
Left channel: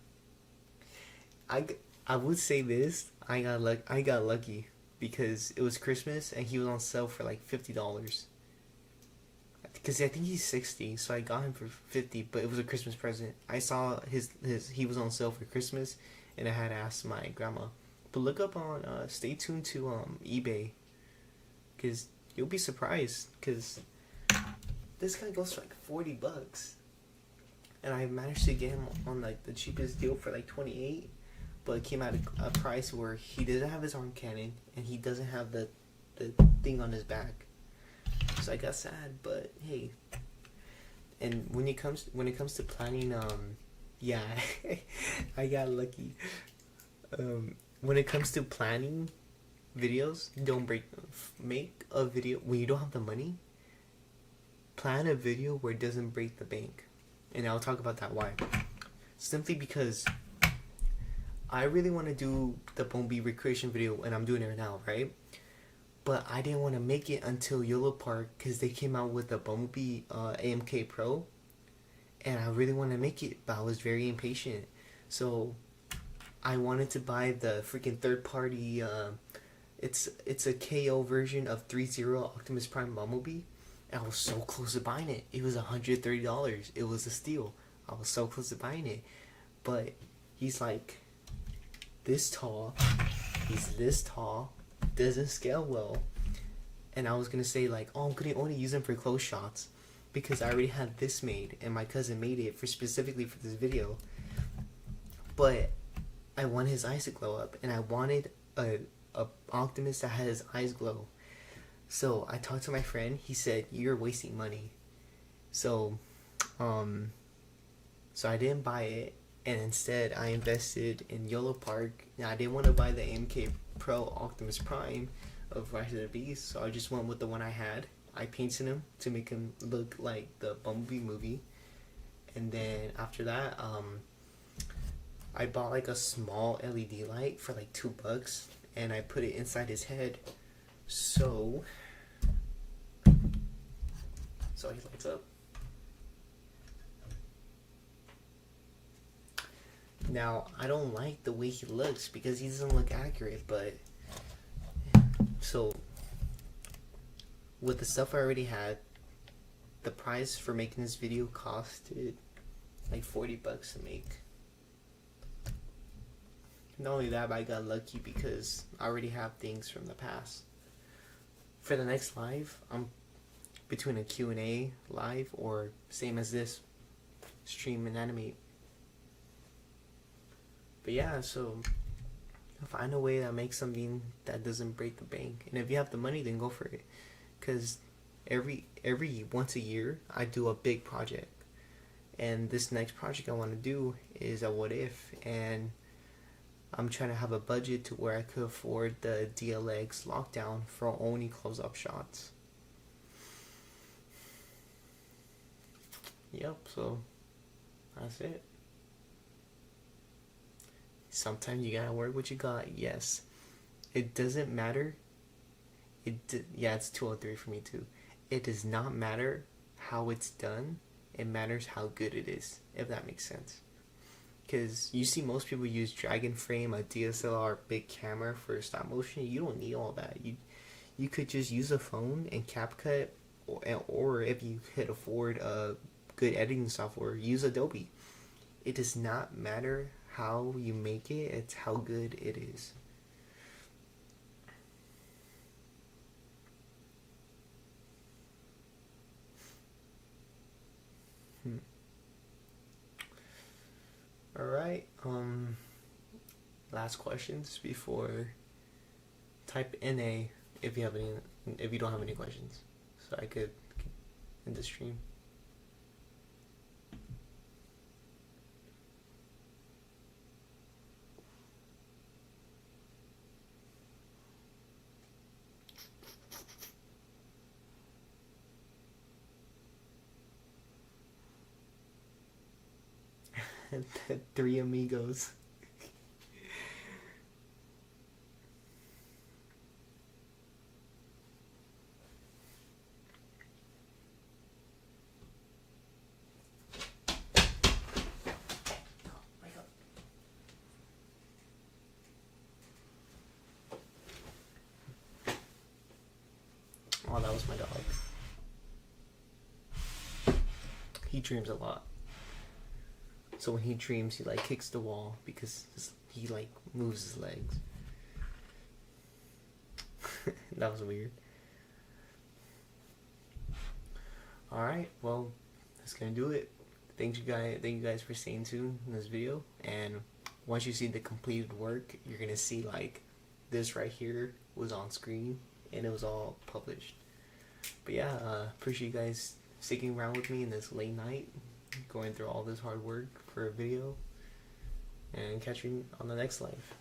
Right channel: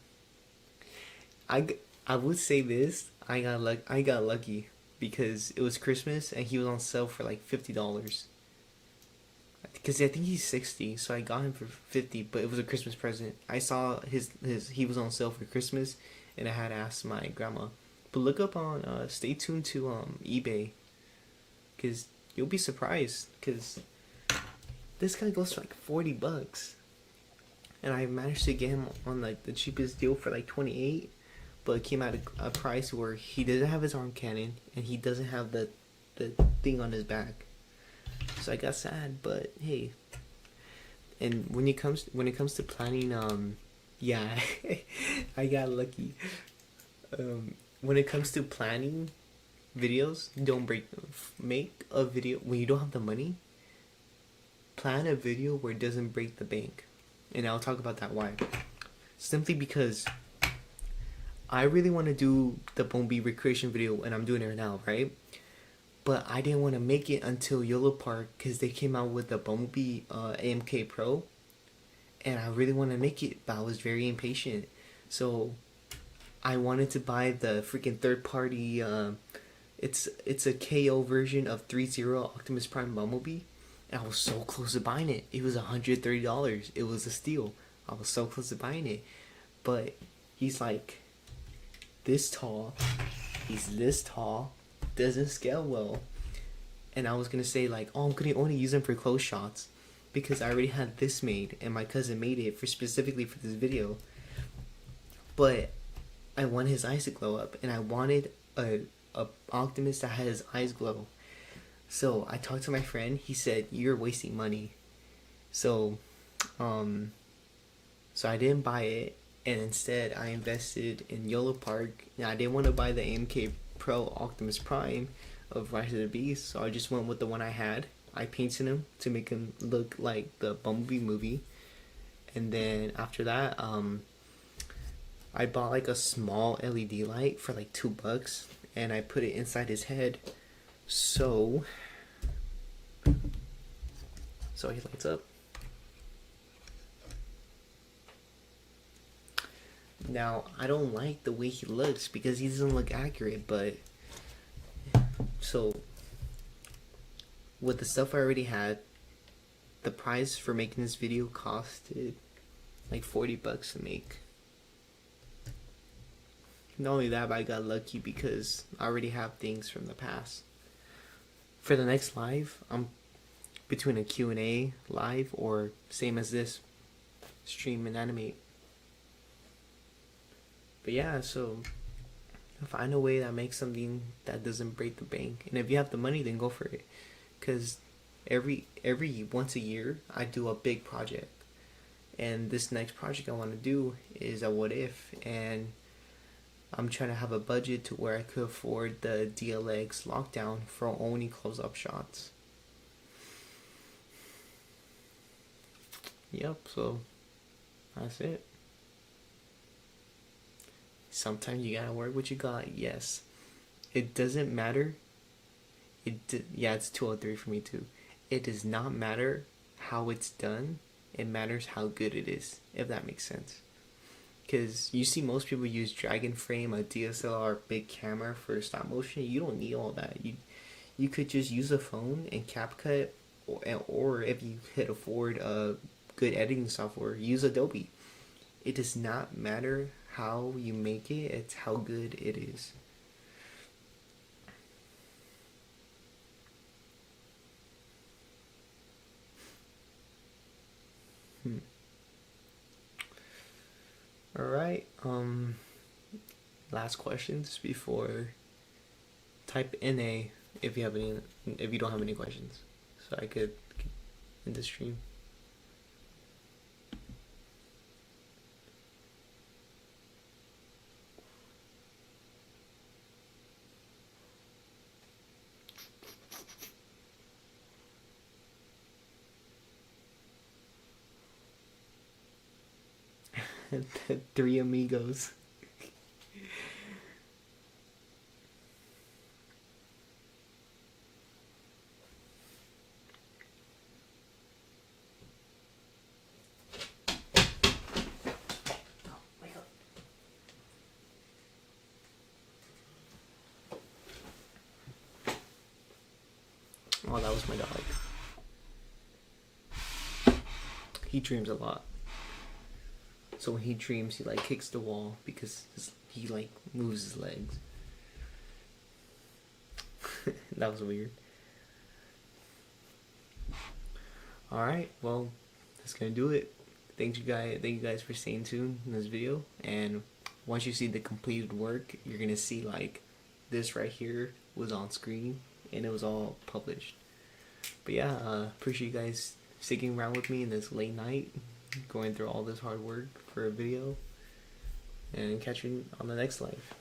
I would say this. I got lucky because it was Christmas and he was on sale for like $50. Because I think he's 60, so I got him for 50, but it was a Christmas present. I saw he was on sale for Christmas, and I had asked my grandma. But look up on stay tuned to eBay, because you'll be surprised, because this guy goes for like $40, and I managed to get him on like the cheapest deal for like 28, but it came at a price where he doesn't have his arm cannon and he doesn't have the thing on his back. So I got sad, but hey. And when it comes to planning, yeah, I got lucky. When it comes to planning videos, make a video when you don't have the money. Plan a video where it doesn't break the bank, and I'll talk about that why. Simply because I really want to do the Bumblebee recreation video, and I'm doing it right now, right? But I didn't want to make it until Yellow Park, because they came out with the Bumblebee AMK Pro, and I really want to make it, but I was very impatient. So I wanted to buy the freaking third party. It's a KO version of 3.0 Optimus Prime Bumblebee, and I was so close to buying it. It was $130. It was a steal. I was so close to buying it, but he's like this tall. He's this tall. Doesn't scale well. And I was gonna say like, oh, I'm gonna only use him for close shots, because I already had this made and my cousin made it for specifically for this video. But I want his eyes to glow up, and I wanted a Optimus that had his eyes glow. So I talked to my friend. He said, "You're wasting money." So, so I didn't buy it, and instead I invested in Yolo Park. Now I didn't want to buy the AMK Pro Optimus Prime of Rise of the Beast, so I just went with the one I had. I painted him to make him look like the Bumblebee movie, and then after that, I bought like a small LED light for like $2, and I put it inside his head, so he lights up. Now I don't like the way he looks because he doesn't look accurate, but so with the stuff I already had, the price for making this video costed like $40 to make. Not only that, but I got lucky because I already have things from the past. For the next live, I'm between a Q&A live or same as this, stream and animate. But yeah, so find a way that makes something that doesn't break the bank. And if you have the money, then go for it. Because every once a year, I do a big project. And this next project I want to do is a what if. And I'm trying to have a budget to where I could afford the DLX lockdown for only close-up shots. Yep, so that's it. Sometimes you gotta work what you got. Yes, it doesn't matter. Yeah, it's 2:03 for me too. It does not matter how it's done. It matters how good it is, if that makes sense. Because you see most people use Dragon Frame, a DSLR big camera for stop motion. You don't need all that. You could just use a phone and CapCut, or if you could afford a good editing software, use Adobe. It does not matter how you make it, it's how good it is. Alright, last questions before type NA if you have any, if you don't have any questions, so I could end the stream. The three amigos. Oh, that was my dog. He dreams a lot. So when he dreams, he like kicks the wall because he like moves his legs. That was weird. Alright, well, that's gonna do it. Thank you guys for staying tuned in this video. And once you see the completed work, you're gonna see like this right here was on screen and it was all published. But yeah, appreciate you guys sticking around with me in this late night, going through all this hard work for a video, and catch you on the next live.